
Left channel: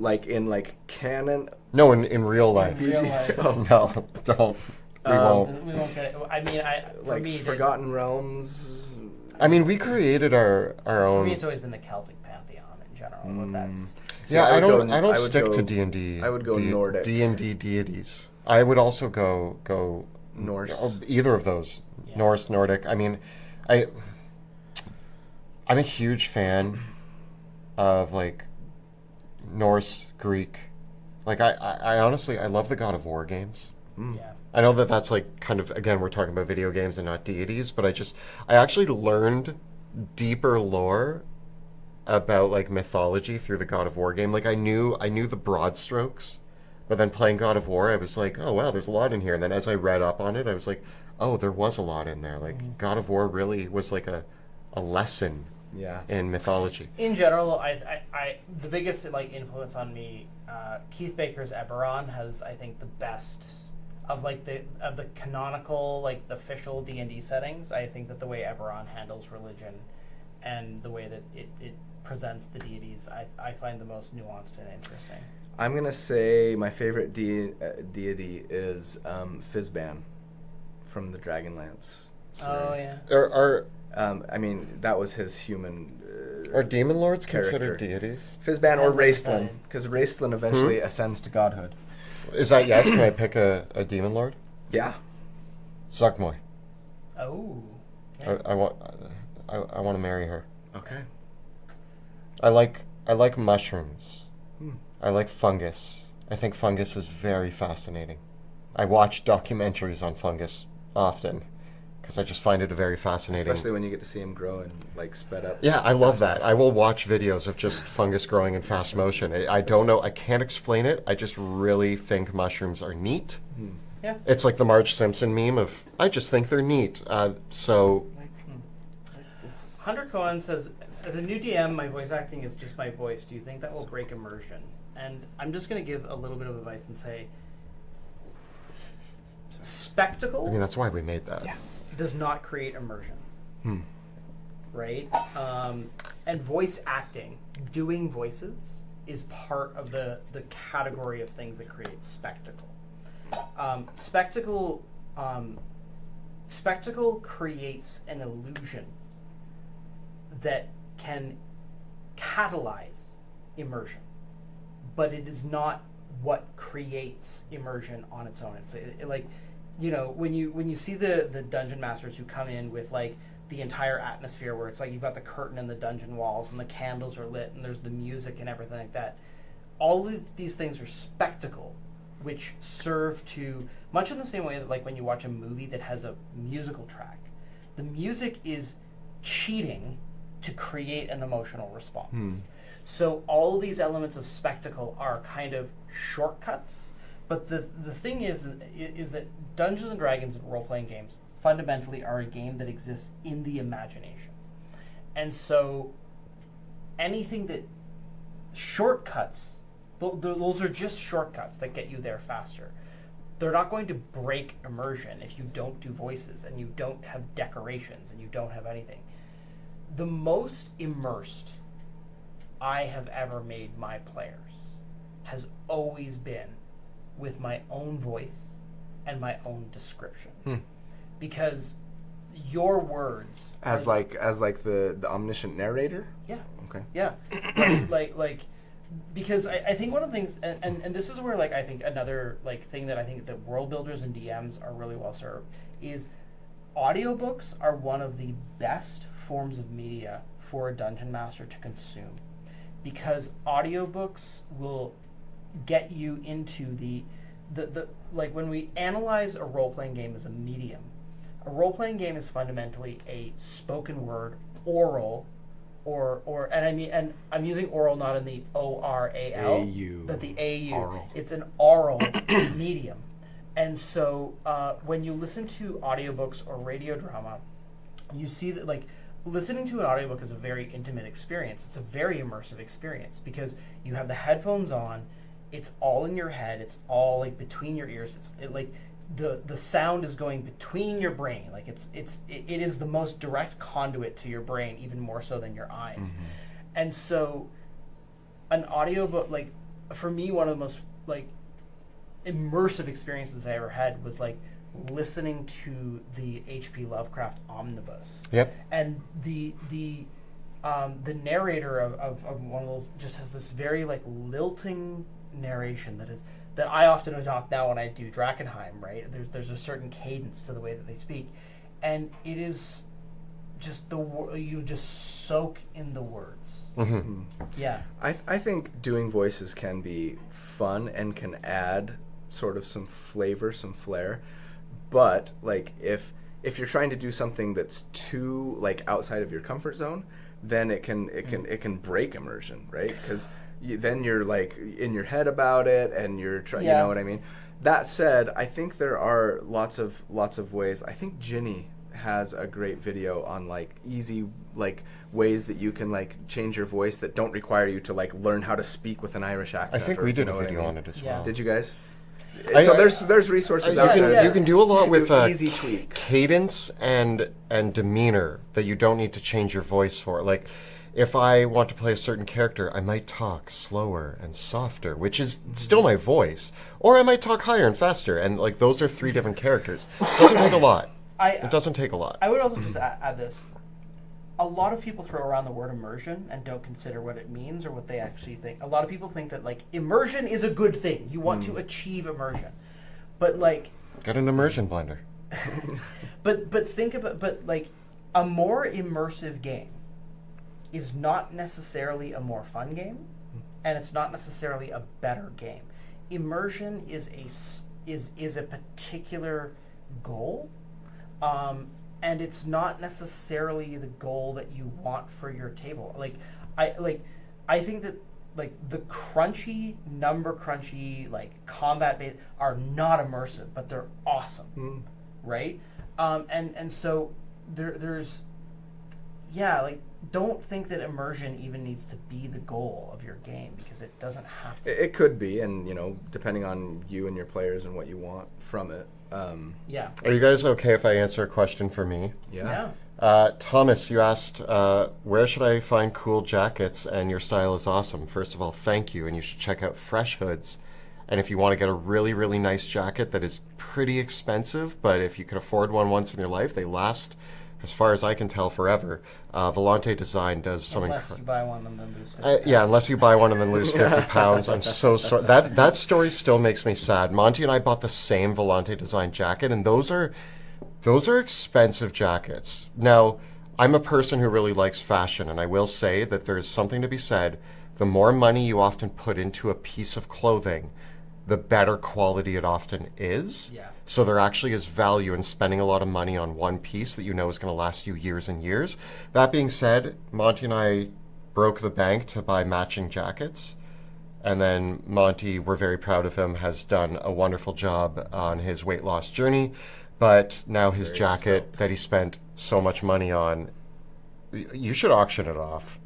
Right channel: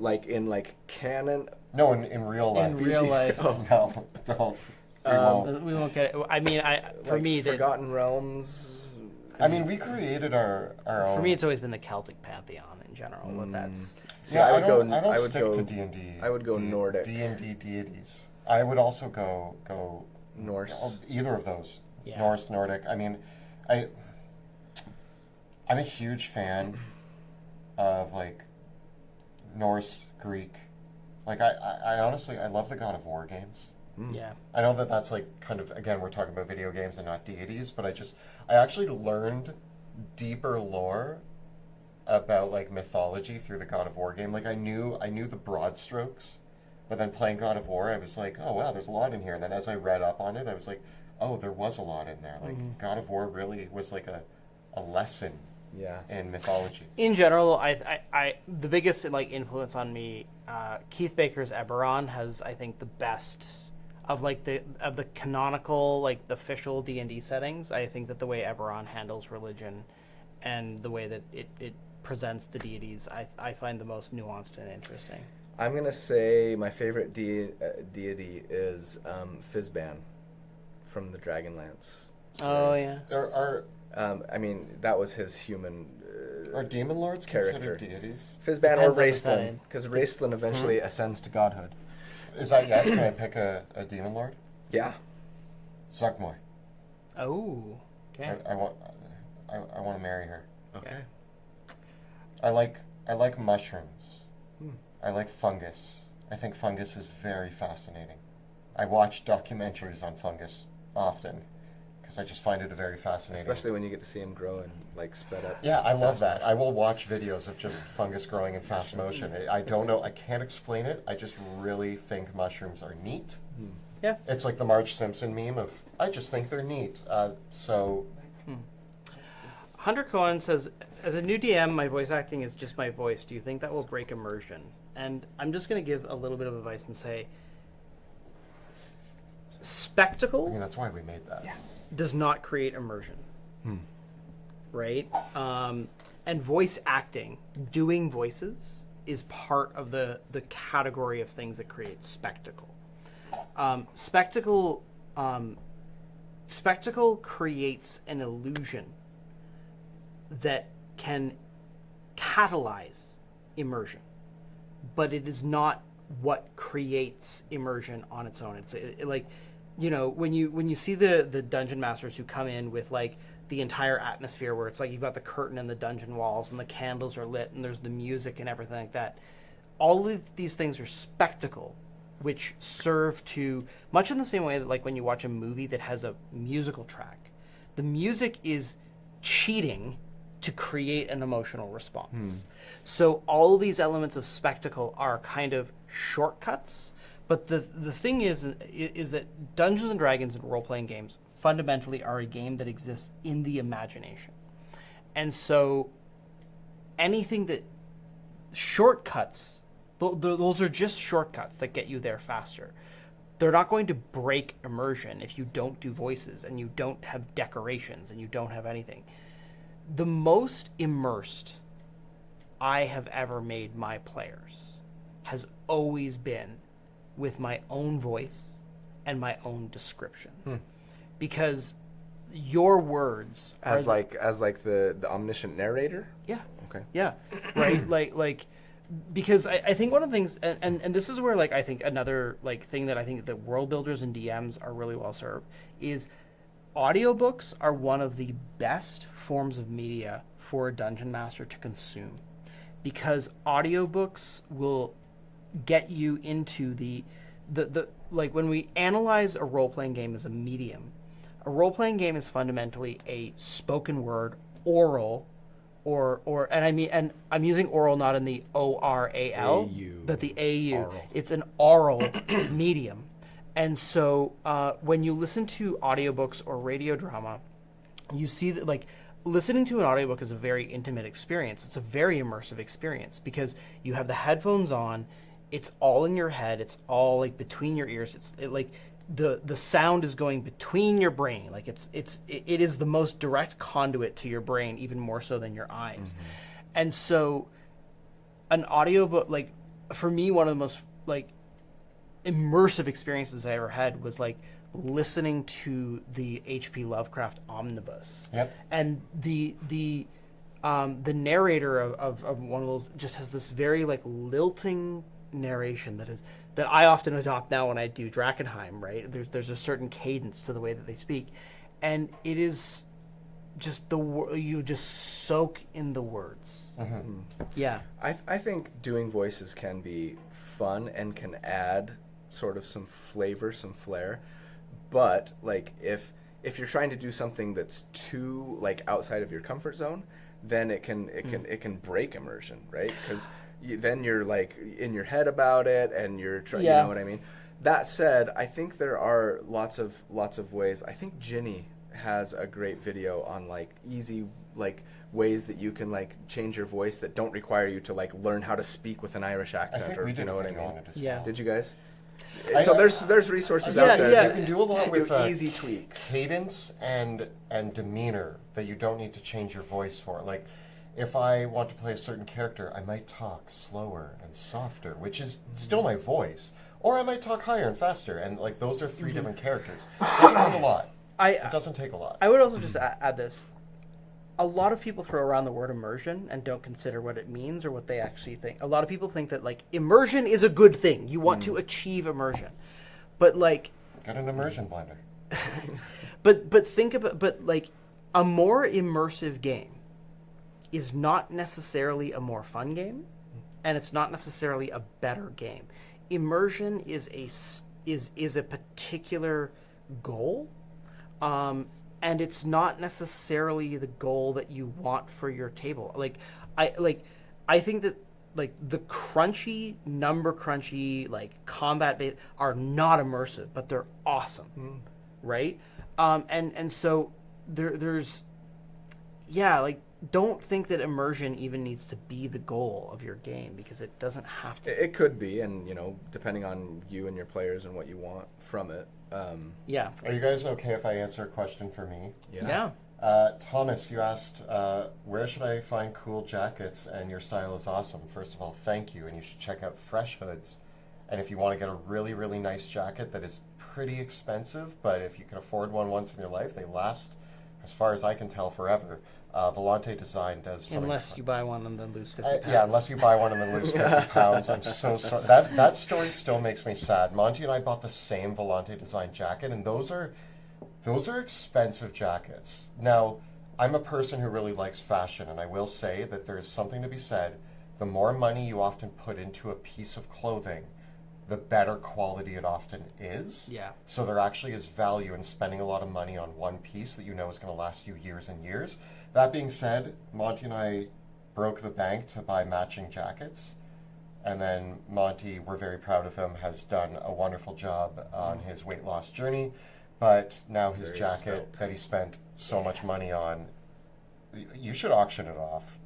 canon. No, in real life. In real life. Oh no, don't. We won't get it. I mean, for me, Forgotten Realms. I mean, we created our own. For me, it's always been the Celtic pantheon in general. See, I don't I would stick go to D&D. I would go Nordic. D&D deities. I would also go Norse. Either of those. Yeah. Norse, Nordic. I mean, I'm a huge fan of like Norse, Greek. Like I honestly I love the God of War games. Yeah. I know that's like kind of, again, we're talking about video games and not deities, but I actually learned deeper lore about like mythology through the God of War game. Like I knew the broad strokes, but then playing God of War, I was like, oh wow, there's a lot in here. And then as I read up on it, I was like, oh, there was a lot in there. Like God of War really was like a lesson in mythology. In general, I the biggest like influence on me, Keith Baker's Eberron has, I think, the best of like the canonical, like the official D&D settings. I think that the way Eberron handles religion and the way that it presents the deities, I find the most nuanced and interesting. I'm gonna say my favorite deity is Fizban from the Dragonlance series. Oh yeah. I mean, that was his human. Are demon lords character. considered deities? Fizban or Raistlin, because Raistlin eventually ascends to godhood. Is that yes? Can I pick a demon lord? Yeah. Zuckmoy. Oh. Okay. I want to marry her. Okay. I like mushrooms. I like fungus. I think fungus is very fascinating. I watch documentaries on fungus often because I just find it a very fascinating. Especially when you get to see him grow and like sped up. Yeah, I love that. I will watch videos of just fungus growing in fast motion. I don't know. I can't explain it. I just really think mushrooms are neat. Yeah. It's like the Marge Simpson meme of, I just think they're neat. Hunter Cohen says, as a new DM, my voice acting is just my voice. Do you think that will break immersion? And I'm just going to give a little bit of advice and say, spectacle. I mean, that's why we made that. Yeah. Does not create immersion. Right? And voice acting, doing voices, is part of the category of things that create spectacle. Spectacle creates an illusion that can catalyze immersion, but it is not what creates immersion on its own. It's like, you know, when you see the dungeon masters who come in with like the entire atmosphere where it's like you've got the curtain and the dungeon walls and the candles are lit and there's the music and everything like that. All of these things are spectacle, which serve to, much in the same way that like when you watch a movie that has a musical track, the music is cheating to create an emotional response. So all these elements of spectacle are kind of shortcuts. But the thing is that Dungeons and Dragons and role-playing games fundamentally are a game that exists in the imagination. And so anything that shortcuts, those are just shortcuts that get you there faster. They're not going to break immersion if you don't do voices and you don't have decorations and you don't have anything. The most immersed I have ever made my players has always been with my own voice and my own description. Because your words as like the omniscient narrator? Yeah. Okay. Yeah. like because I think one of the things and this is where like I think another like thing that I think that world builders and DMs are really well served is audiobooks are one of the best forms of media for a dungeon master to consume, because audiobooks will get you into the like when we analyze a role-playing game as a medium, a role-playing game is fundamentally a spoken word, oral, or and I mean, and I'm using oral not in the ORAL, but the AU. Oral. It's an oral medium. And so when you listen to audiobooks or radio drama, you see that like listening to an audiobook is a very intimate experience. It's a very immersive experience because you have the headphones on. it's all in your head. It's all like between your ears. Like the sound is going between your brain. Like it is the most direct conduit to your brain, even more so than your eyes. Mm-hmm. And so, an audiobook, like for me, one of the most like immersive experiences I ever had was like listening to the H.P. Lovecraft omnibus. Yep. And the narrator of one of those just has this very like lilting narration that I often adopt now when I do Drakkenheim, right? There's a certain cadence to the way that they speak, and it is just you just soak in the words. Mm-hmm. Yeah. I think doing voices can be fun and can add sort of some flavor, some flair, but like if you're trying to do something that's too like outside of your comfort zone, then it can break immersion, right? Because then you're like in your head about it, and you're trying. You know what I mean? That said, I think there are lots of ways. I think Ginny has a great video on like easy like ways that you can like change your voice that don't require you to like learn how to speak with an Irish accent. I think we did a video on it as well. Did you guys? So there's resources out there. You can do a lot with easy tweaks, cadence and demeanor that you don't need to change your voice for. Like, if I want to play a certain character, I might talk slower and softer, which is still my voice, or I might talk higher and faster. And like those are three different characters. It doesn't take a lot. It doesn't take a lot. I would also just add this. A lot of people throw around the word immersion and don't consider what it means or what they actually think. A lot of people think that like immersion is a good thing. You want to achieve immersion, but like get an immersion blender. but think about like a more immersive game is not necessarily a more fun game, and it's not necessarily a better game. Immersion is a particular goal. And it's not necessarily the goal that you want for your table. I think that like the number crunchy, like combat based are not immersive, but they're awesome, right? And so there's like don't think that immersion even needs to be the goal of your game, because it doesn't have to. It could be, and depending on you and your players and what you want from it. Are you guys okay if I answer a question for me? Yeah. Thomas, you asked, where should I find cool jackets? And your style is awesome. First of all, thank you. And you should check out Fresh Hoods. And if you want to get a really, really nice jacket that is pretty expensive, but if you can afford one once in your life, they last, as far as I can tell, forever. Volante Design does something. Unless you buy one and then lose 50 pounds. Yeah, unless you buy one and then lose 50 pounds. I'm so sorry. That story still makes me sad. Monty and I bought the same Volante Design jacket, and those are expensive jackets. Now, I'm a person who really likes fashion, and I will say that there's something to be said. The more money you often put into a piece of clothing, the better quality it often is. Yeah. So there actually is value in spending a lot of money on one piece that you know is going to last you years and years. That being said, Monty and I broke the bank to buy matching jackets. And then Monty, we're very proud of him, has done a wonderful job on his weight loss journey. But now his jacket that he spent so much money on, you should auction it off.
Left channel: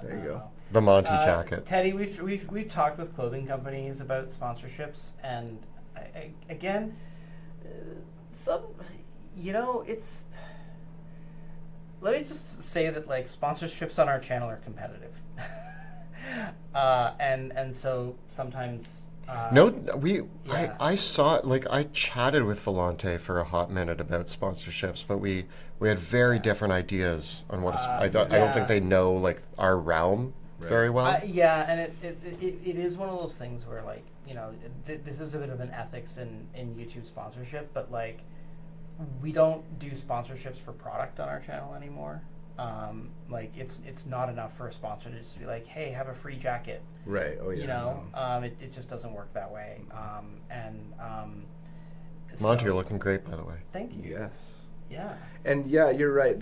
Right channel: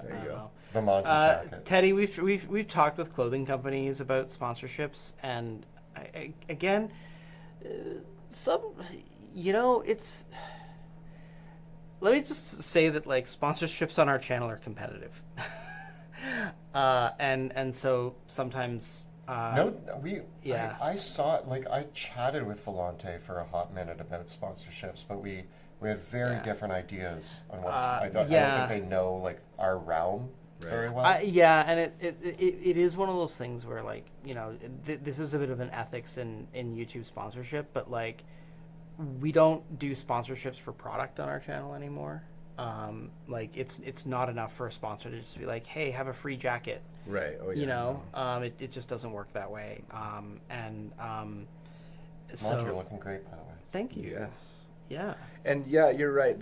There you go. The Monty jacket. Teddy, we've talked with clothing companies about sponsorships, and again, it's. Let me just say that like sponsorships on our channel are competitive, and so sometimes. I saw like I chatted with Volante for a hot minute about sponsorships, but we had very different ideas on what. I don't think they know like our realm. Right. Very well. And it is one of those things where like this is a bit of an ethics in YouTube sponsorship, but like we don't do sponsorships for product on our channel anymore. Like it's not enough for a sponsor to just be like, hey, have a free jacket. Right. Oh yeah. It just doesn't work that way. Monty, you're looking great, by the way. Thank you. Yes. Yeah. And yeah, you're right.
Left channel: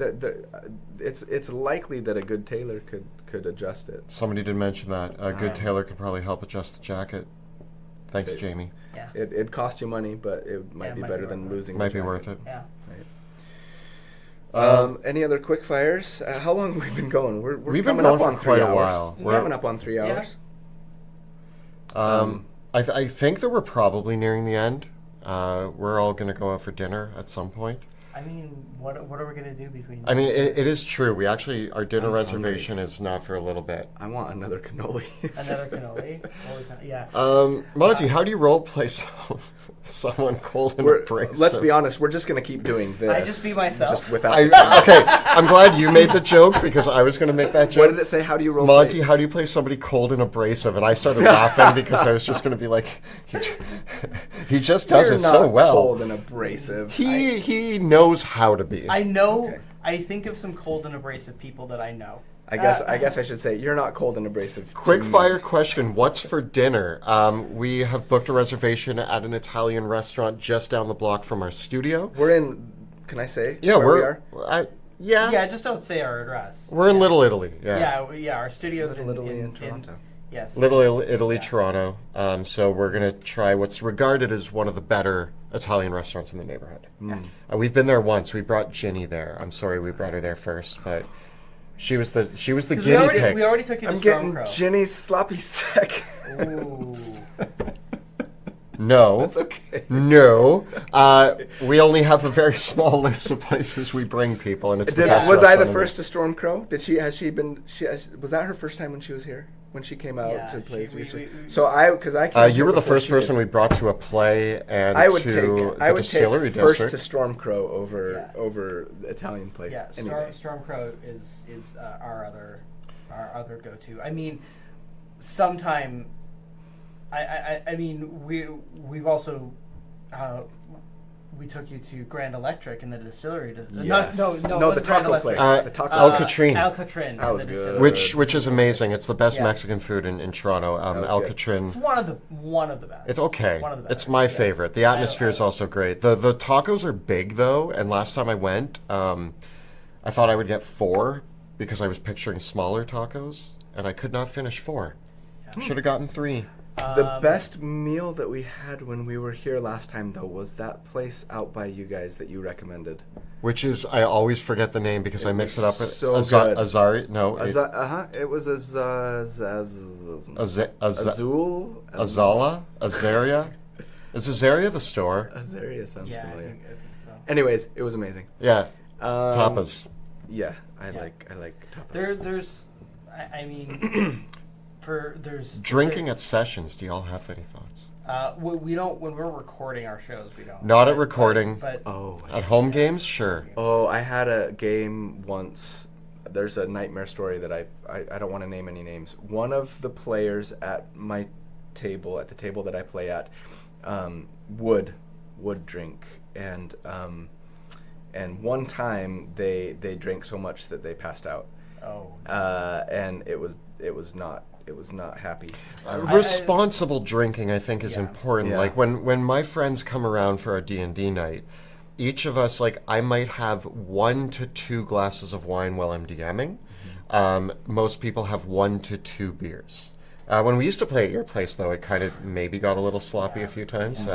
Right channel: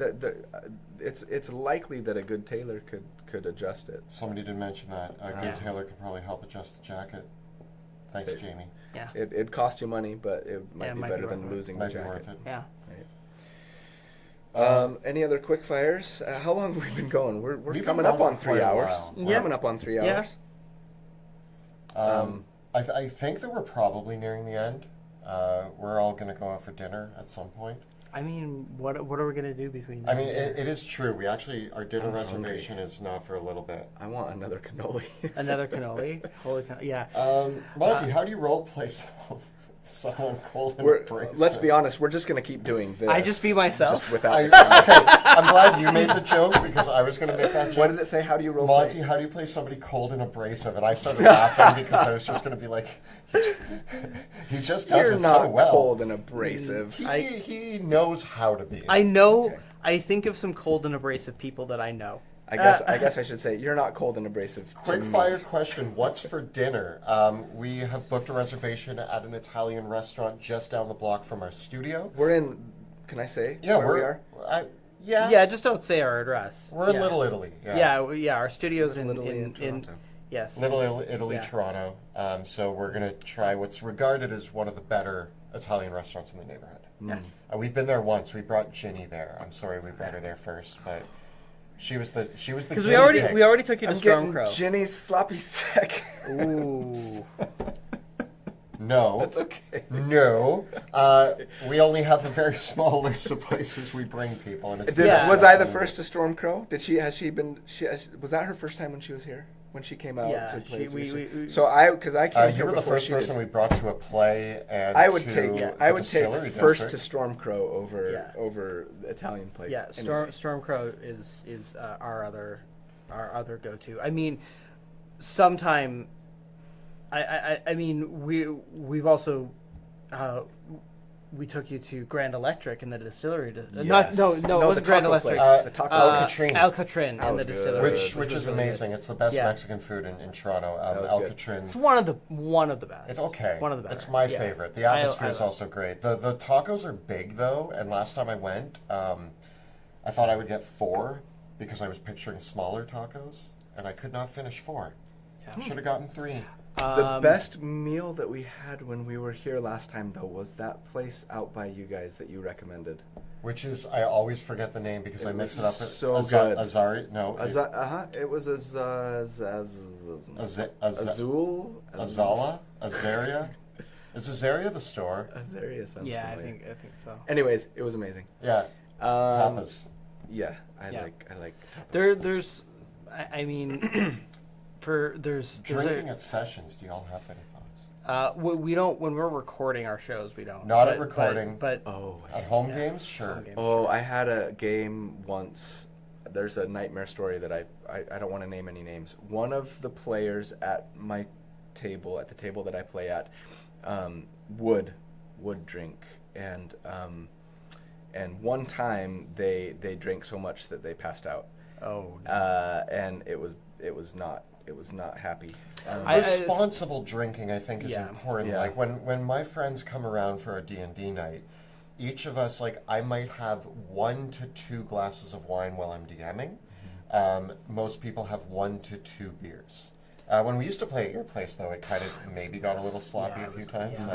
It's likely that a good tailor could adjust it. Somebody did mention that a good tailor could probably help adjust the jacket. Thanks, Jamie. Yeah. It'd cost you money, but it might be better than losing the jacket. Might be worth it. Yeah. Right. Any other quick fires? How long have we been going? We're coming up on 3 hours. We're coming up on 3 hours. I think that we're probably nearing the end. We're all going to go out for dinner at some point. I mean, what are we going to do between... I mean, it is true. Our dinner reservation is not for a little bit. I want another cannoli. Another cannoli? Yeah. Monty, how do you role play someone cold and abrasive? Let's be honest, we're just going to keep doing this. I just be myself. Just without okay, I'm glad you made the joke because I was going to make that joke. What did it say? How do you role Monty, play? how do you play somebody cold and abrasive? And I started laughing because I was just going to be like, he just does You're it not so well. cold and abrasive. He knows how to be. I know. Okay. I think of some cold and abrasive people that I know. I guess I should say you're not cold and abrasive. Quick fire question: what's for dinner? We have booked a reservation at an Italian restaurant just down the block from our studio. We're in. Can I say? Yeah, where we are? Yeah, just don't say our address. We're in Little Italy. Yeah. Our studio's Little Italy in Toronto. Yes. Little Italy, Toronto. So we're gonna try what's regarded as one of the better Italian restaurants in the neighborhood. We've been there once. We brought Ginny there. I'm sorry we brought her there first, but she was the guinea pig. We already took you to I'm Storm getting Crow. Ginny's sloppy sack. Ooh. No. That's okay. No. We only have a very small list of places we bring people, and it's the best Was I the restaurant in first to Storm Crow? Was that her first time when she was here? When she came out to play? Because I came. You were the first person we brought to a play, and I would to take the Distillery first District. to Storm Crow over the Italian place. Yeah, Storm Crow is our other go-to. I mean, sometime. I mean, we've also we took you to Grand Electric and the Distillery. Yes. No, the taco place. The taco Alcatrin. Alcatrin. That was good. Which is amazing. It's the best Mexican food in Toronto. Alcatrin. It's one of the best. It's okay. One of the best. It's my favorite. The atmosphere is also great. The tacos are big though, and last time I went, I thought I would get 4 because I was picturing smaller tacos, and I could not finish 4. Yeah. Should have gotten 3. The best meal that we had when we were here last time, though, was that place out by you guys that you recommended. Which is, I always forget the name because I mix it up with so good. Azari. No. It was Azul. Azala. Azaria. Is Azaria the store? Azaria sounds familiar. I think so. Anyways, it was amazing. Yeah. Tapas. Yeah, I like tapas. There's, I mean. Drinking at sessions. Do y'all have any thoughts? We don't. When we're recording our shows, we don't. Not at recording. But at home games, sure. Oh, I had a game once. There's a nightmare story that I don't want to name any names. One of the players at my table, at the table that I play at, would drink, and one time they drank so much that they passed out. Oh. And it was not happy. Responsible drinking, I think, is important. Yeah. Like when my friends come around for a D&D night, each of us, like, I might have 1 to 2 glasses of wine while I'm DMing. Most people have 1 to 2 beers. When we used to play at your place, though, it kind of maybe got a little sloppy a few times.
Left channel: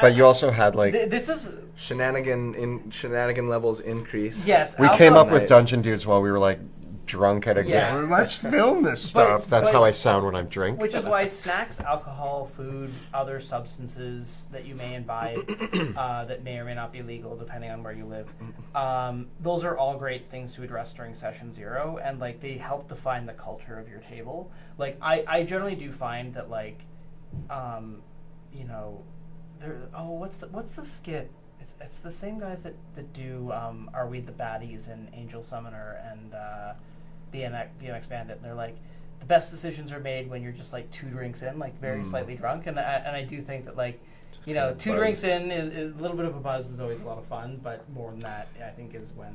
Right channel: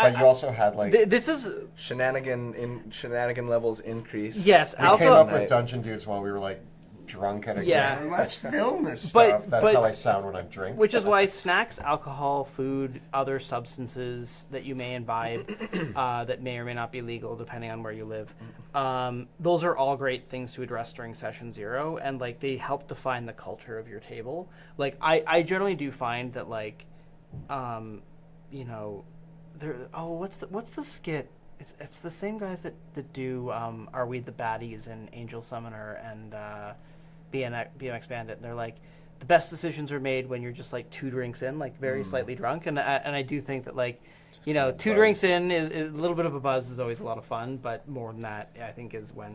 But you also had like this is shenanigan levels increase. Yes, we came up with Dungeon Dudes while we were like drunk at a Yeah. let's film this stuff. That's how I sound when I drink. Which is why snacks, alcohol, food, other substances that you may imbibe that may or may not be legal depending on where you live. Those are all great things to address during session 0, and like they help define the culture of your table. Like I generally do find that like you know, what's the skit? It's the same guys that do Are We the Baddies and Angel Summoner and BMX Bandit. They're like, the best decisions are made when you're just like 2 drinks in, like very slightly drunk. And I do think that like, just, you know, 2 drinks in is a little bit of a buzz is always a lot of fun, but more than that, I think is when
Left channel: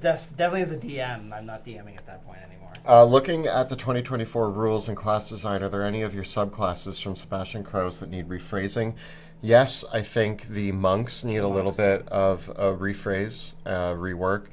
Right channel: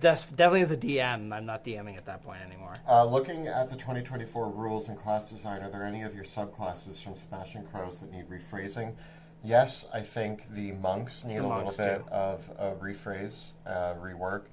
definitely as a DM, I'm not DMing at that point anymore. Looking at the 2024 rules and class design, are there any of your subclasses from Sebastian Krause that need rephrasing? Yes, I think the monks need a little bit of a rephrase, rework.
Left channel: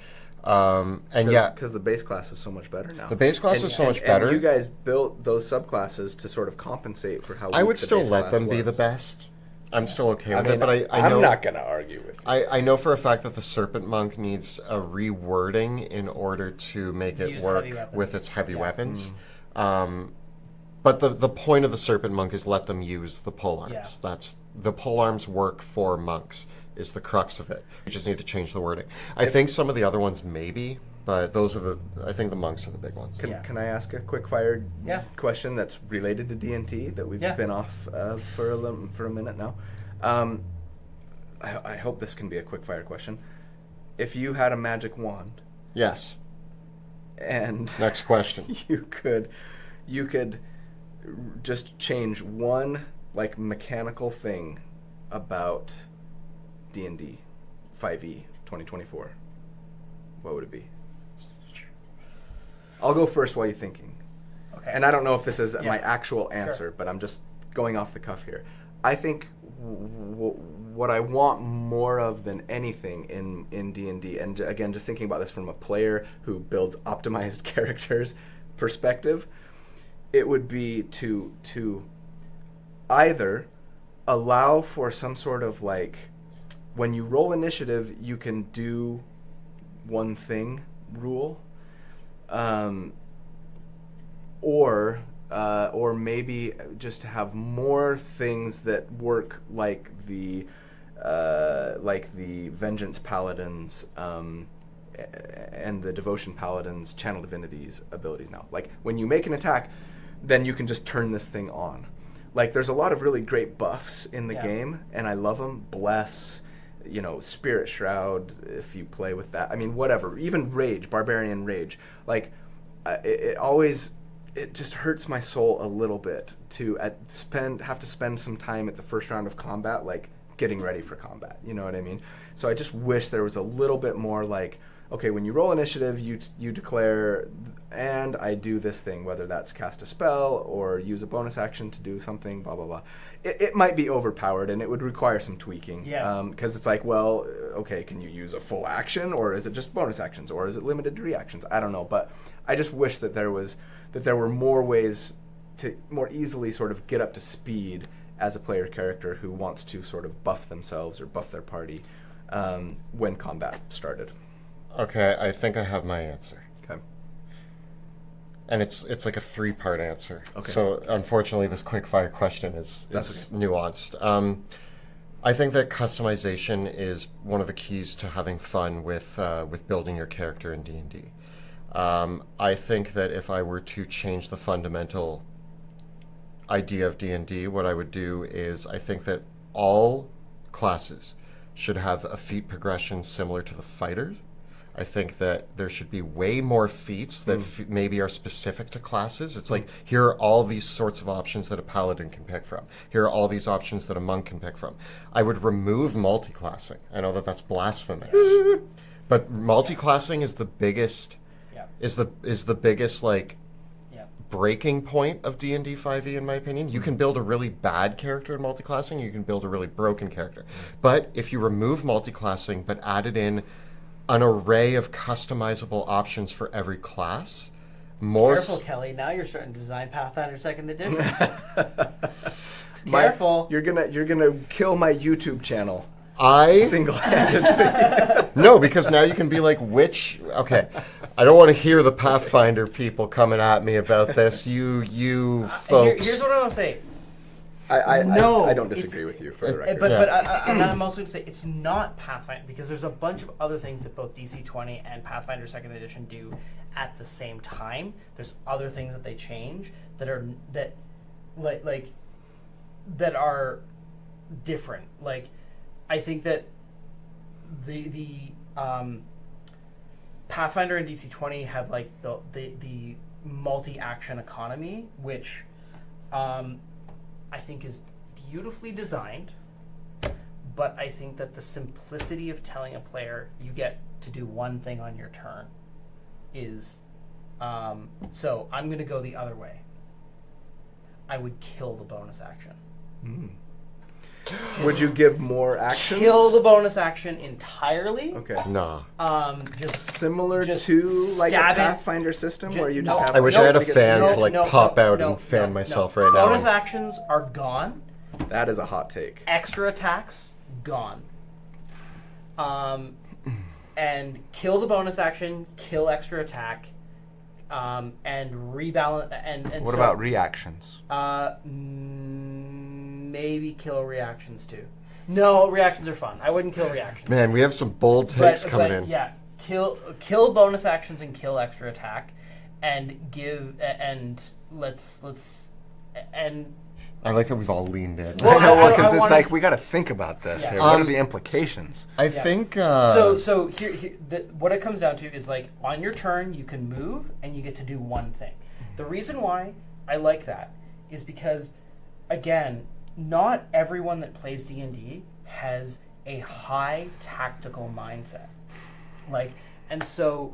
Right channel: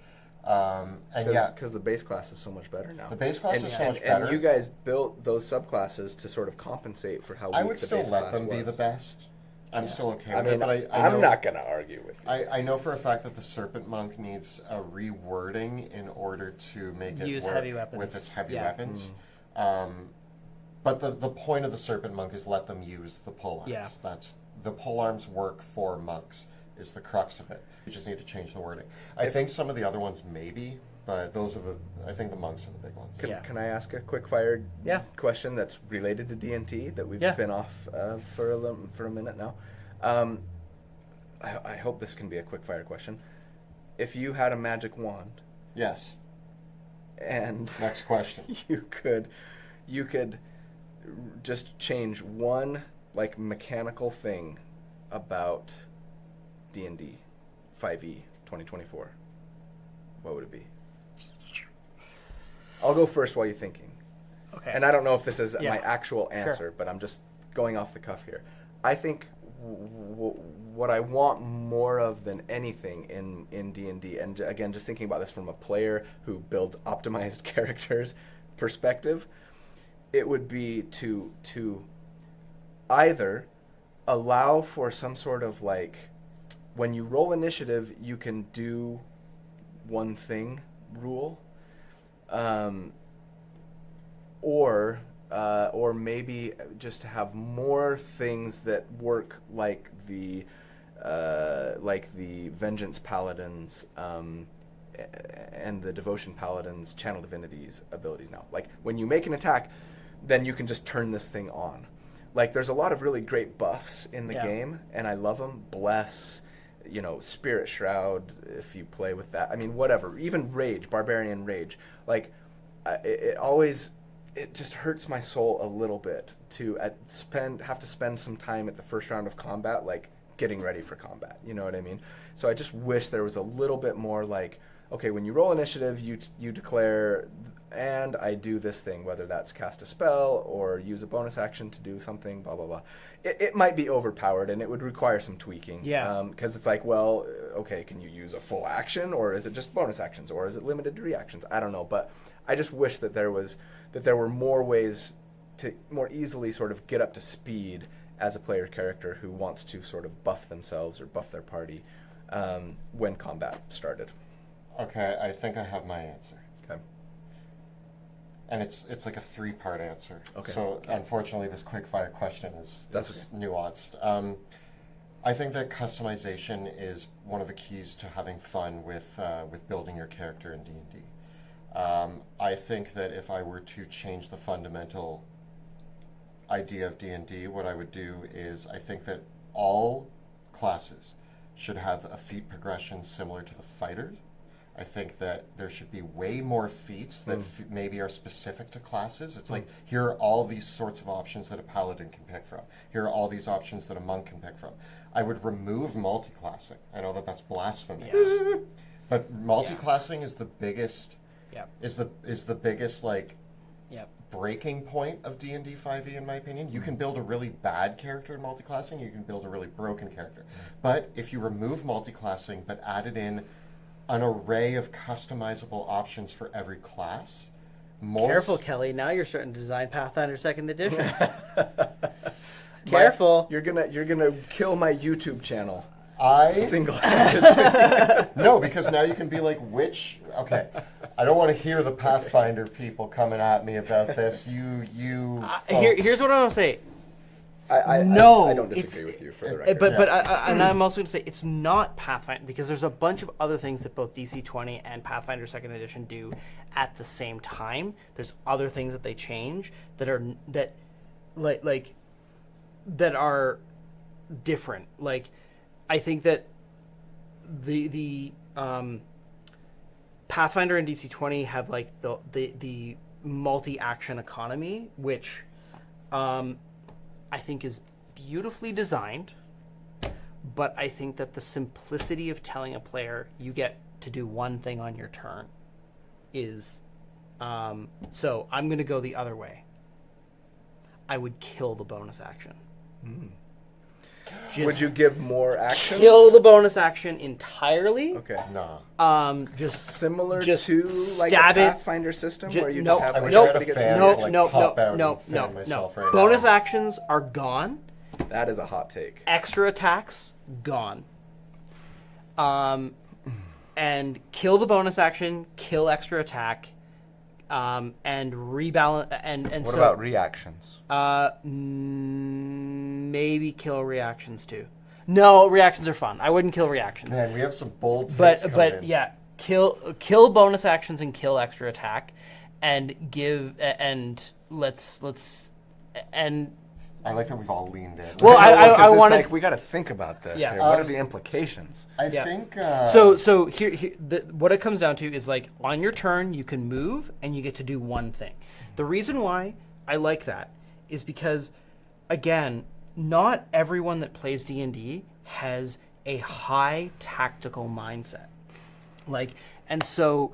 Because the base class is so much better now. The base class is so much better. And you guys built those subclasses to sort of compensate for how weak I would the still base let class them was. be the best. I'm still okay with it, but I'm not going to argue with you. I know for a fact that the Serpent Monk needs a rewording in order to make it work with its heavy weapons. But the point of the Serpent Monk is let them use the polearms. Yeah. That's the polearms work for monks is the crux of it. You just need to change the wording. I think some of the other ones maybe, but I think the monks are the big ones. Can I ask a quick fire question that's related to D&T that we've been off for a minute now? I hope this can be a quick fire question. If you had a magic wand, yes, and next question, you could just change one like mechanical thing about D&D 5e 2024, what would it be? I'll go first while you're thinking. Okay. And I don't know if this is my actual answer, but I'm just going off the cuff here. I think what I want more of than anything in D&D, and again, just thinking about this from a player who builds optimized characters perspective, it would be to either allow for some sort of like, when you roll initiative, you can do one thing rule, or maybe just to have more things that work like the Vengeance Paladins and the Devotion Paladins Channel Divinities abilities now. Like when you make an attack, then you can just turn this thing on. Like there's a lot of really great buffs in the game, and I love them. Bless, Spirit Shroud, if you play with that. I mean, whatever. Even Rage, Barbarian Rage. Like, it just hurts my soul a little bit to have to spend some time at the first round of combat, like, getting ready for combat. You know what I mean? So I just wish there was a little bit more like, okay, when you roll initiative, you declare, and I do this thing, whether that's cast a spell or use a bonus action to do something, blah, blah, blah. It might be overpowered, and it would require some tweaking. Yeah. Because it's like, well, okay, can you use a full action, or is it just bonus actions, or is it limited to reactions? I don't know, but I just wish that there were more ways to more easily sort of get up to speed as a player character who wants to sort of buff themselves or buff their party when combat started. Okay, I think I have my answer. Okay. And it's like a 3-part answer. Okay. So unfortunately, this quick-fire question is nuanced. I think that customization is one of the keys to having fun with building your character in D&D. I think that if I were to change the fundamental idea of D&D, what I would do is I think that all classes should have a feat progression similar to the fighters. I think that there should be way more feats that maybe are specific to classes. It's like, here are all these sorts of options that a paladin can pick from. Here are all these options that a monk can pick from. I would remove multiclassing. I know that that's blasphemous. Yes. But multiclassing is the biggest is the biggest like breaking point of D&D 5e, in my opinion. You can build a really bad character in multiclassing, you can build a really broken character. But if you remove multiclassing but added in an array of customizable options for every class. Careful, Kelly. Now you're starting to design Pathfinder 2nd Edition. Careful. You're gonna kill my YouTube channel. I single-handedly. No, because now you can be like, okay, I don't want to hear the Pathfinder people coming at me about this. You folks. Here's what I'm gonna say. I don't disagree with you, for the record. But I'm also going to say it's not Pathfinder, because there's a bunch of other things that both DC-20 and Pathfinder 2nd Edition do at the same time. There's other things that they change that are different. Like, I think that the Pathfinder and DC-20 have like the multi-action economy, which I think is beautifully designed, but I think that the simplicity of telling a player you get to do one thing on your turn is so I'm going to go the other way. I would kill the bonus action. Would you give more actions? Kill the bonus action entirely. Okay. No. Just similar to like a Pathfinder system where you just have. I wish I had a fan to pop out and fan myself right now. Bonus actions are gone. That is a hot take. Extra attacks gone. And kill the bonus action. Kill extra attack. and rebalance. And what about reactions? Maybe kill reactions too. No, reactions are fun. I wouldn't kill reactions. Man, we have some bold takes coming in. Yeah, kill bonus actions and kill extra attack, and let's I like that we've all leaned in. Well, because it's like we got to think about this. Yeah. Here. What are the implications? I think. So here what it comes down to is like on your turn you can move and you get to do one thing. The reason why I like that is because, again, not everyone that plays D&D has a high tactical mindset. And so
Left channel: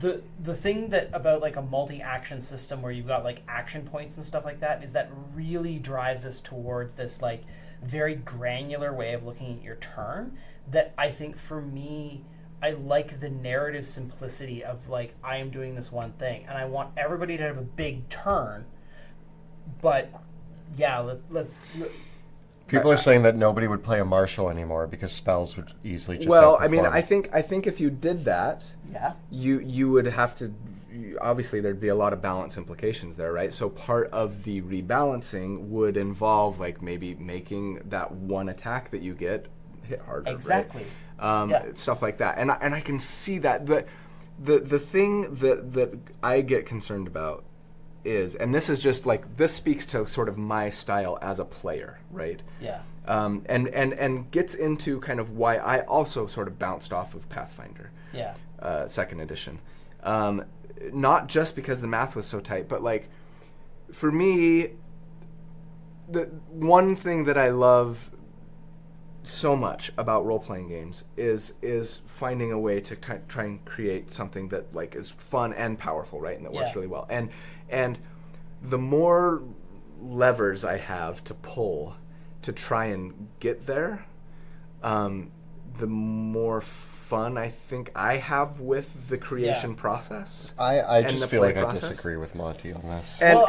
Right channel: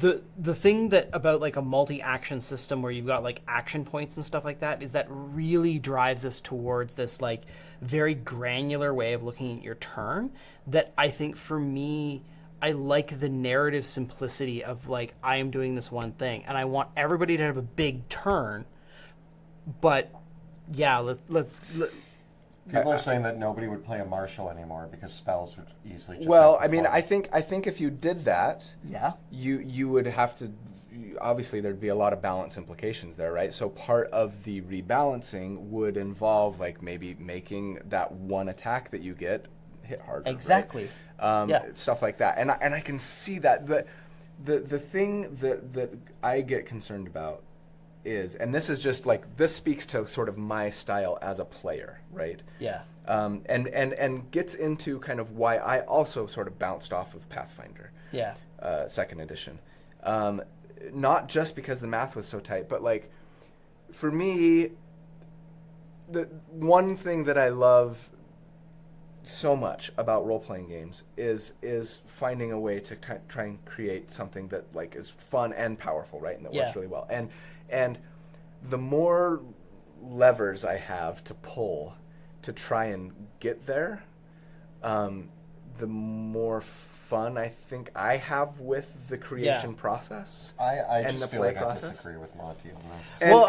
the thing that about like a multi-action system where you've got like action points and stuff like that is that really drives us towards this like very granular way of looking at your turn that I think for me I like the narrative simplicity of like I am doing this one thing and I want everybody to have a big turn, but yeah, let's people are saying that nobody would play a marshal anymore because spells would easily just Well, outperform. I mean, I think if you did that, yeah, you would have to. Obviously, there'd be a lot of balance implications there, right? So part of the rebalancing would involve like maybe making that one attack that you get hit harder, exactly, right? Stuff like that, and I can see that. The thing that I get concerned about is, and this is just like, this speaks to sort of my style as a player, right? yeah. And gets into kind of why I also sort of bounced off of Pathfinder, Yeah. 2nd edition. Not just because the math was so tight, but like, for me, the one thing that I love so much about role-playing games is finding a way to try and create something that like is fun and powerful, right? And that works really well. And the more levers I have to pull to try and get there, the more fun I think I have with the creation process. I and just the feel like process. I disagree with Monty on this. And, Well,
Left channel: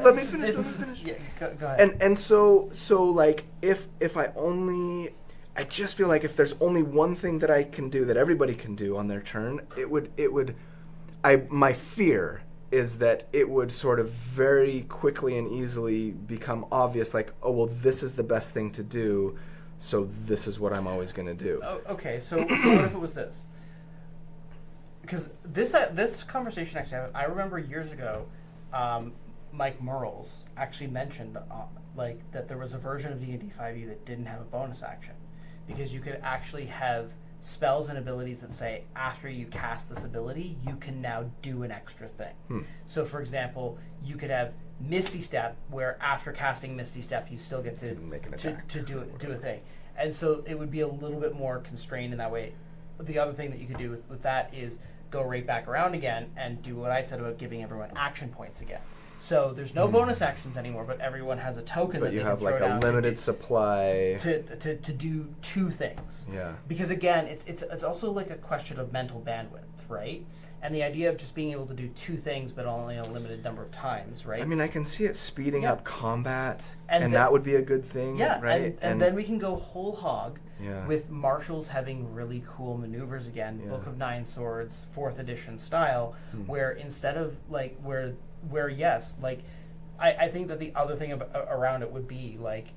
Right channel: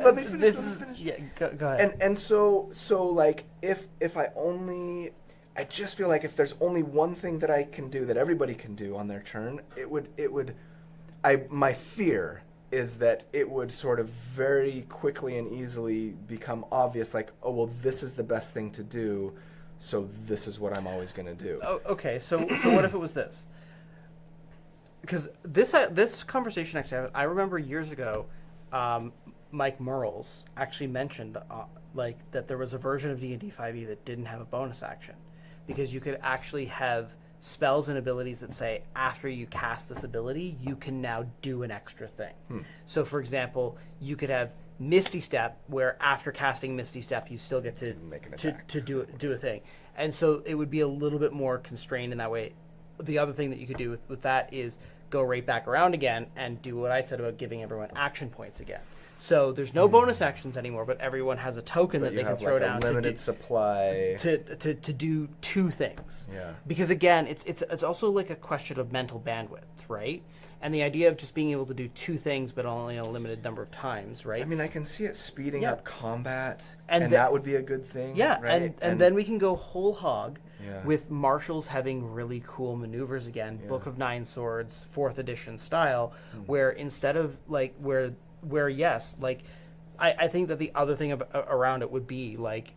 let me finish. Yeah, go ahead. And so like if I just feel like if there's only one thing that I can do that everybody can do on their turn, my fear is that it would sort of very quickly and easily become obvious, like, oh well, this is the best thing to do, so this is what I'm always going to do. Oh, okay, so what if it was this? Because this conversation actually, I remember years ago, Mike Merles actually mentioned like that there was a version of D&D 5e that didn't have a bonus action, because you could actually have spells and abilities that say after you cast this ability, you can now do an extra thing. So, for example, you could have Misty Step, where after casting Misty Step, you still get to make an attack to do a thing, and so it would be a little bit more constrained in that way. The other thing that you could do with that is go right back around again and do what I said about giving everyone action points again. So there's no bonus actions anymore, but everyone has a token. But that you they have can like throw a down limited supply to do two things. Yeah. Because again, it's also like a question of mental bandwidth, right? And the idea of just being able to do two things, but only a limited number of times, right? I mean, I can see it speeding up combat, And and then- that would be a good thing, Yeah, right? and then we can go whole hog Yeah. with marshals having really cool maneuvers again, Yeah. Book of Nine Swords, 4th edition style, where instead of like where yes, like I think that the other thing around it would be like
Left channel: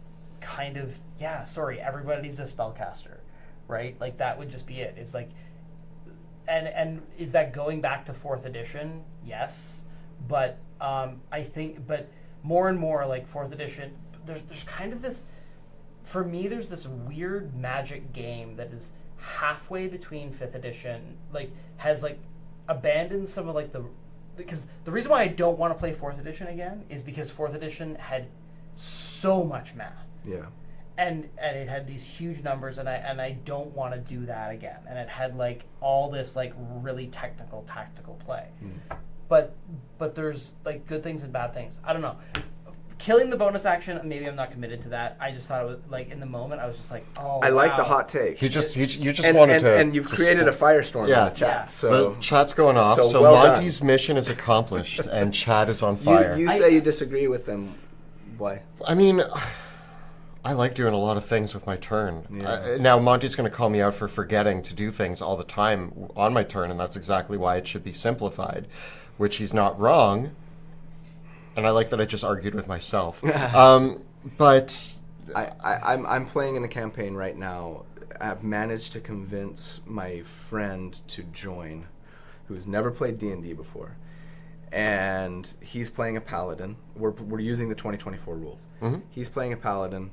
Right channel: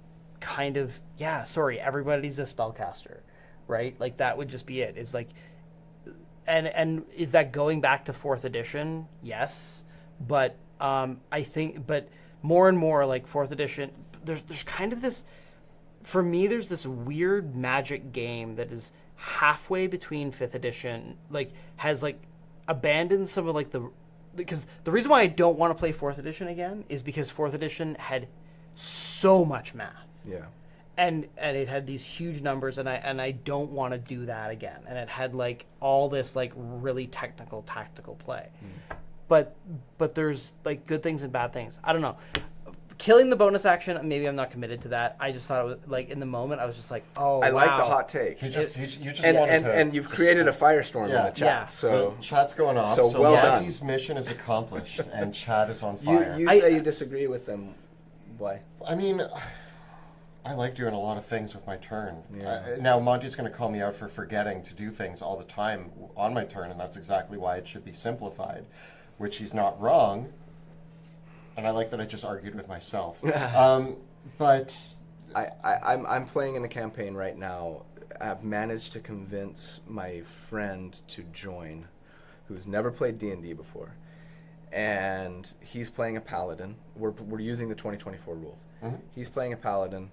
kind of everybody's a spellcaster, right? Like that would just be it. It's like, and is that going back to 4th edition? Yes, but I think, but more and more like 4th edition, there's kind of this, for me, there's this weird magic game that is halfway between 5th edition, like has like abandoned some of like because the reason why I don't want to play 4th edition again is because 4th edition had so much math. Yeah. And it had these huge numbers, and I don't want to do that again. And it had like all this like really technical tactical play. But there's like good things and bad things. I don't know. Killing the bonus action, maybe I'm not committed to that. I just thought it was like in the moment I was just like, oh, I like the wow. hot take. You just and, wanted to... and you've created a firestorm in the chat. Yeah. So the chat's going off, so so well Monty's mission is accomplished, and chat is on fire. you say you disagree with them. Why? I mean, I like doing a lot of things with my turn. Yeah. Now, Monty's going to call me out for forgetting to do things all the time on my turn, and that's exactly why it should be simplified. which he's not wrong. And I like that I just argued with myself. But I'm playing in a campaign right now. I've managed to convince my friend to join, who's never played D&D before, and he's playing a paladin. We're using the 2024 rules. Mm-hmm. He's playing a paladin.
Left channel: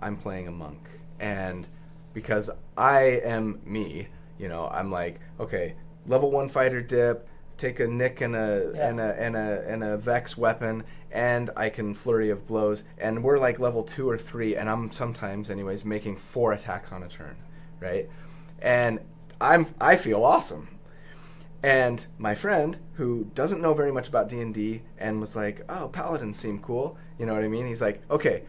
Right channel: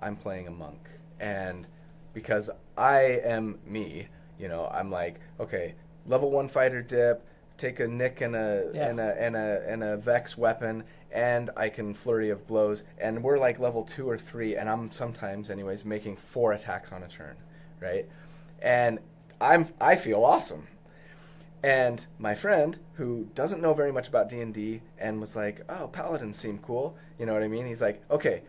I'm playing a monk, and because I am me, I'm like, okay, level 1 fighter dip. Take a nick and a vex weapon, and I can flurry of blows. And we're like level 2 or 3, and I'm sometimes, anyways, making 4 attacks on a turn, right? And I feel awesome. And my friend, who doesn't know very much about D&D, and was like, "Oh, paladins seem cool," you know what I mean? He's like, "Okay,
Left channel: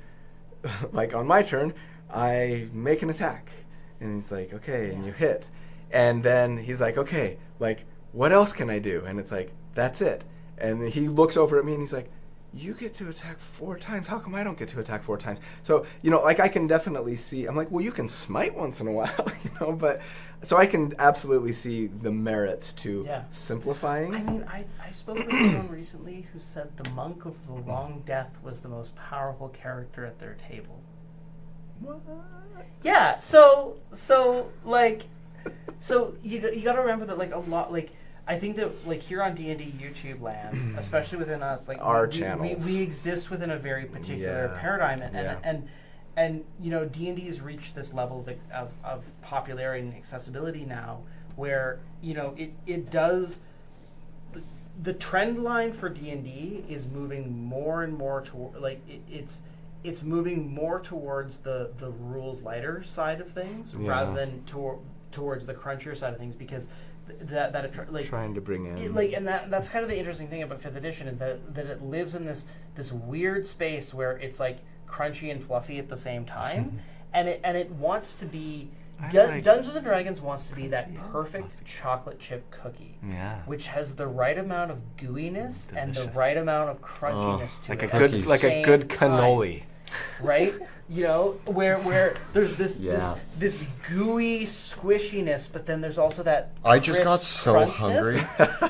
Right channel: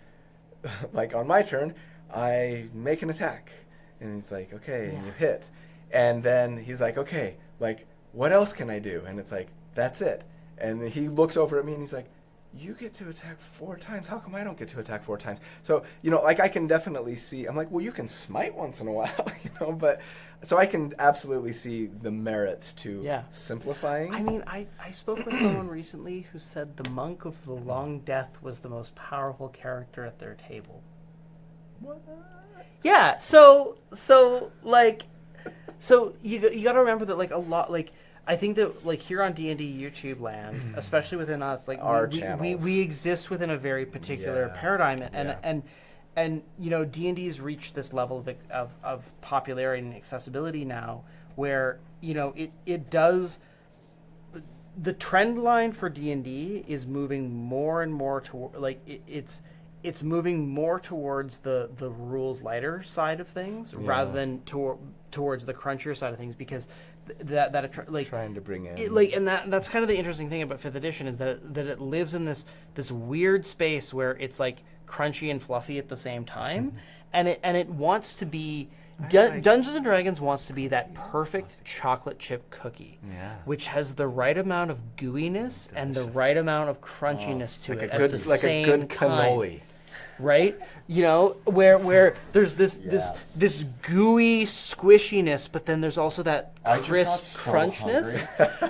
like on my turn, I make an attack," and he's like, "Okay," and you hit, and then he's like, "Okay, like." What else can I do? And it's like, that's it. And he looks over at me and he's like, you get to attack 4 times. How come I don't get to attack 4 times? So, like I can definitely see, I'm like, well, you can smite once in a while, but so I can absolutely see the merits to simplifying. I mean, I spoke with someone recently who said the Monk of the Long Death was the most powerful character at their table. What? Yeah, so you got to remember that, like, a lot, like, I think that, like, here on D&D YouTube land, especially within us, like, our channels, we exist within a very particular paradigm, and D&D has reached this level of popularity and accessibility now, where it does. The trend line for D&D is moving more and more toward, like, it's moving more towards the rules lighter side of things rather than towards the crunchier side of things, because that like trying to bring in and that's kind of the interesting thing about 5th edition is that it lives in this weird space where it's like crunchy and fluffy at the same time, and it wants to be Dungeons and Dragons wants to be that perfect chocolate chip cookie, which has the right amount of gooiness and the right amount of crunchiness to it, like a good cannoli, right? Where there's this gooey squishiness, but then there's also that I just got so hungry,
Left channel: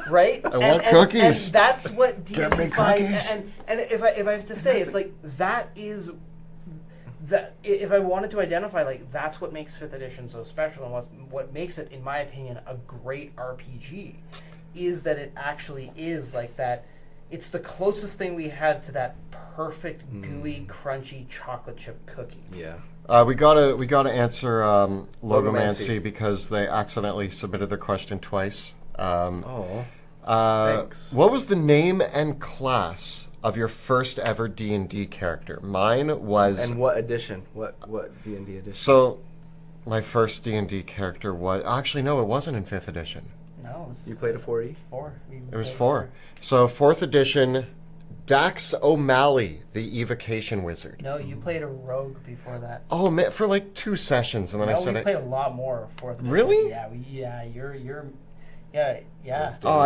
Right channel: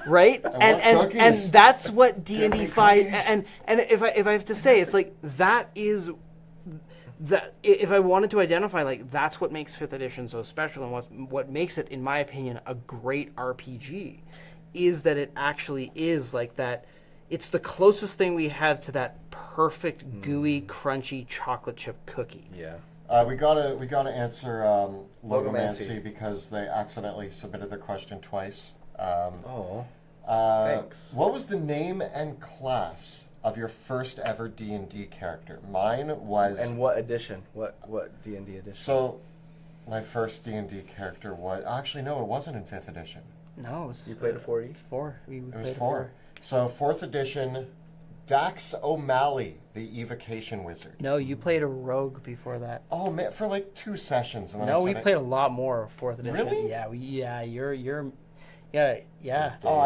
right? I want cookies. And that's what D&D 5 and if I have to say, it's like that is that if I wanted to identify, like, that's what makes 5th edition so special, and what makes it, in my opinion, a great RPG, is that it actually is like that. It's the closest thing we have to that perfect, gooey, crunchy chocolate chip cookie. Yeah. We gotta answer Logomancy because they accidentally submitted their question twice. Thanks. What was the name and class of your first ever D&D character? Mine was... And what edition? What D&D edition? So, my first D&D character was... Actually, no, it wasn't in 5th edition. No. You played a 4E? 4. It was 4. So, 4th edition, Dax O'Malley, the Evocation Wizard. No, you played a rogue before that. Oh, man, for like 2 sessions, and then I said we played a lot more 4th edition. Really? Yeah, you're... Yeah. Oh,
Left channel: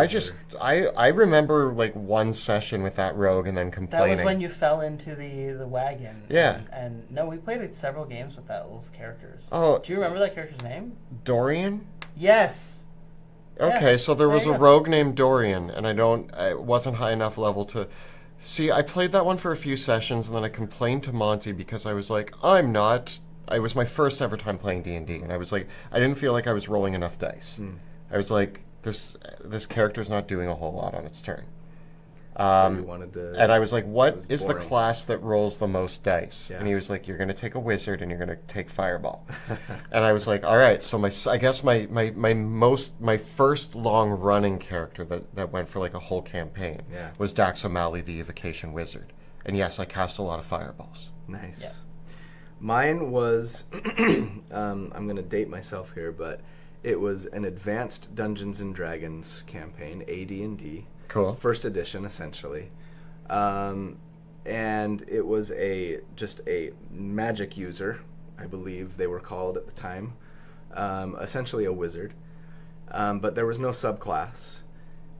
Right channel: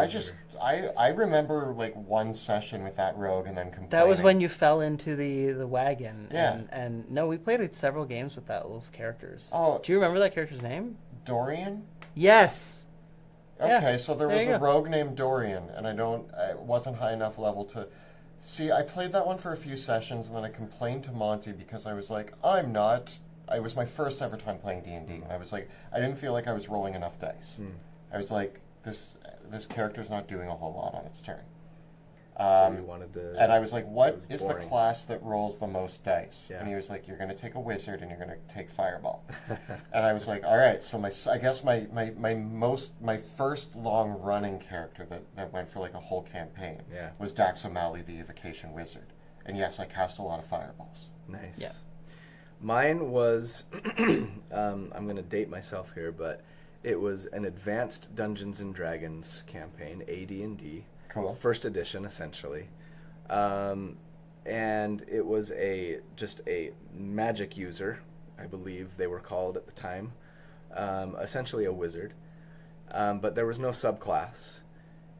I remember like 1 session with that rogue and then complaining. That was when you fell into the wagon. Yeah. And no, we played several games with those characters. Oh. Do you remember that character's name? Dorian? Yes. Okay, Yeah. so there was a rogue named Dorian, and I wasn't high enough level to... See, I played that one for a few sessions, and then I complained to Monty because I was like, it was my first ever time playing D&D, and I was like, I didn't feel like I was rolling enough dice. I was like, this character's not doing a whole lot on its turn. So you wanted to... And I was like, what is the class that rolls the most dice? Yeah. And he was like, you're going to take a wizard and you're going to take fireball. And I was like, all right. So I guess my first long running character that went for like a whole campaign was Dax O'Malley, the Evocation Wizard. And yes, I cast a lot of fireballs. Nice. Yeah. Mine was, I'm going to date myself here, but it was an advanced Dungeons and Dragons campaign, AD&D. Cool. 1st edition, essentially. And it was just a magic user, I believe they were called at the time. Essentially a wizard. But there was no subclass.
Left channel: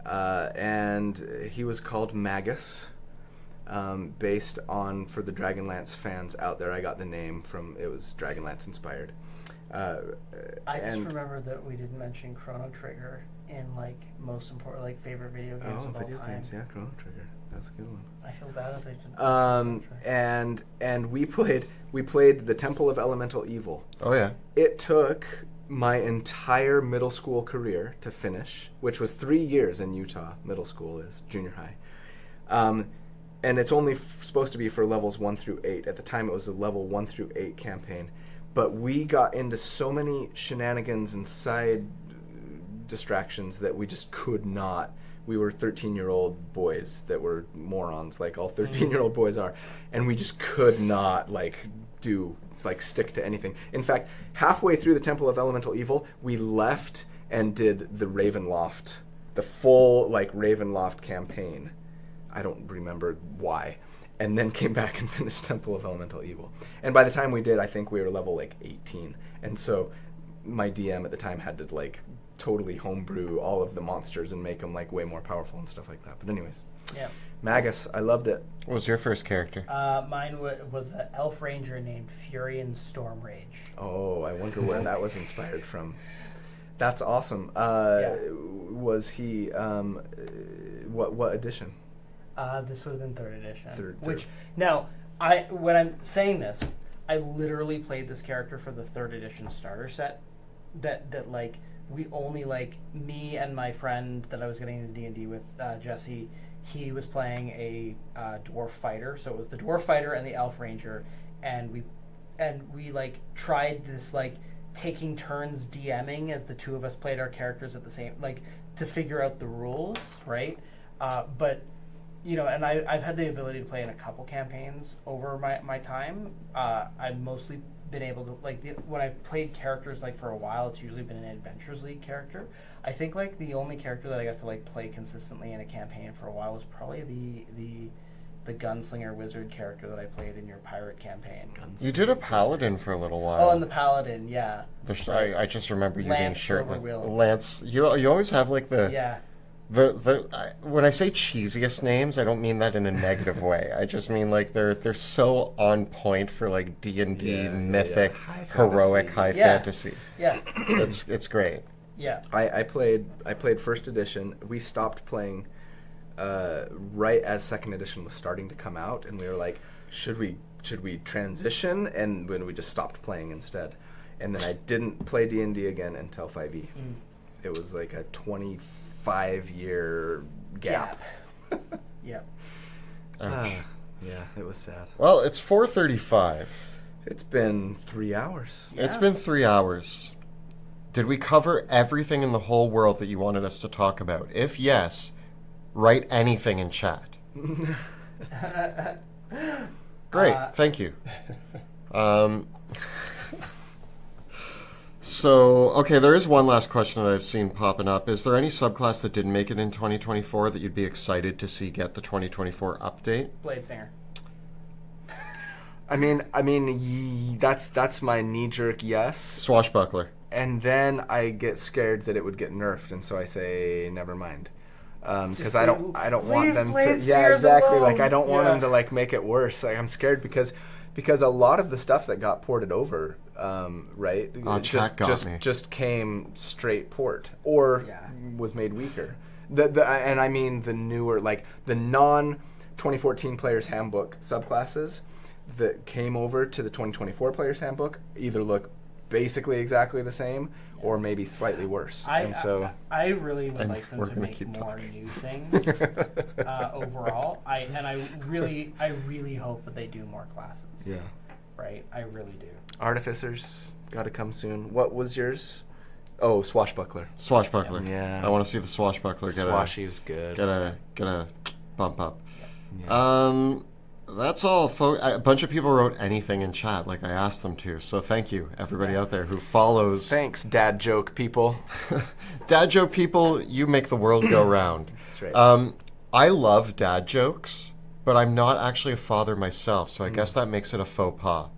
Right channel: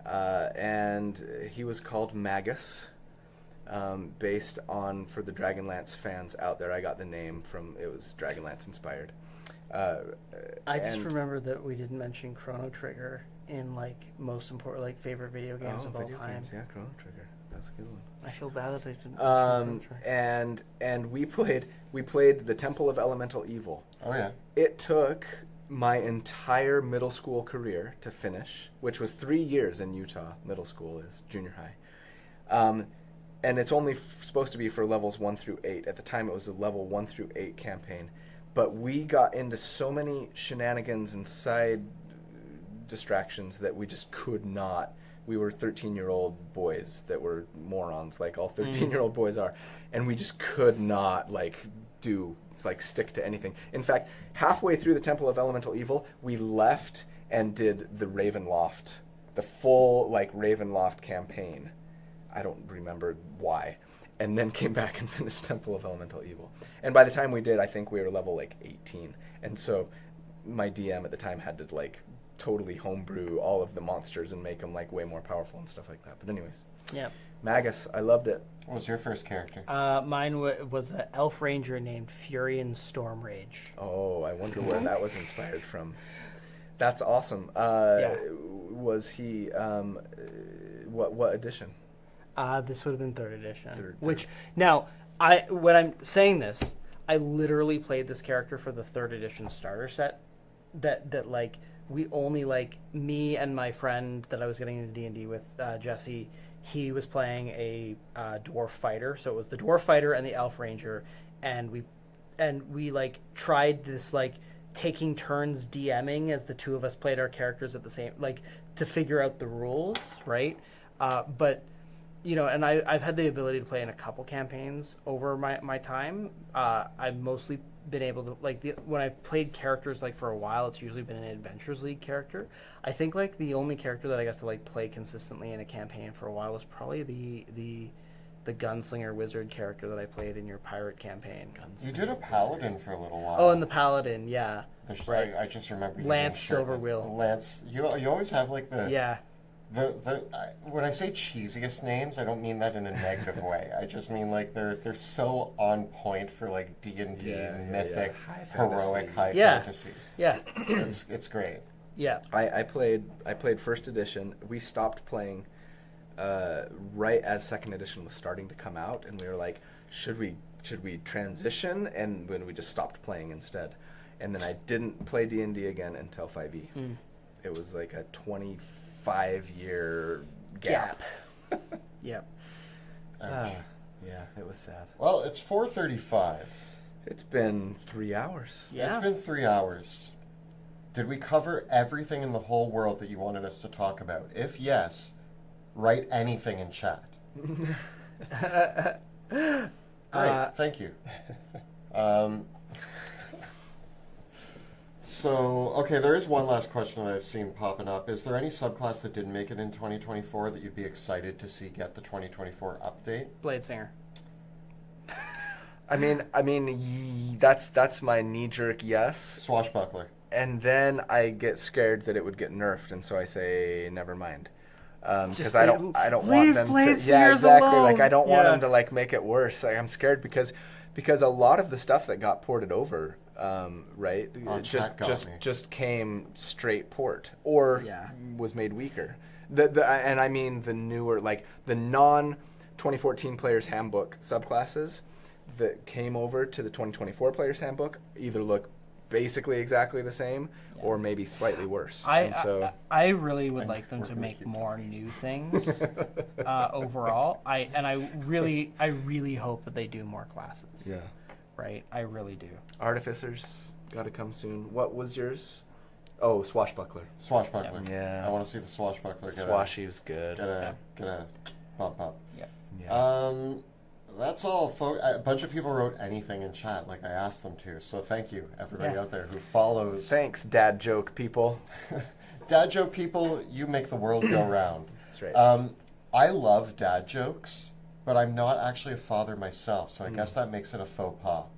And he was called Magus. Based on, for the Dragonlance fans out there, I got the name from, it was Dragonlance inspired. I just remember that we didn't mention Chrono Trigger. in like most important, like favorite video games. Oh, of video all time. games, yeah, Chrono Trigger. That's a good one. I feel bad that I didn't. And we played the Temple of Elemental Evil. Oh yeah. It took my entire middle school career to finish, which was 3 years in Utah. Middle school is junior high. And it's only supposed to be for levels 1 through 8. At the time, it was a level 1 through 8 campaign. But we got into so many shenanigans and side distractions that we just could not. We were 13-year-old boys that were morons, like all 13-year-old boys are. And we just could not, stick to anything. In fact, halfway through the Temple of Elemental Evil, we left and did the Ravenloft, the full, Ravenloft campaign. I don't remember why. And then came back and finished Temple of Elemental Evil. And by the time we did, I think we were level 18. And so my DM at the time had to totally homebrew all of the monsters and make them way more powerful and stuff like that. But anyways, Yeah. Magus, I loved it. What was your first character? Mine was an elf ranger named Furion Stormrage. Oh, I wonder where that was inspired from. That's awesome. Was he what edition? This would have been 3rd edition. Third. Which now, when I'm saying this, I literally played this character for the 3rd edition starter set. That we only me and my friend that I was getting into D&D with, Jesse. He was playing a dwarf fighter, so it was the dwarf fighter and the elf ranger, and we tried this taking turns DMing as the two of us played our characters at the same to figure out the rules, right? But and I've had the ability to play in a couple campaigns over my time. I've mostly been able to when I played characters for a while, it's usually been an Adventures League character. I think the only character that I got to play consistently in a campaign for a while was probably the gunslinger wizard character that I played in your pirate campaign. You did a paladin for a little while. Oh, and the paladin, yeah. I just remember you being shirtless. Silverwheel. Lance, you always have the yeah. When I say cheesiest names, I don't mean that in a negative way. I just mean they're so on point for D&D mythic, heroic, high fantasy. Yeah. It's great. Yeah. I played 1st edition. We stopped playing right as 2nd edition was starting to come out, and we were like, should we transition? And when we just stopped playing instead. And then I didn't play D&D again until 5e. It was a 25-year gap. Yeah. Yeah, it was sad. Well, it's 4:35. It's been 3 hours. Yeah. It's been 3 hours. Did we cover everything in the whole world that you wanted us to talk about? If yes, write anything in chat. Great, thank you. So, okay, there is one last question that I've seen popping up. Is there any subclass that didn't make it in 2024 that you'd be excited to see get the 2024 update? Bladesinger. That's my knee-jerk yes. Swashbuckler. And then I get scared that it would get nerfed, and so I say never mind, because I don't want them to. Yeah, exactly. Alone. I don't want them to make it worse. I'm scared because a lot of the stuff that got ported over, right, just came straight port or was made weaker. And I mean the newer, the non 2014 Player's Handbook subclasses that came over to the 2024 Player's Handbook either look basically exactly the same or maybe slightly worse. I really would like them to make more new things overall. I really hope that they do more classes. Yeah. Right? I really do. Artificers got to come soon. What was yours? Oh, Swashbuckler. Swashbuckler. Yeah. I want to see the Swashbuckler Swashy was good. Get a bump up. Yeah. That's all, folks. A bunch of people wrote anything in chat like I asked them to, so thank you, everybody out there who follows. Thanks, dad joke people. Dad joke people, you make the world go round. That's right. I love dad jokes, but I'm not actually a father myself, so I guess that makes it a faux pas.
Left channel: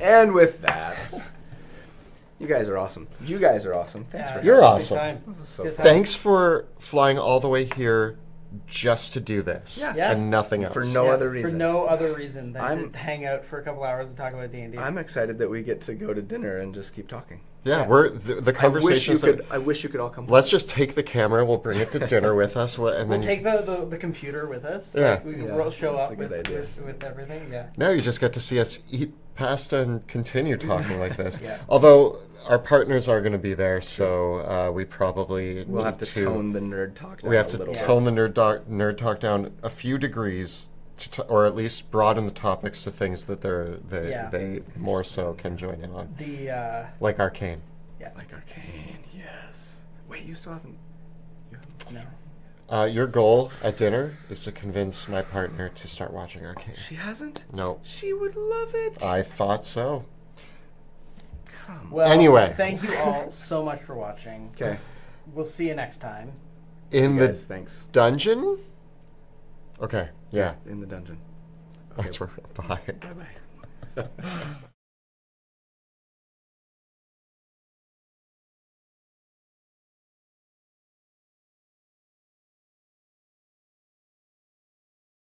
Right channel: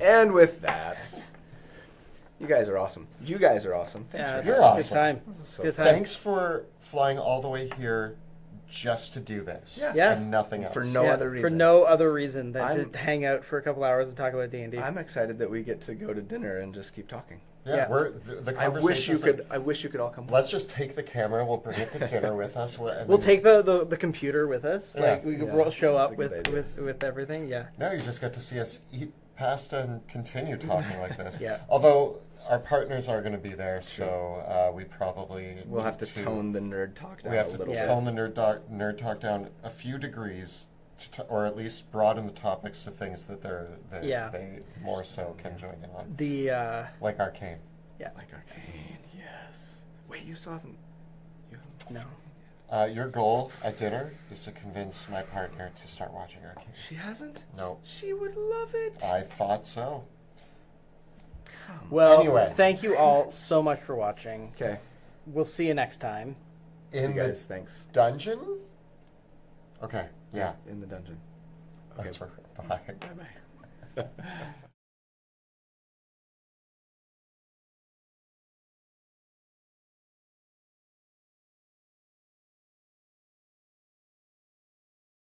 And with that, you guys are awesome. Thanks for You're having awesome. me. This is so fun. Thanks for flying all the way here just to do this and nothing else. For no other reason. For no other reason than to hang out for a couple hours and talk about D&D. I'm excited that we get to go to dinner and just keep talking. Yeah, Yeah. we're the I wish you conversations. could. I wish you could all come. Let's just take the camera. We'll bring it to dinner with us, and We'll then take the computer with us. Yeah. Like, we'll show that's up a good idea. with everything. Yeah. now you just get to see us eat pasta and continue talking like this. Yeah. Although our partners are going to be there, so we probably We'll have need to tone the nerd talk down We have a to little tone bit. the nerd talk down a few degrees, or at least broaden the topics to things that they more so can join in on, The like Arcane. Like Arcane, yes. Wait, you still haven't. You haven't no. Your goal at dinner is to convince my partner to start watching Arcane. She hasn't. No, She would love it. I thought so. Come. well, Anyway. thank you all so much for watching. Okay. We'll see you next time. In you the guys, thanks. dungeon? Okay, yeah. In the dungeon. Okay. That's where. Bye. Bye bye.